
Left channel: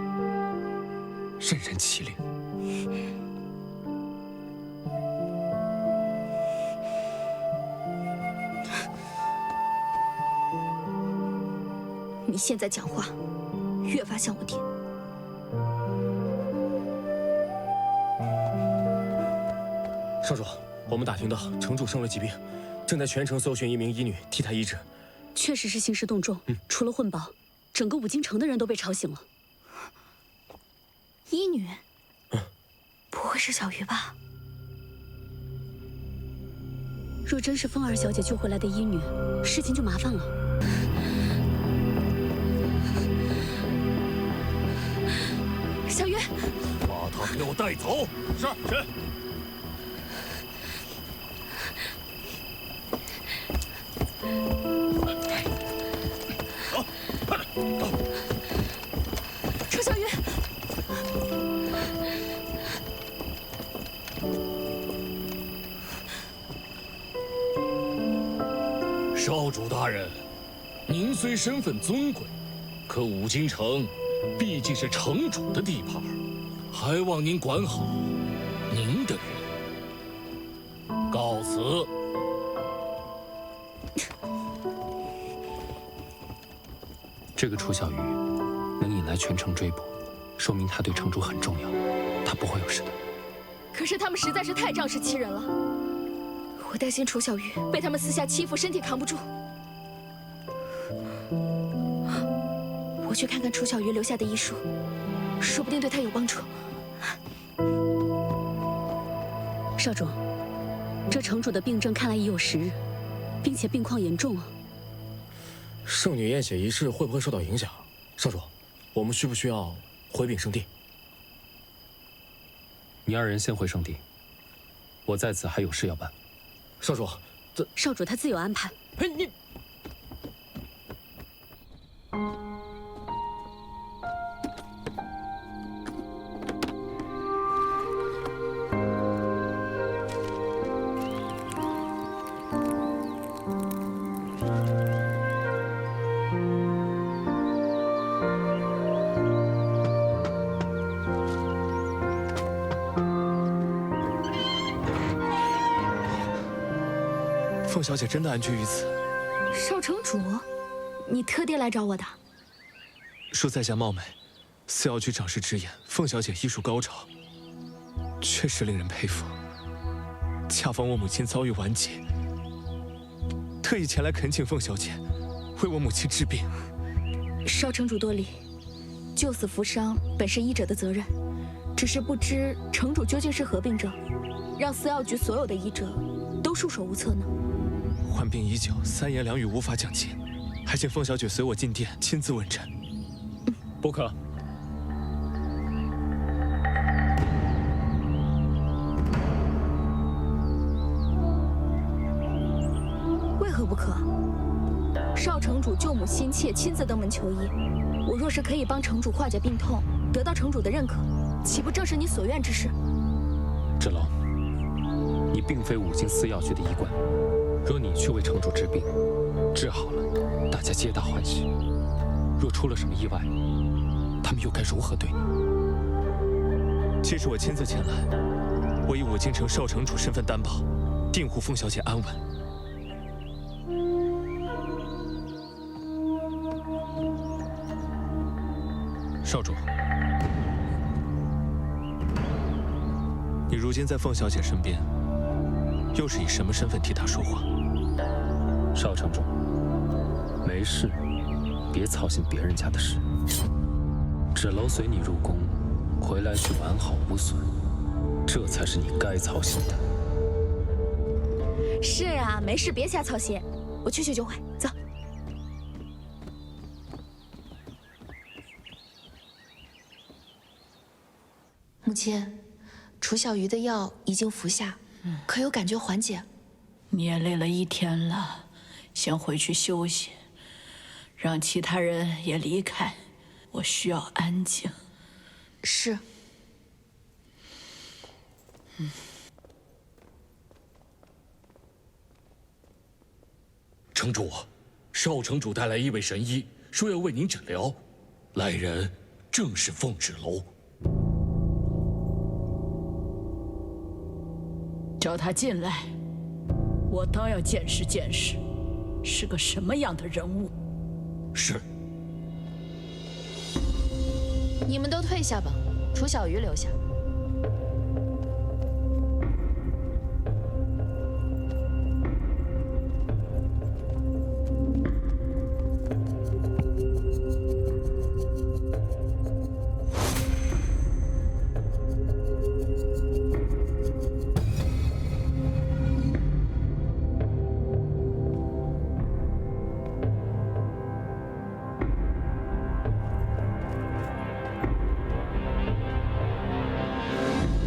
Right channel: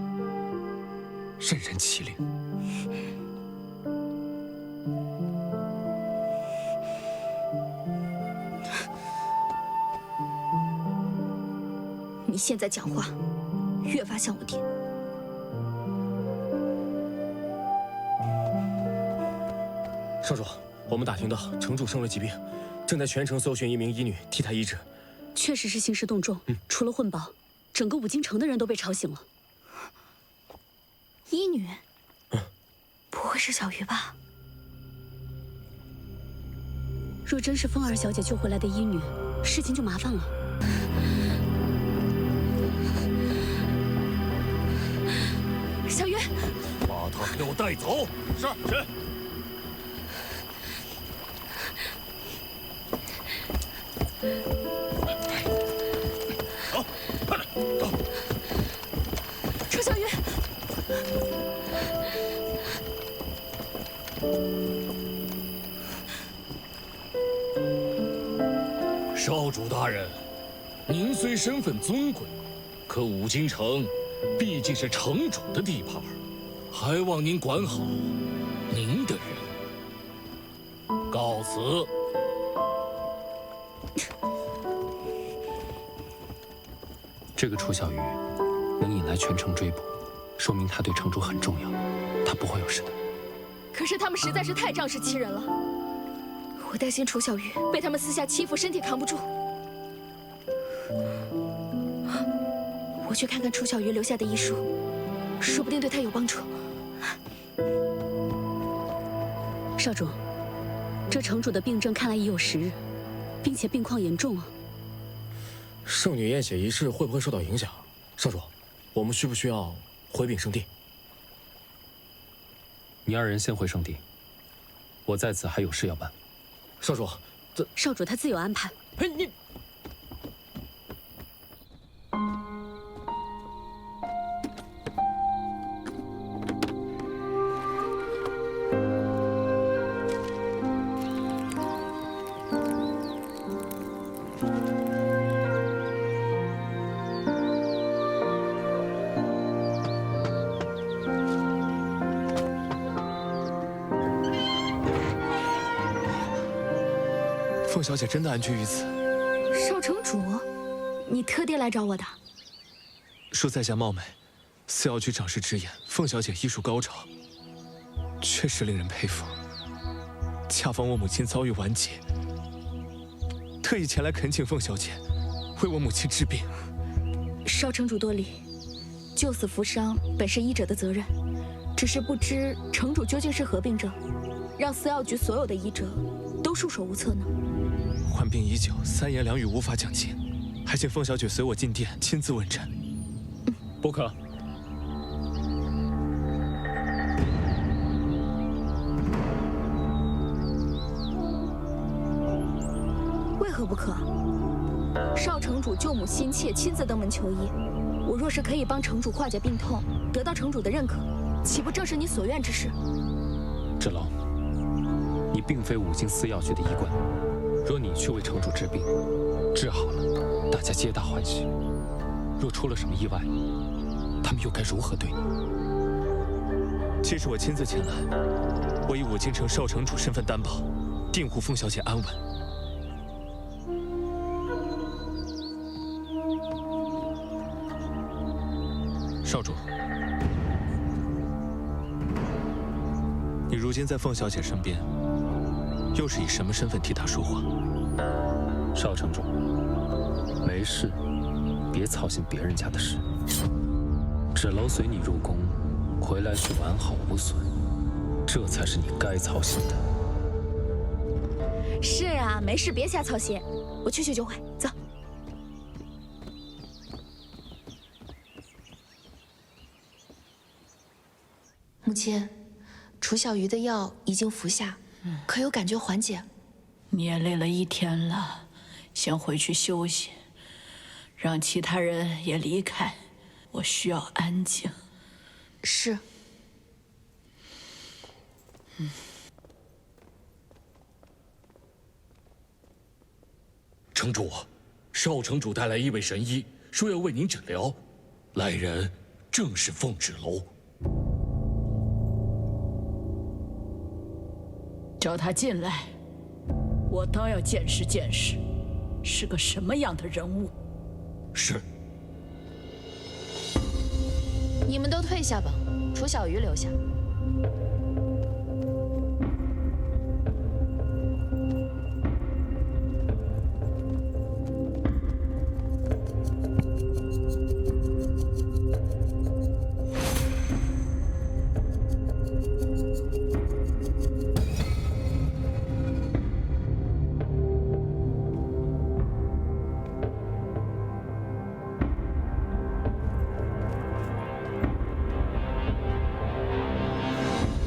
任人欺凌。你现在讲话越发像我爹。少主，我们打听到城主生了疾病，正在全城搜寻一名医女替他医治。确实是兴师动众，除了混宝，整个五京城的人都被吵醒了。医女？不会是小鱼吧？若真是风儿小姐救回来的医女，事情就麻烦了。小鱼，把他给我带走。是。走，快点，走。楚小鱼，少主大人，您虽身份尊贵，可五京城毕竟是城主的地盘，还望您管好您的人。告辞。这个楚小鱼能引来全城追捕，说明他对城主很重要，他不会有事的。可是他们实在是太仗势欺人了，我担心楚小鱼被他们私下欺负，身体扛不住。我去看看楚小鱼留下的医书，说不定对他有帮助。少主，这城主的病症看来已有10日，并且病况严重啊。圣女验血仪式会不会受到影响？少主，我们需不需要回禀圣地？你2人先回圣地，我在此还有事要办。少主，少主他自有安排。哎，你凤小姐真的安居于此。少城主，你特地来找我的？恕在下冒昧，司药局长事直言，凤小姐医术高超，确实令人佩服。恰逢我母亲遭遇顽疾，特意前来恳请凤小姐为我母亲治病。少城主多礼，救死扶伤本是医者的责任，只是不知城主究竟是何病症，让司药局所有的医者都束手无策呢？患病已久，三言两语无法讲尽，还请凤小姐随我进殿亲自问诊。不可。为何不可？少城主救母心切，亲自登门求医，我若是可以帮城主化解病痛，得到城主的认可，岂不正是你所愿之事？芷楼，你并非五经司药局的医官，若你去为城主治病，治好了，大家皆大欢喜；若出了什么意外，他们又该如何对你？既是我亲自前来，我以五京城少城主身份担保，定护凤小姐安稳。少主，你如今在凤小姐身边，又是以什么身份替她说话？少城主，没事，别操心别人家的事。芷楼随你入宫，回来去完好无损，这才是你该操心的。是啊，没事，别瞎操心，我去就回，走。母亲，楚小鱼的药已经服下，可有感觉缓解？你也累了一天了，先回去休息，让其他人也离开，我需要安静。是。城主，少城主带来一位神医，说要为您诊疗，来人正是凤芷楼。叫他进来，我倒要见识见识，是个什么样的人物。是。你们都退下吧，楚小鱼留下。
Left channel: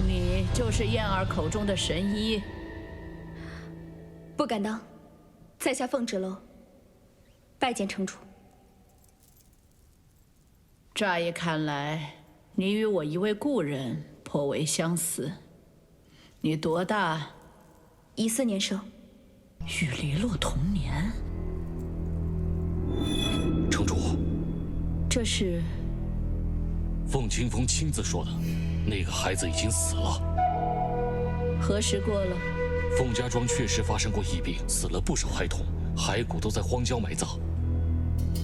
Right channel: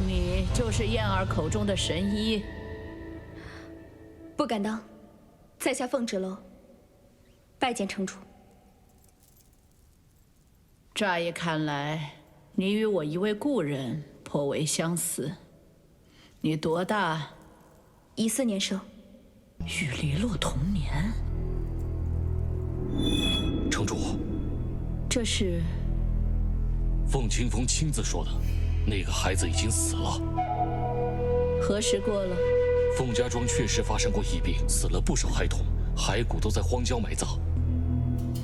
你就是燕儿口中的神医？不敢当，在下凤芷楼，拜见城主。乍一看来，你与我一位故人颇为相似。你多大？14年生。与黎洛同年。城主，这是凤清风亲自说的，那个孩子已经死了。何时过了？凤家庄确实发生过疫病，死了不少孩童，骸骨都在荒郊埋葬。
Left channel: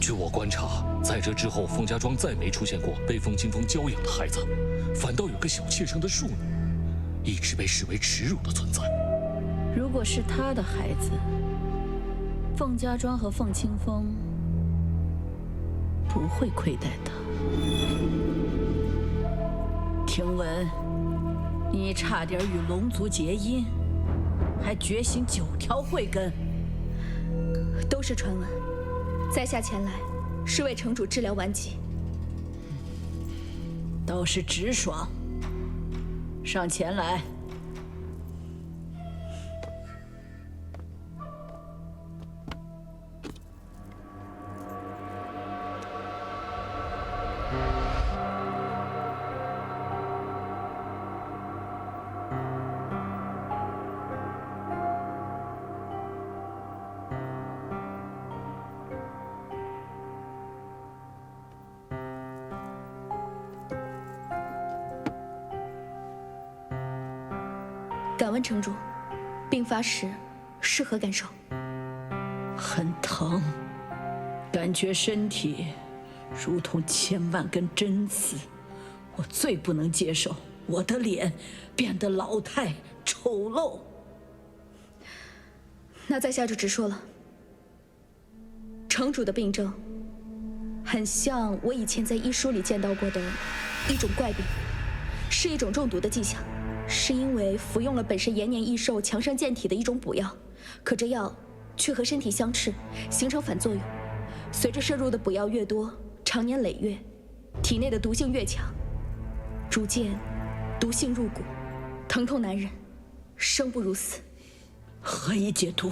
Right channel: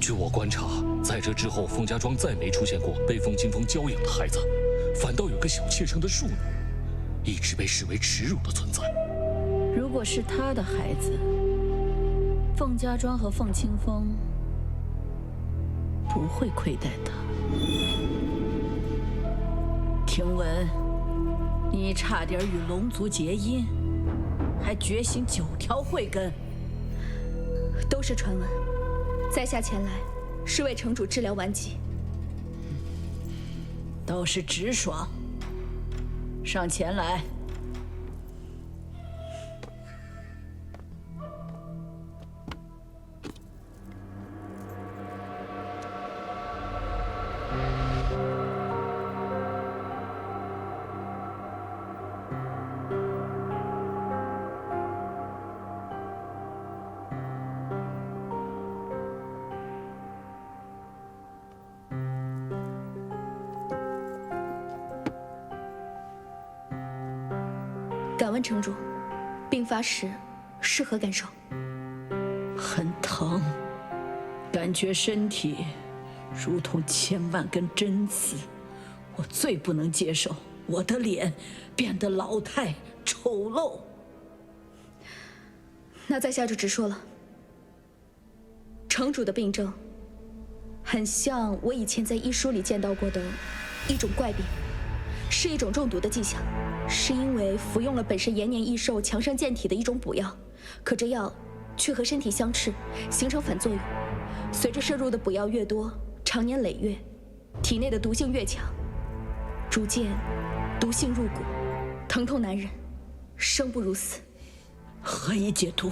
据我观察，在这之后，凤家庄再没出现过被凤清风娇养的孩子，反倒有个小妾生的庶女，一直被视为耻辱的存在。如果是他的孩子，凤家庄和凤清风不会亏待他。听闻你差点与龙族结姻，还觉醒9条慧根，都是传闻。在下前来是为城主治疗顽疾。倒是直爽。上前来。敢问城主，病发时是何感受？很疼，感觉身体如同千万根针刺。我最不能接受我的脸变得老态丑陋。那在下就直说了，城主的病症很像我以前在医书里见到过的一种怪病，是一种中毒的迹象，是因为服用了本身延年益寿、强身健体的一种补药，可这药却和身体相斥，形成反作用。随着摄入的补药越多，长年累月，体内的毒性越强，逐渐毒性入骨，疼痛难忍，生不如死。何以解毒？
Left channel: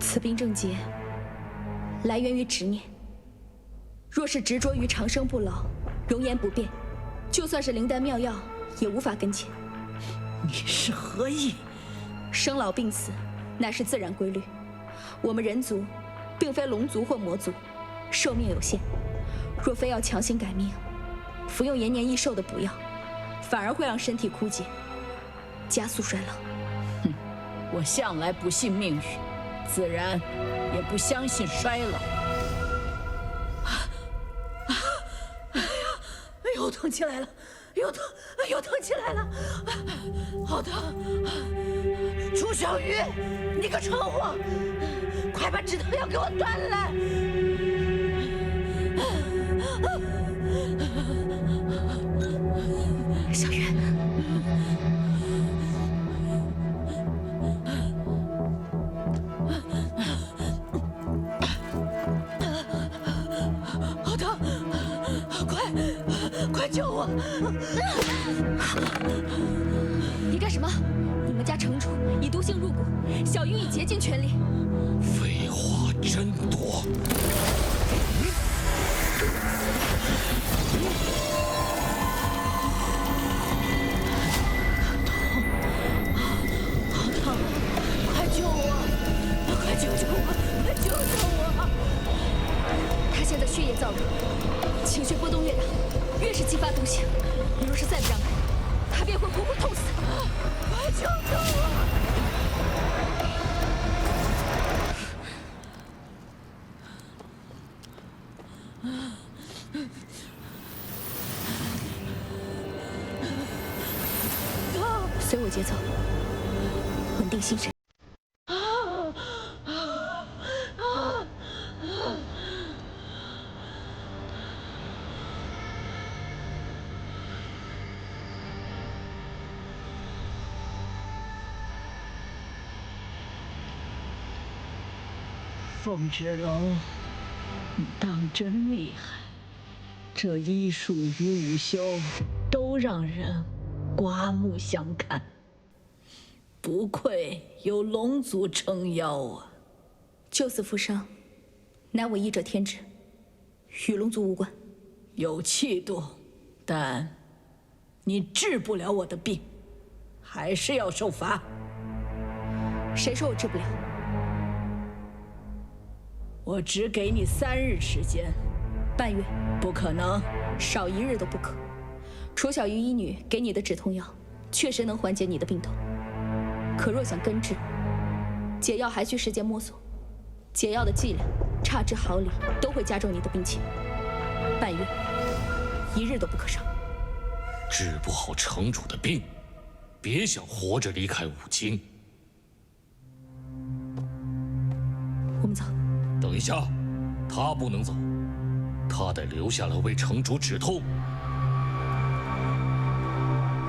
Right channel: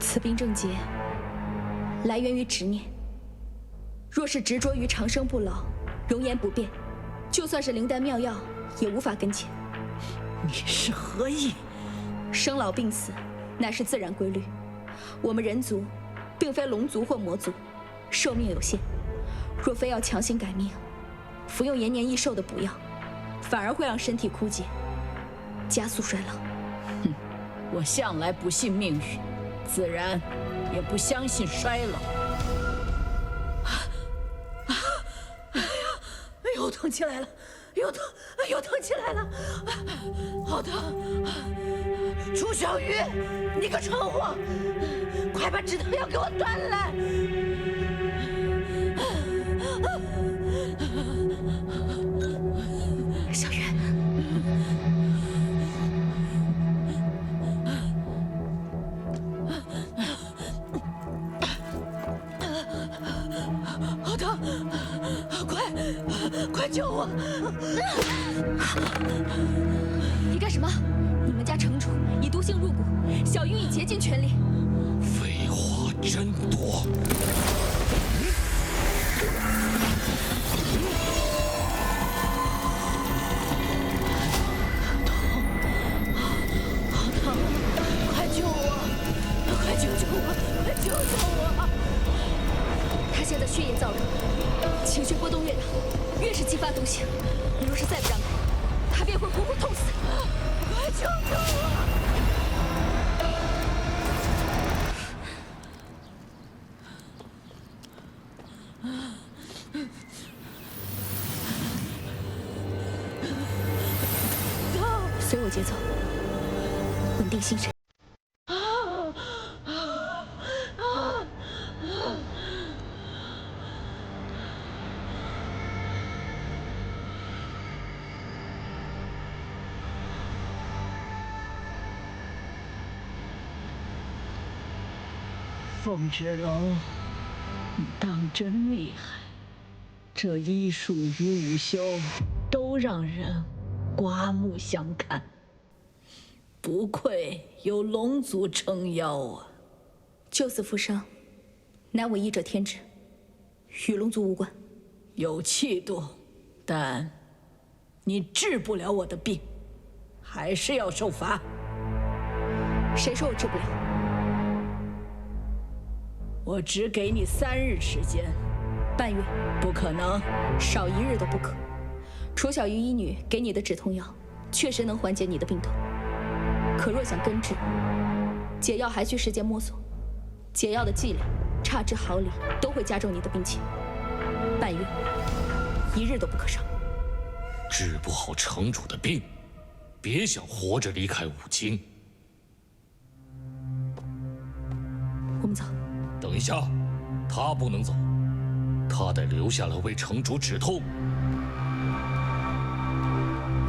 此病症结来源于执念。若是执着于长生不老、容颜不变，就算是灵丹妙药也无法根解。你是何意？生老病死乃是自然规律，我们人族并非龙族或魔族，寿命有限。若非要强行改命，服用延年益寿的补药，反而会让身体枯竭，加速衰老。我向来不信命运，自然也不相信衰老。又疼起来了，又疼起来了，好疼！楚小鱼，你个蠢货，快把止疼药给我端来！小鱼。好疼！快救我！你干什么？你们家城主以毒性入骨，小鱼已竭尽全力。废话真多。好疼！快救我！快救救我！快救救我！他现在血液燥热，情绪波动越大，越是激发毒性。你若是再不让开，他便会活活痛死。快救救我！随我节奏，稳定心神。凤芷楼，你当真厉害，这医术与武修都让人刮目相看，不愧有龙族撑腰啊！救死扶伤，乃我医者天职，与龙族无关。有气度，但你治不了我的病，还是要受罚。谁说我治不了？我只给你3日时间，半月。不可能，少1日都不可。楚小鱼医女给你的止痛药，确实能缓解你的病痛，可若想根治，解药还需时间摸索。解药的剂量差之毫厘，都会加重你的病情。半月，1日都不可少。治不好城主的病，别想活着离开五京。我们走。等一下，他不能走，他得留下来为城主止痛。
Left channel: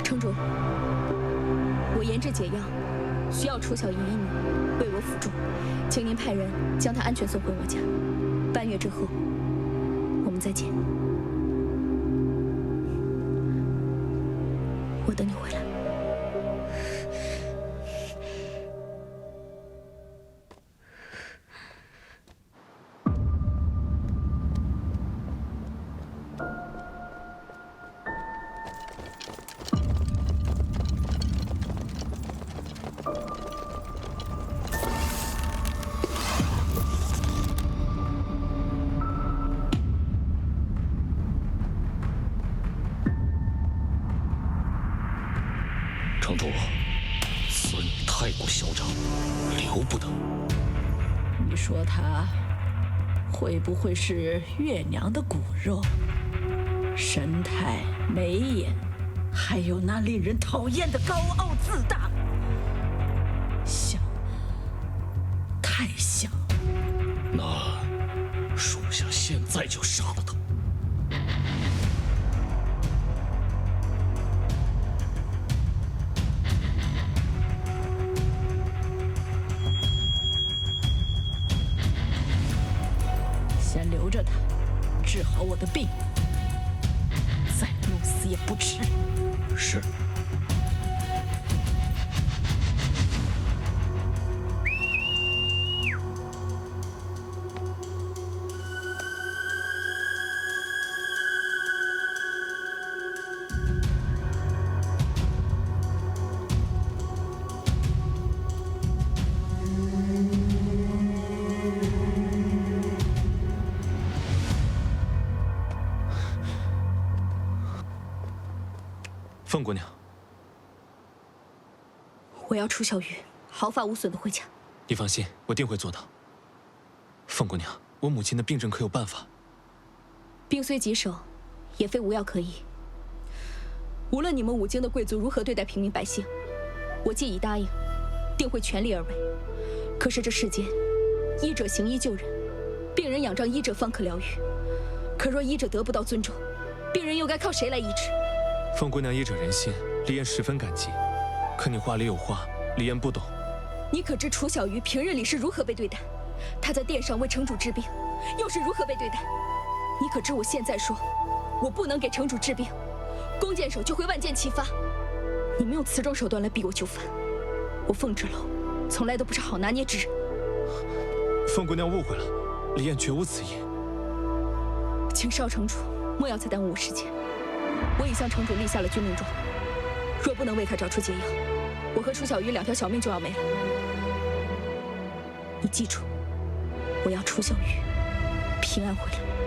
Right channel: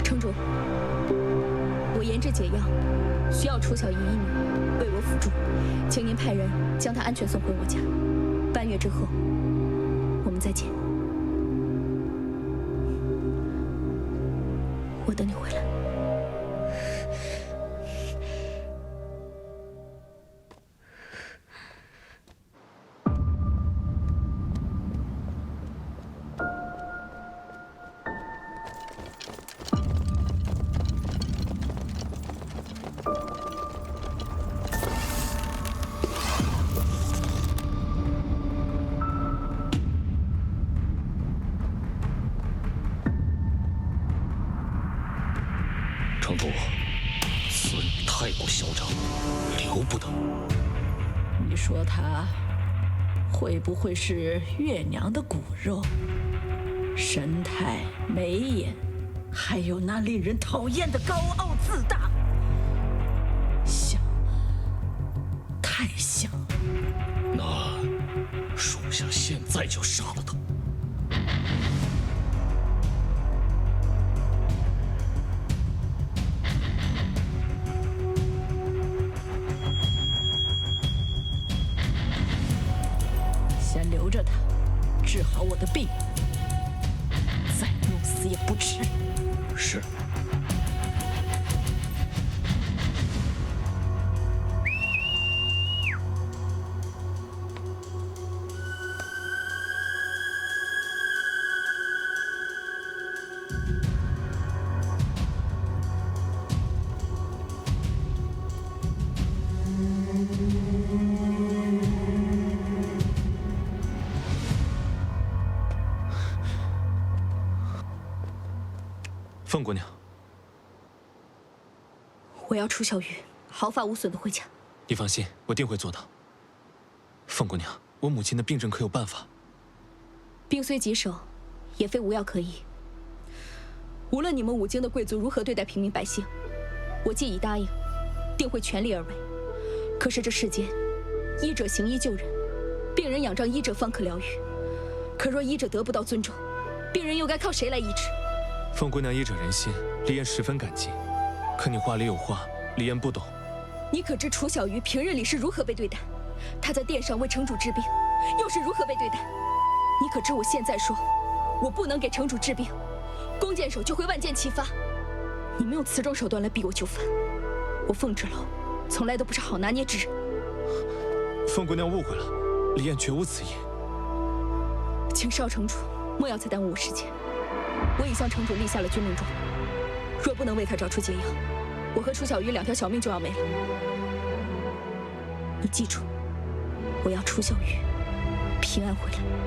城主，我研制解药，需要楚小鱼医女为我辅助，请您派人将她安全送回我家。半月之后，我们再见。我等你回来。城主，此女太过嚣张，留不得。你说他会不会是月娘的骨肉？神态、眉眼，还有那令人讨厌的高傲自大，像，太像。那属下现在就杀了他。先留着他，治好我的病，再弄死也不迟。是。凤姑娘，我要楚小玉毫发无损的回家。你放心，我定会做到。凤姑娘，我母亲的病症可有办法？病虽棘手，也非无药可医。无论你们五京的贵族如何对待平民百姓，我既已答应，定会全力而为。可是这世间，医者行医救人，病人仰仗医者方可疗愈。可若医者得不到尊重，病人又该靠谁来医治？凤姑娘医者仁心，李艳十分感激。可你话里有话，李艳不懂。你可知楚小鱼平日里是如何被对待？她在殿上为城主治病，又是如何被对待？你可知我现在说，我不能给城主治病，弓箭手就会万箭齐发。你们用此种手段来逼我就范，我凤芷楼从来都不是好拿捏之人。凤姑娘误会了，李艳绝无此意。请少城主莫要再耽误我时间。我已向城主立下了军令状，若不能为他找出解药，我和楚小鱼2条小命就要没了。你记住，我要楚小鱼平安回来。